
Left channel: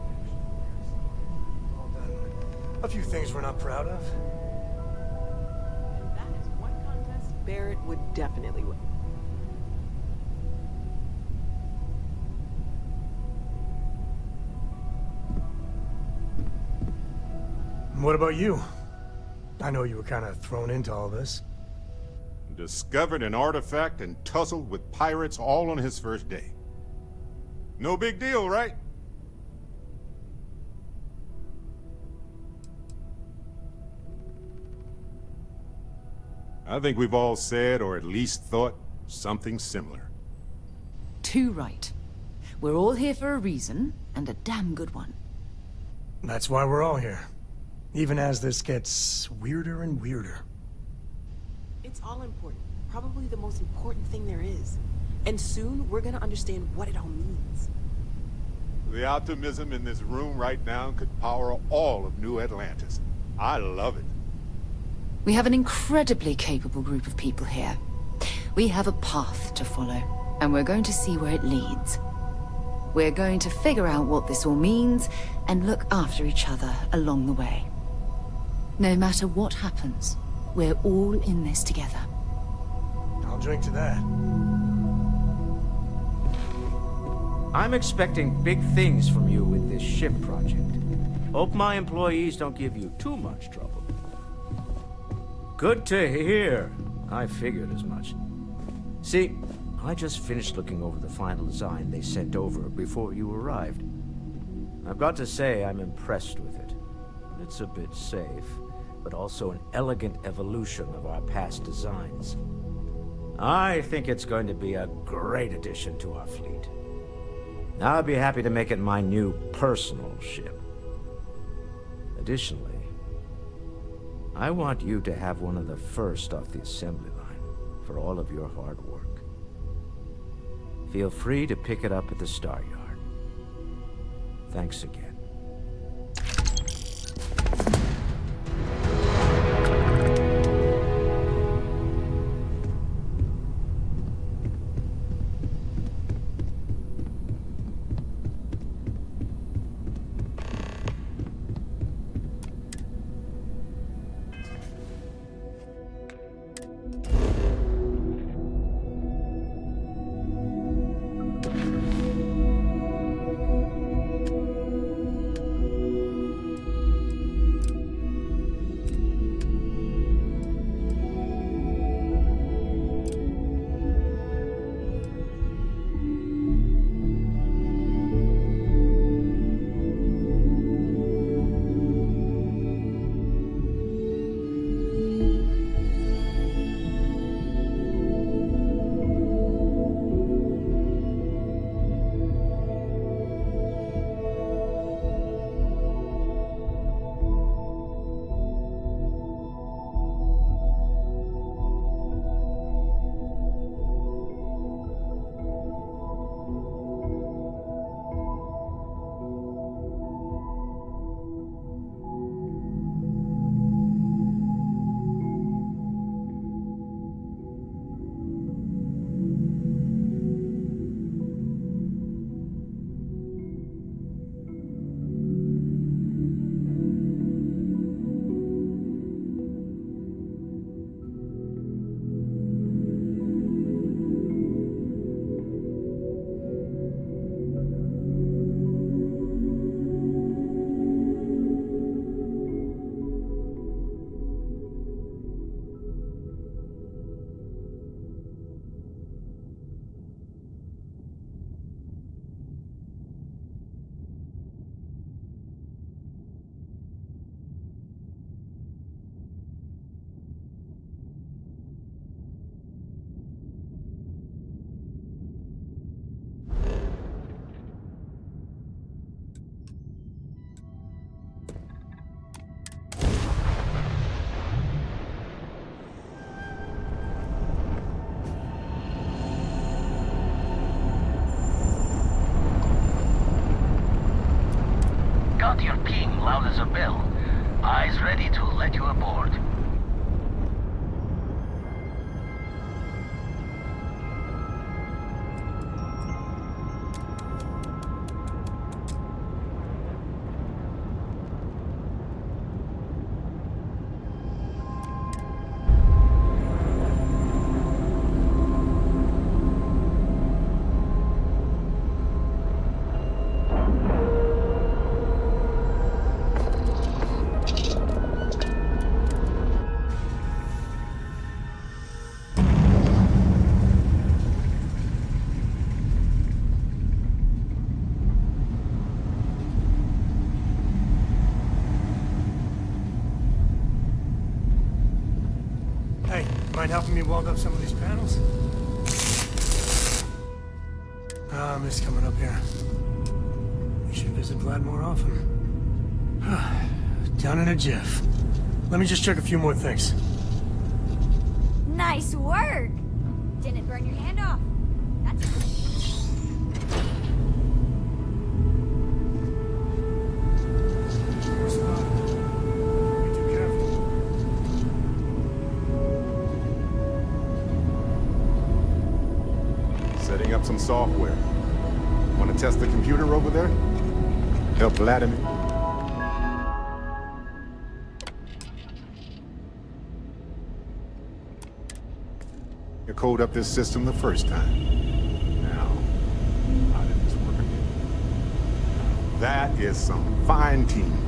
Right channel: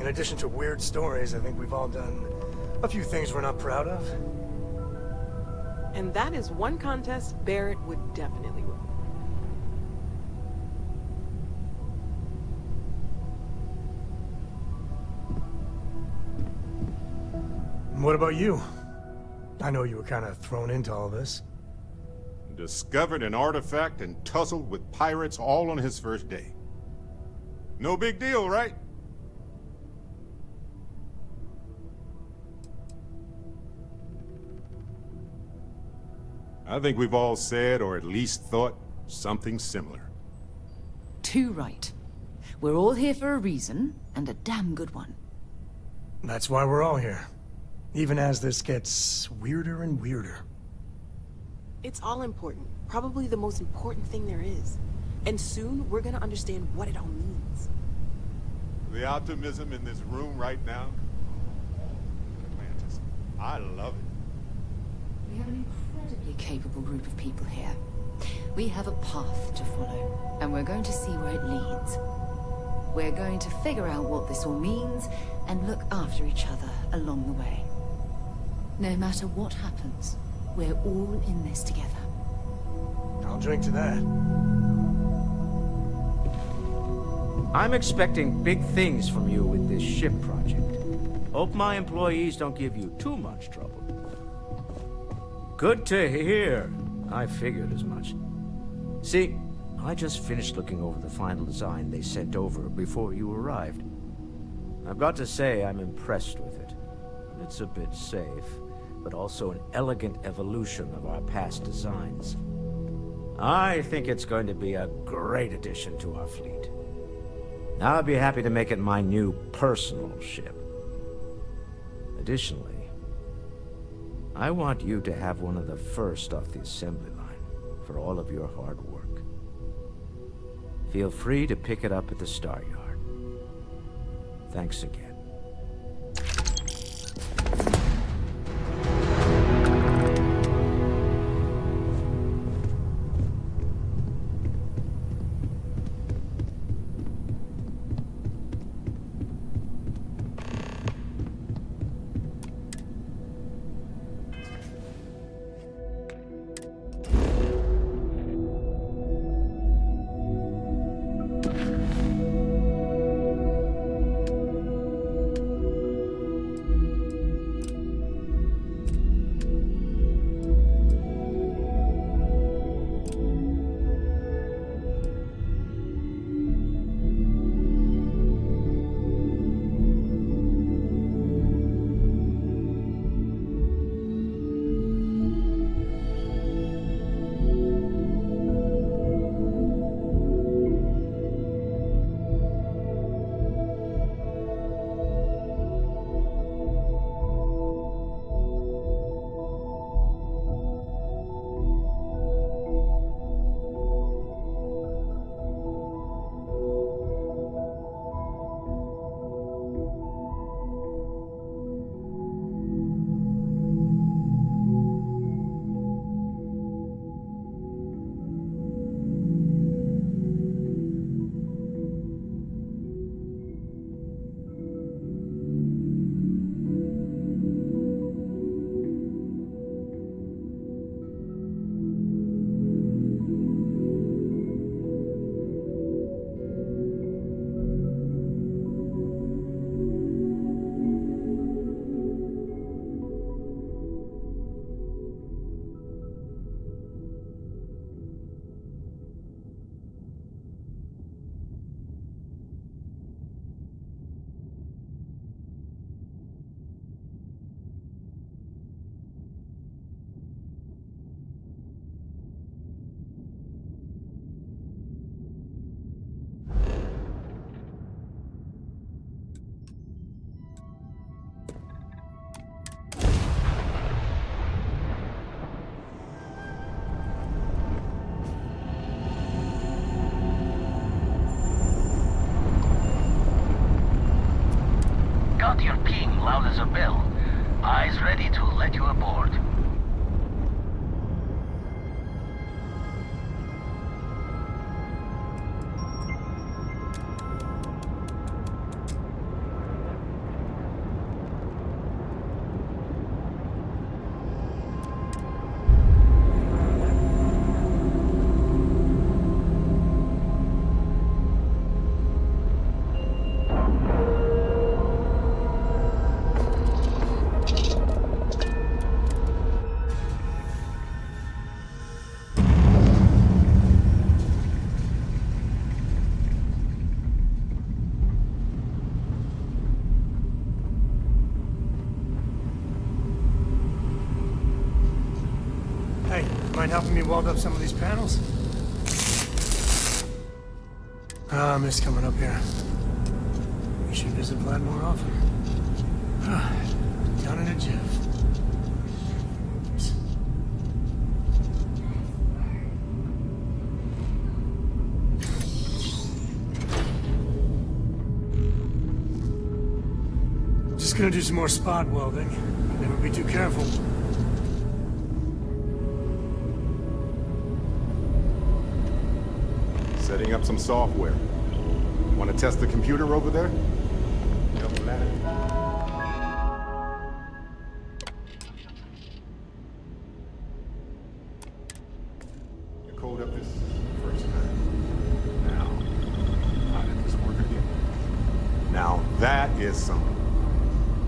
In addition to weird stories, I think we've all done a few things we're not proud of. And that is one contest Barrett would definitely win. What about you? I know you were kind of thrown into all this. Discovered an artifact and tussled with pirates all on his first day. No big deal, right? I think we've all said, or at least thought, something similar. Too right. We're all here for a reason, and a damn good one. That's why we're all here. Even as this gets weirder and weirder. It's all important. Probably the most important thing there is. And soon, we're gonna understand what it all means. The optimism in this room right now could power all of New Atlantis. I love it. We have an incredibly capable group of people here. We have a path to follow, and we're going to see where it leads. We're going to figure out what this all means, and look after each other along the way. No matter what happens, we're all in this together. I'll drink to that. I'm expecting big things from you with this ship project. Hope my employees don't give you too much trouble. Good to hear. I figured as much. See, I just finished looking over the final design they sent over before you arrived. I've got to say I'm impressed with it. It's a bit safe, but also an elegant evolution of our past designs. I think it's going to be a great addition to our fleet. I'll be happy to make it my new personal ship. Additionally, I want you to have one of the first off the assembly line for all of your hard work. Feel free to pick it up at the Star Yard. Thanks again. Got your ping loud as a bell. Eyes ready to let you aboard. Hey, mind helping me weld up some of these panels? I miss coming up here. We should visit Vlad more often. Down in a jiff. Let me just check a few more things. Nice work! Didn't burn your hand off. Just gonna do some more spot welding. Never be too careful. Setting up some software. Want to test the computer over there? Help Vladimir. You code up this system the first time. Now, how did this work again? Now, that is some fine teamwork.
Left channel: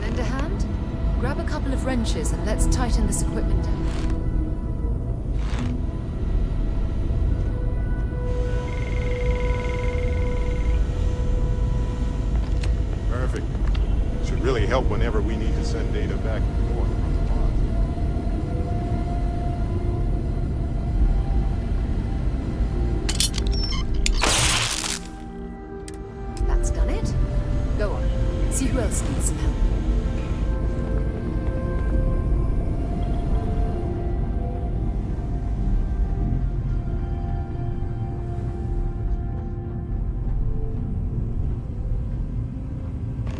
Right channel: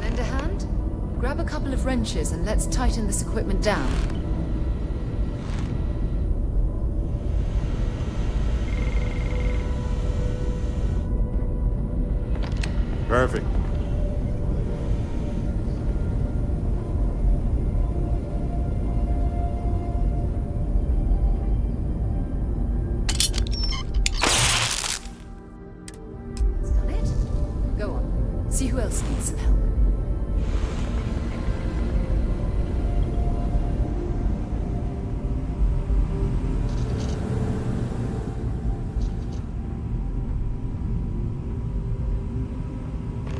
Lend a hand? Grab a couple of wrenches and let's tighten this equipment down. Perfect. Should really help whenever we need to send data back and forth. That's done it. Go on. See who else needs some help.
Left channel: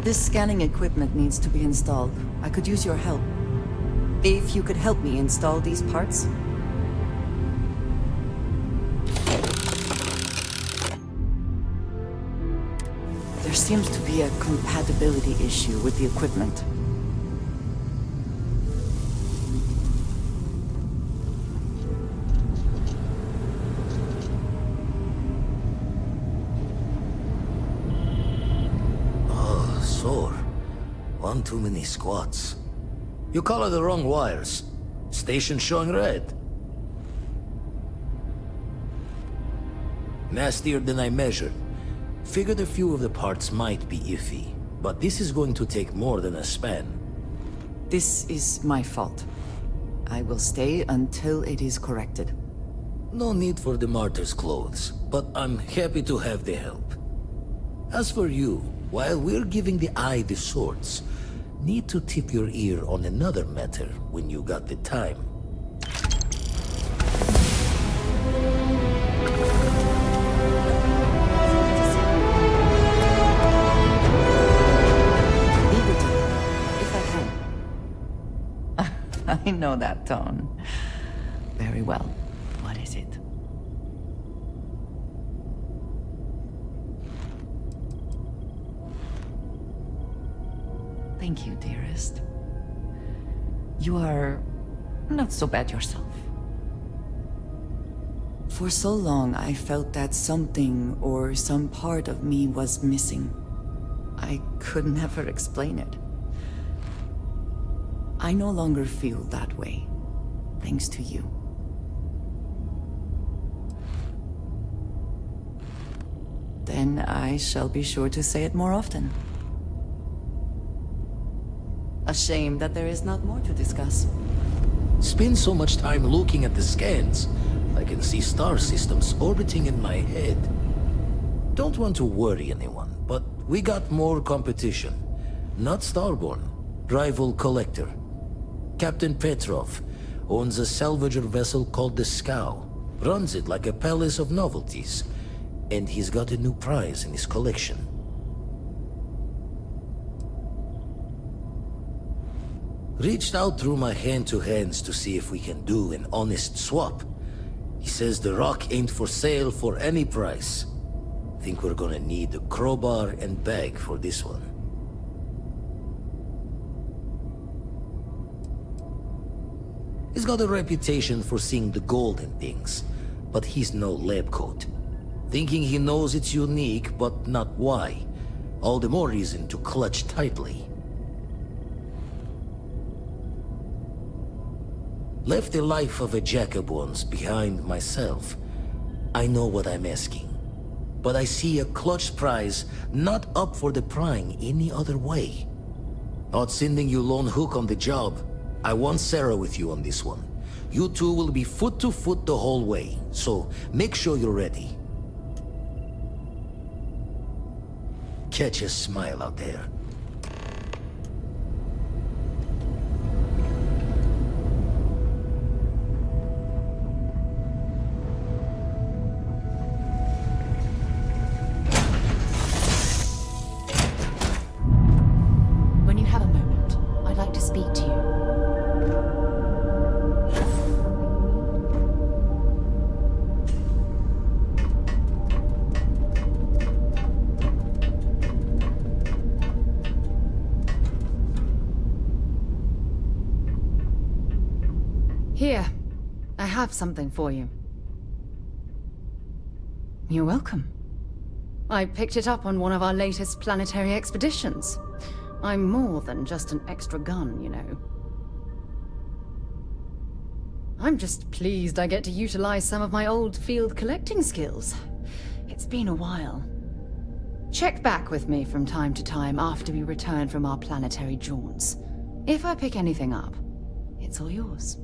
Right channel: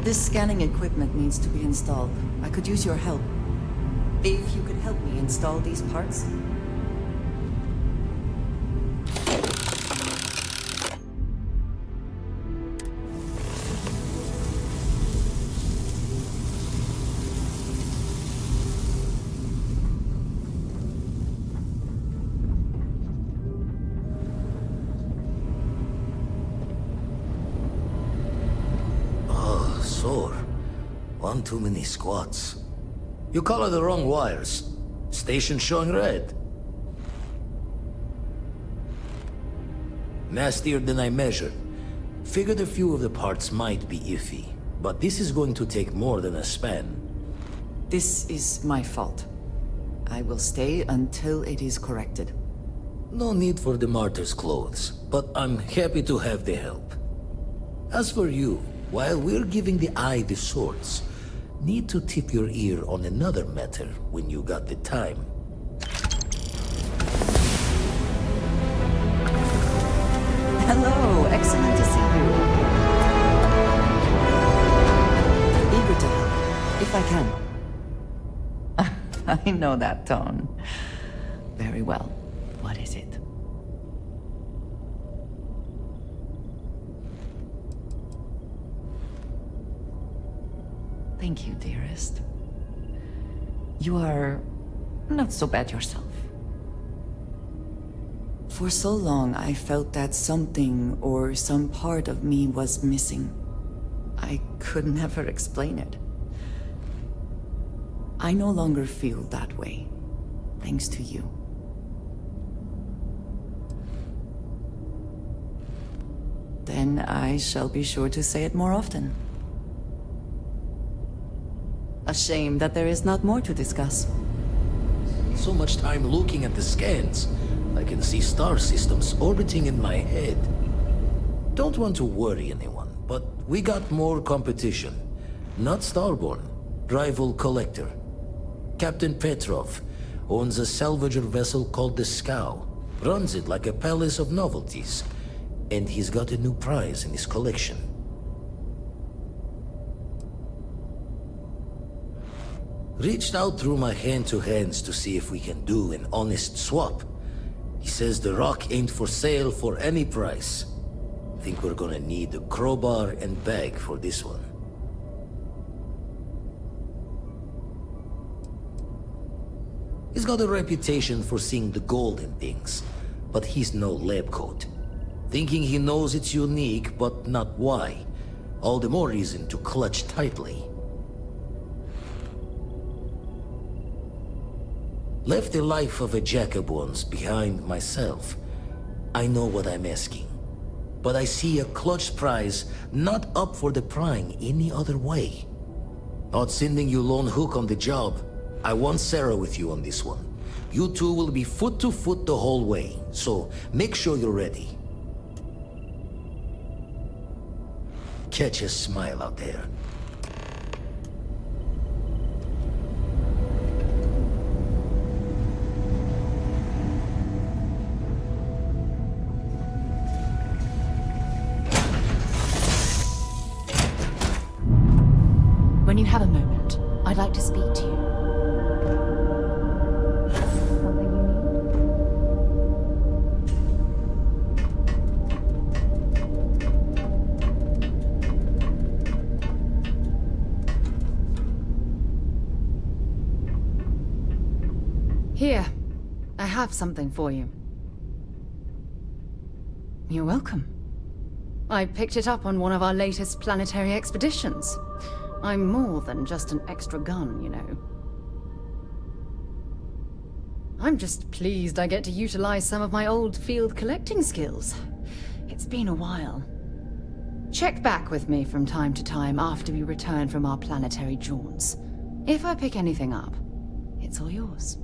This scanning equipment needs to be installed. I could use your help. If you could help me install these parts. There seems to be a compatibility issue with the equipment. Sore. One too many squats. You color the wrong wires. Station showing red. Nastier than I measured. Figured a few of the parts might be iffy, but this is going to take more than a span. This is my fault. I will stay until it is corrected. No need for the martyr's clothes, but I'm happy to have the help. As for you, while we're giving the eye the swords, need to tip your ear on another matter when you got the time. Hello, excellent to see you. Eager to help, if I can. I know that tone. Very well. What is it? Thank you, dearest. You are not so bad yourself. For so long, I felt that something or some part of me was missing. I could never explain it. I no longer feel that way, thanks to you. Then I shall be sure to say it more often. A shame that there is not more to discuss. Spend so much time looking at the scans. I can see star systems orbiting in my head. Don't want to worry anyone, but we got more competition. Not Starborn, rival Collector. Captain Petrov owns a salvager vessel called the Scow. Runs it like a palace of novelties. And he's got a new prize in his collection. Reached out through my hand-to-hands to see if we can do an honest swap. He says the rock ain't for sale for any price. Think we're gonna need a crowbar and bag for this one. He's got a reputation for seeing the gold in things, but he's no lab coat. Thinking he knows it's unique, but not why. All the more reason to clutch tightly. Left the life of a jack-of-bones behind myself. I know what I'm asking. But I see a clutch prize not up for the prying any other way. Not sending you lone hook on the job. I want Sarah with you on this one. You two will be foot to foot the whole way, so make sure you're ready. Catch a smile out there. When you have a moment, I'd like to speak to you. Here, I have something for you. You're welcome. I picked it up on one of our latest planetary expeditions. I'm more than just an extra gun, you know. I'm just pleased I get to utilize some of my old field collecting skills. It's been a while. Check back with me from time to time after we return from our planetary jaunts. If I pick anything up, it's all yours.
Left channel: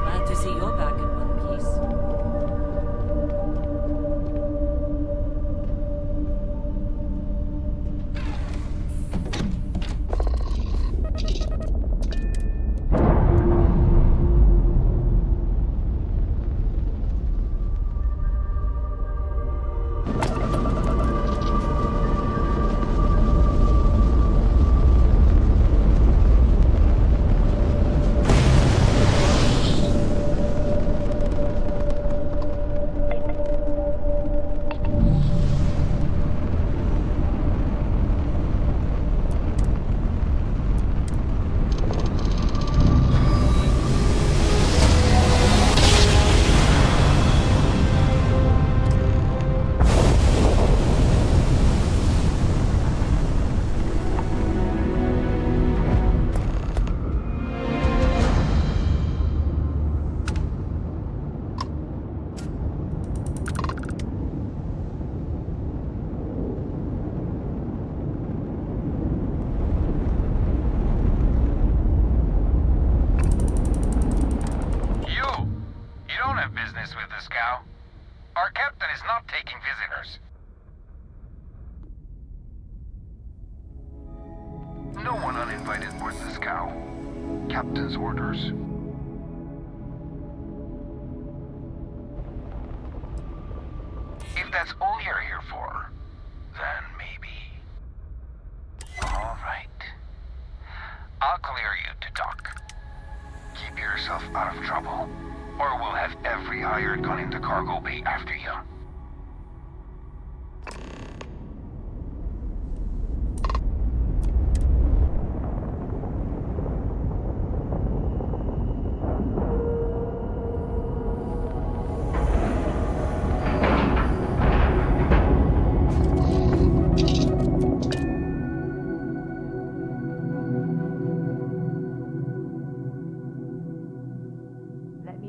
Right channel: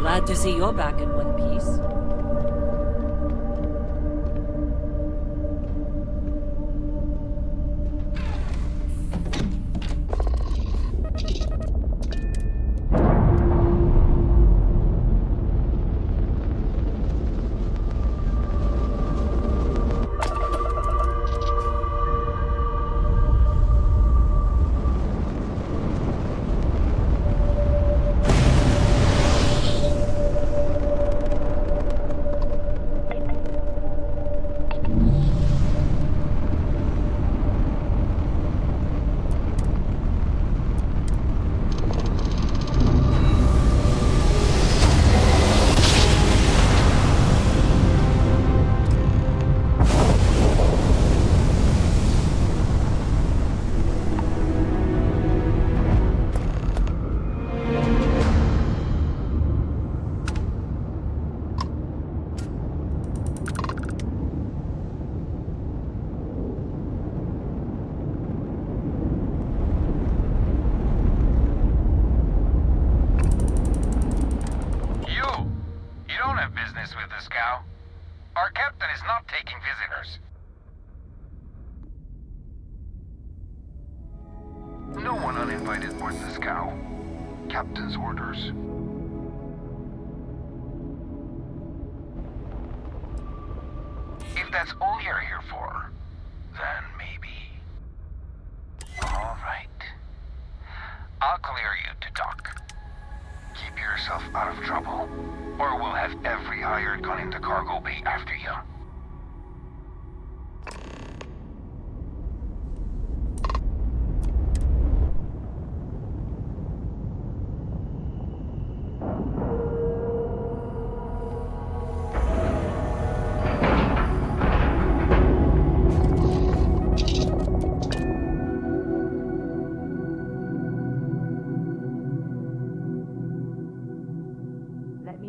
Glad to see you're back in one piece. Our captain is not taking visitors. No one uninvited board the scow. Captain's orders. If that's all you're here for, then maybe. All right. I'll clear you to dock. Keep yourself out of trouble, or we'll have every hired gun in the cargo bay after you.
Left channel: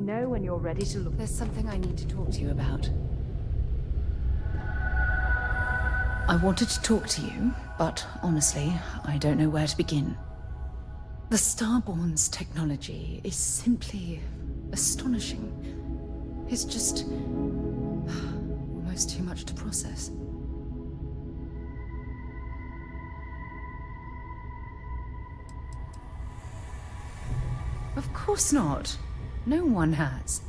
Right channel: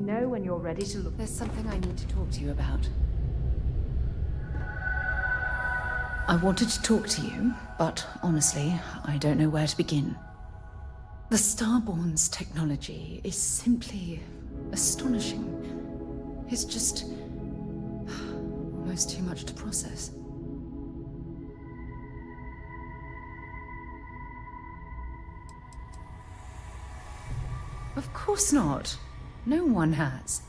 Know when you're ready to look. There's something I need to talk to you about. I wanted to talk to you, but honestly, I don't know where to begin. The Starborn's technology is simply astonishing. It's just almost too much to process. Of course not. No one has.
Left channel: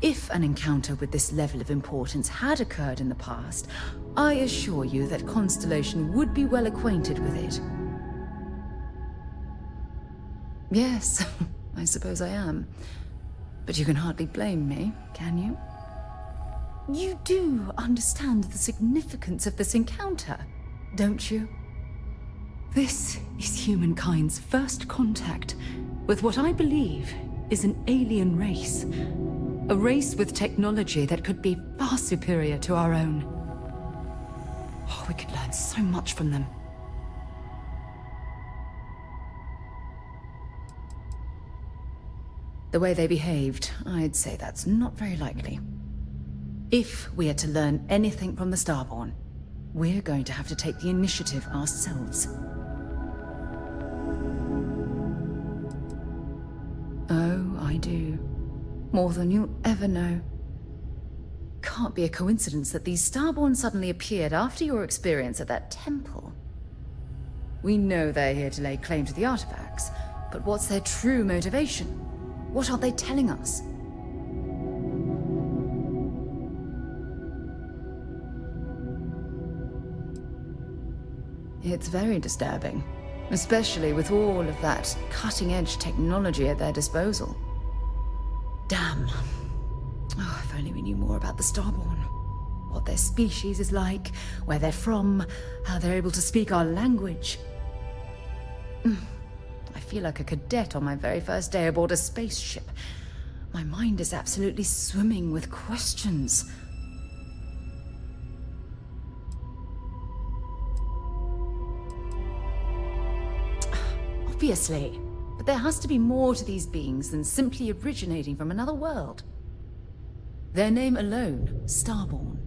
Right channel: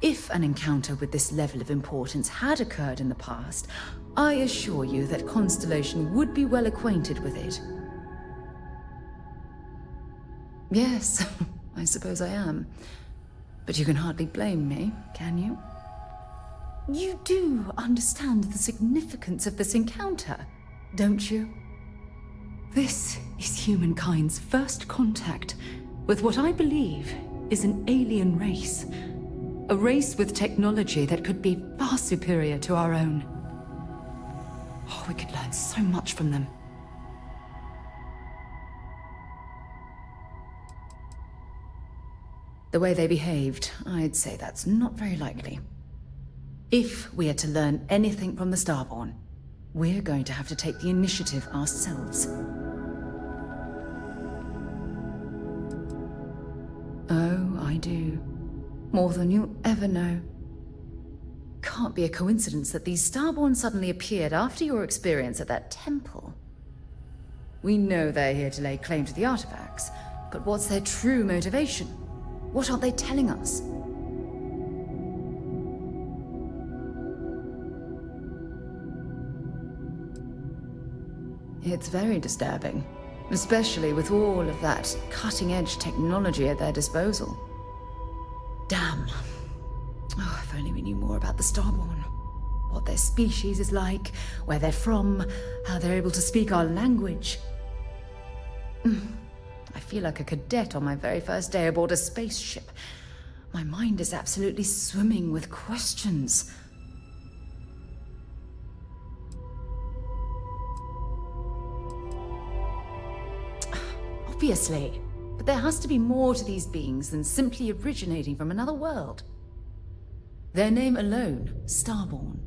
If an encounter with this level of importance had occurred in the past, I assure you that Constellation would be well acquainted with it. Yes, I suppose I am. But you can hardly blame me, can you? You do understand the significance of this encounter, don't you? This is humankind's first contact with what I believe is an alien race. A race with technology that could be far superior to our own. Oh, we could learn so much from them. The way they behaved, I'd say that's not very likely. If we are to learn anything from the Starborn, we're going to have to take the initiative ourselves. Oh, I do. More than you'll ever know. Can't be a coincidence that these Starborn suddenly appeared after your experience at that temple. We know they're here to lay claim to the artifacts, but what's their true motivation? What aren't they telling us? It's very disturbing, especially with all of that cutting-edge technology at their disposal. Damn. Oh, if only we knew more about the Starborn. What their species is like, where they're from, how they're able to speak our language. I feel like a cadet on my very first day aboard a spaceship. My mind is absolutely swimming with questions. Obviously, but there has to be more to these beings than simply originating from another world. Their name alone, Starborn.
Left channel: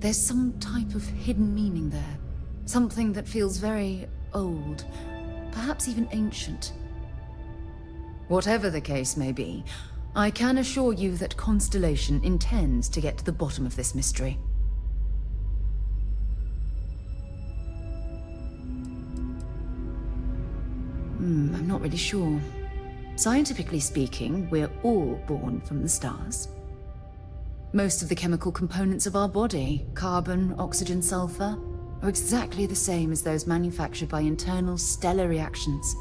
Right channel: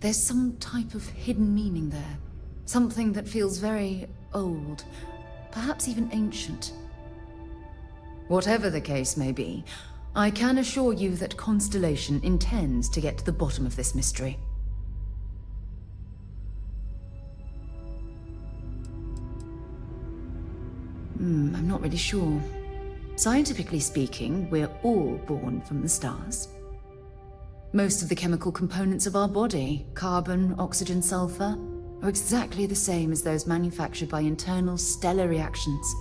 There's some type of hidden meaning there. Something that feels very old, perhaps even ancient. Whatever the case may be, I can assure you that Constellation intends to get to the bottom of this mystery. I'm not really sure. Scientifically speaking, we're all born from the stars. Most of the chemical components of our body, carbon, oxygen, sulfur, are exactly the same as those manufactured by internal stellar reactions.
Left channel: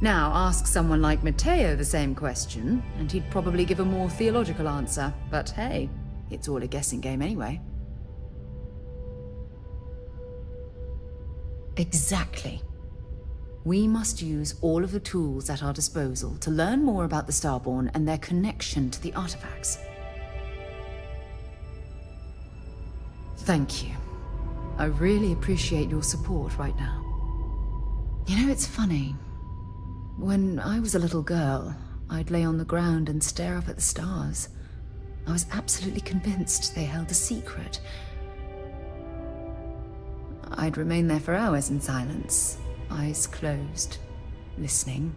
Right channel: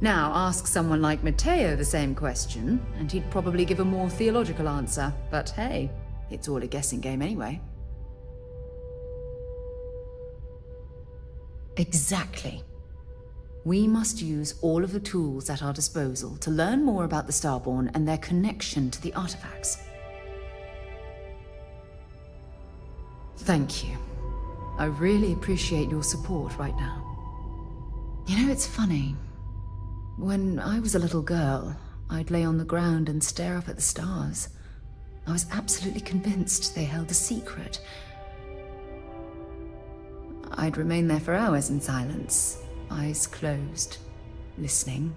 Now, ask someone like Matteo the same question, and he'd probably give a more theological answer. But hey, it's all a guessing game anyway. Exactly. We must use all of the tools at our disposal to learn more about the Starborn and their connection to the artifacts. Thank you. I really appreciate your support right now. You know, it's funny. When I was a little girl, I'd lay on the ground and stare up at the stars. I was absolutely convinced they held a secret. I'd remain there for hours in silence, eyes closed, listening,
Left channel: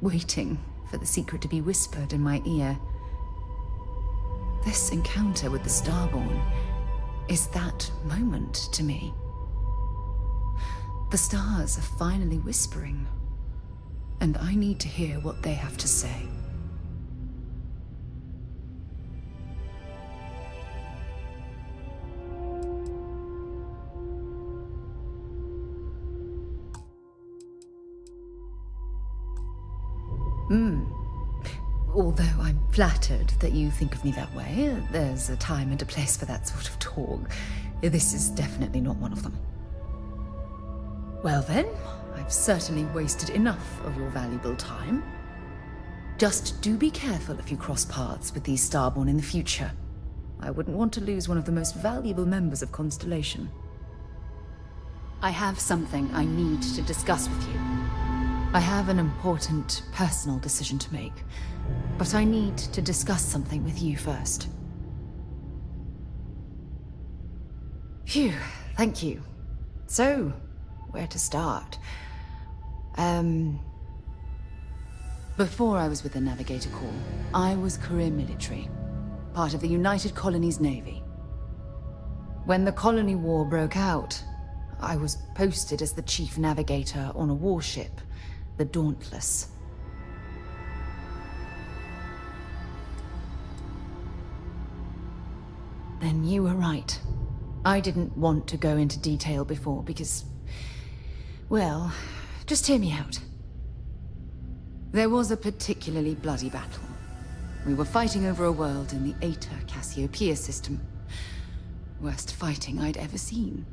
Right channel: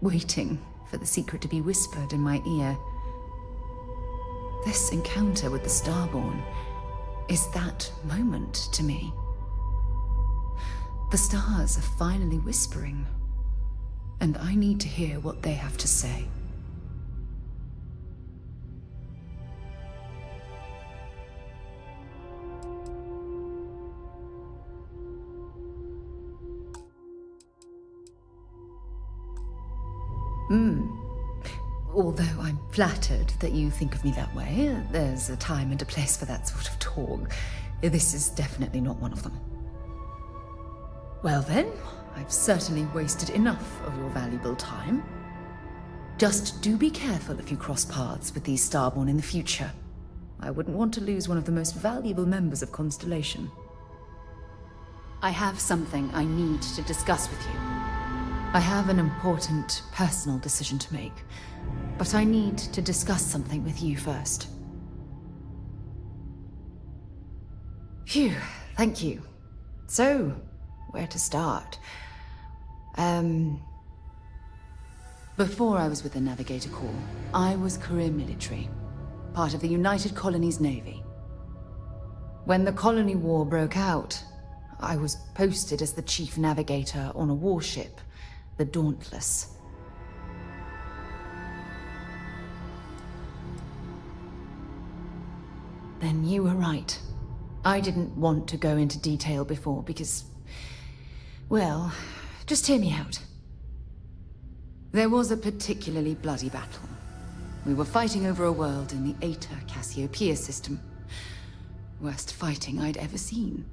waiting for the secret to be whispered in my ear. This encounter with the Starborn is that moment to me. The stars are finally whispering, and I need to hear what they have to say. Although I'm flattered that you think of me that way, there's a time and a place for that sort of talk. This is definitely not one of them. Well then, I've certainly wasted enough of your valuable time. Just do be careful if you cross paths with these Starborn in the future. I wouldn't want to lose one of the most valuable members of Constellation. I have something I need to discuss with you. I have an important personal decision to make, but I need to discuss something with you first. Phew, thank you. So, where to start? Before I was with the Navigator Corps, I was career military, part of the United Colonies Navy. When the Colony War broke out, I was posted as the chief navigator on a warship, the Dauntless. Then you were right. I didn't want to go into detail before because, well, just hear me out. There was a particularly bloody battle. We were fighting over a world in the Eta Cassiopeia system. Worst fighting I'd ever seen.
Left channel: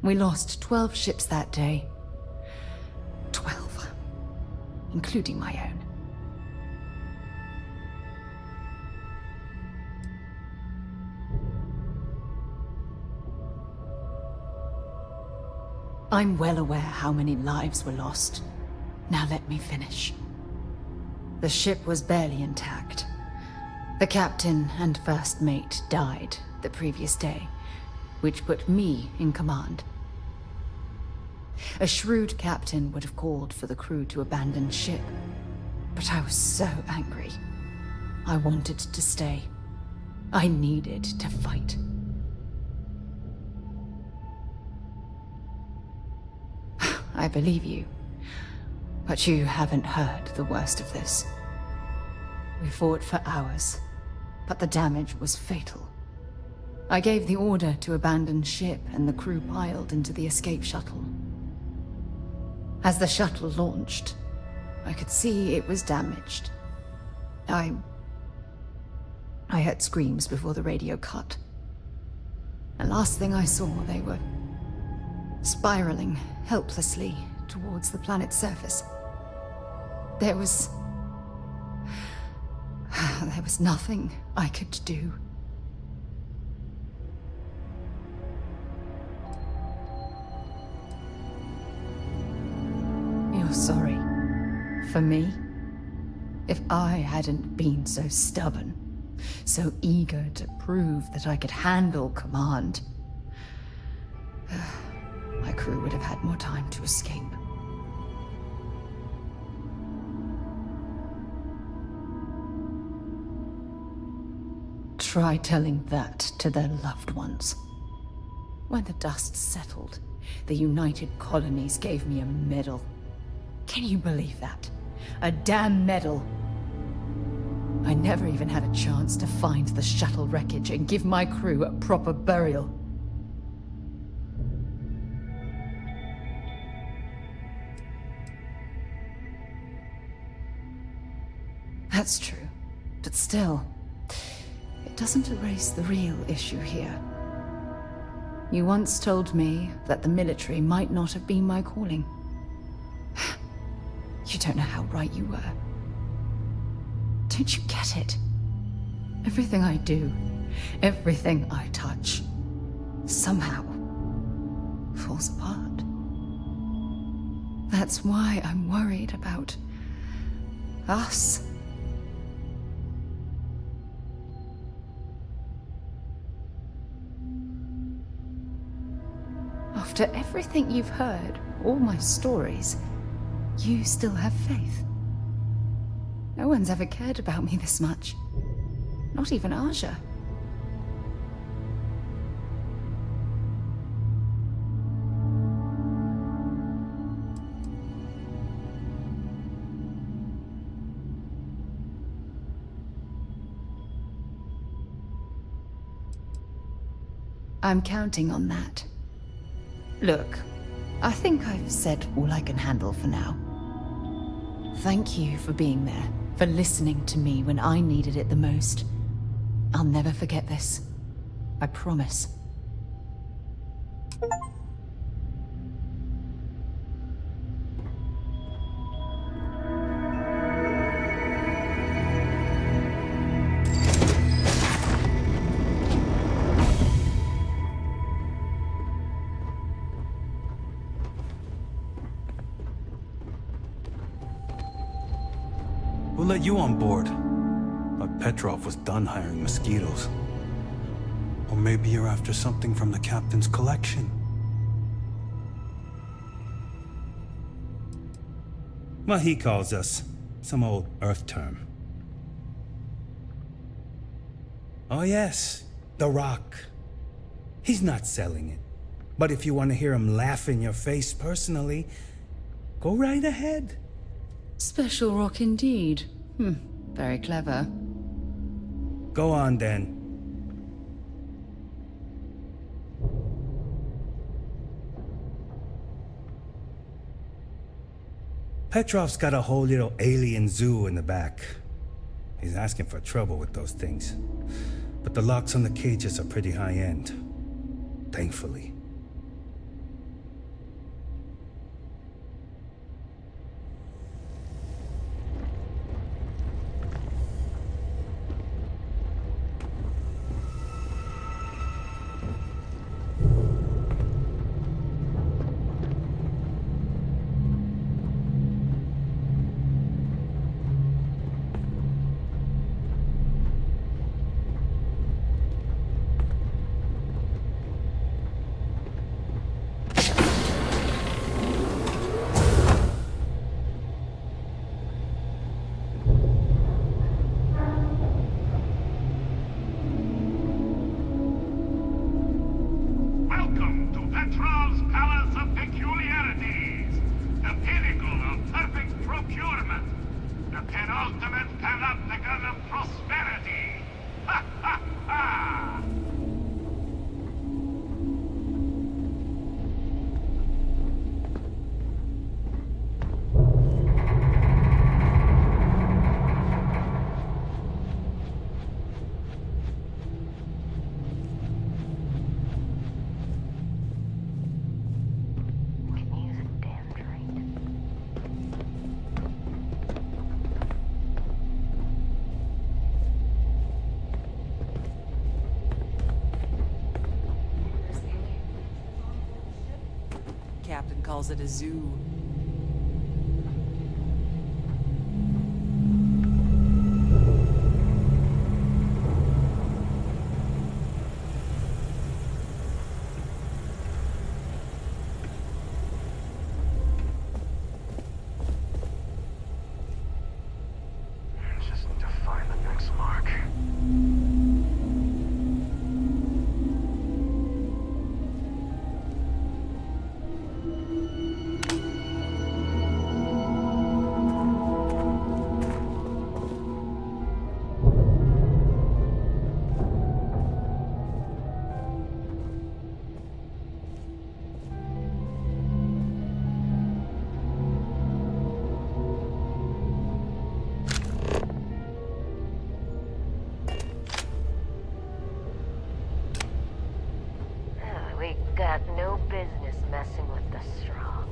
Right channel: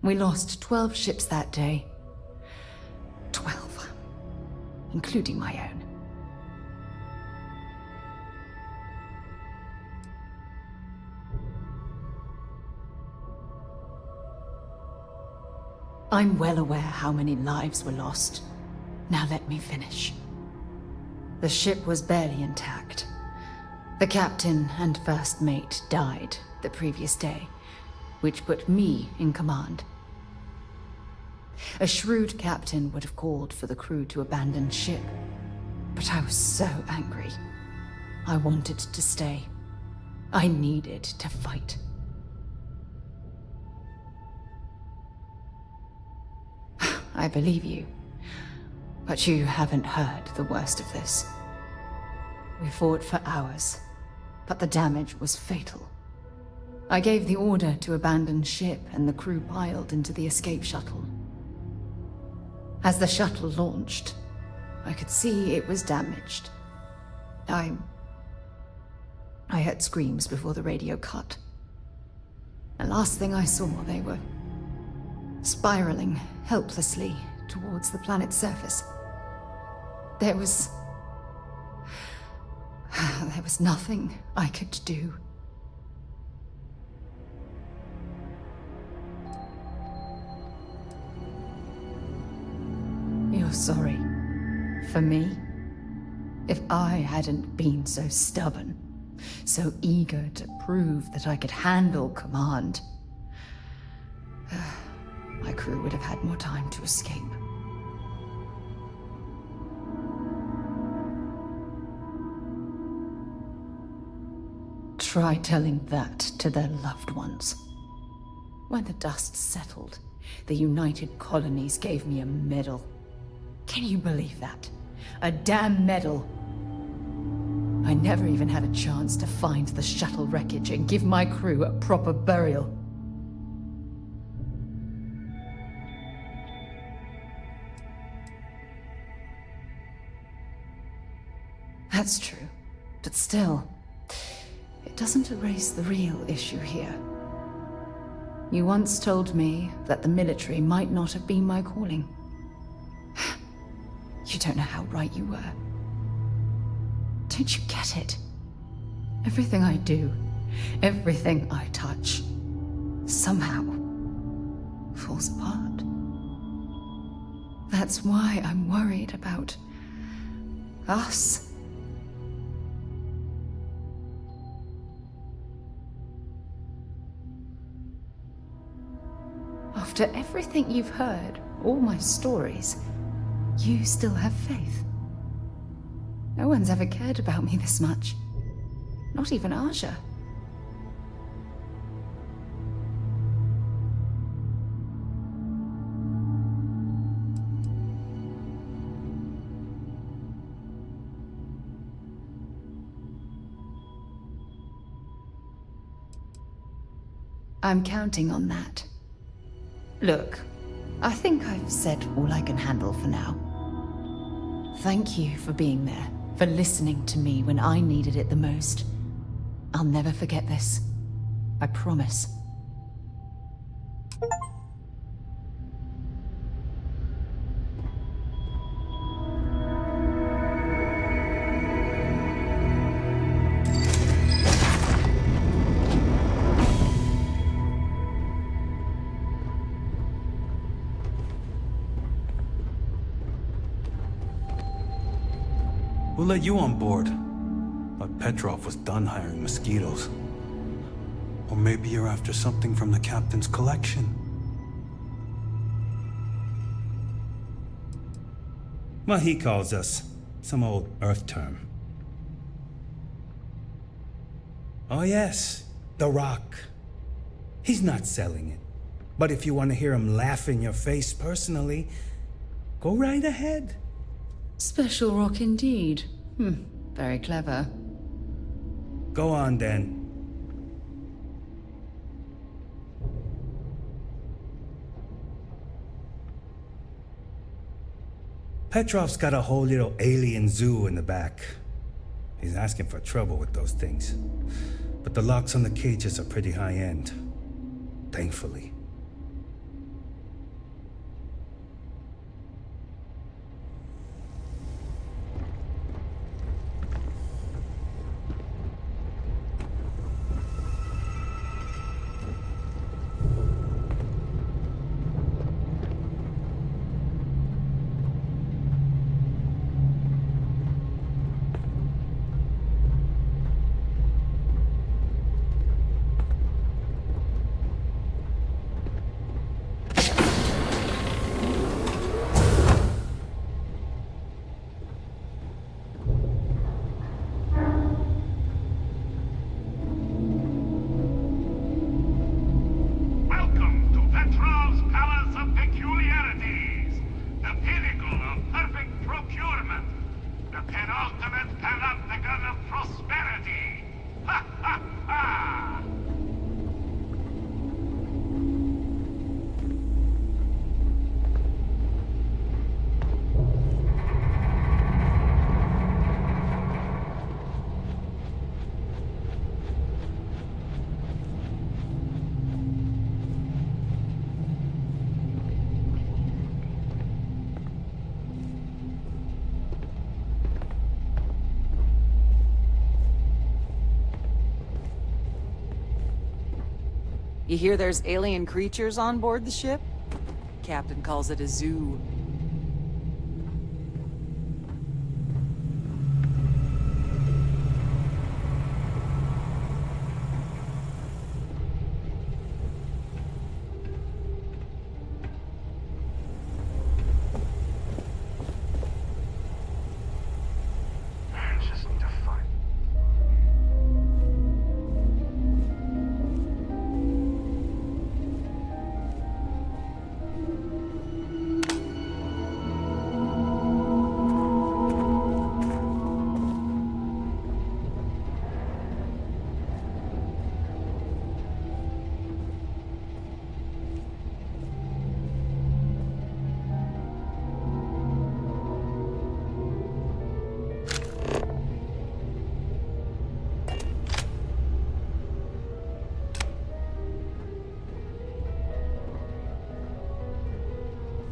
We lost 12 ships that day. 12. Including my own. I'm well aware how many lives were lost. Now let me finish. The ship was barely intact. The captain and first mate died the previous day, which put me in command. A shrewd captain would have called for the crew to abandon ship, but I was so angry. I wanted to stay. I needed to fight. I believe you. But you haven't heard the worst of this. We fought for hours, but the damage was fatal. I gave the order to abandon ship, and the crew piled into the escape shuttle. As the shuttle launched, I could see it was damaged. I heard screams before the radio cut. And last thing I saw, they were spiraling helplessly towards the planet's surface. There was nothing I could do. You're sorry. For me? If I hadn't been so stubborn, so eager to prove that I could handle command, my crew would have had more time to escape. Try telling that to their loved ones. When the dust settled, the United Colonies gave me a medal. Can you believe that? A damn medal. I never even had a chance to find the shuttle wreckage and give my crew a proper burial. That's true, but still, it doesn't erase the real issue here. You once told me that the military might not have been my calling. You don't know how right you were. Don't you get it? Everything I do, everything I touch, somehow falls apart. That's why I'm worried about us. After everything you've heard, all my stories, you still have faith. No one's ever cared about me this much. Not even Aja. I'm counting on that. Look, I think I've said all I can handle for now. Thank you for being there, for listening to me when I needed it the most. I'll never forget this. I promise. We'll let you on board. But Petrov was done hiring mosquitoes. Or maybe you're after something from the captain's collection. Well, he calls us. Some old Earth term. Oh yes, the Rock. He's not selling it. But if you want to hear him laugh in your face personally, go right ahead. Special rock indeed. Very clever. Go on then. Petrov's got a whole little alien zoo in the back. He's asking for trouble with those things. But the locks on the cages are pretty high-end. Thankfully. You hear there's alien creatures on board the ship? Captain calls it a zoo. Just need to find the next mark. We got no business messing with the strong.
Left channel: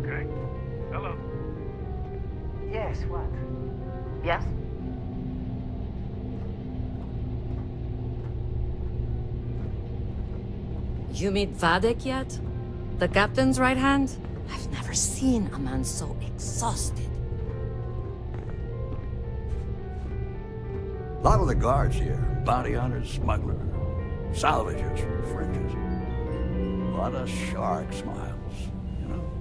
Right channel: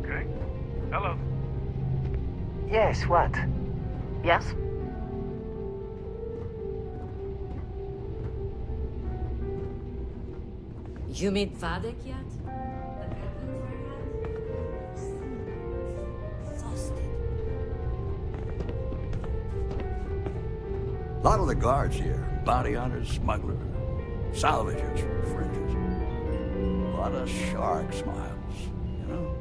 Okay. Hello. Yes, what? Yes? You meet Vadek yet? The captain's right hand? I've never seen a man so exhausted. A lot of the guards here, bounty hunters, smugglers, salvagers from the fringes. A lot of shark smiles, you know?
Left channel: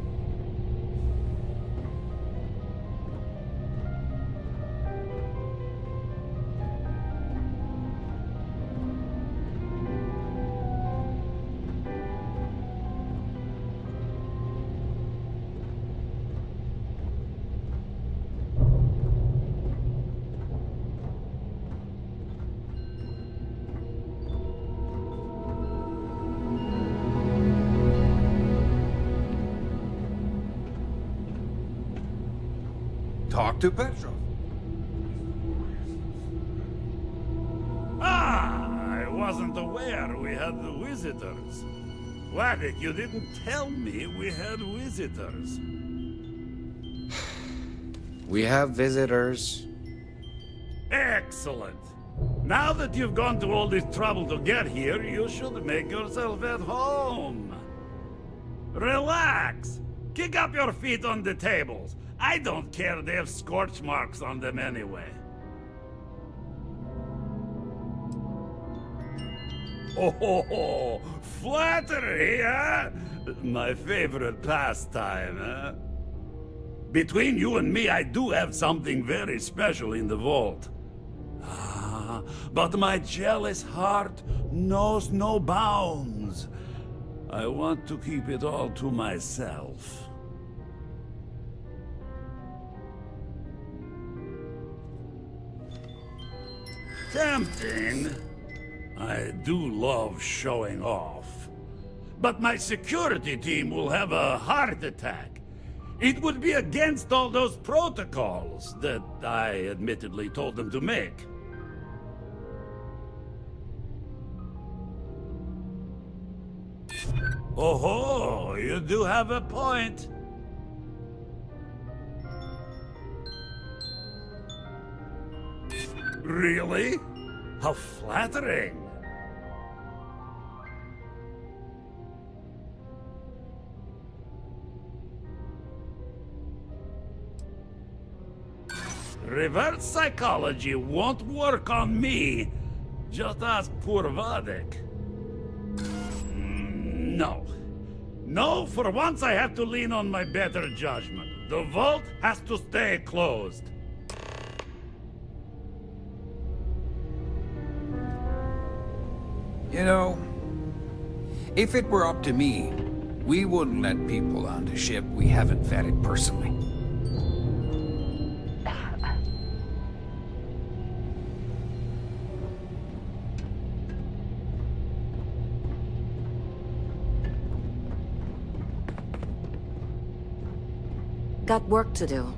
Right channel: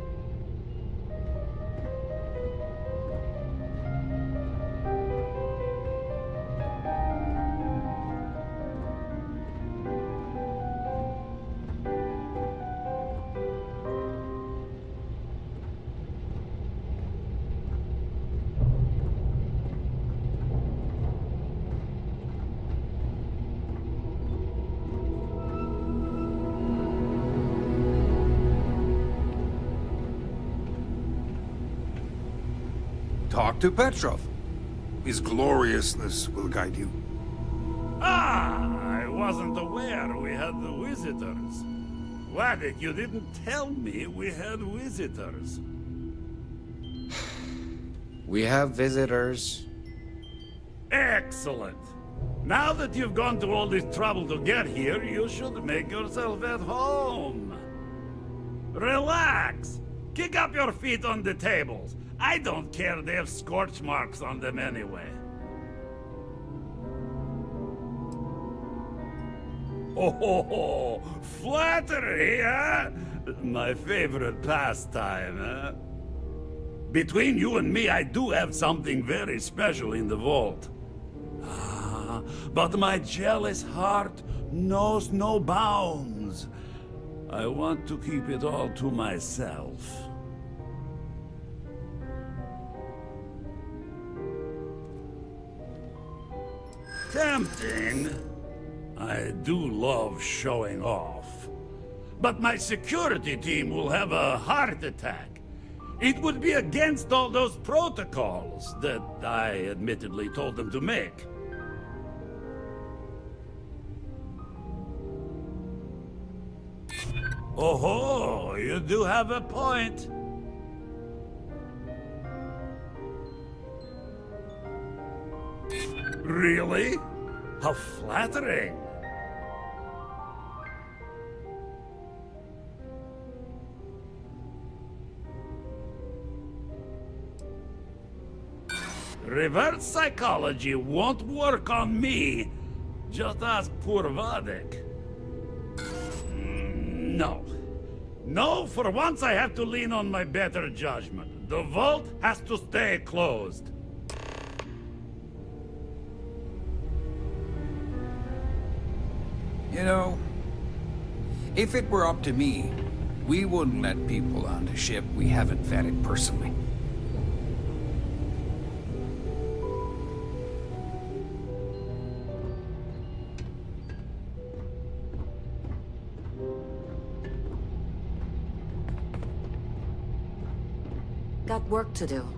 Talk to Petrov. His gloriousness will guide you. Ah, I wasn't aware we had the visitors. Waddick, you didn't tell me we had visitors. We have visitors. Excellent. Now that you've gone to all this trouble to get here, you should make yourself at home. Relax. Kick up your feet on the tables. I don't care, they have scorch marks on them anyway. Oh, flattery, huh? My favorite pastime, huh? Between you and me, I do have something very special in the vault. Ah, but my jealous heart knows no bounds. I want to keep it all to myself. Tempting. I do love showing off. But my security team will have a heart attack. It would be against all those protocols that I admittedly told them to make. Oh, you do have a point. Really? How flattering. Reverse psychology won't work on me. Just ask poor Vadek. No. No, for once I have to lean on my better judgment. The vault has to stay closed. You know, if it were up to me, we wouldn't let people on the ship we haven't vetted personally. Got work to do.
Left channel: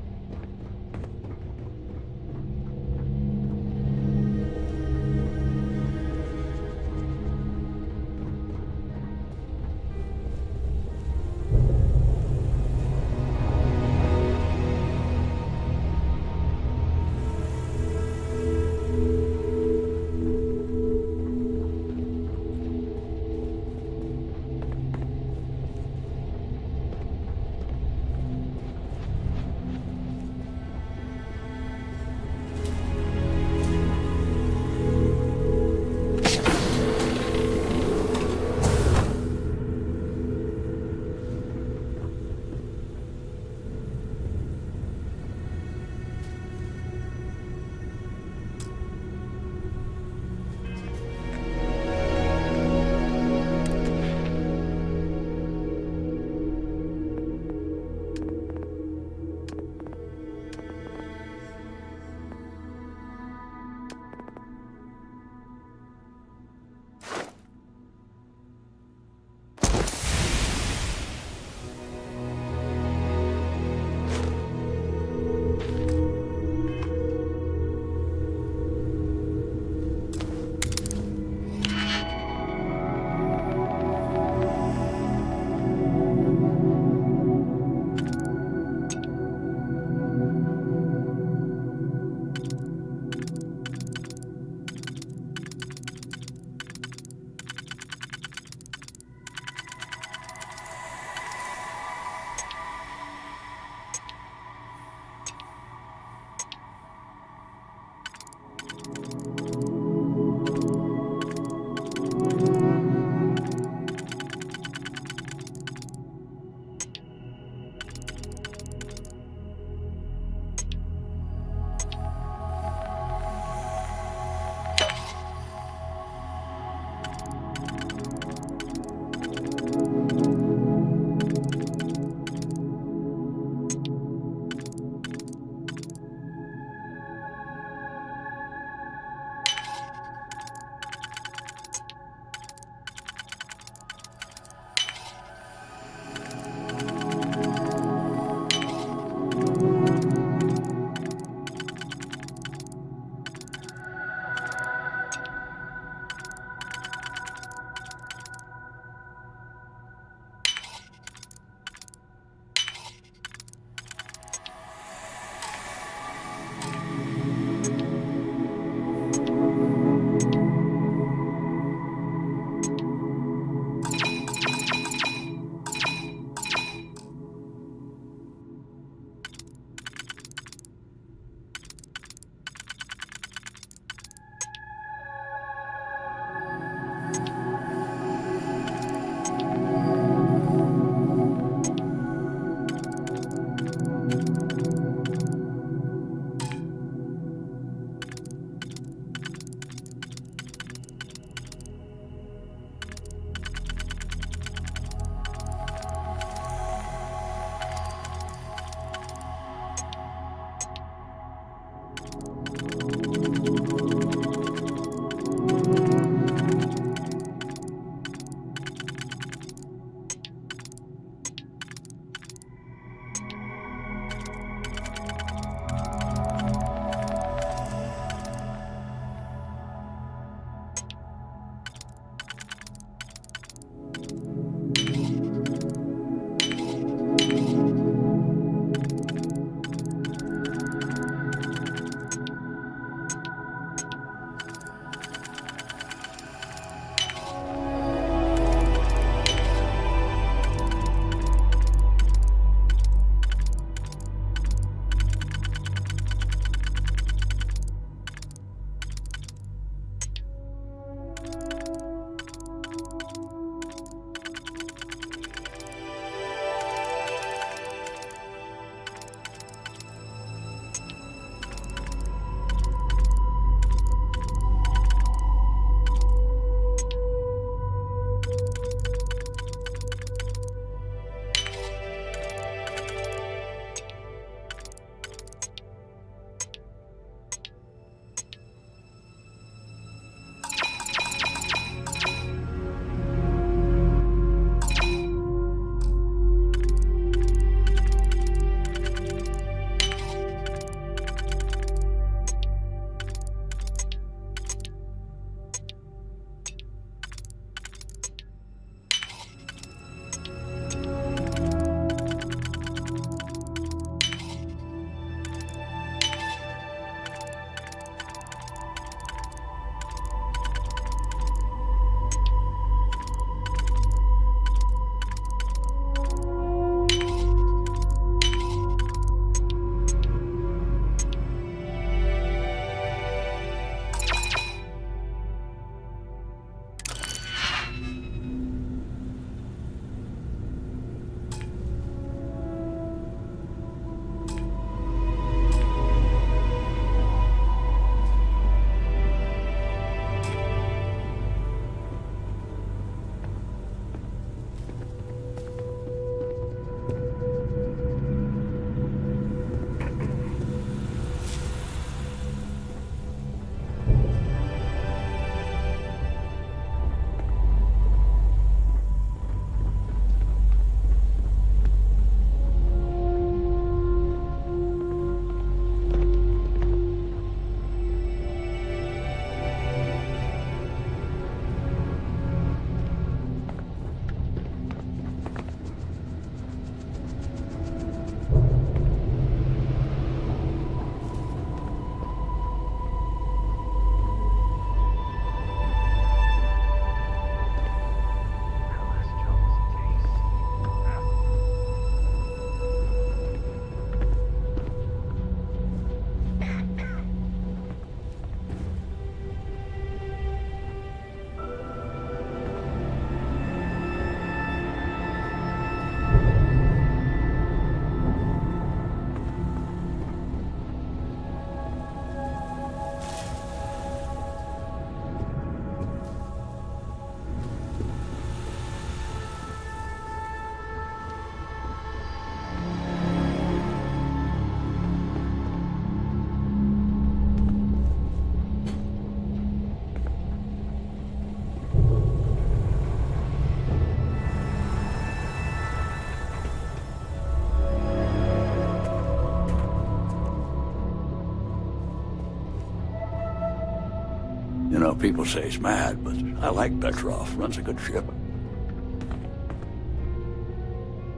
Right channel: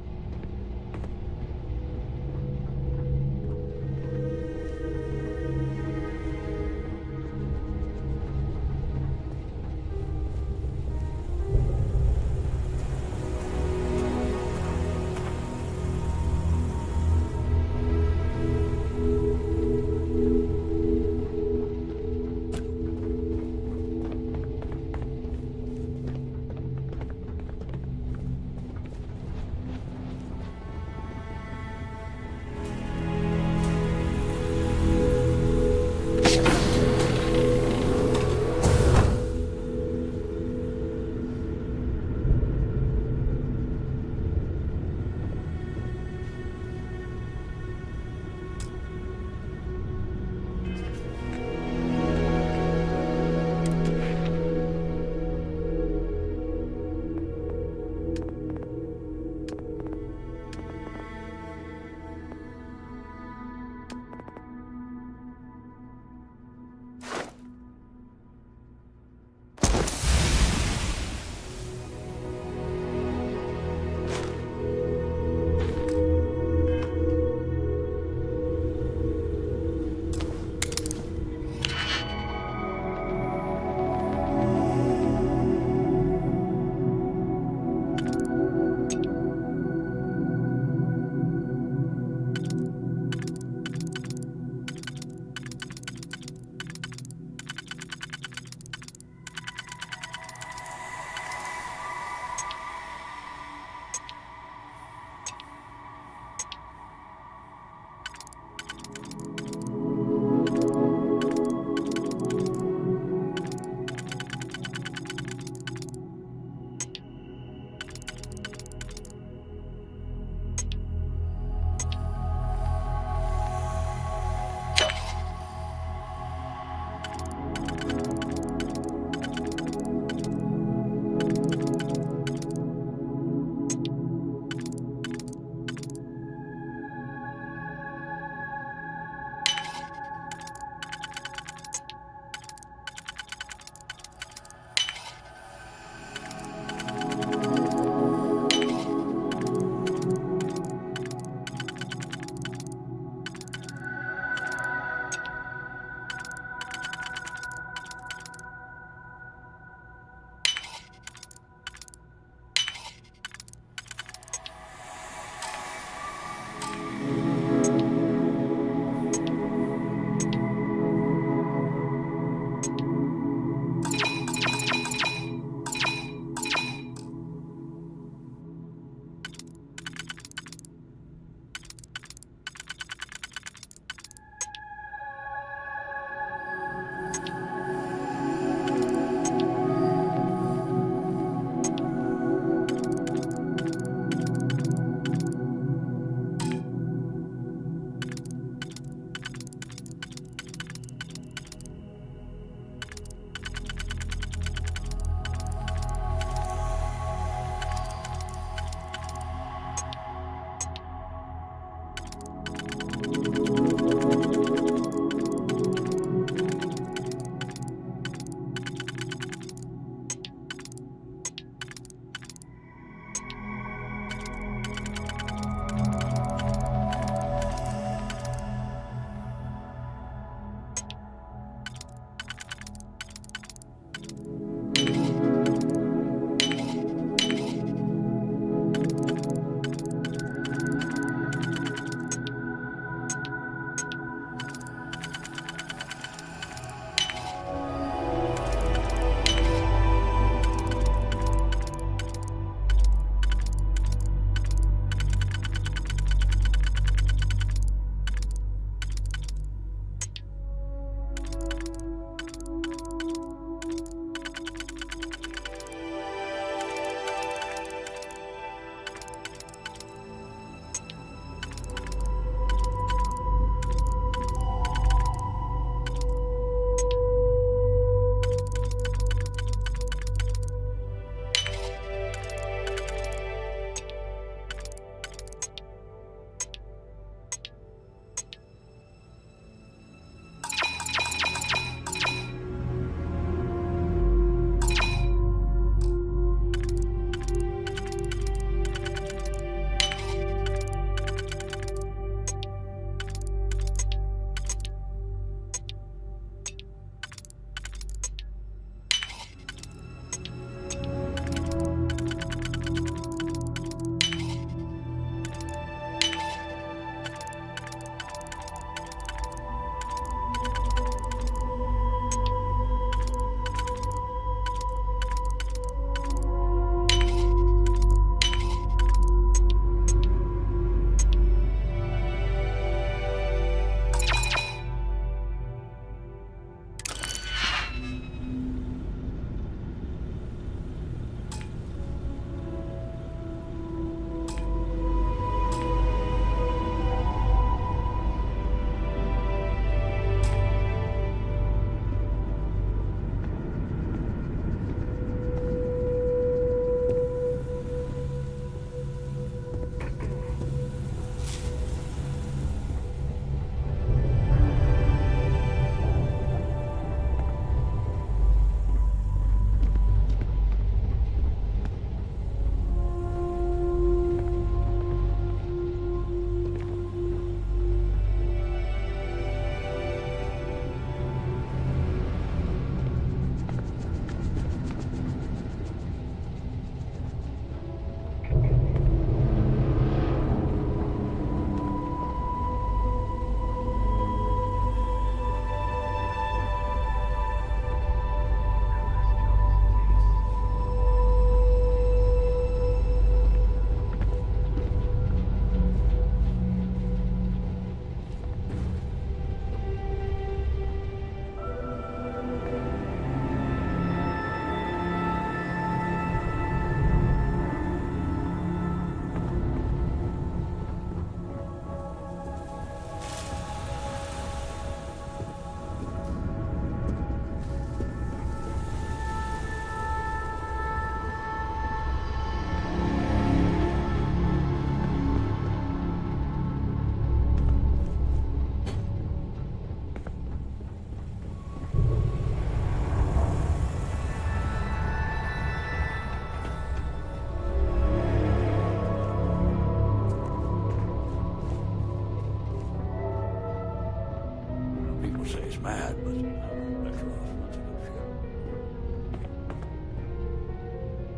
Well, people say he's mad, but I like Petrov. Runs a good ship.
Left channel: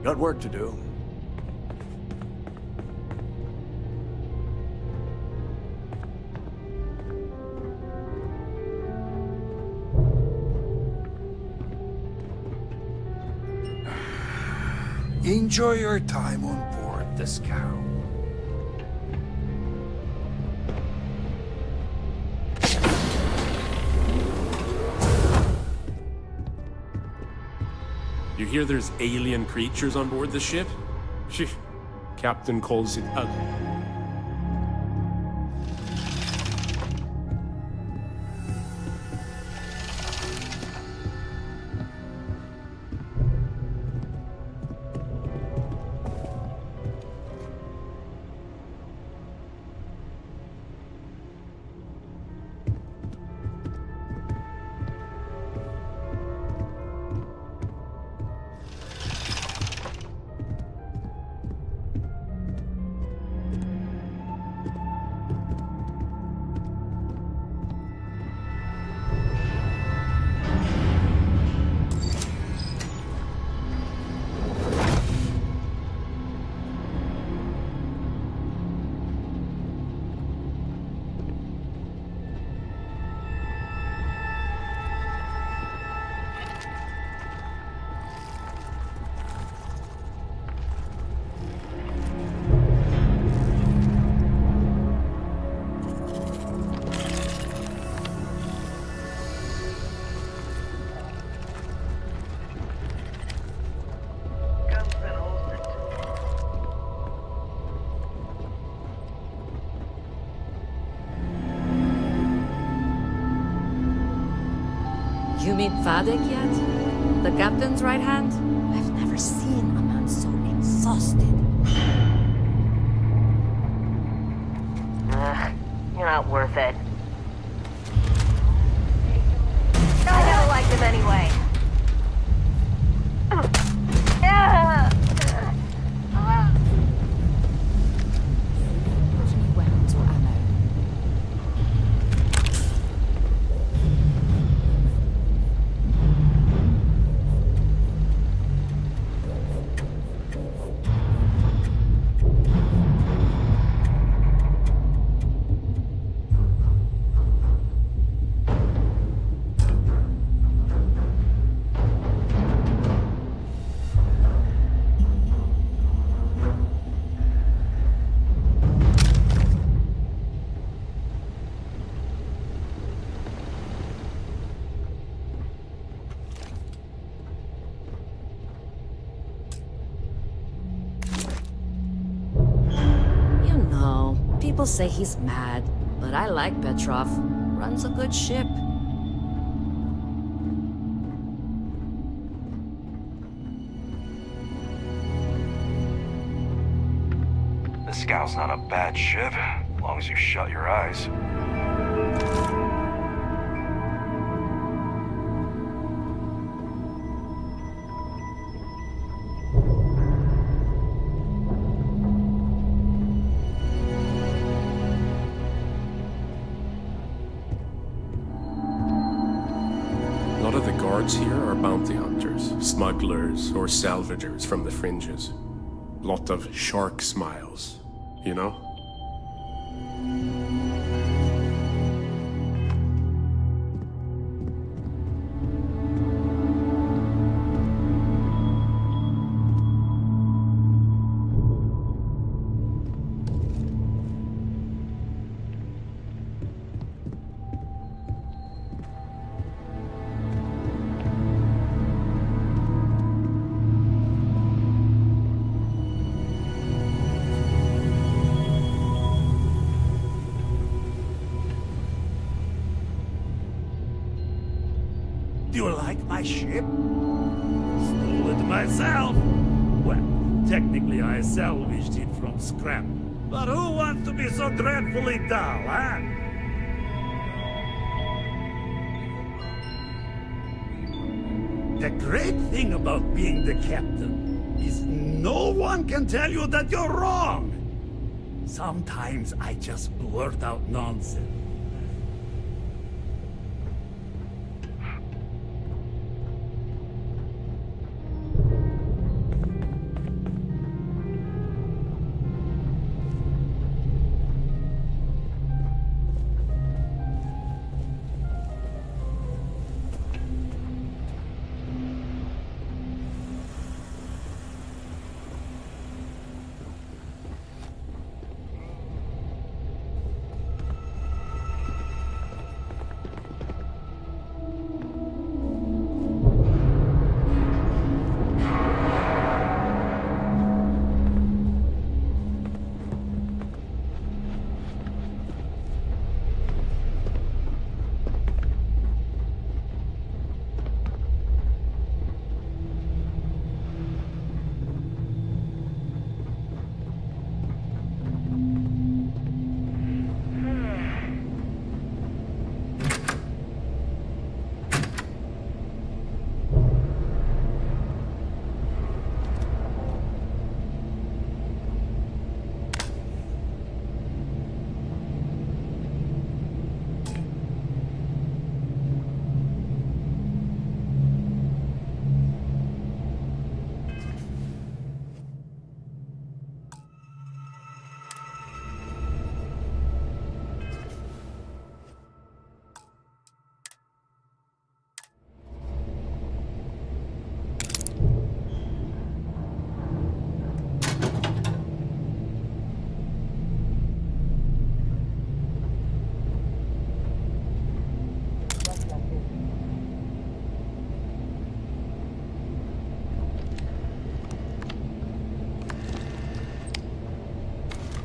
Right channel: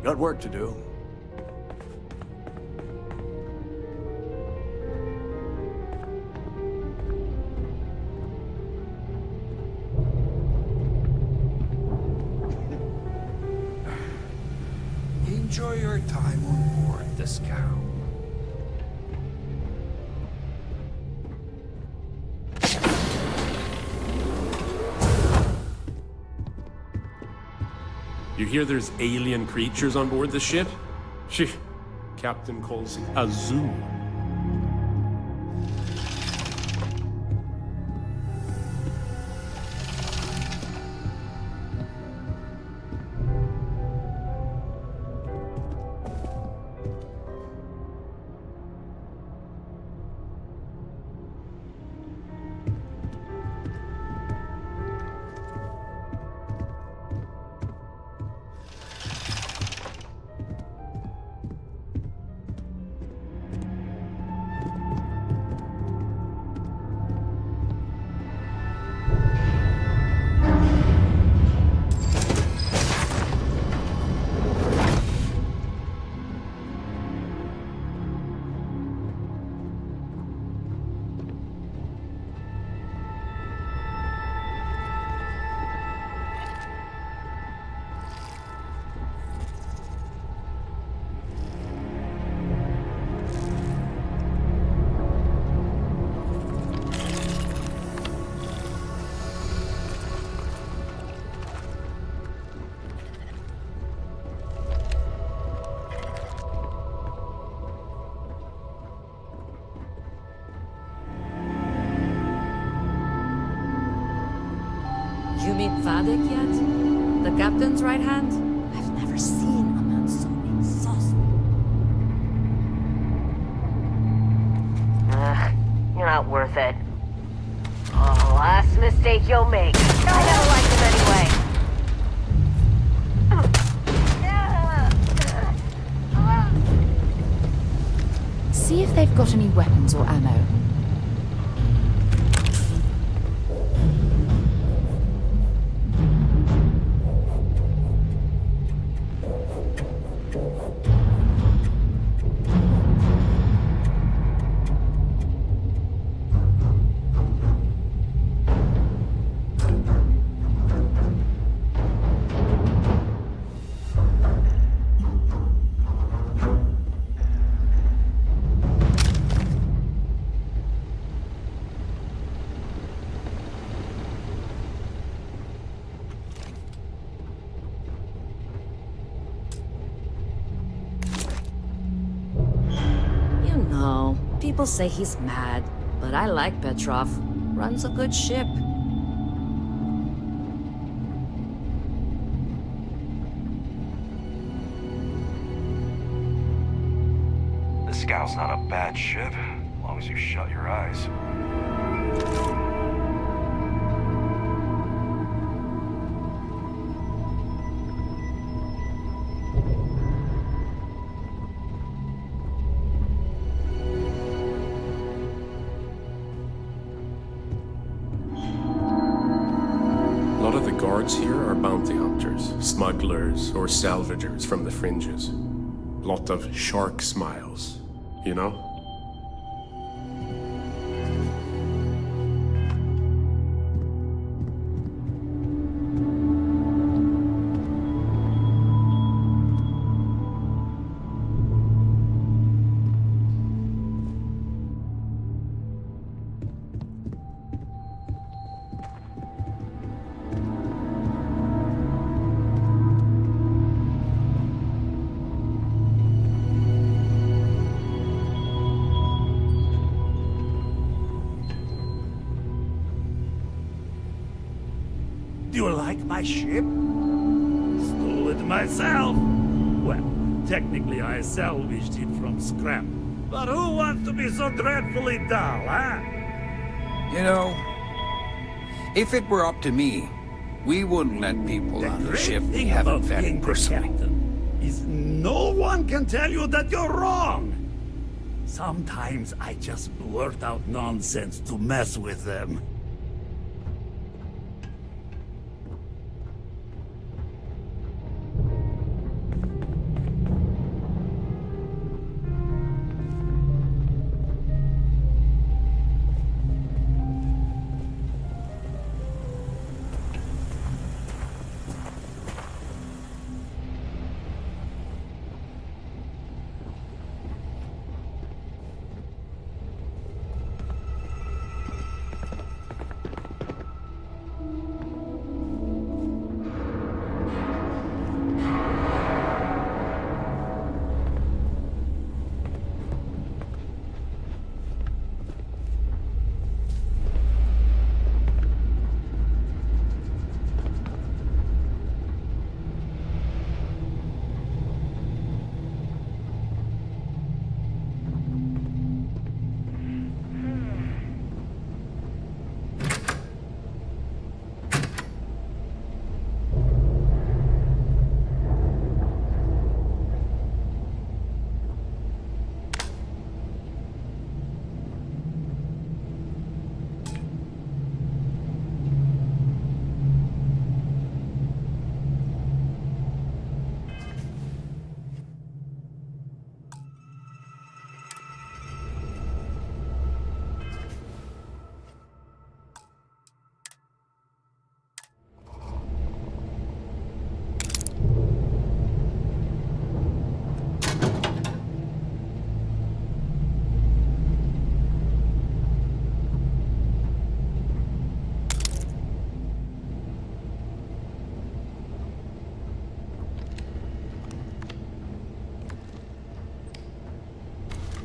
Got work to do. Enjoy your time on board the scow. You hear there's alien creatures on board the ship? Shh. Captain calls it a zoo. You meet Vadik yet? The captain's right hand? I've never seen a man so exhausted. You're not worth it. Oh, last mistake you'll make. I never liked him anyway. See if they've got any weapons or ammo. People say he's mad, but I like Petrov. Runs a good ship. The Scow's not a bad ship, as long as you shut your eyes. A lot of the guards here are bounty hunters, smugglers, or salvagers from the fringes. Lot of shark smiles, you know? Do you like my ship? Stole it myself. Well, technically I salvaged it from scrap. But who wants to be so dreadfully dull, huh? You know, if it were up to me, we wouldn't let people The on the great ship we thing haven't about vetted being the personally. captain is no one can tell you that you're wrong. Sometimes I just blurt out nonsense to mess with them.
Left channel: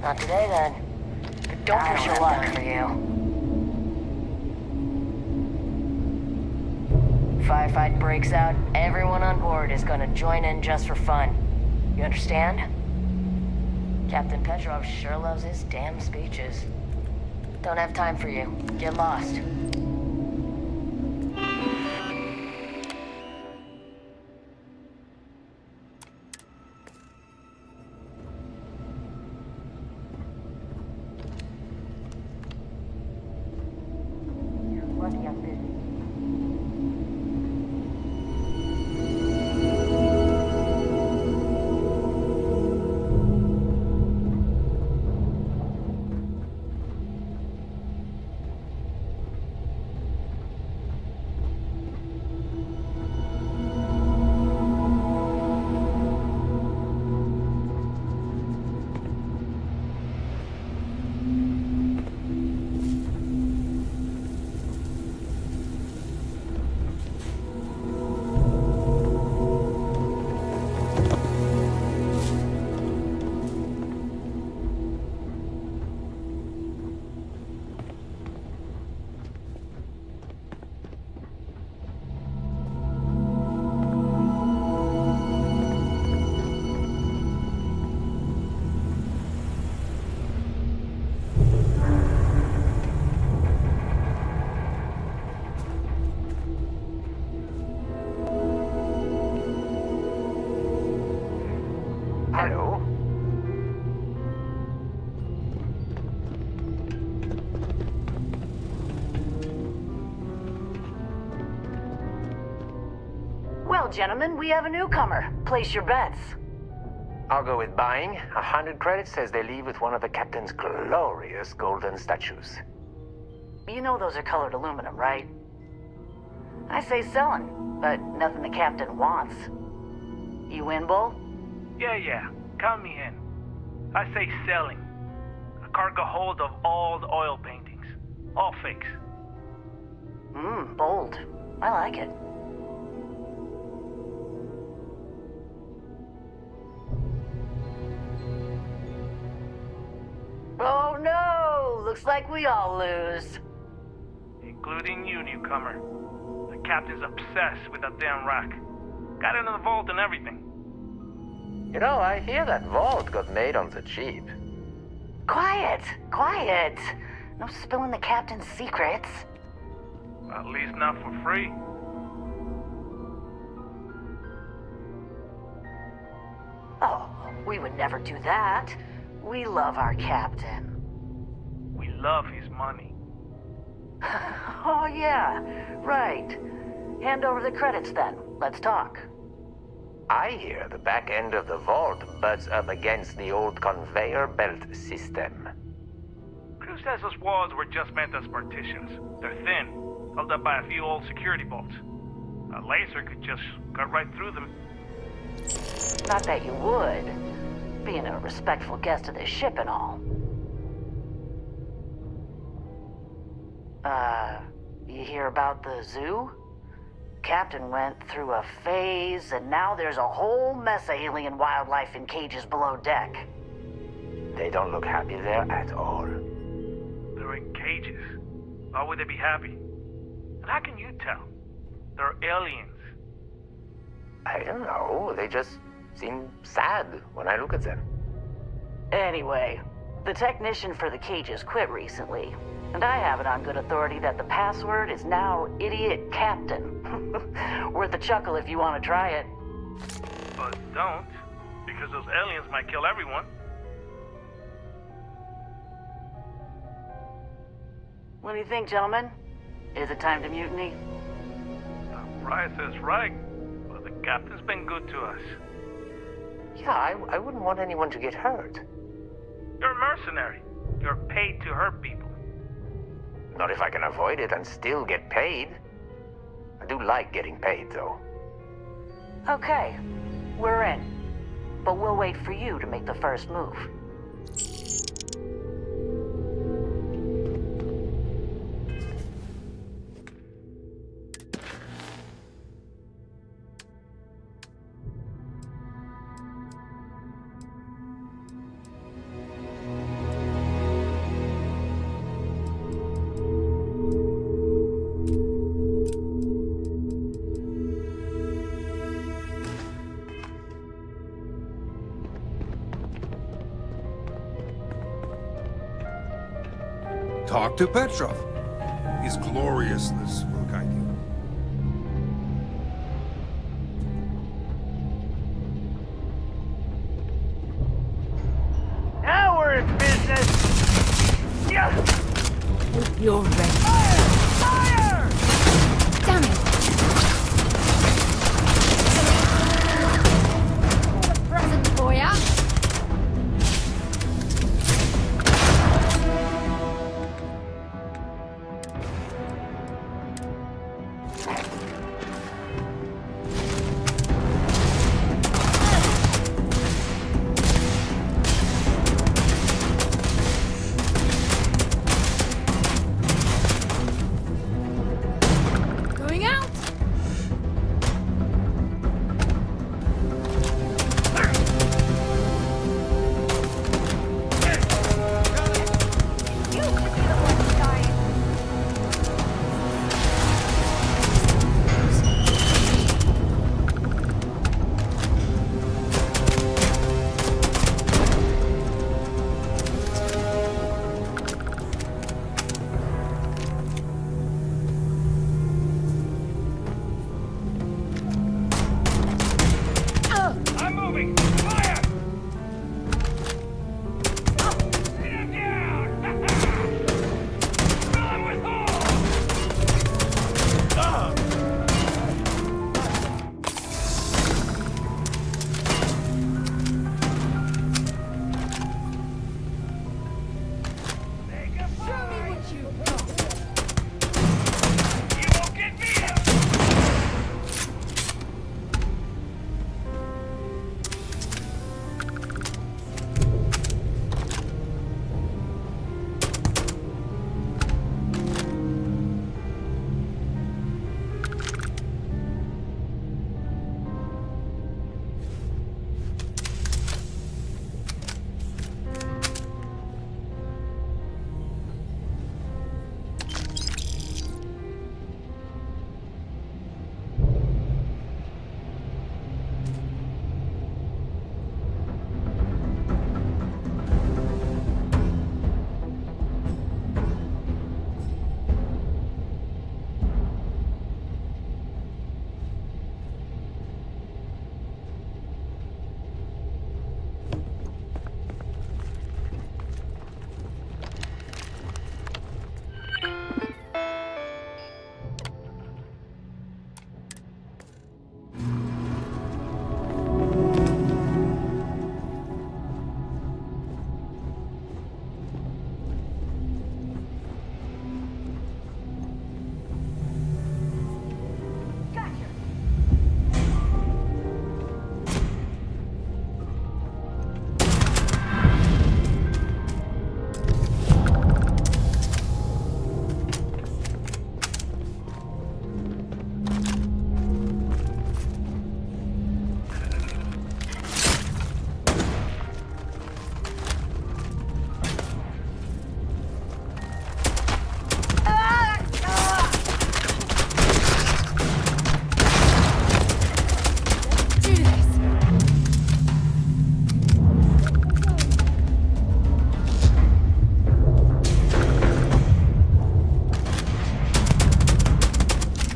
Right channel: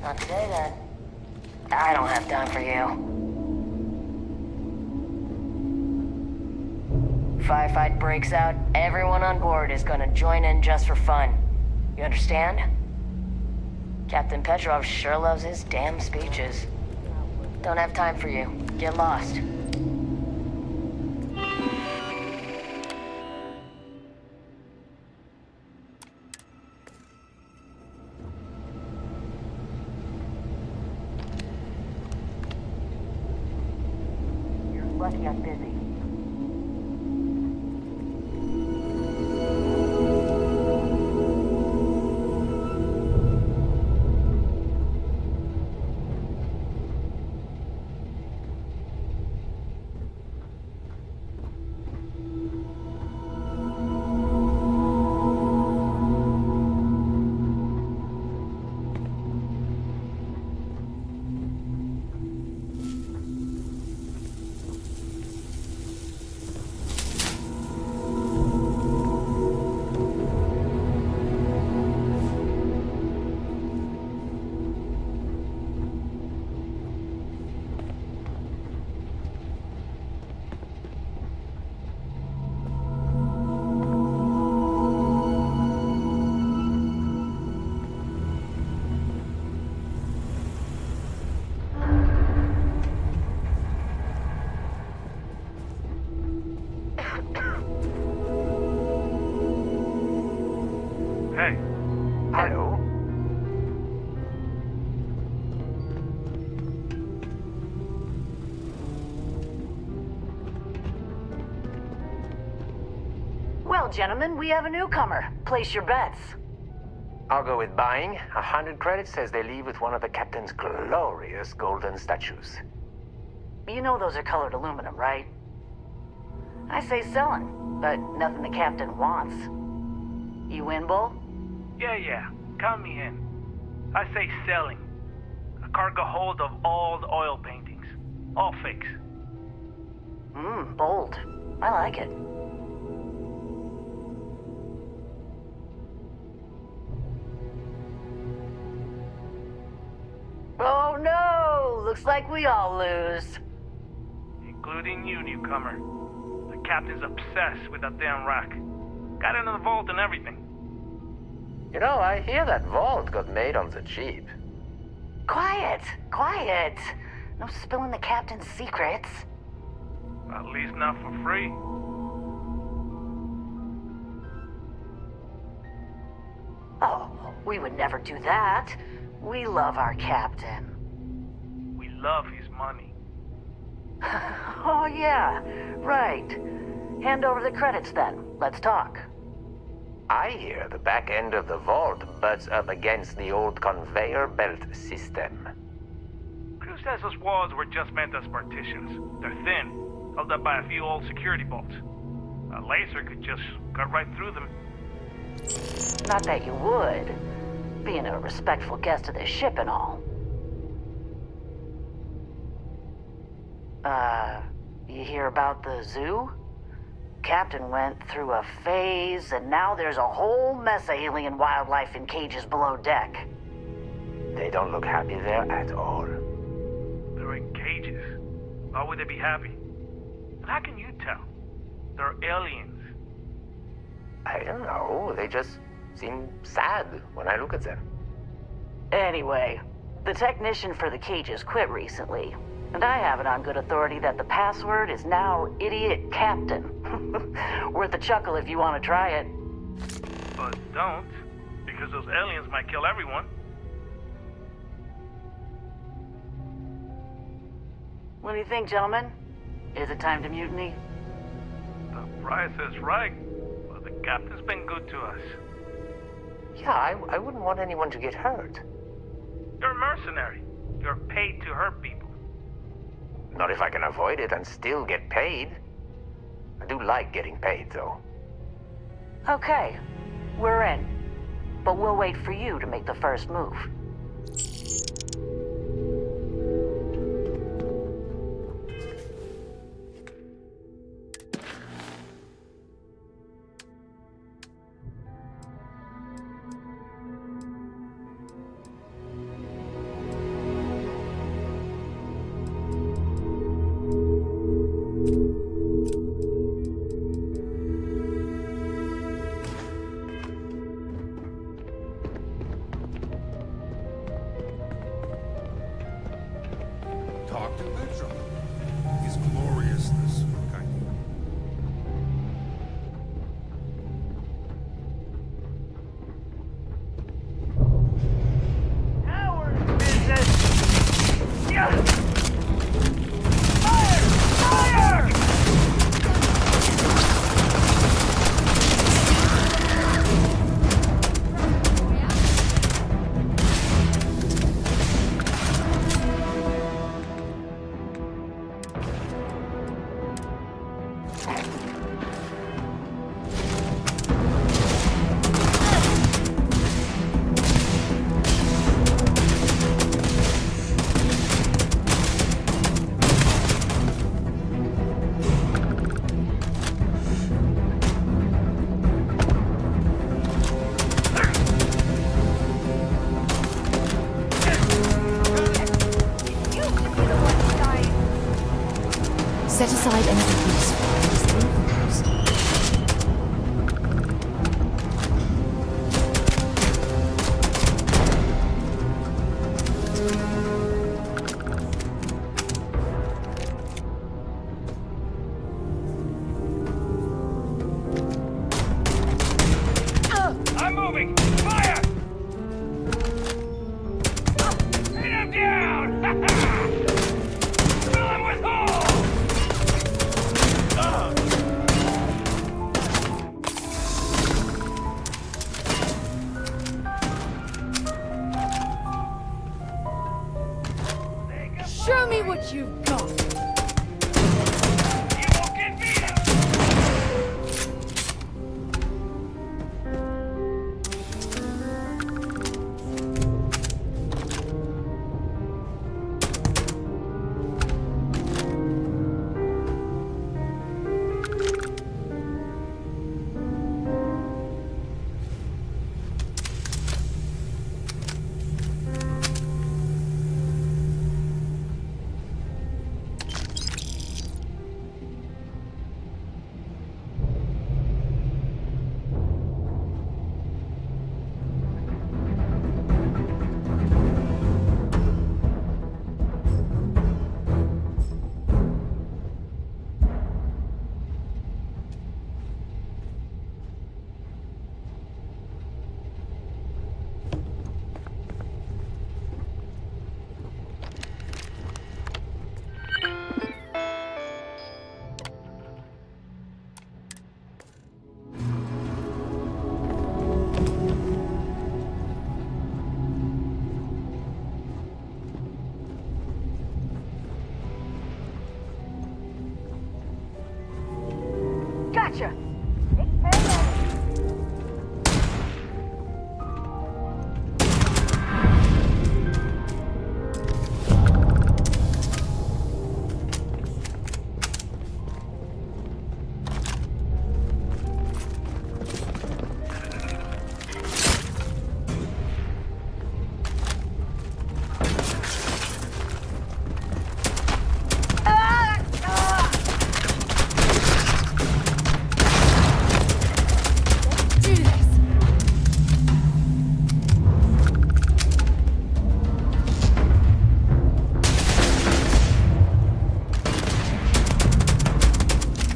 Not today, then. I don't have time for you. Firefight breaks out, everyone on board is gonna join in just for fun. You understand? Captain Petrov sure loves his damn speeches. Don't have time for you. Get lost. You're lucky I'm busy. Hello? Well, gentlemen, we have a newcomer. Place your bets. I'll go with buying. 100 credits says they leave with one of the captain's glorious golden statues. You know those are colored aluminum, right? I say selling, but nothing the captain wants. You in, Bull? Yeah. Count me in. I say selling. A cargo hold of all the oil paintings. All fakes. Bold. I like it. Oh no! Looks like we all lose. Including you, newcomer. The captain's obsessed with that damn rack. Got it in the vault and everything. You know, I hear that vault got made on the cheap. Quiet! No spilling the captain's secrets. At least not for free. Oh, we would never do that. We love our captain. We love his money. Oh yeah, right. Hand over the credits then. Let's talk. I hear the back end of the vault butts up against the old conveyor belt system. Crew says those walls were just meant as partitions. They're thin, held up by a few old security bolts. A laser could just cut right through them. Not that you would. Being a respectful guest of this ship and all. You hear about the zoo? Captain went through a phase, and now there's a whole mess of alien wildlife in cages below deck. They don't look happy there at all. They're in cages. Why would they be happy? And how can you tell? They're aliens. I don't know. They just seem sad when I look at them. Anyway, the technician for the cages quit recently. And I have it on good authority that the password is now Idiot Captain. Worth a chuckle if you want to try it. But don't, because those aliens might kill everyone. What do you think, gentlemen? Is it time to mutiny? The price is right, but the captain's been good to us. Yeah, I wouldn't want anyone to get hurt. You're a mercenary. You're paid to hurt people. Not if I can avoid it and still get paid. I do like getting paid, though. Okay, we're in. But we'll wait for you to make the first move. Talk to Petrov. His gloriousness will guide you. Now we're in business! Yeah! You're ready. Fire! Fire! Damn it! Present for ya. Going out. You should be the one dying. Set aside enemies. I'm moving! Fire! Hit him down! Fill him with holes! Show me what you've got. You won't get beat up! Gotcha! Do this.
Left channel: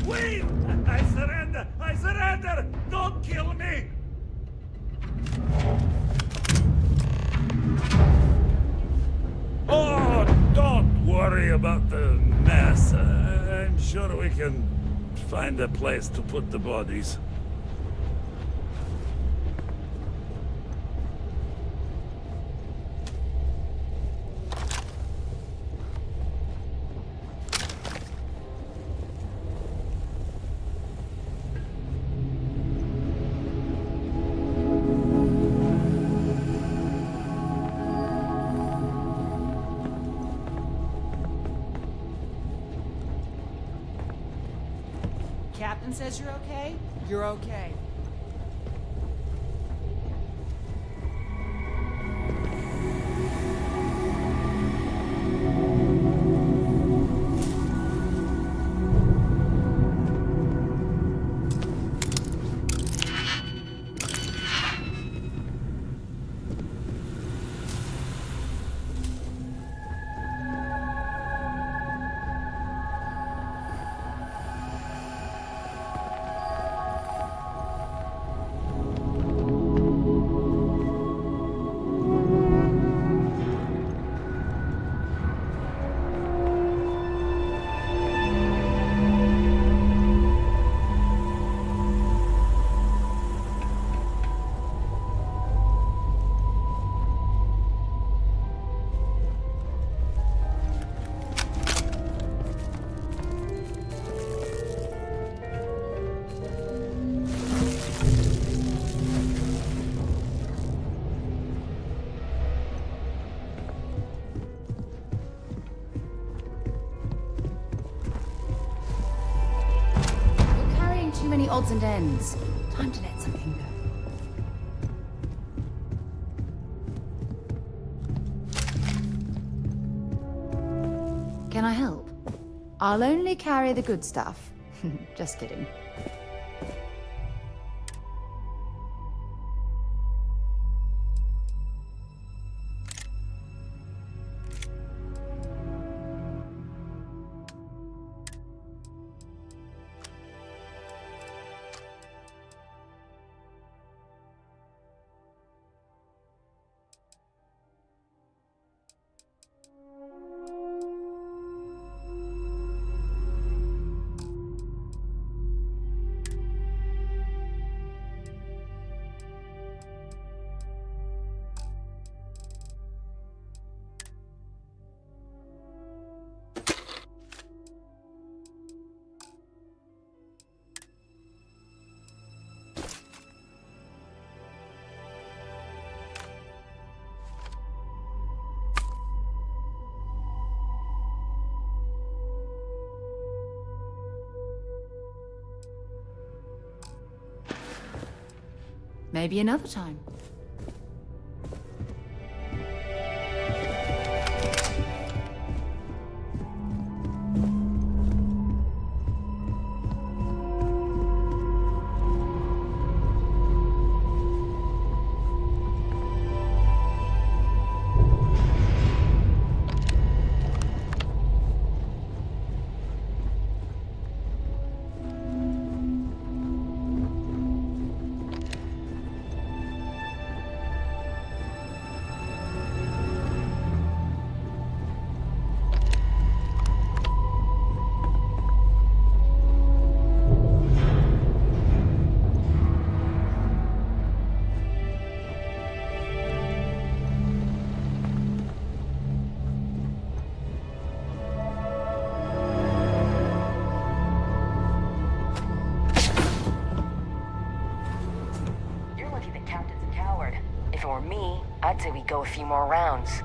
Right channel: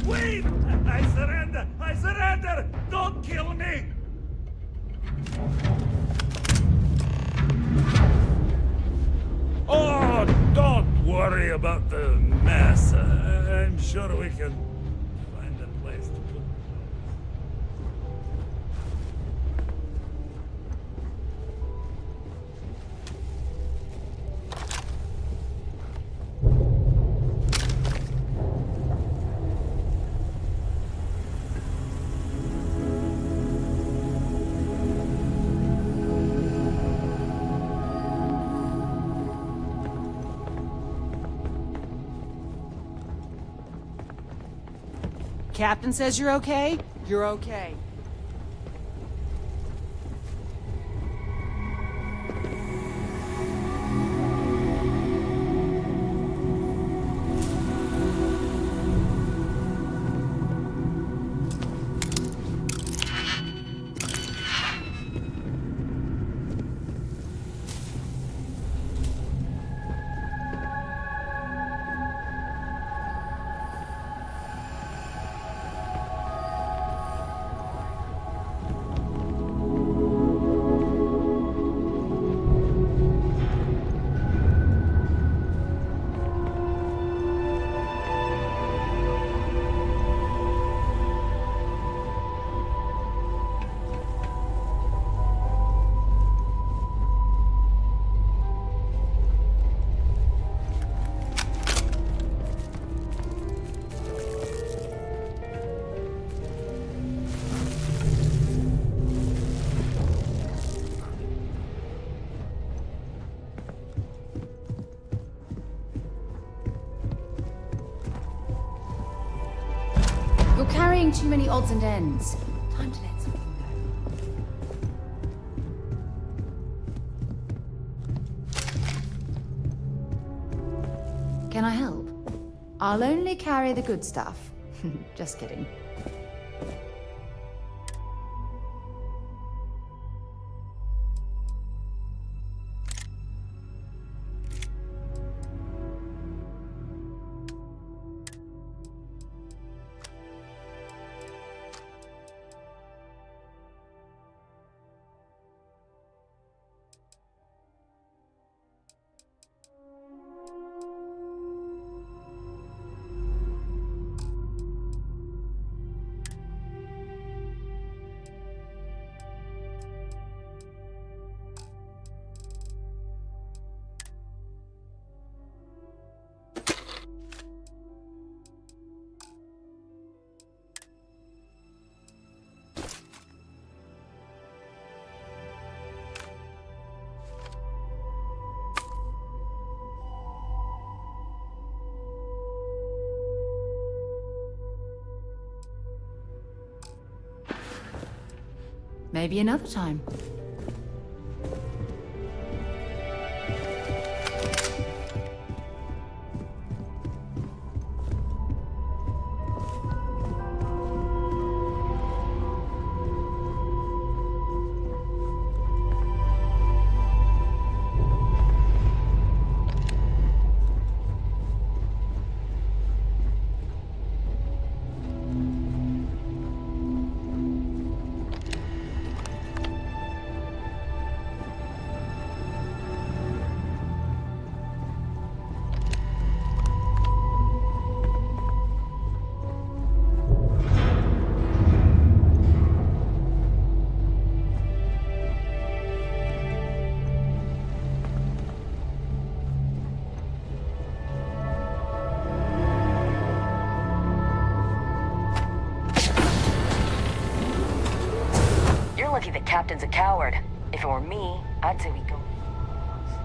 Wait! I surrender! I surrender! Don't kill me! Oh, don't worry about the mess. I'm sure we can find a place to put the bodies. Captain says you're okay? You're okay. too many odds and ends. Time to let something go. Can I help? I'll only carry the good stuff. Just kidding. Maybe another time. Lucky the captain's a coward. If it were me, I'd say we go a few more rounds.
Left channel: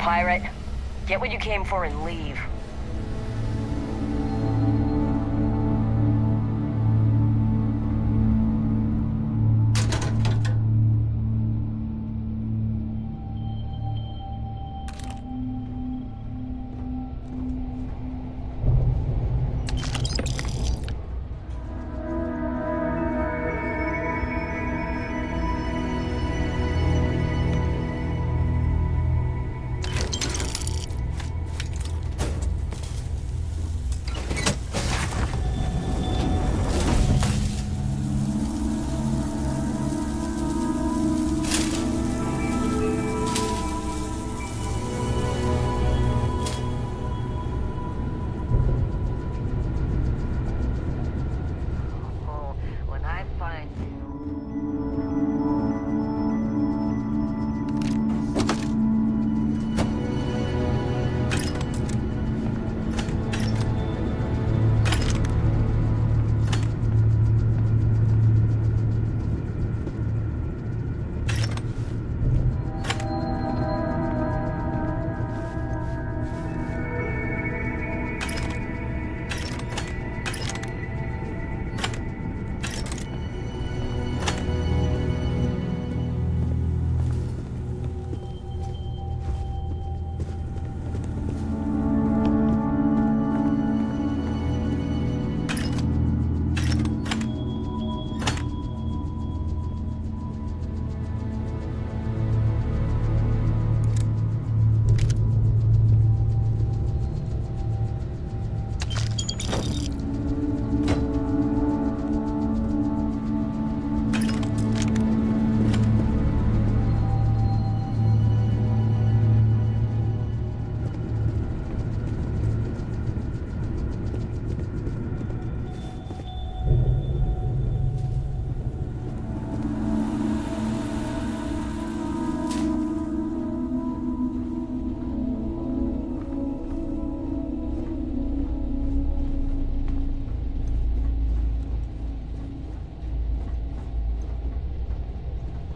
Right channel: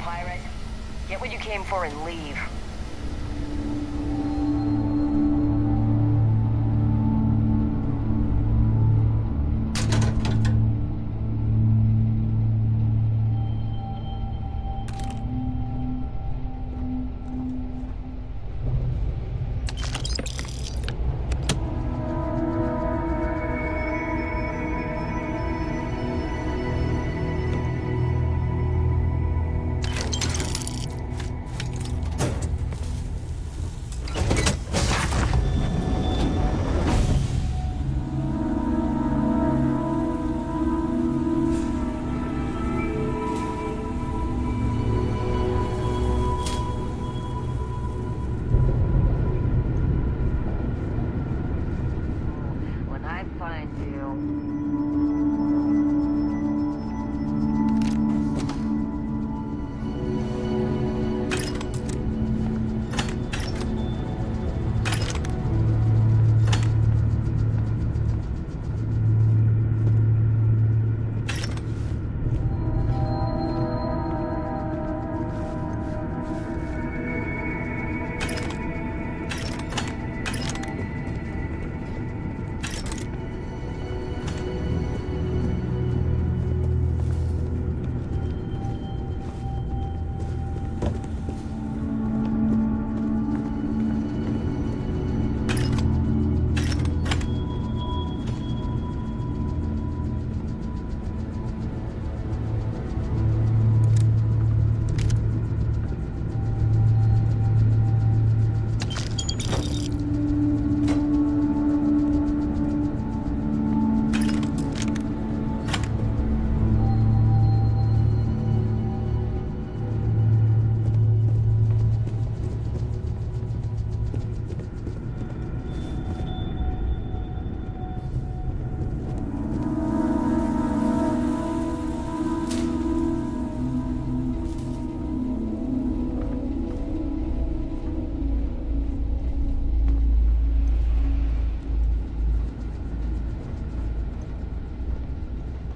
pirate. Get what you came for and leave. When I find you...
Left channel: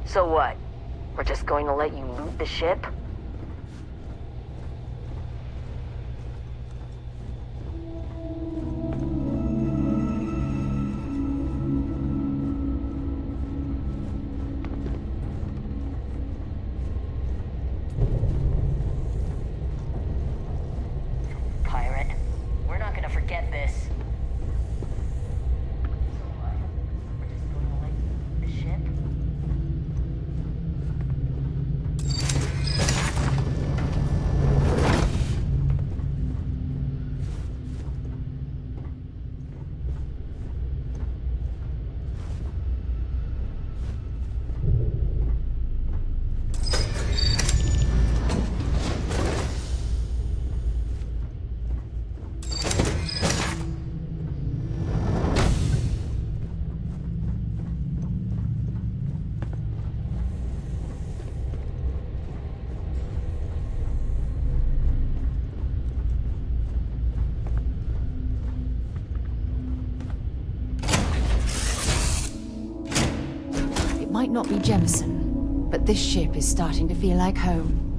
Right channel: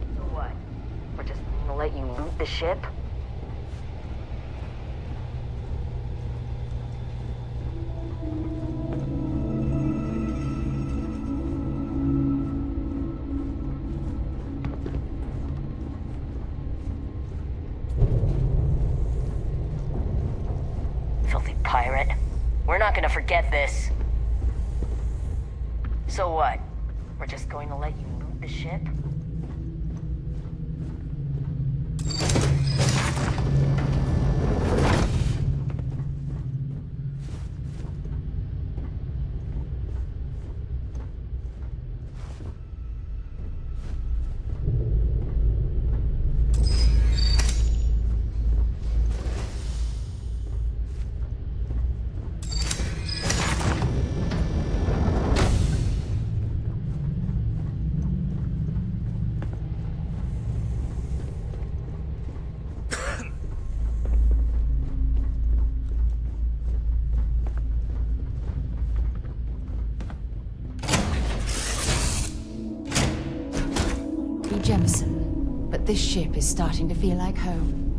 So what? We're just going to let you loot the ship? Filthy pirate. We're not gonna forget this. So what? We're just going to let you loot the ship? Might not be Jemison, but this ship is starting to feel like home.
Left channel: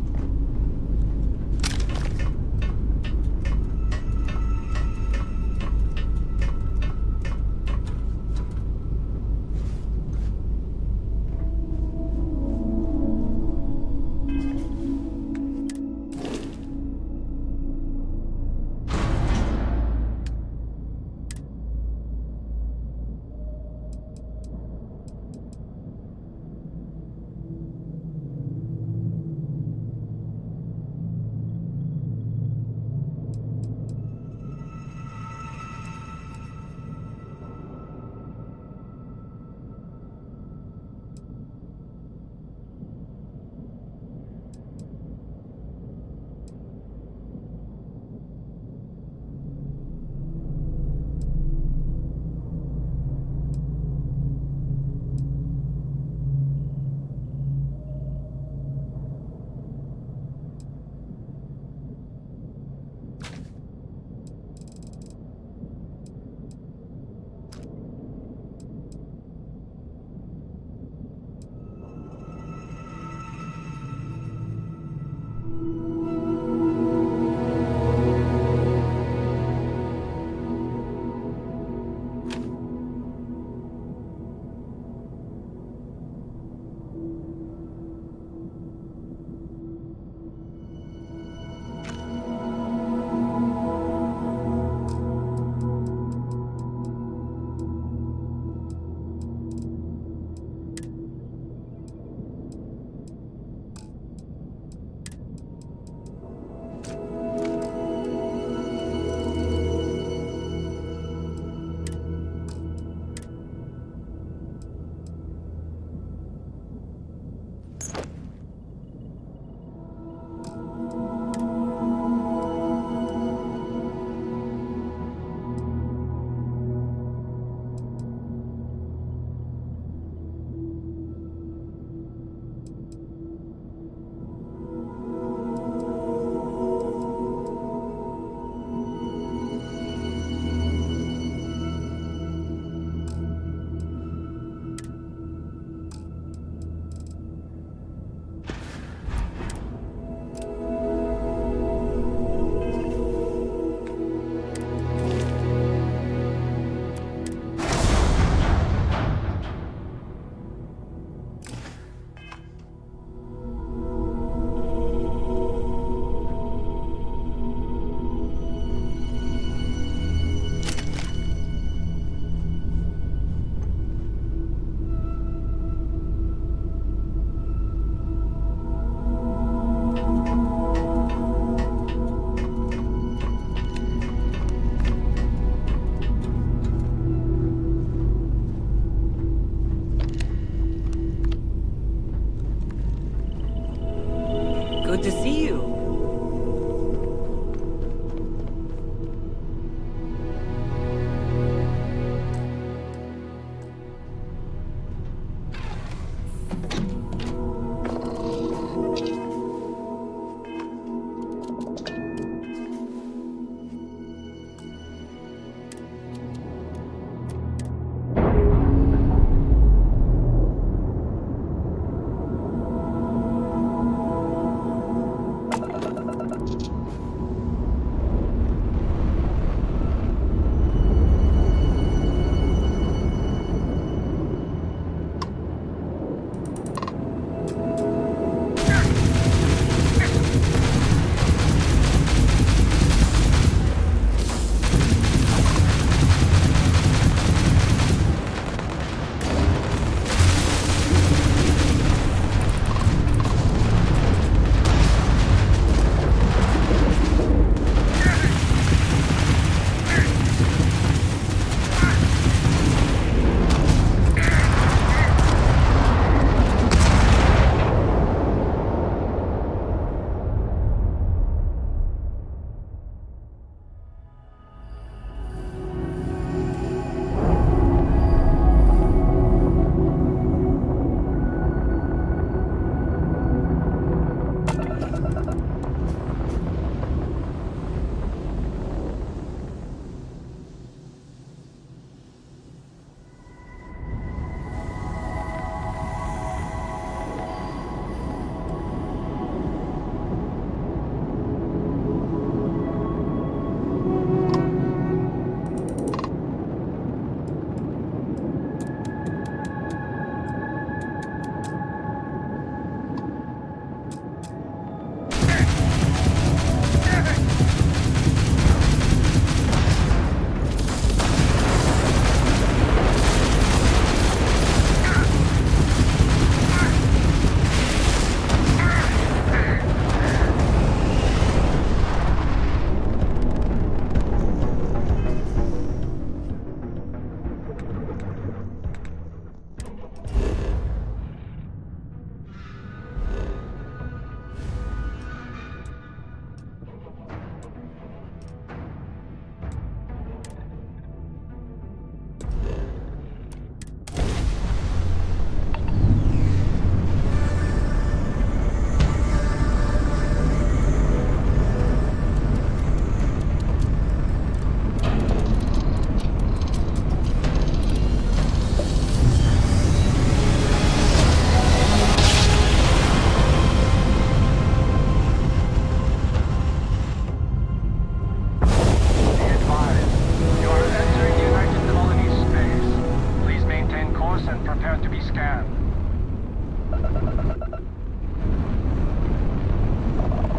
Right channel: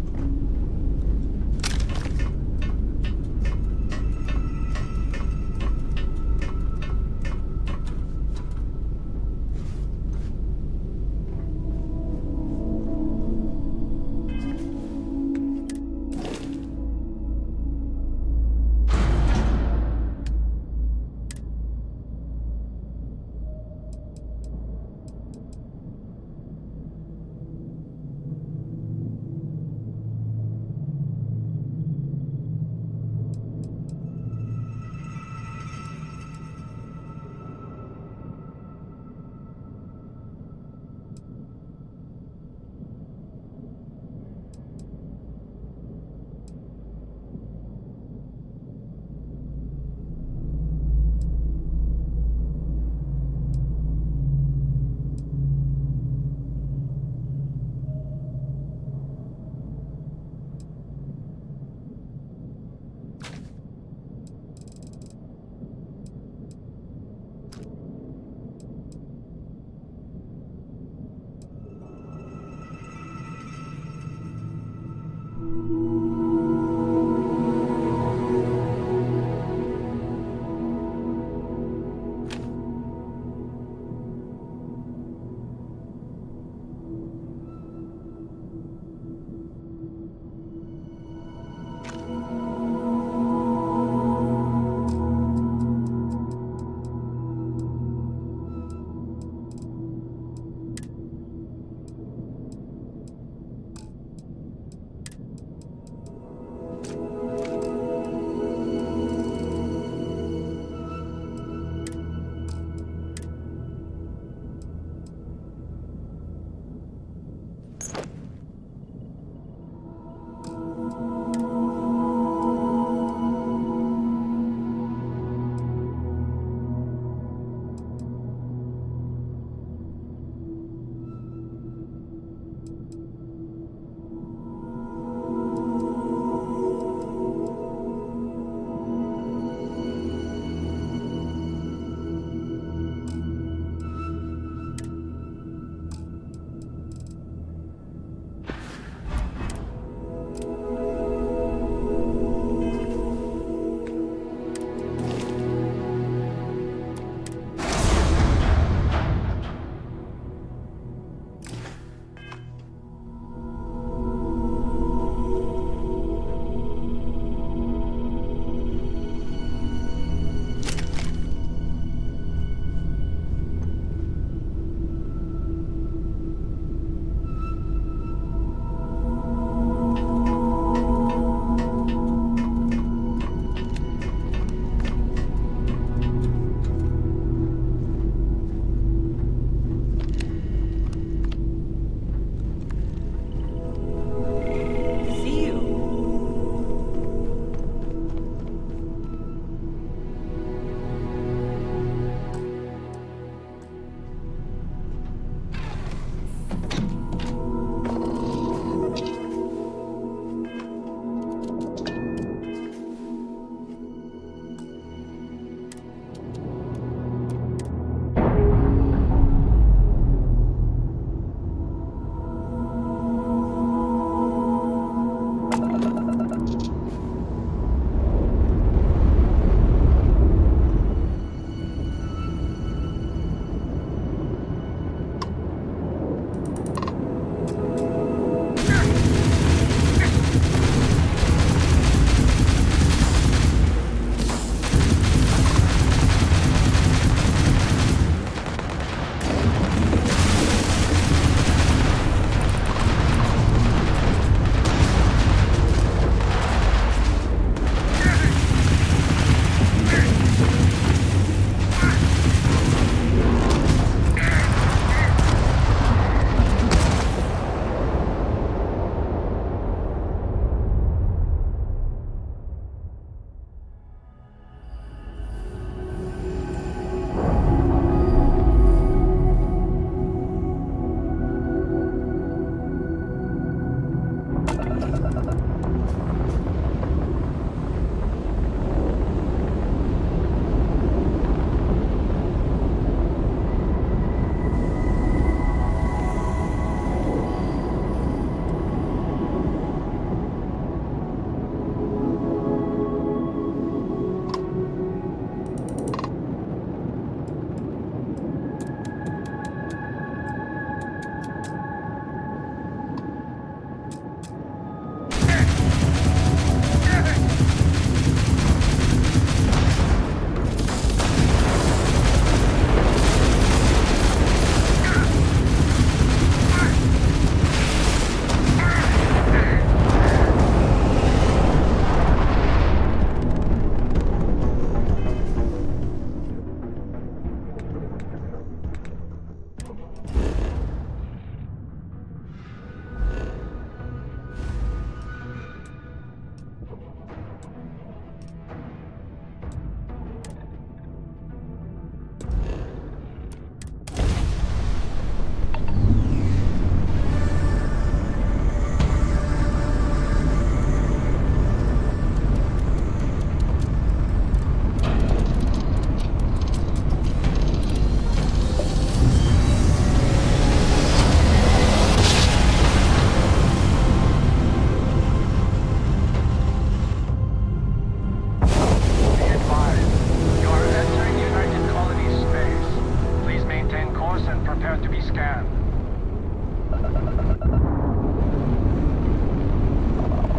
scan.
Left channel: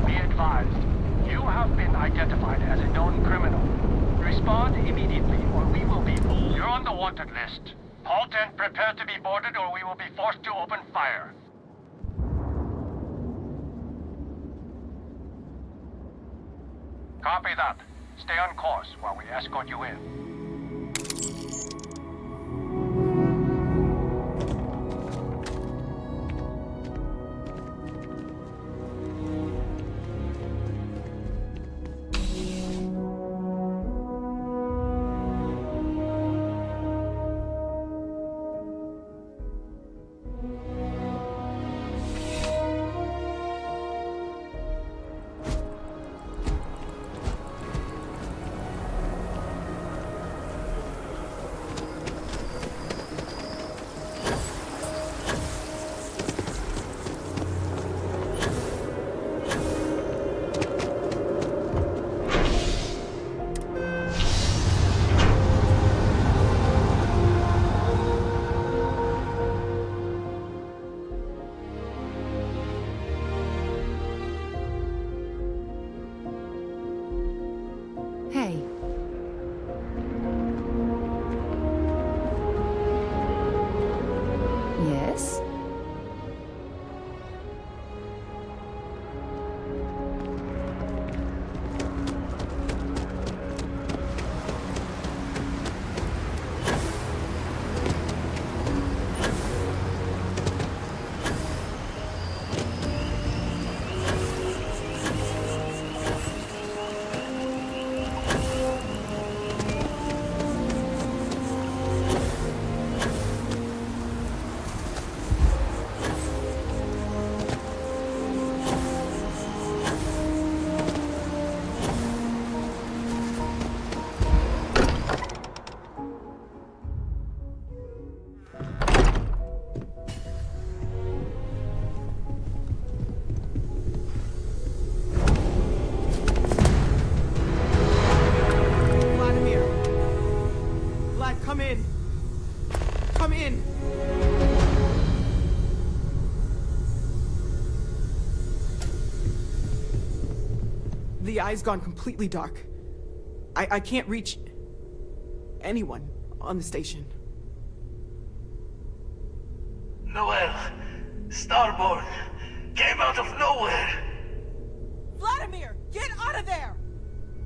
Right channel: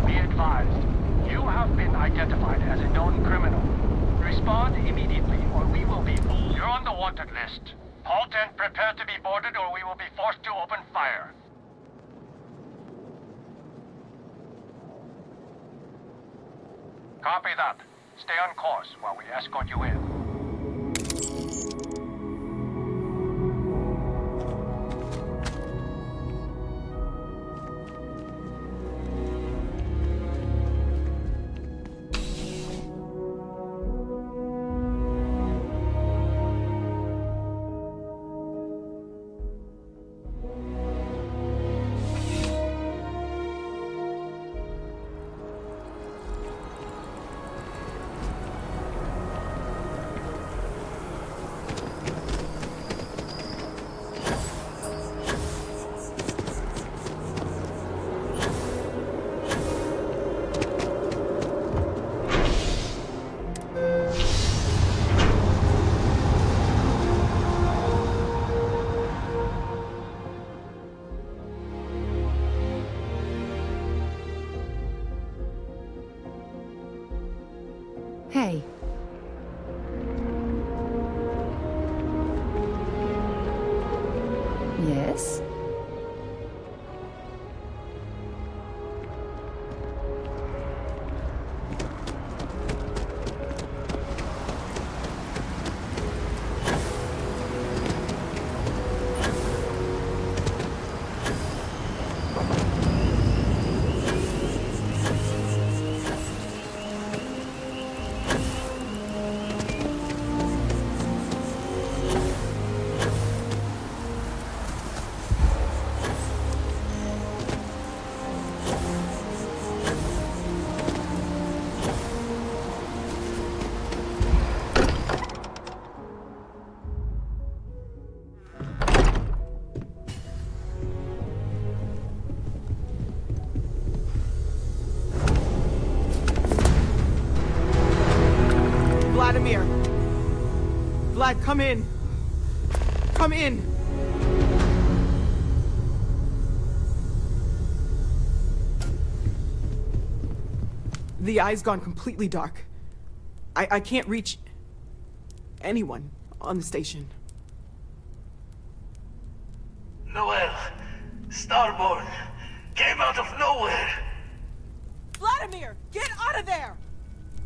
Be advised, you have been identified as a known criminal. Respond immediately, or we will be... You're on the wanted list. Halt and prepare to be boarded, or we will be forced to open fire. Copy that. Stay on course while we escort you in. Hey. Yes? Vlad, come in. Come in. The eye's gone completely dark. I can't reach anyone on the station. Noel, Starborn, came out of nowhere. Vladimir, get out of there!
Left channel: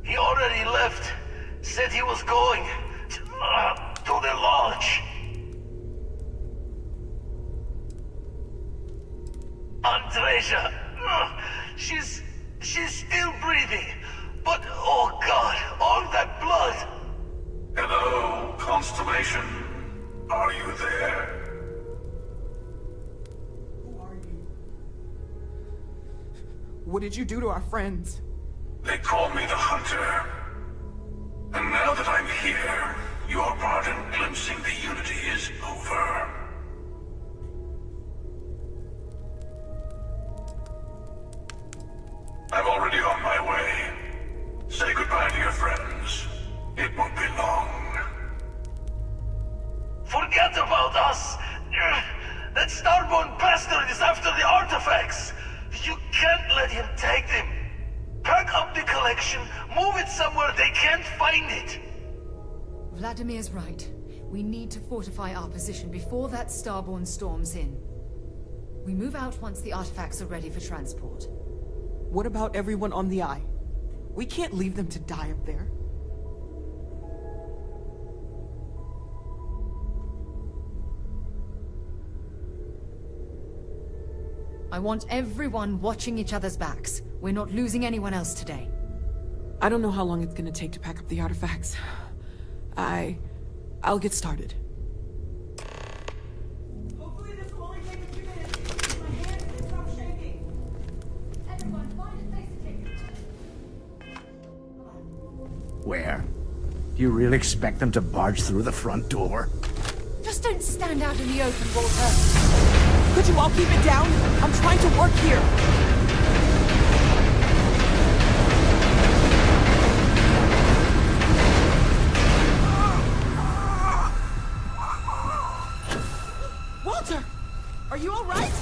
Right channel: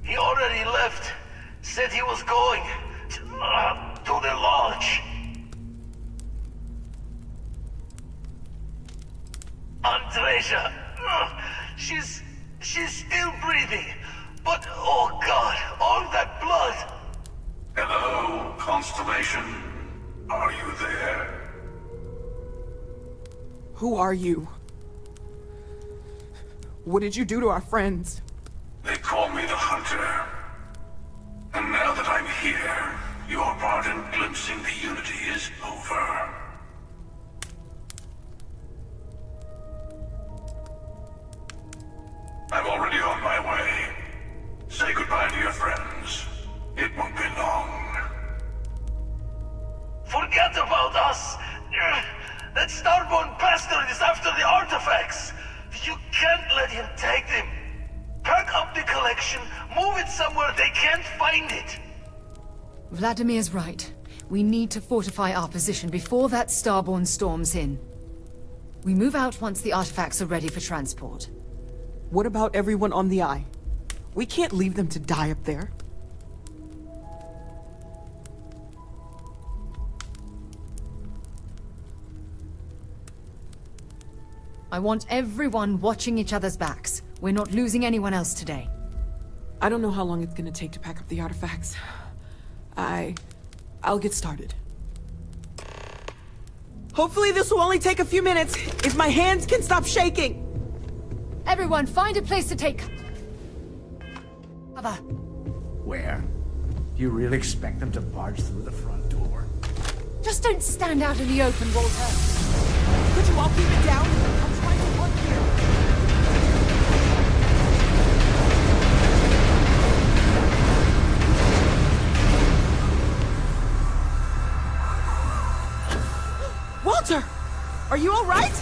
He already left. Said he was going to the lodge. Andreja, she's still breathing. But, oh God, all that blood. Hello, Constellation. Are you there? Who are you? What did you do to our friends? They call me the Hunter. And now that I'm here, your part in glimpsing the Unity is over. I'm already on my way. Say goodbye to your friends. It won't be long. Forget about us! That Starborn bastard is after the artifacts! You can't let him take them! Pack up the collection, move it somewhere they can't find it! Vladimir's right. We need to fortify our position before that Starborn storms in. We move out once the artifacts are ready for transport. What about everyone on the Eye? We can't leave them to die up there. I want everyone watching each other's backs. We're not losing anyone else today. I don't know how long it's gonna take to pack up the artifacts. I'll get started. Hopefully this will only take a few minutes, if my hands can stop shaking! Everyone, find a place to take cover. Where? Do you really expect them to barge through the front door? Just don't stand out in the open, Walter. Could you all keep it down? I'm trying to work here. Walter! Walter! Are you all right?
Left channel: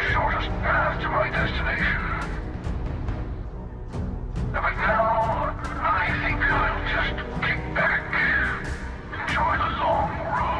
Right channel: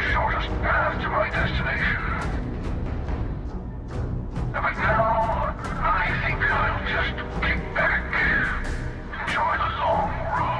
the shortest path to my destination. But now, I think I'll just kick back, enjoy the long road.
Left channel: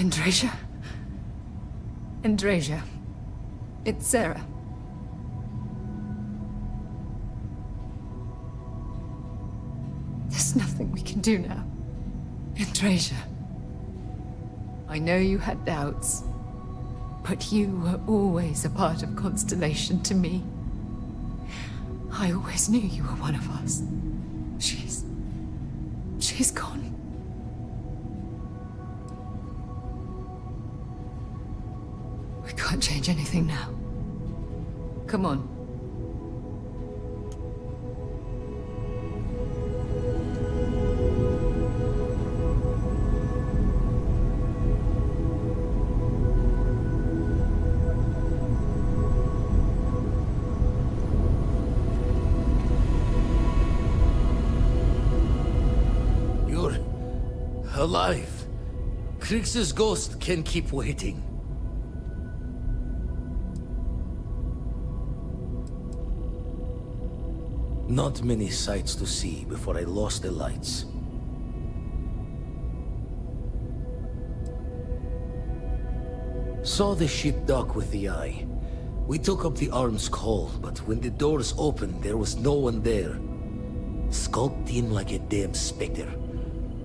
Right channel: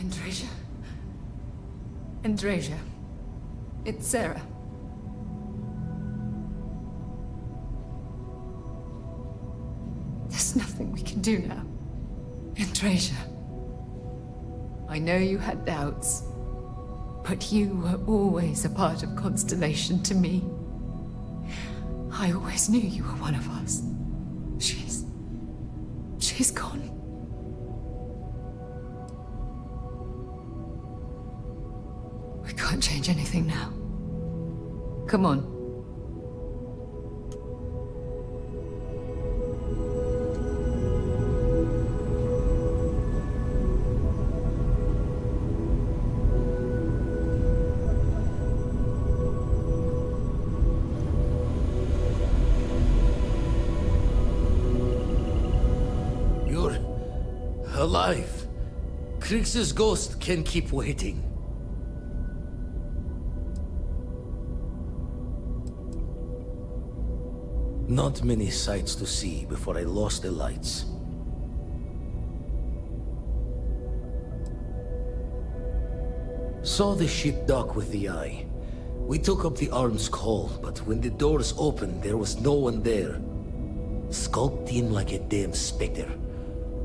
Andrasia? Andrasia. It's Sarah. There's nothing we can do now. Andrasia. I know you had doubts, but you were always a part of Constellation to me. I always knew you were one of us. She's gone. We can't change anything now. Come on. You're alive. Krix's ghost can keep waiting. Not many sights to see before I lost the lights. Saw the ship dock with the eye. We took up the arms call, but when the doors opened, there was no one there. Skulked in like a damn specter.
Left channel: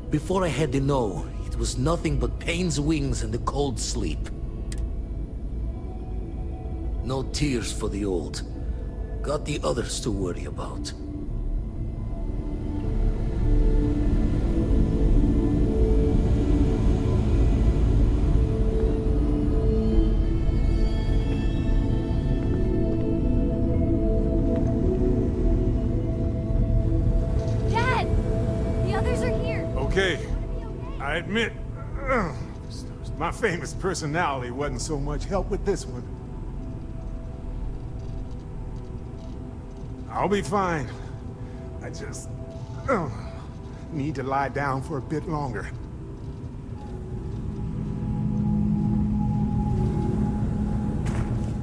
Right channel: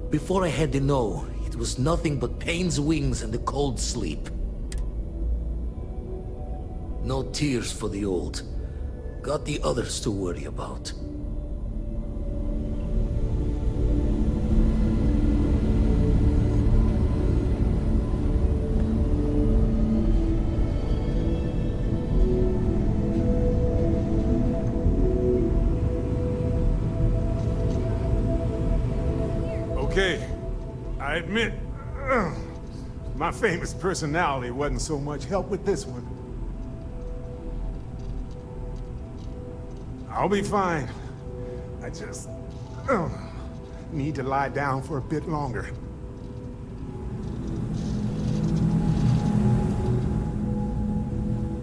Before I had to know, it was nothing but pain's wings and the cold sleep. No tears for the old. Got the others to worry about. Dad! The others are here! Okay, I admit, my famous personality wasn't so much help with this one. I'll be fine. I just need to lie down for a bit longer.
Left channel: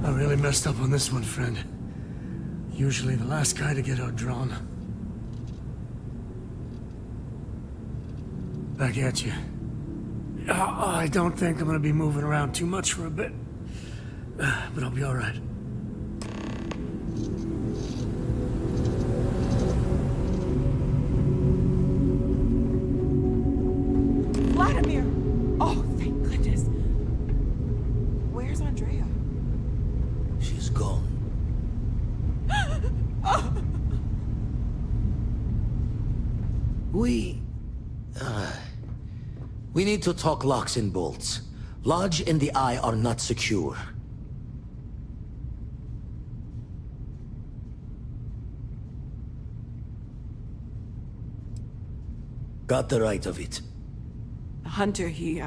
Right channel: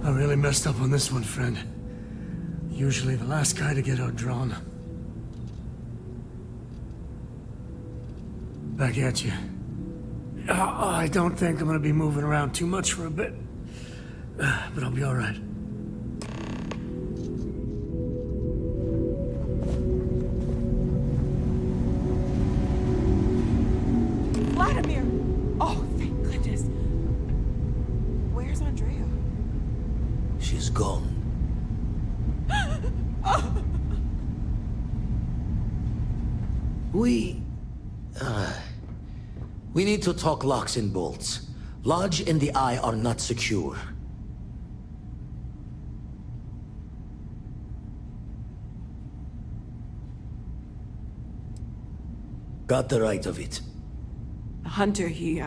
I really messed up on this one, friend. Usually the last guy to get outdrawn. Back at you. I don't think I'm gonna be moving around too much for a bit. But I'll be alright. Vladimir! Oh, thank goodness. Where's Andrea? She's gone. We need to talk locks and bolts. Lodge and the Eye are not secure. Got the right of it. The hunter, he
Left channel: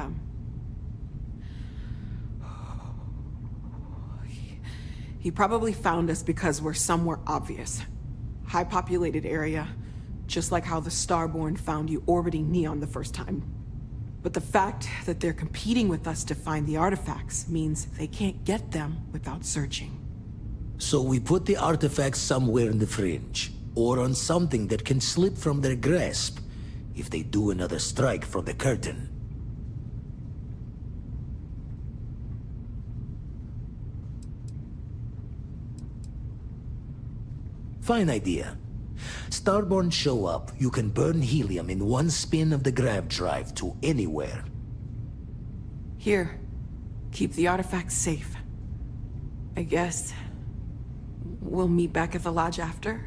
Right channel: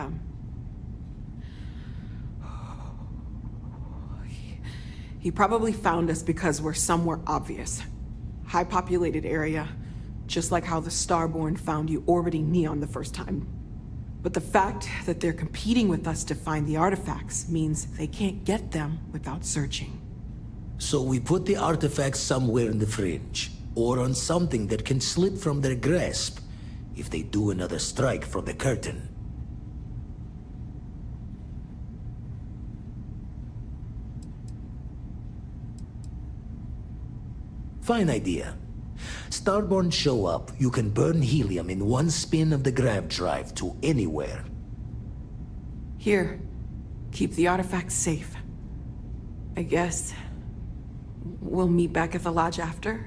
probably found us because we're somewhere obvious. High-populated area, just like how the Starborn found you orbiting Neon the first time. But the fact that they're competing with us to find the artifacts means they can't get them without searching. So we put the artifacts somewhere in the fringe, or on something that can slip from their grasp if they do another strike from the curtain. Fine idea. Starborn show up, you can burn helium in one spin of the grav drive to anywhere. Here, keep the artifacts safe. I guess we'll meet back at the lodge after?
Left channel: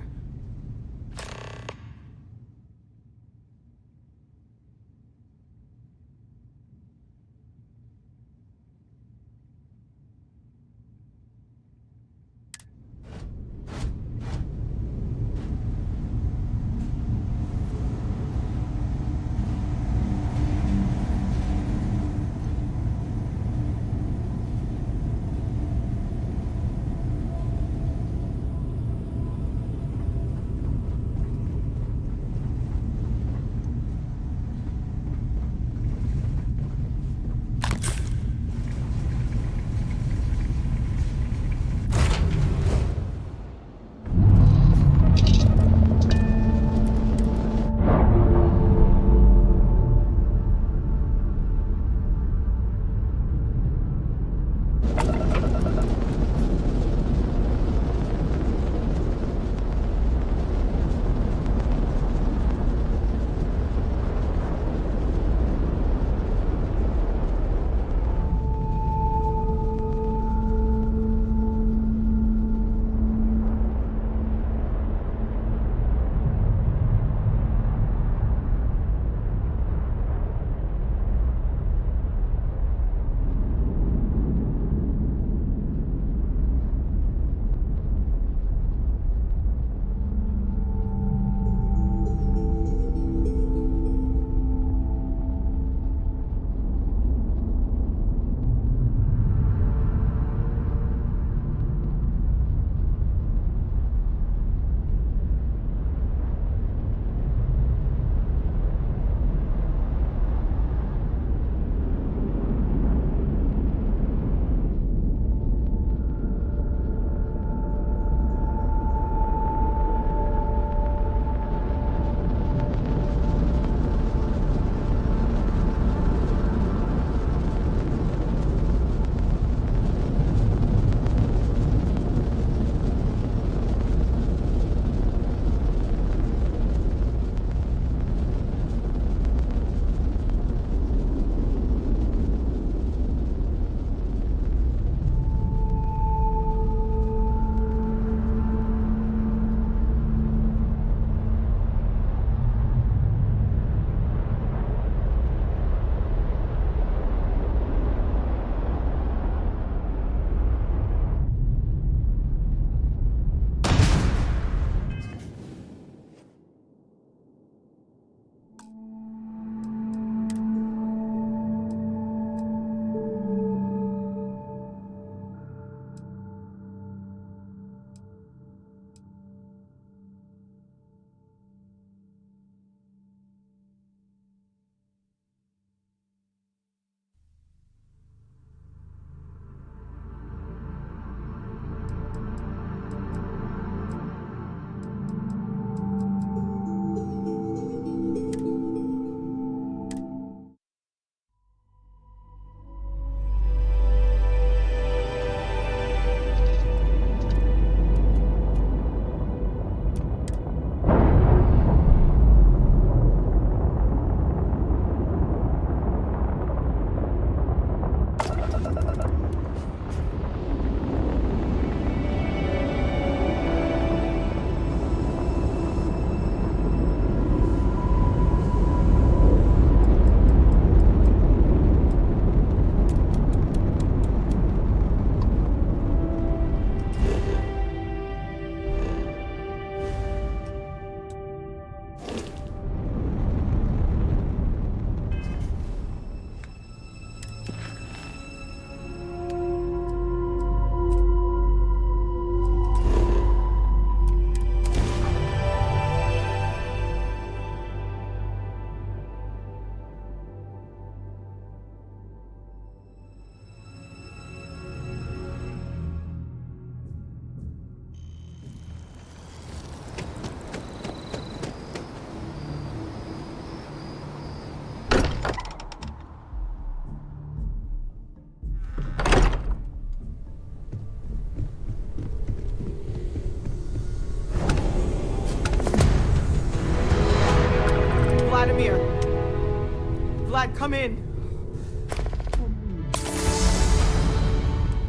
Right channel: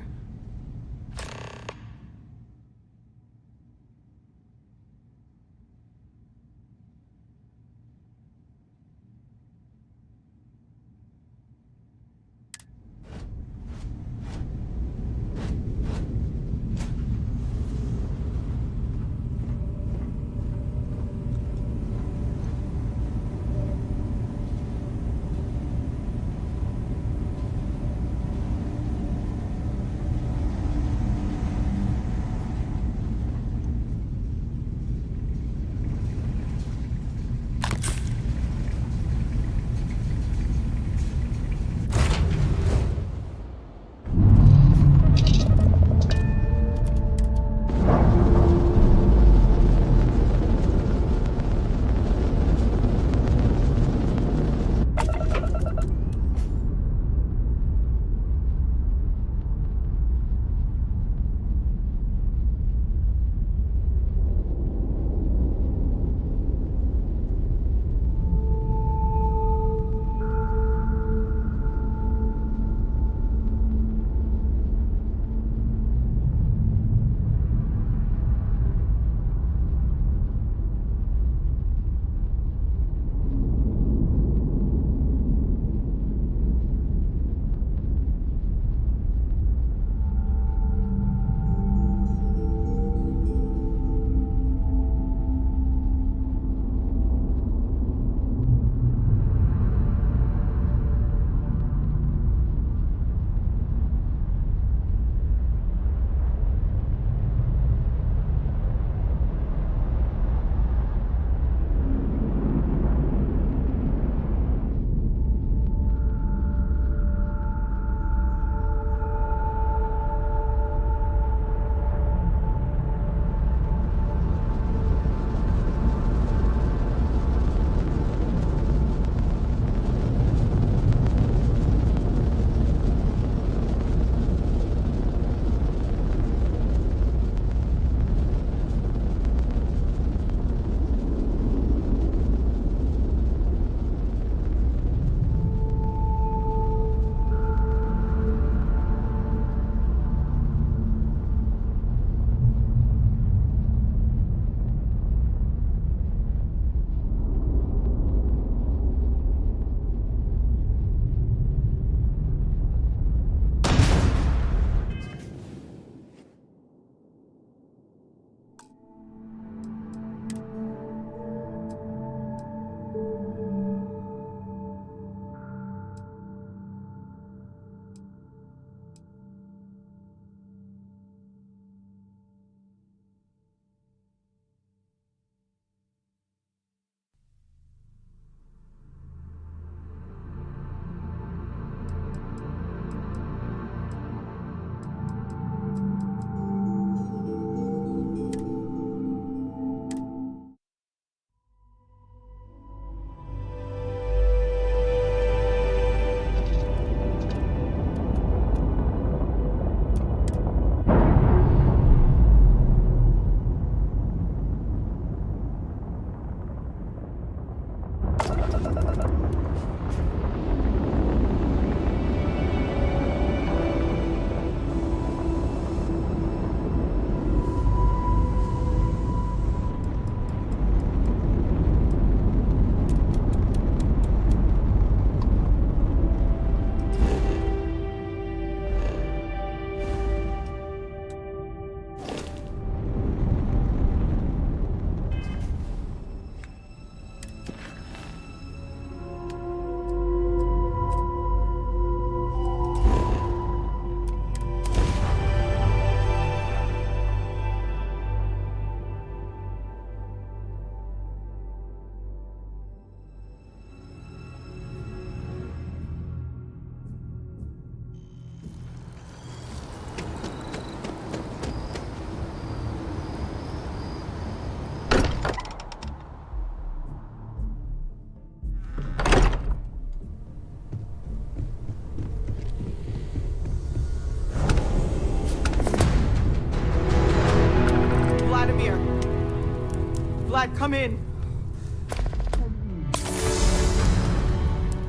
Vlad, come in.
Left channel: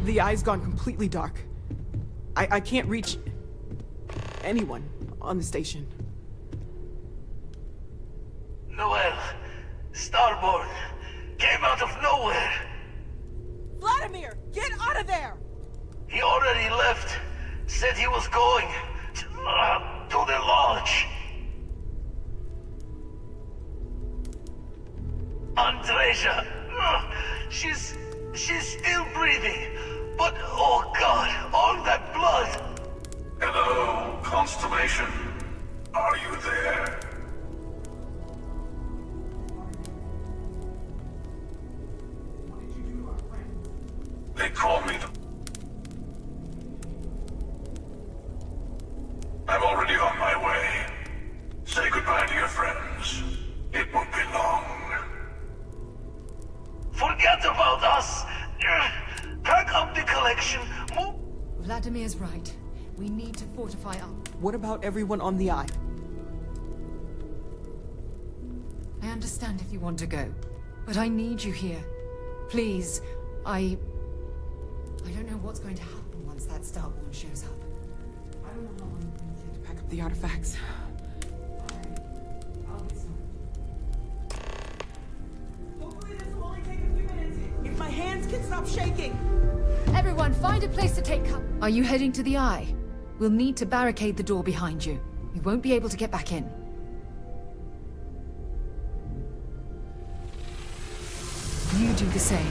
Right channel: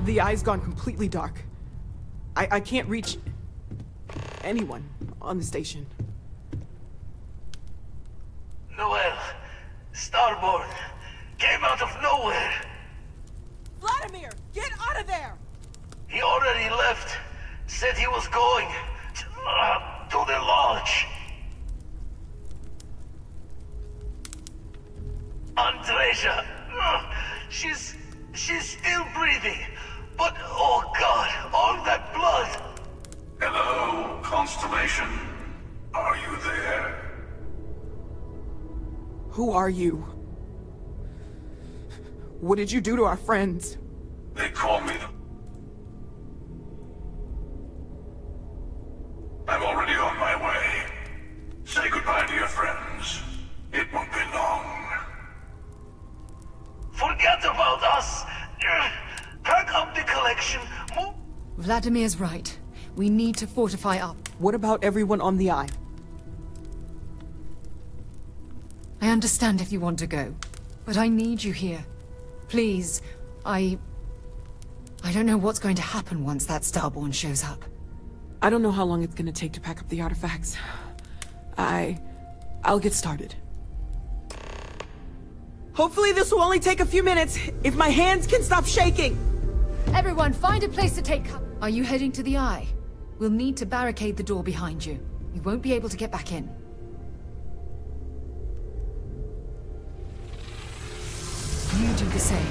The eye's gone completely dark. I can't reach anyone on the station. Noel, Starborn, came out of nowhere. Vladimir, get out of there! He already left. Said he was going to the lodge. Andreja, she's still breathing, but oh God, all that blood. Hello, Constellation. Are you there? Who are you? What did you do to our friends? They call me the... I'm already on my way. Say goodbye to your friends. It won't be long. Forget about us. Pack up the collection. Move. Vladimir's right. We need to fortify up. What about everyone on the eye? I understand if you want to go, but I need you here. Please, I don't know what's going to happen once that Starborn shows up. I don't know how long it's gonna take to pack up the artifacts. I'll get started. Hopefully this will only take a few minutes, if my hands can stop shaking! Everyone, find a place to take cover. Are you heading to the eye? We'll need to barricade the door behind you. You won't be able to get back in. You do the same.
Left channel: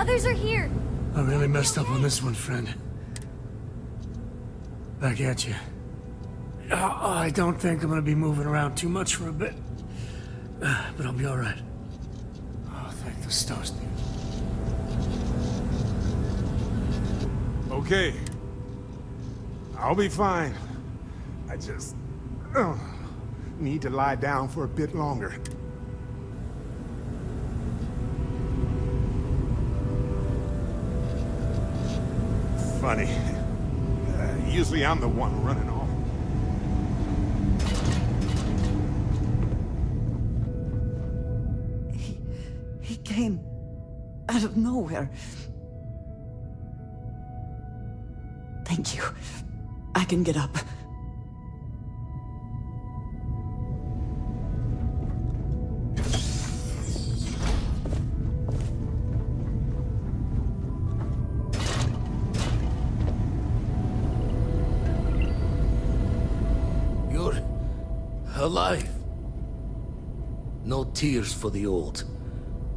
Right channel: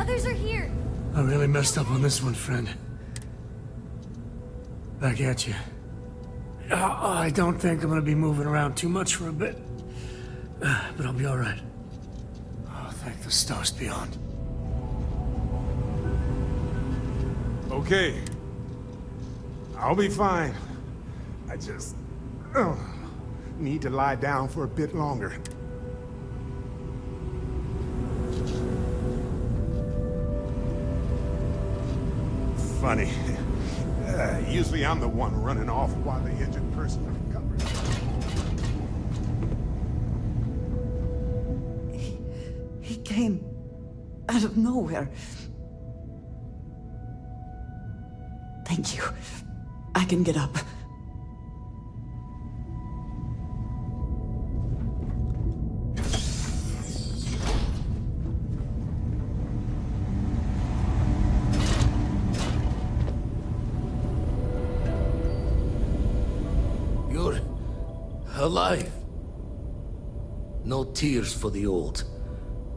others are here. I really messed up on this one, friend. Back at you. I don't think I'm gonna be moving around too much for a bit. But I'll be alright. Oh, thank the stars beyond. Okay. I'll be fine. I just... need to lie down for a bit longer. Funny. Usually I'm the one running off while the injured person... He came out of nowhere. Thank you. I can get up. You're alive. No tears for the old.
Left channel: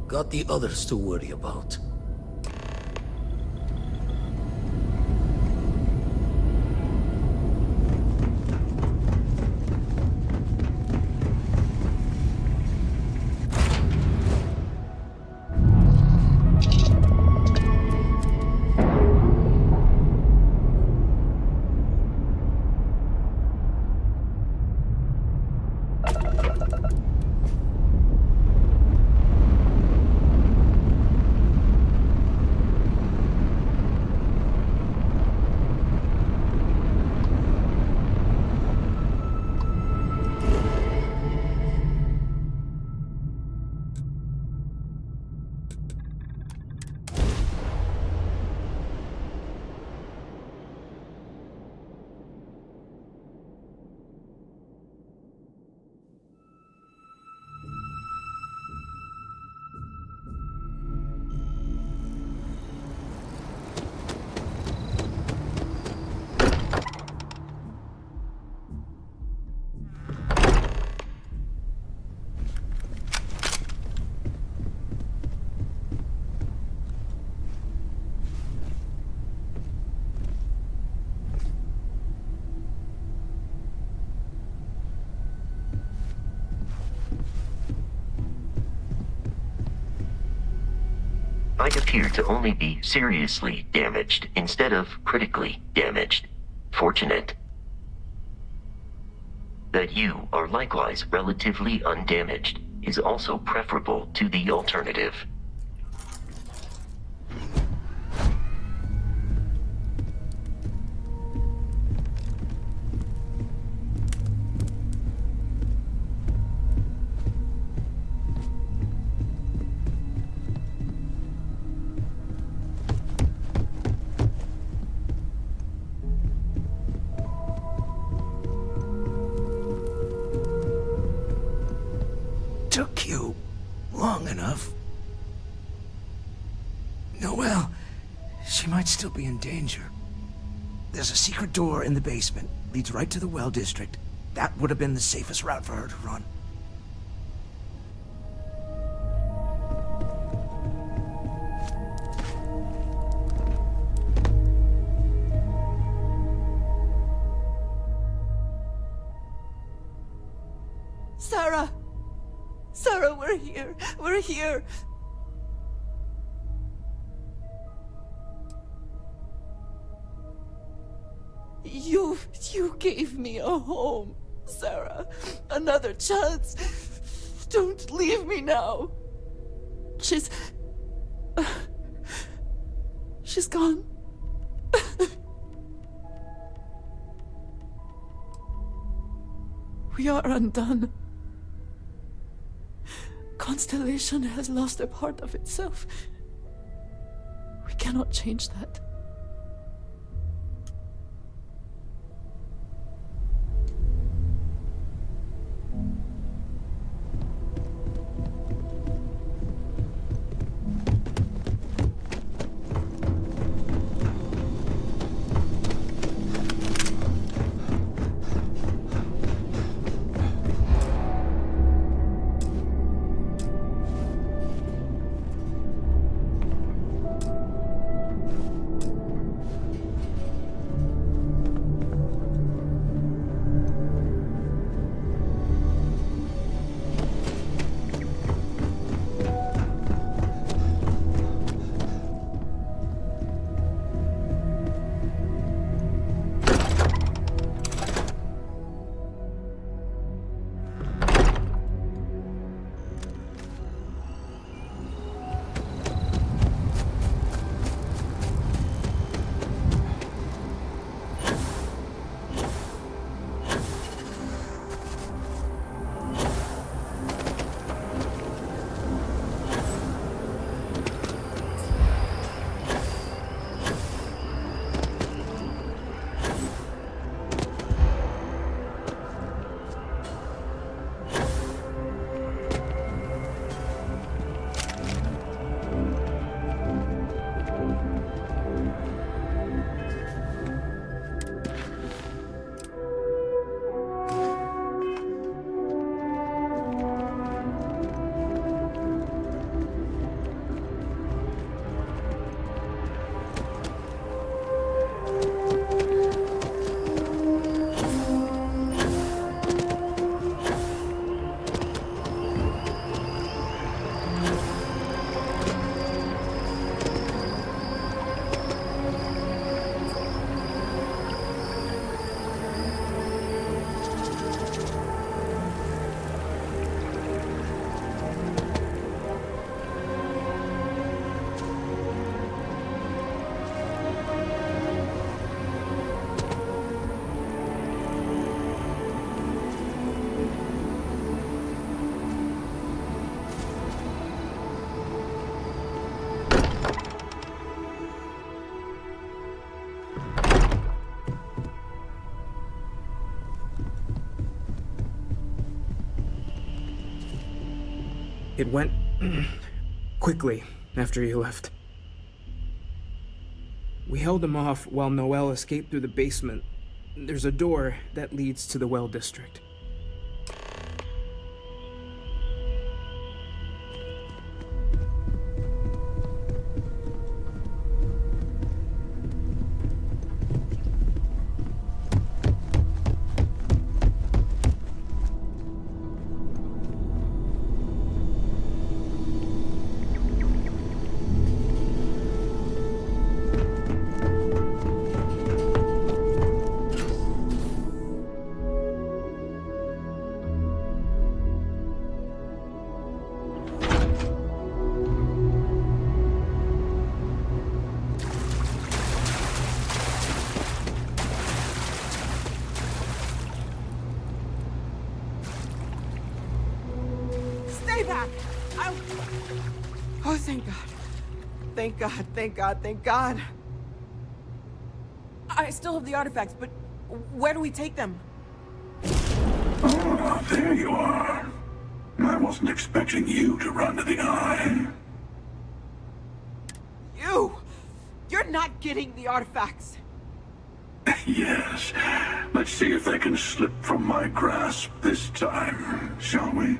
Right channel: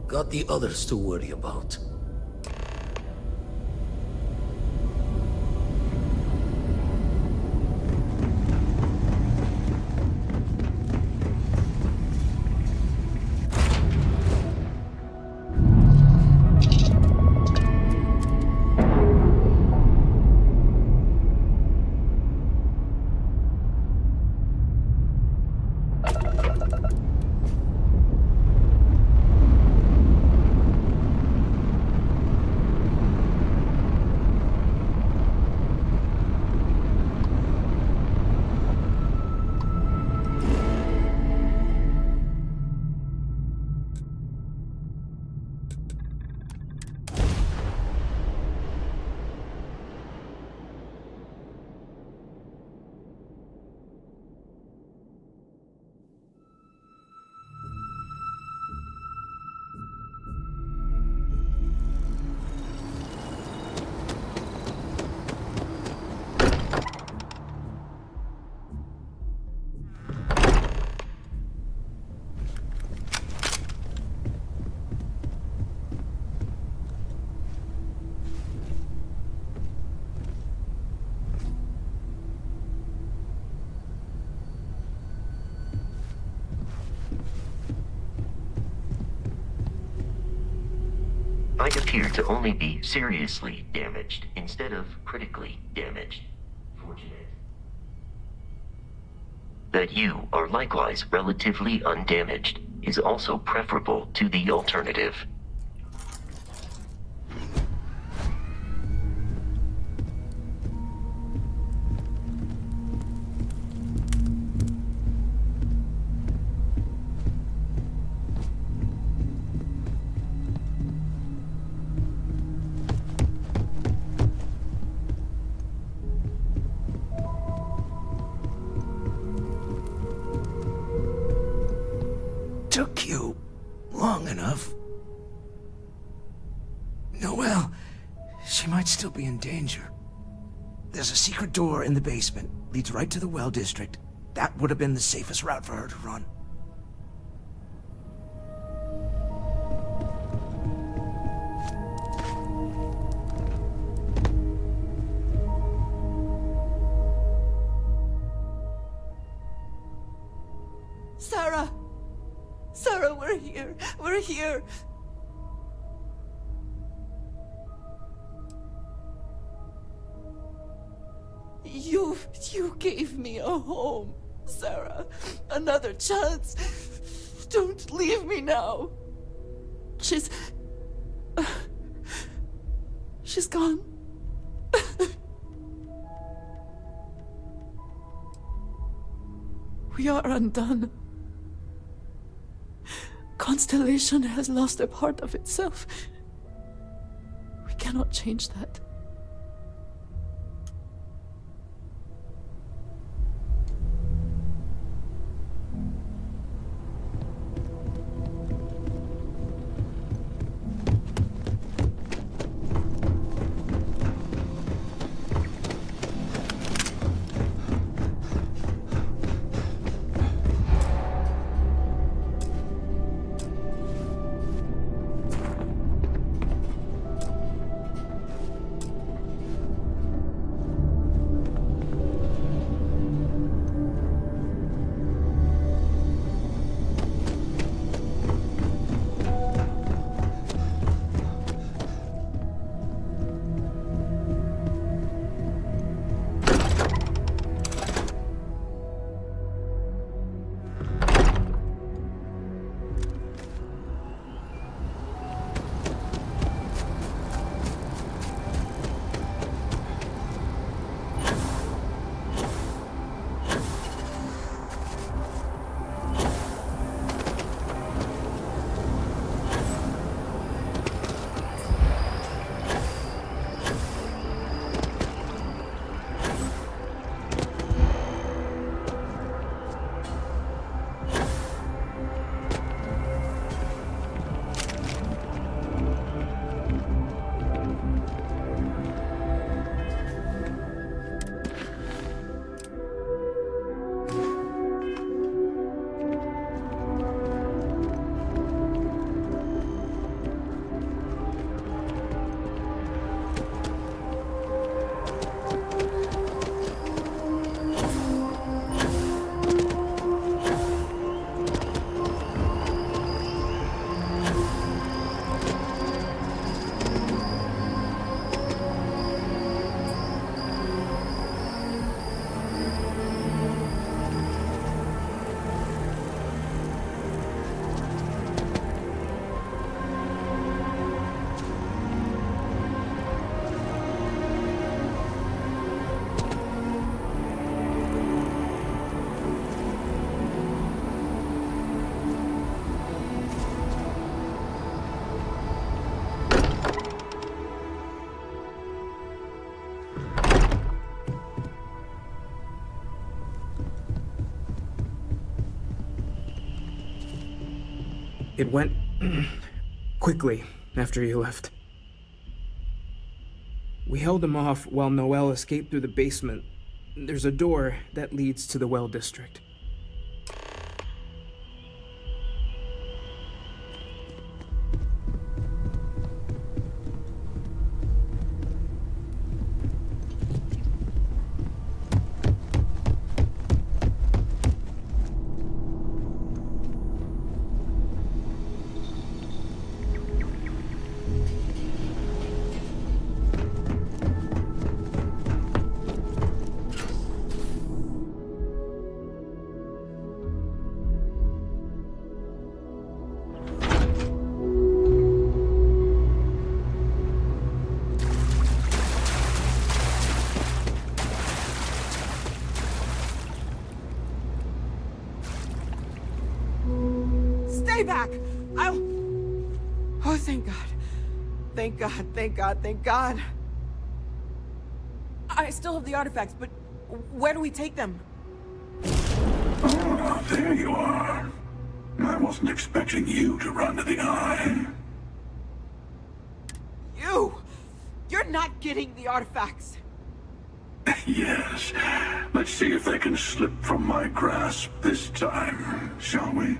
Got the others to worry about. I appear to only be seriously damaged instead of critically damaged. Fortunate. That you are likewise relatively undamaged is also preferable to the alternative. Took you long enough. Noelle, she might still be in danger. There's a secret door in the basement, leads right to the well district. That would have been the safest route for her to run. Sarah! Sarah, we're here. We're here. You gave me a home, Sarah. Another chance. Don't leave me now. She's gone. We are undone. Constellation has lost a part of itself. We cannot change that. It went quickly after you left. We held him off while Noel escaped through the basement. There's a door that leads to the well district. Stay back! I'll... Oh, thank God. Thank God, thank God, thank God. I still have the artifacts, but where do we take them? Ah, there you are. I wasn't expecting you to run to the eye. You! You're not getting the artifacts! Yes. Let's see if they can slip from my grasp this time, shall we?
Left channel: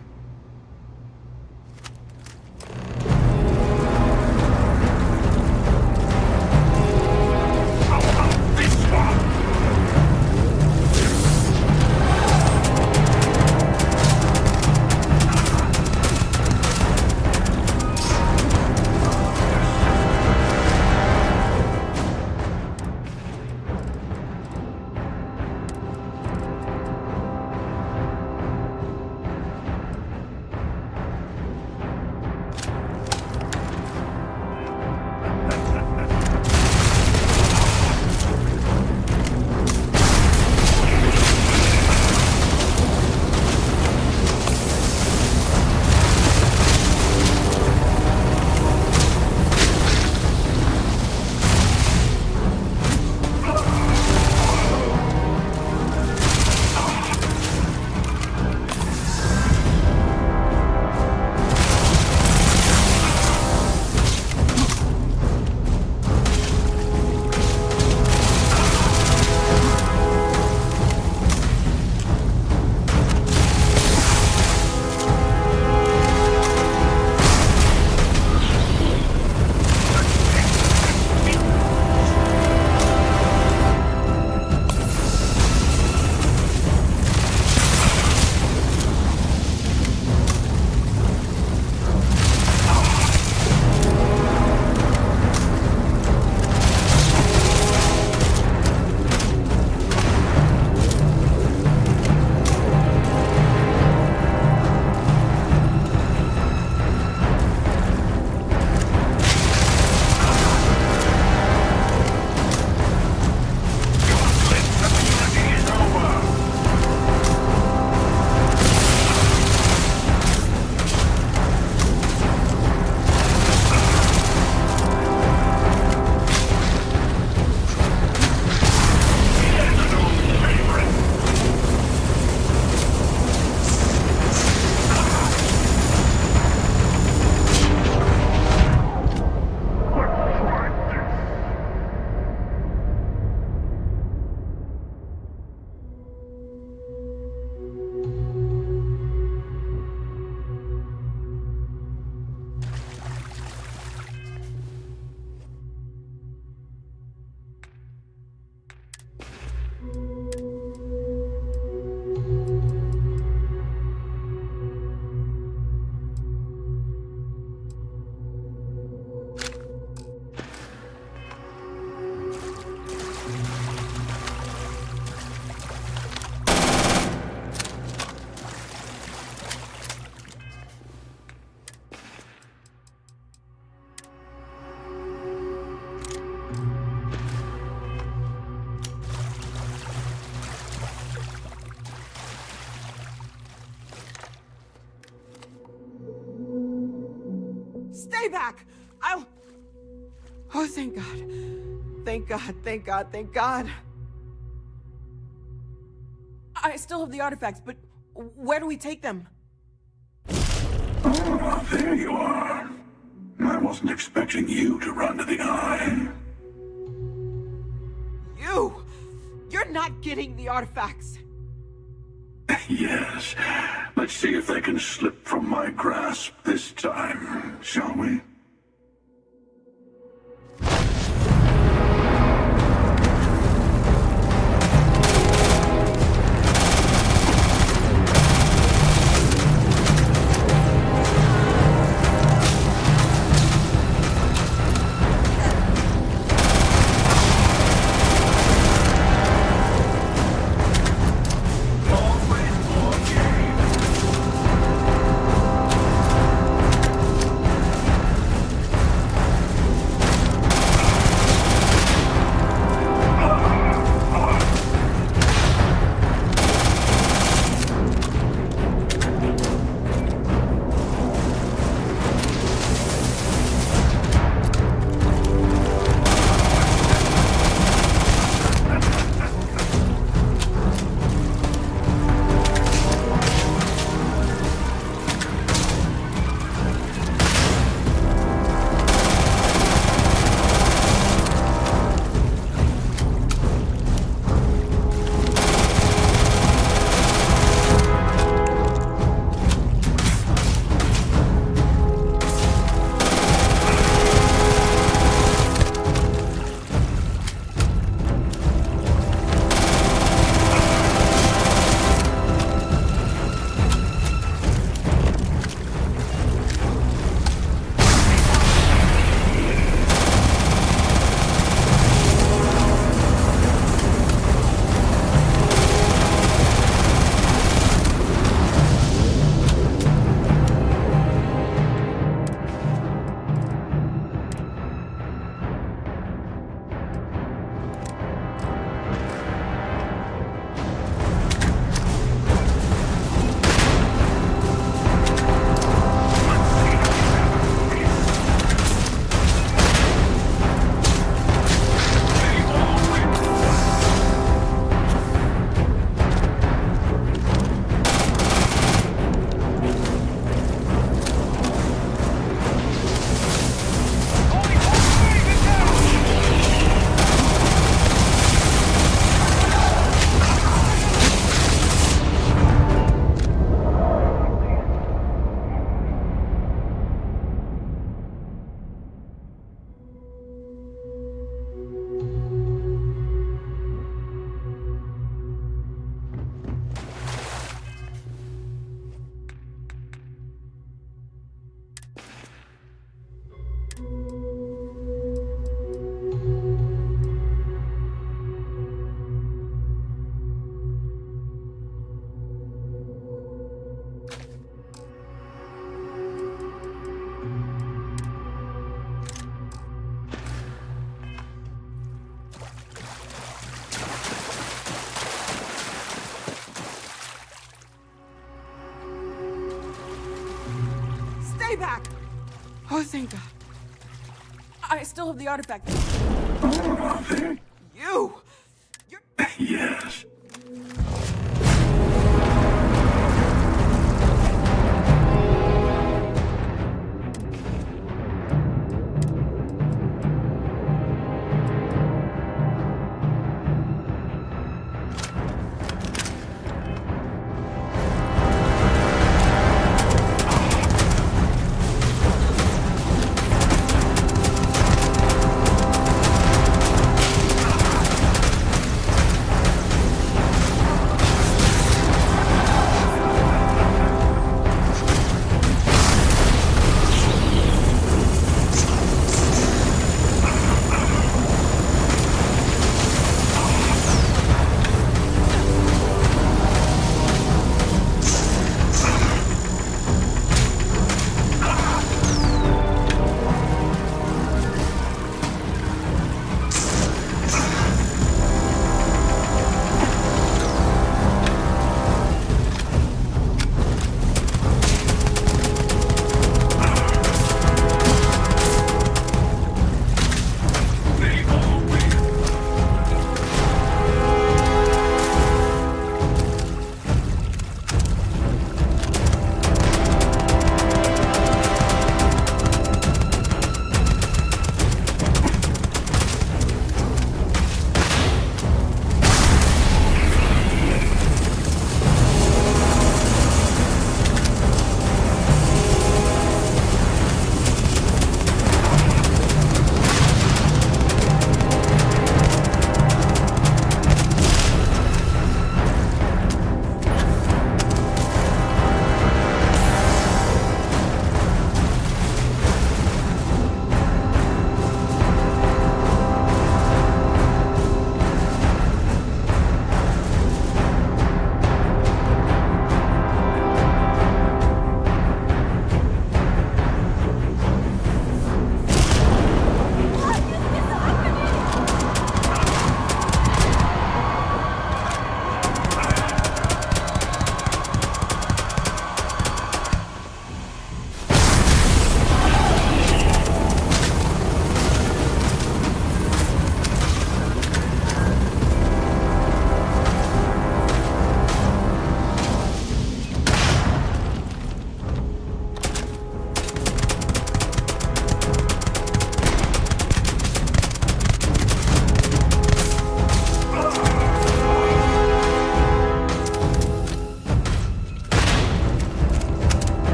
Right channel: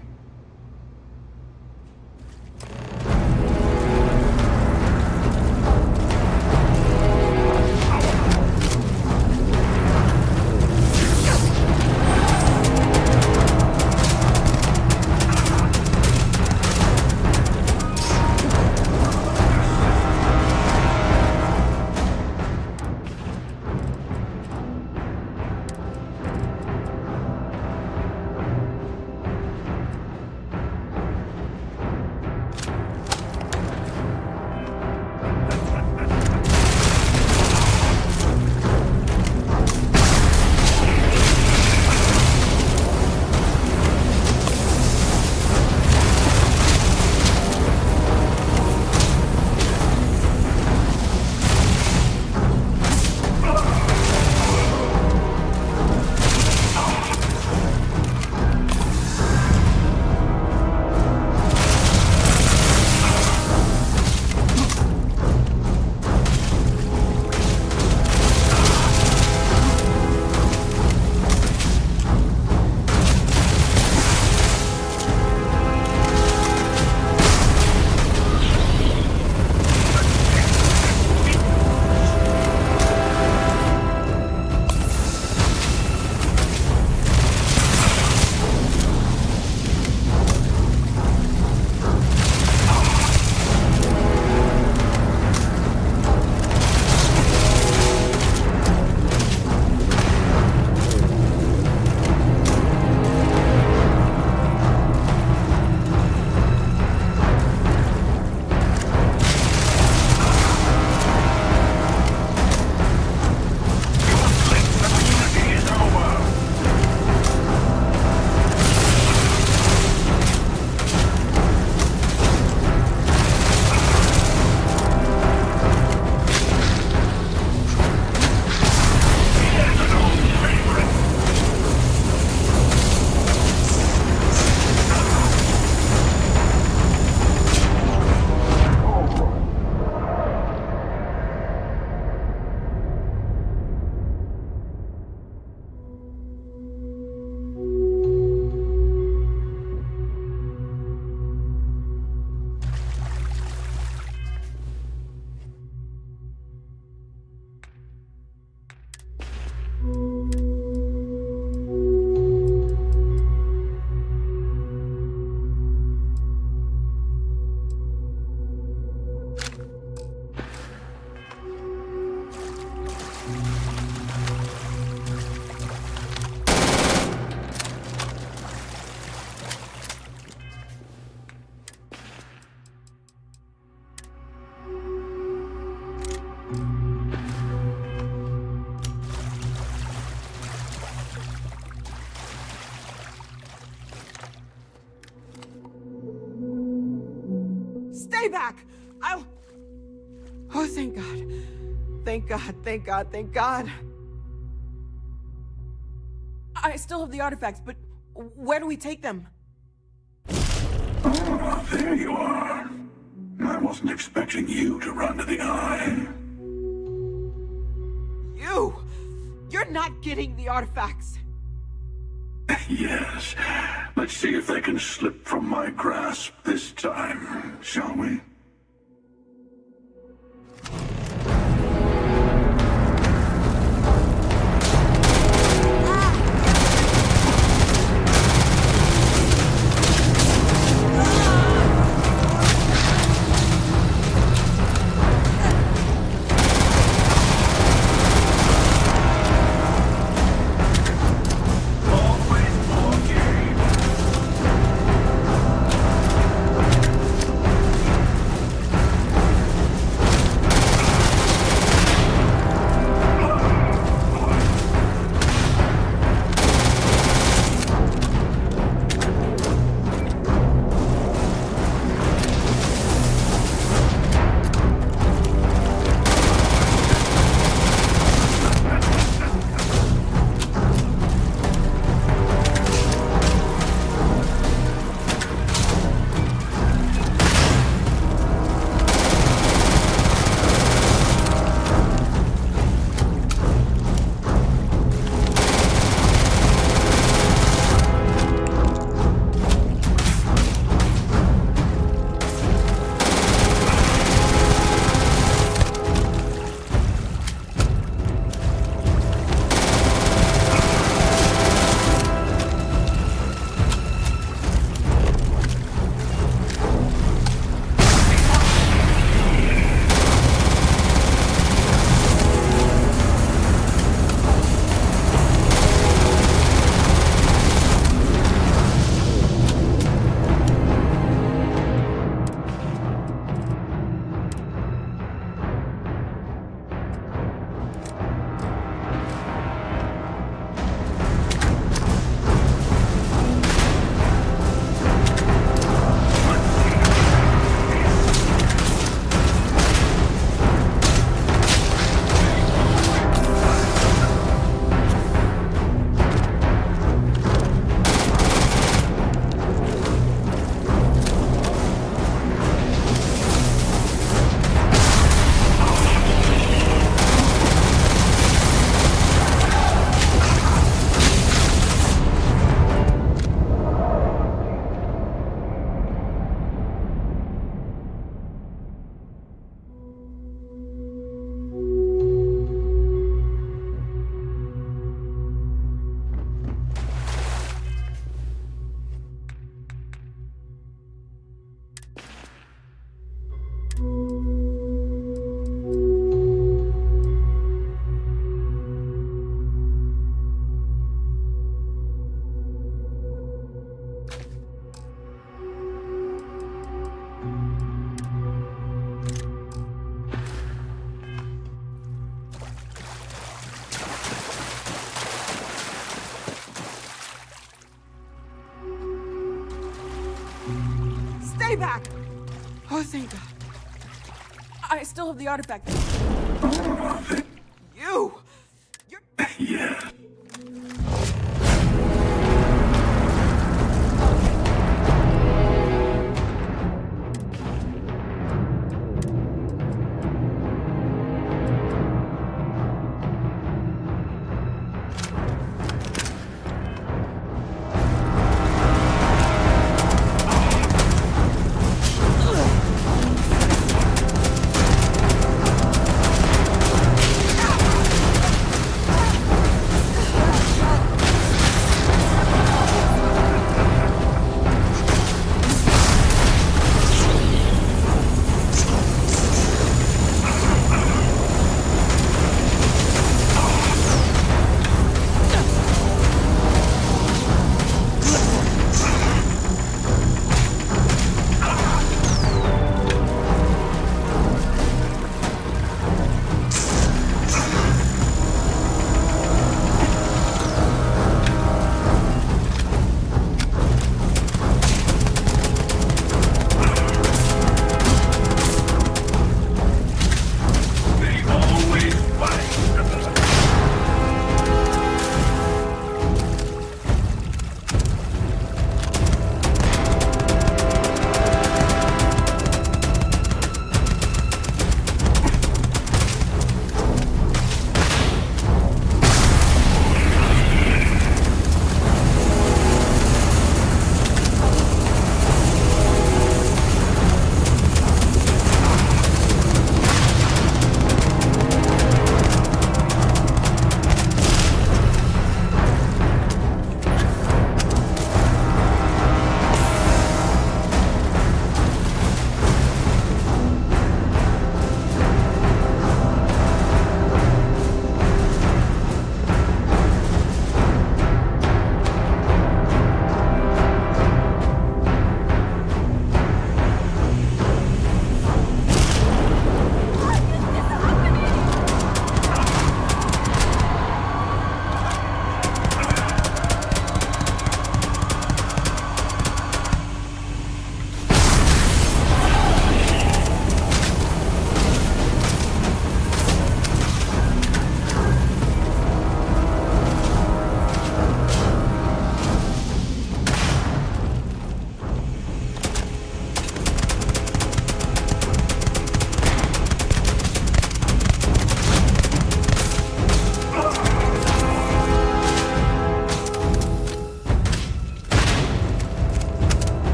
Stay back! I'll... Oh, thank God. Thank God, thank God, thank God. I still have the artifacts, but where do we take them? Ah, There you are. I wasn't expecting you to run to the eye. You! You're not getting the artifacts! Yes. Let's see if they can slip from my grasp this time, shall we? Stay back! Oh, thank God. I still have the artifact. You! Yes.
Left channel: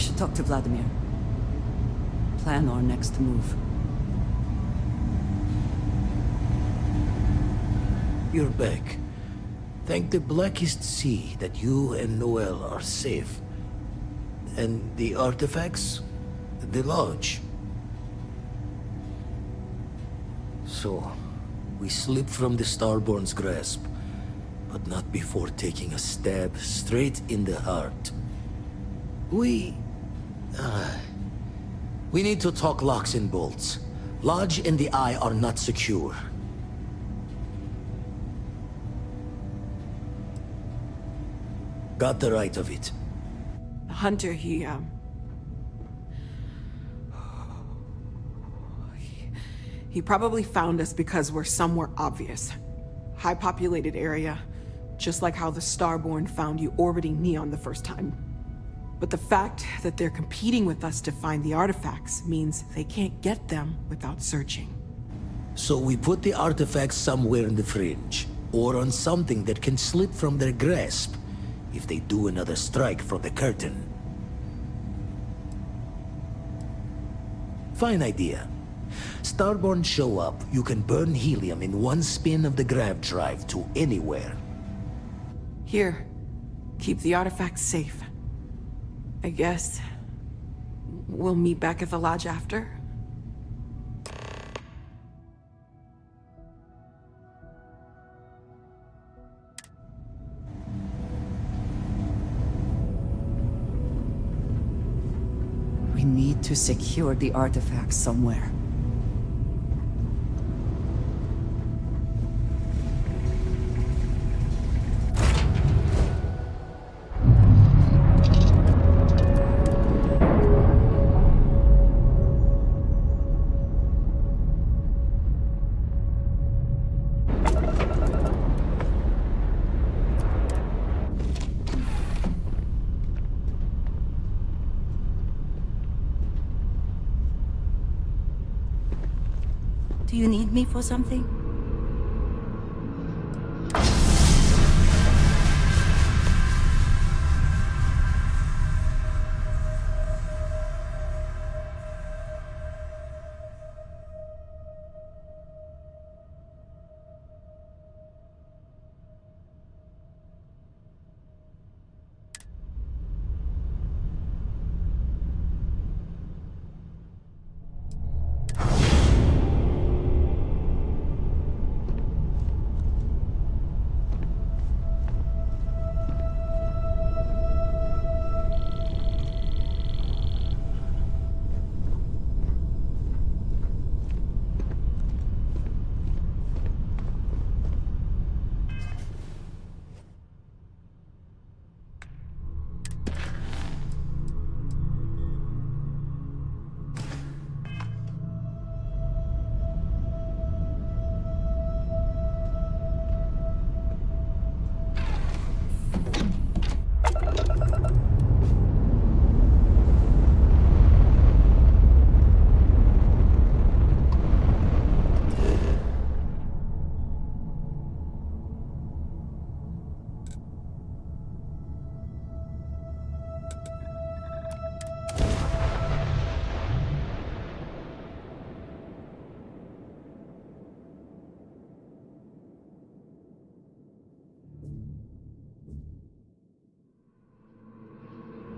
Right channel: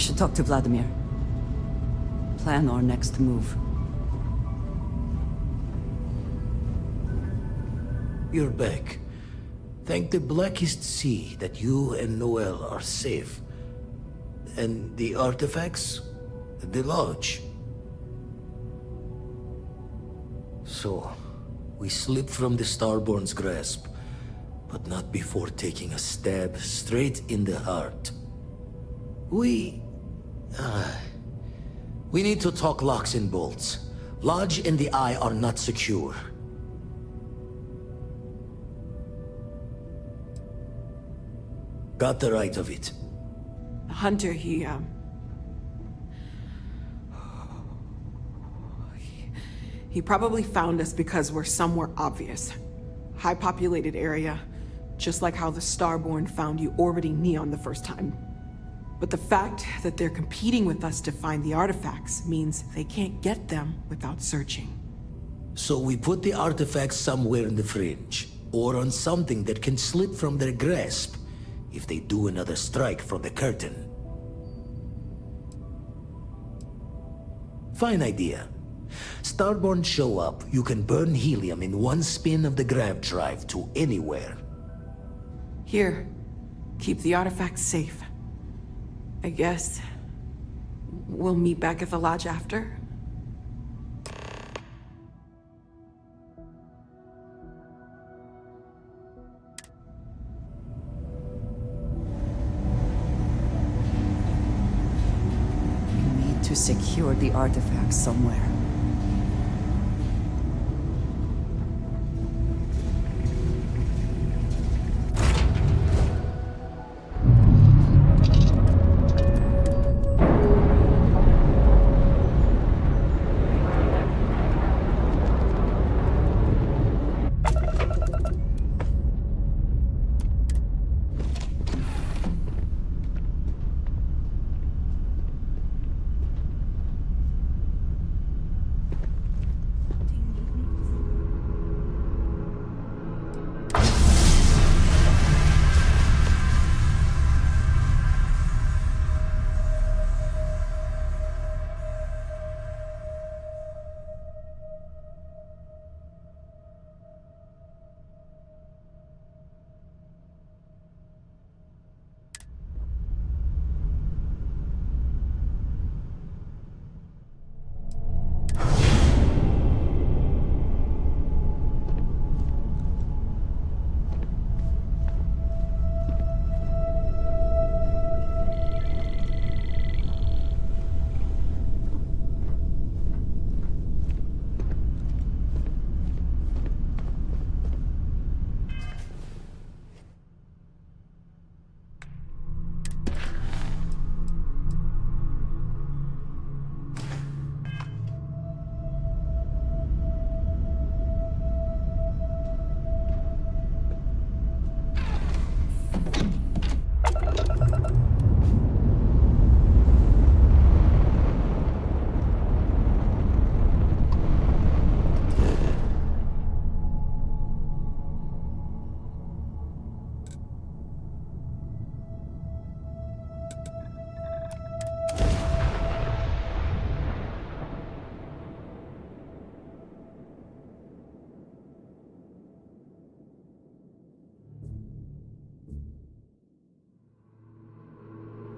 should talk to Vladimir. Plan our next move. You're back. Thank the blackest sea that you and Noel are safe. And the artifacts? The lodge. So, we slipped from the Starborn's grasp, but not before taking a stab straight in the heart. We need to talk locks and bolts. Lodge and the Eye are not secure. Got the right of it. Hunter, he probably found us because we're somewhere obvious. High-populated area, just like how the Starborn found you orbiting Neon the first time. But the fact that they're competing with us to find the artifacts means they can't get them without searching. So we put the artifacts somewhere in the fringe, or on something that can slip from their grasp if they do another strike from the curtain. Fine idea. Starborn show up, you can burn helium in one spin of the grav drive to anywhere. Here, keep the artifacts safe. I guess we'll meet back at the lodge after? We need to secure the artifacts somewhere. Do you need me for something?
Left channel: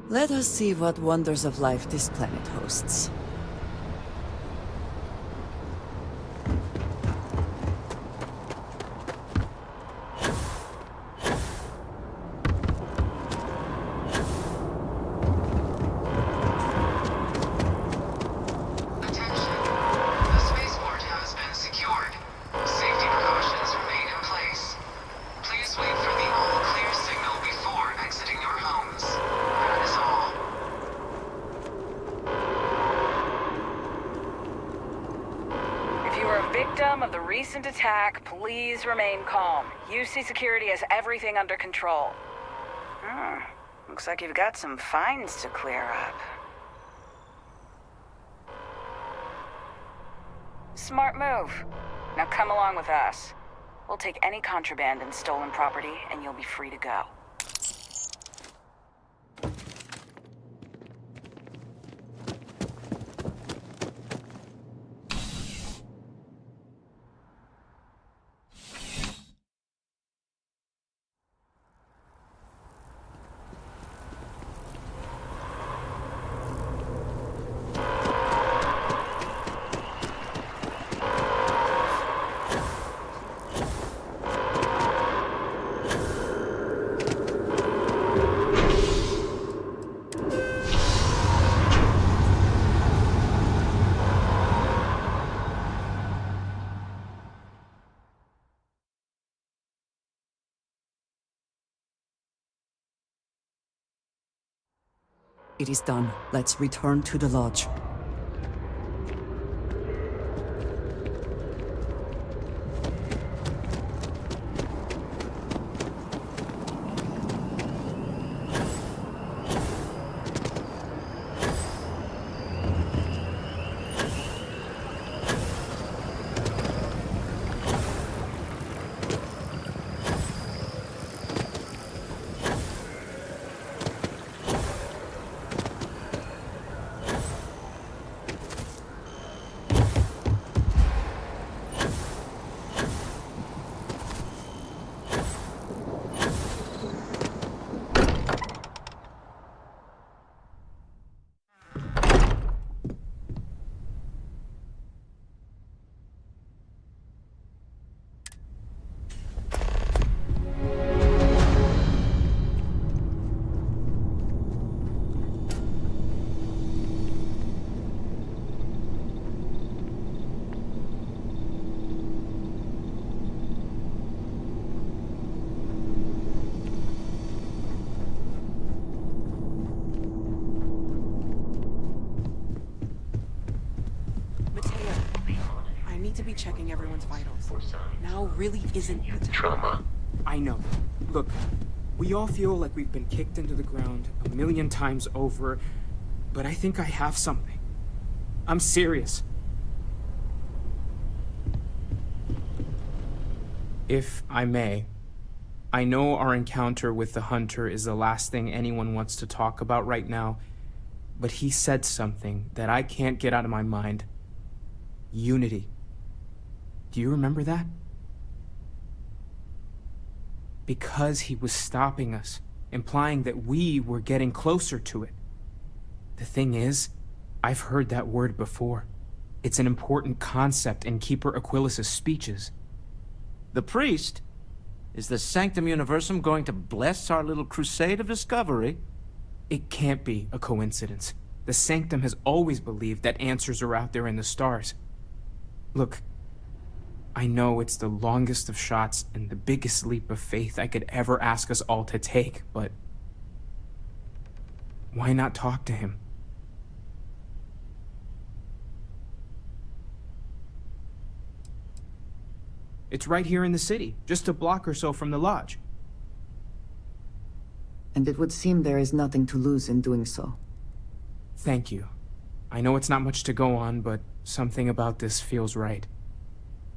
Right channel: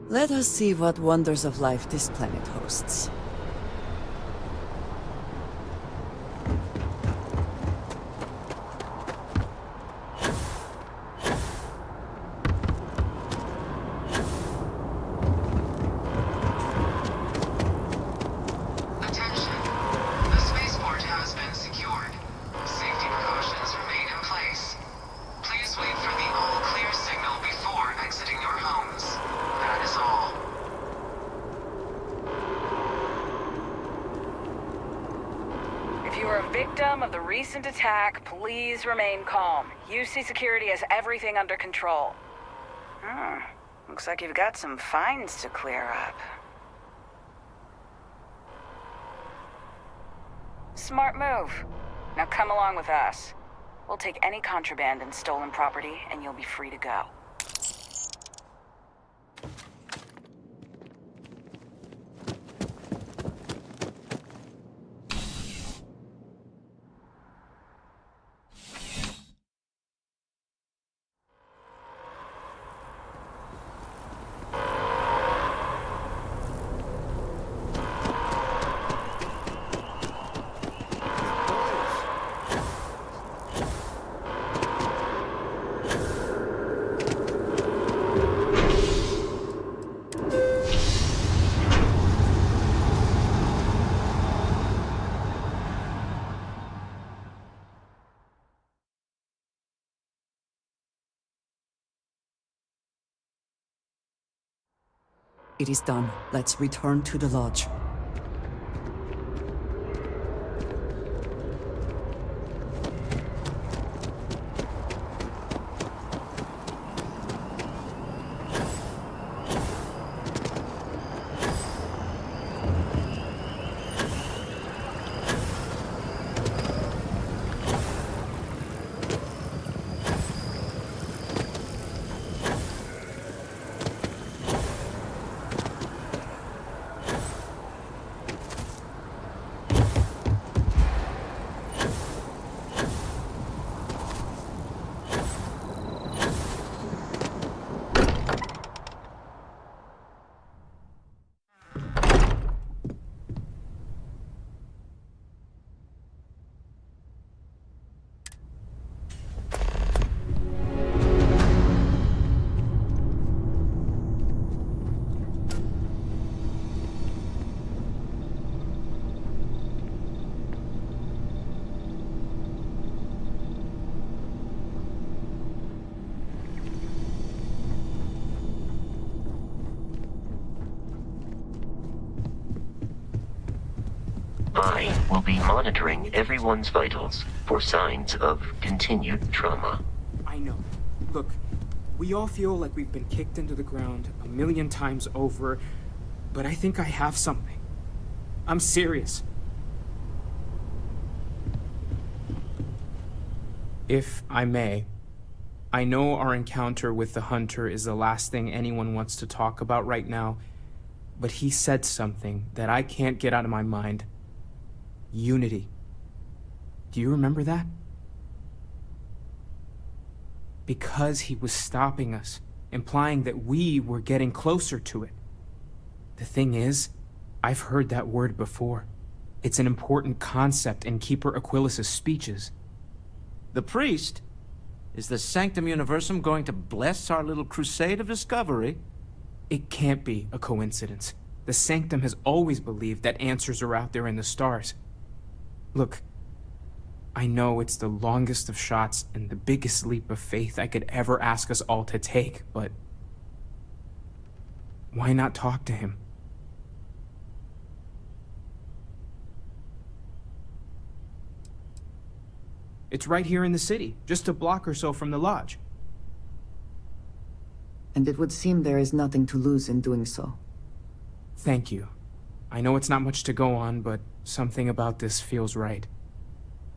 Let us see what wonders of life this planet hosts. Victim of the recent attack, please remain calm. UC Security has everything under control. Looks like you've got some fines to clear up. Smart move. Now come along with us. We'll take any contraband and stolen property, and you'll be free to go. It is done. Let's return to the lodge. I will be monitoring everyone's vitals for signs of continued trauma. I know. Look, we all feel like we've been kicked into the ground a million times over, but I think I have something. I'm serious. If I may, I know our encounter with the Hunter is the last thing anyone wants to talk about right now, but he said something that I can't get out of my mind. Unity. Do you remember that? Because he was stopping us, implying that we were getting closer to it. The thing is, I've heard that word before. It's an important concept in Keeper Aquilas's speeches. The priest? Is the Sanctum Universum going to bless our little crusade of discovery? It can't be a coincidence. The Sanctum has always believed that answers are out there in the stars. Look, I know it's the longest of shots and the biggest leap of faith I could ever ask us all to take, but why not talk to him? It's right here in the city, just a block or so from the lodge. And it would seem there is nothing to lose in doing so. Thank you. I know it's not much to go on, but something about this feels right.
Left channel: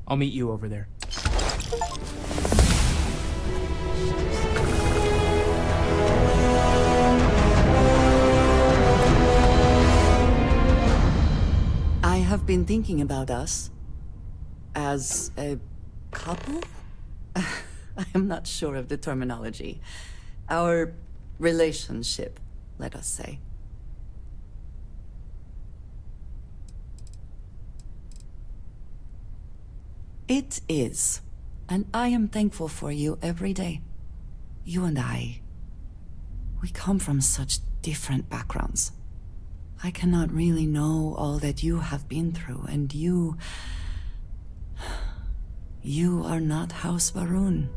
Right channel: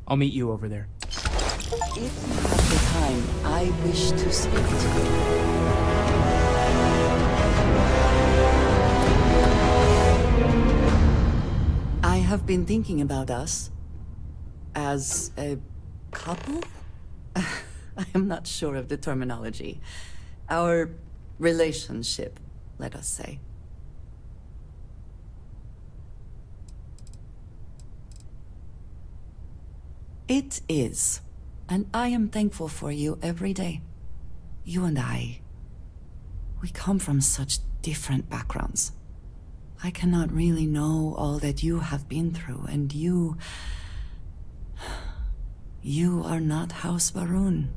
I'll meet you over there. The time I wish to speak to you. I have been thinking about us as a couple? I am not sure of the terminology. Our relationship, let us say. It is, and I am thankful for you every day. You and I, we come from such different backgrounds. I cannot really know all that you have been through, and you are not House Varun.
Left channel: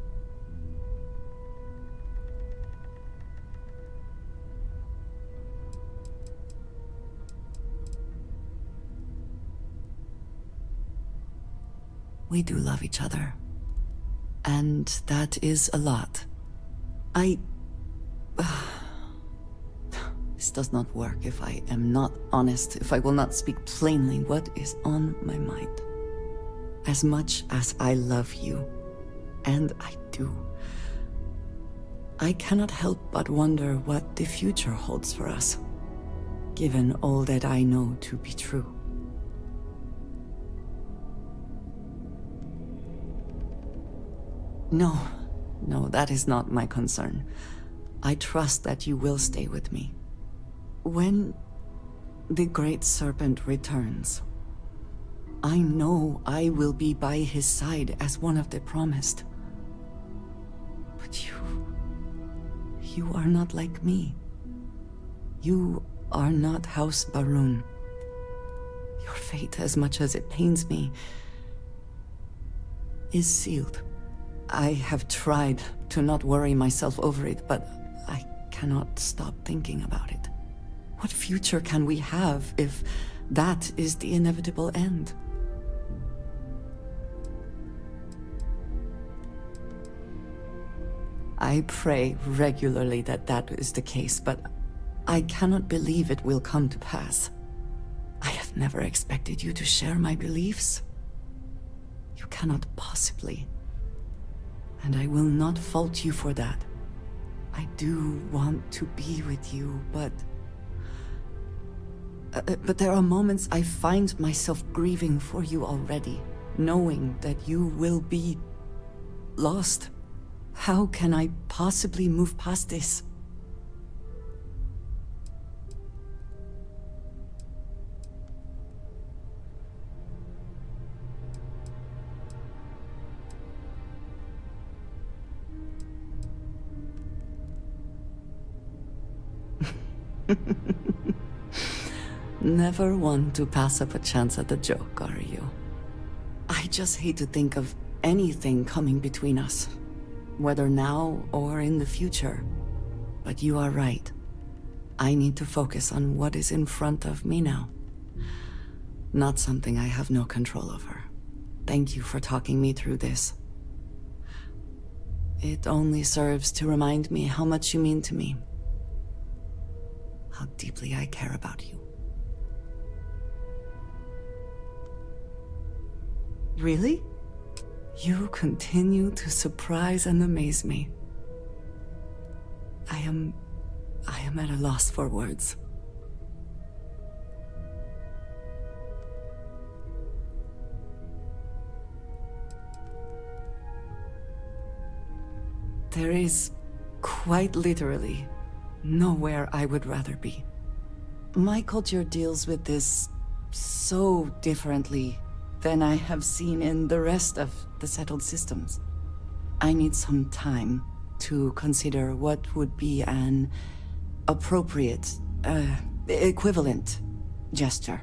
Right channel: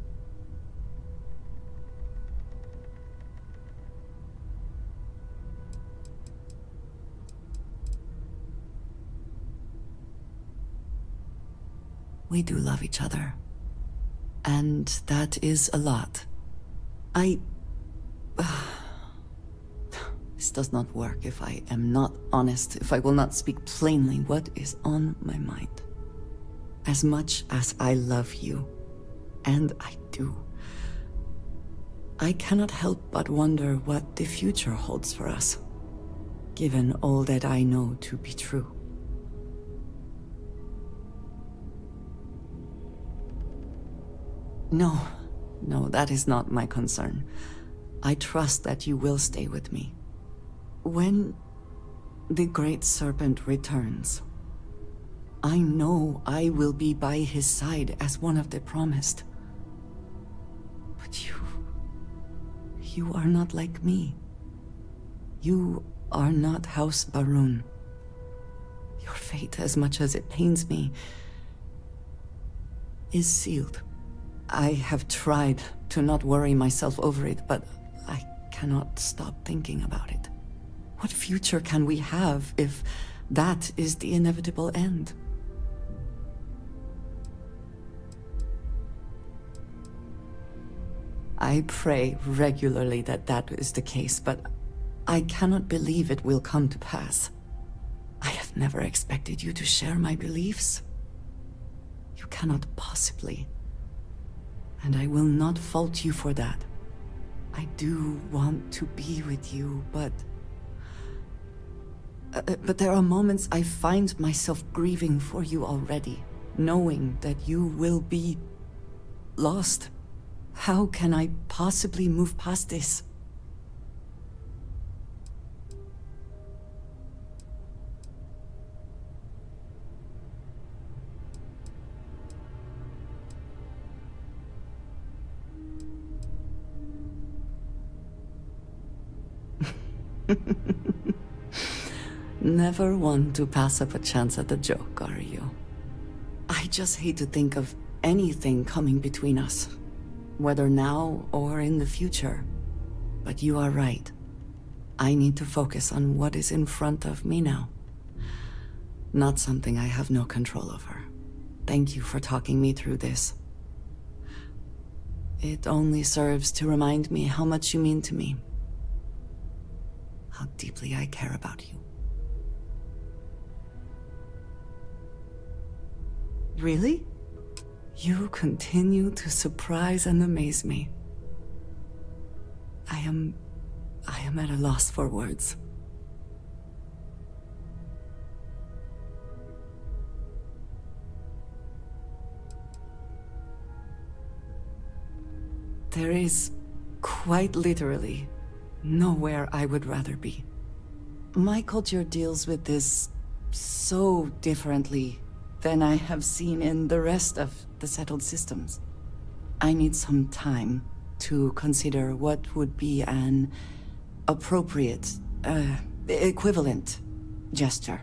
We do love each other. And that is a lot. This does not work if I am not honest, if I will not speak plainly what is on my mind. As much as I love you, and I do, I cannot help but wonder what the future holds for us, given all that I know to be true. No, that is not my concern. I trust that you will stay with me. When the Great Serpent returns, I know I will be by his side as one of the promised. But you are not like me. You are not House Varun. Your fate, as much as it pains me, is sealed. I have tried to not worry myself over it, but I cannot stop thinking about it. What future can we have if that is the inevitable end? I pray regularly that that is the case, but I cannot believe it will come to pass. I have never expected you to share my beliefs. You cannot possibly. And I will not fault you for that. I do want to be with you, but there are moments I find myself grieving for you already, knowing that you will be lost. How can I possibly move past this? Never one to pass up a chance at a joke, are you? I just hate to think of anything coming between us, whether now or in the future. But you are right. I need to focus on what is in front of me now. Not something I have no control over. Thank you for talking me through this. It only serves to remind me how much you mean to me. How deeply I care about you. Really? You continue to surprise and amaze me. I am at a loss for words. There is, quite literally, nowhere I would rather be. My culture deals with this so differently than I have seen in the rest of the settled systems. I need some time to consider what would be an appropriate, equivalent gesture.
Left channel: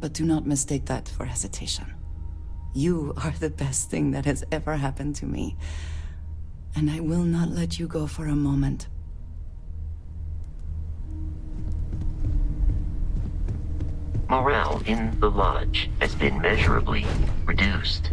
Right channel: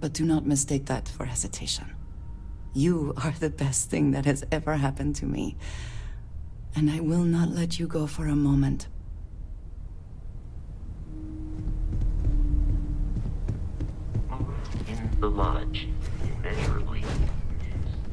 But do not mistake that for hesitation. You are the best thing that has ever happened to me, and I will not let you go for a moment. Morale in the lodge has been measurably reduced.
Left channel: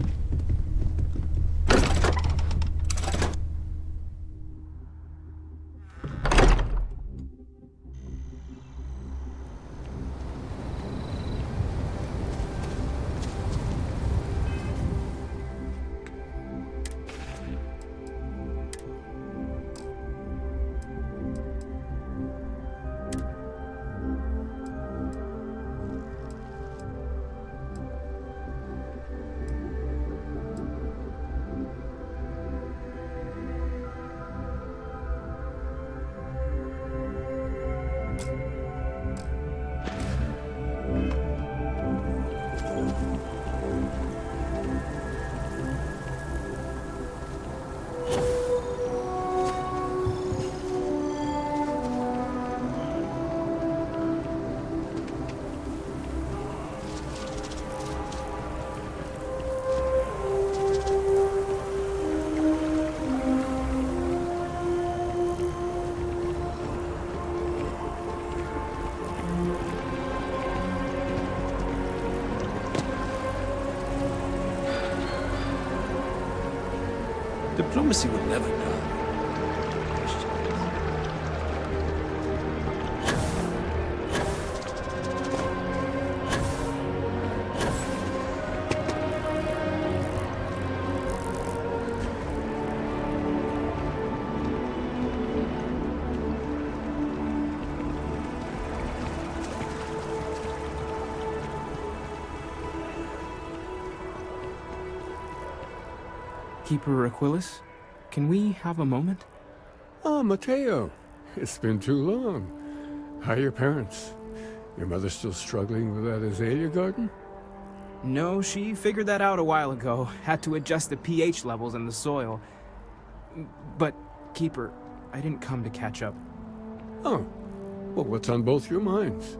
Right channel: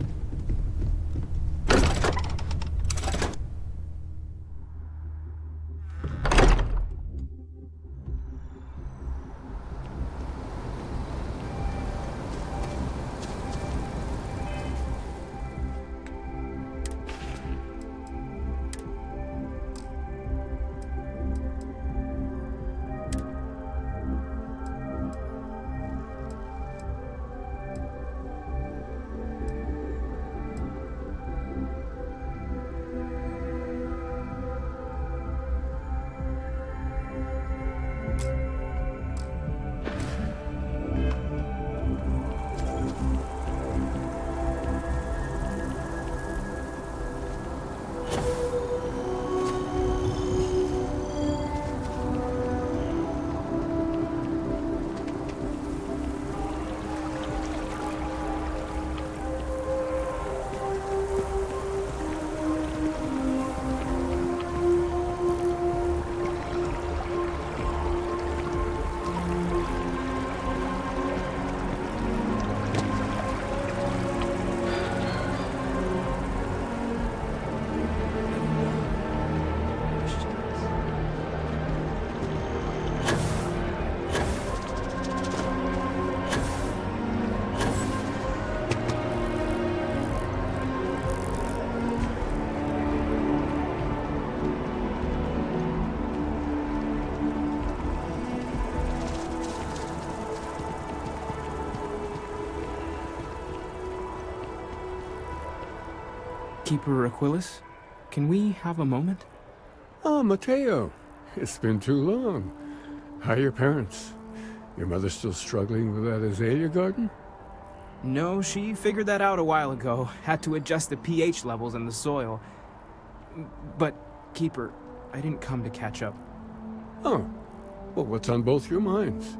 Diplomacy would never die. Keeper Aquilus, can we have a moment? Ah, Mateo. It's been too long. How are your parents? Your mother still struggling with that azalea garden? No, she figured that out a while ago. Had to adjust the pH levels in the soil. But, Keeper, I didn't come to catch up. Oh. Well, what's on both your minds?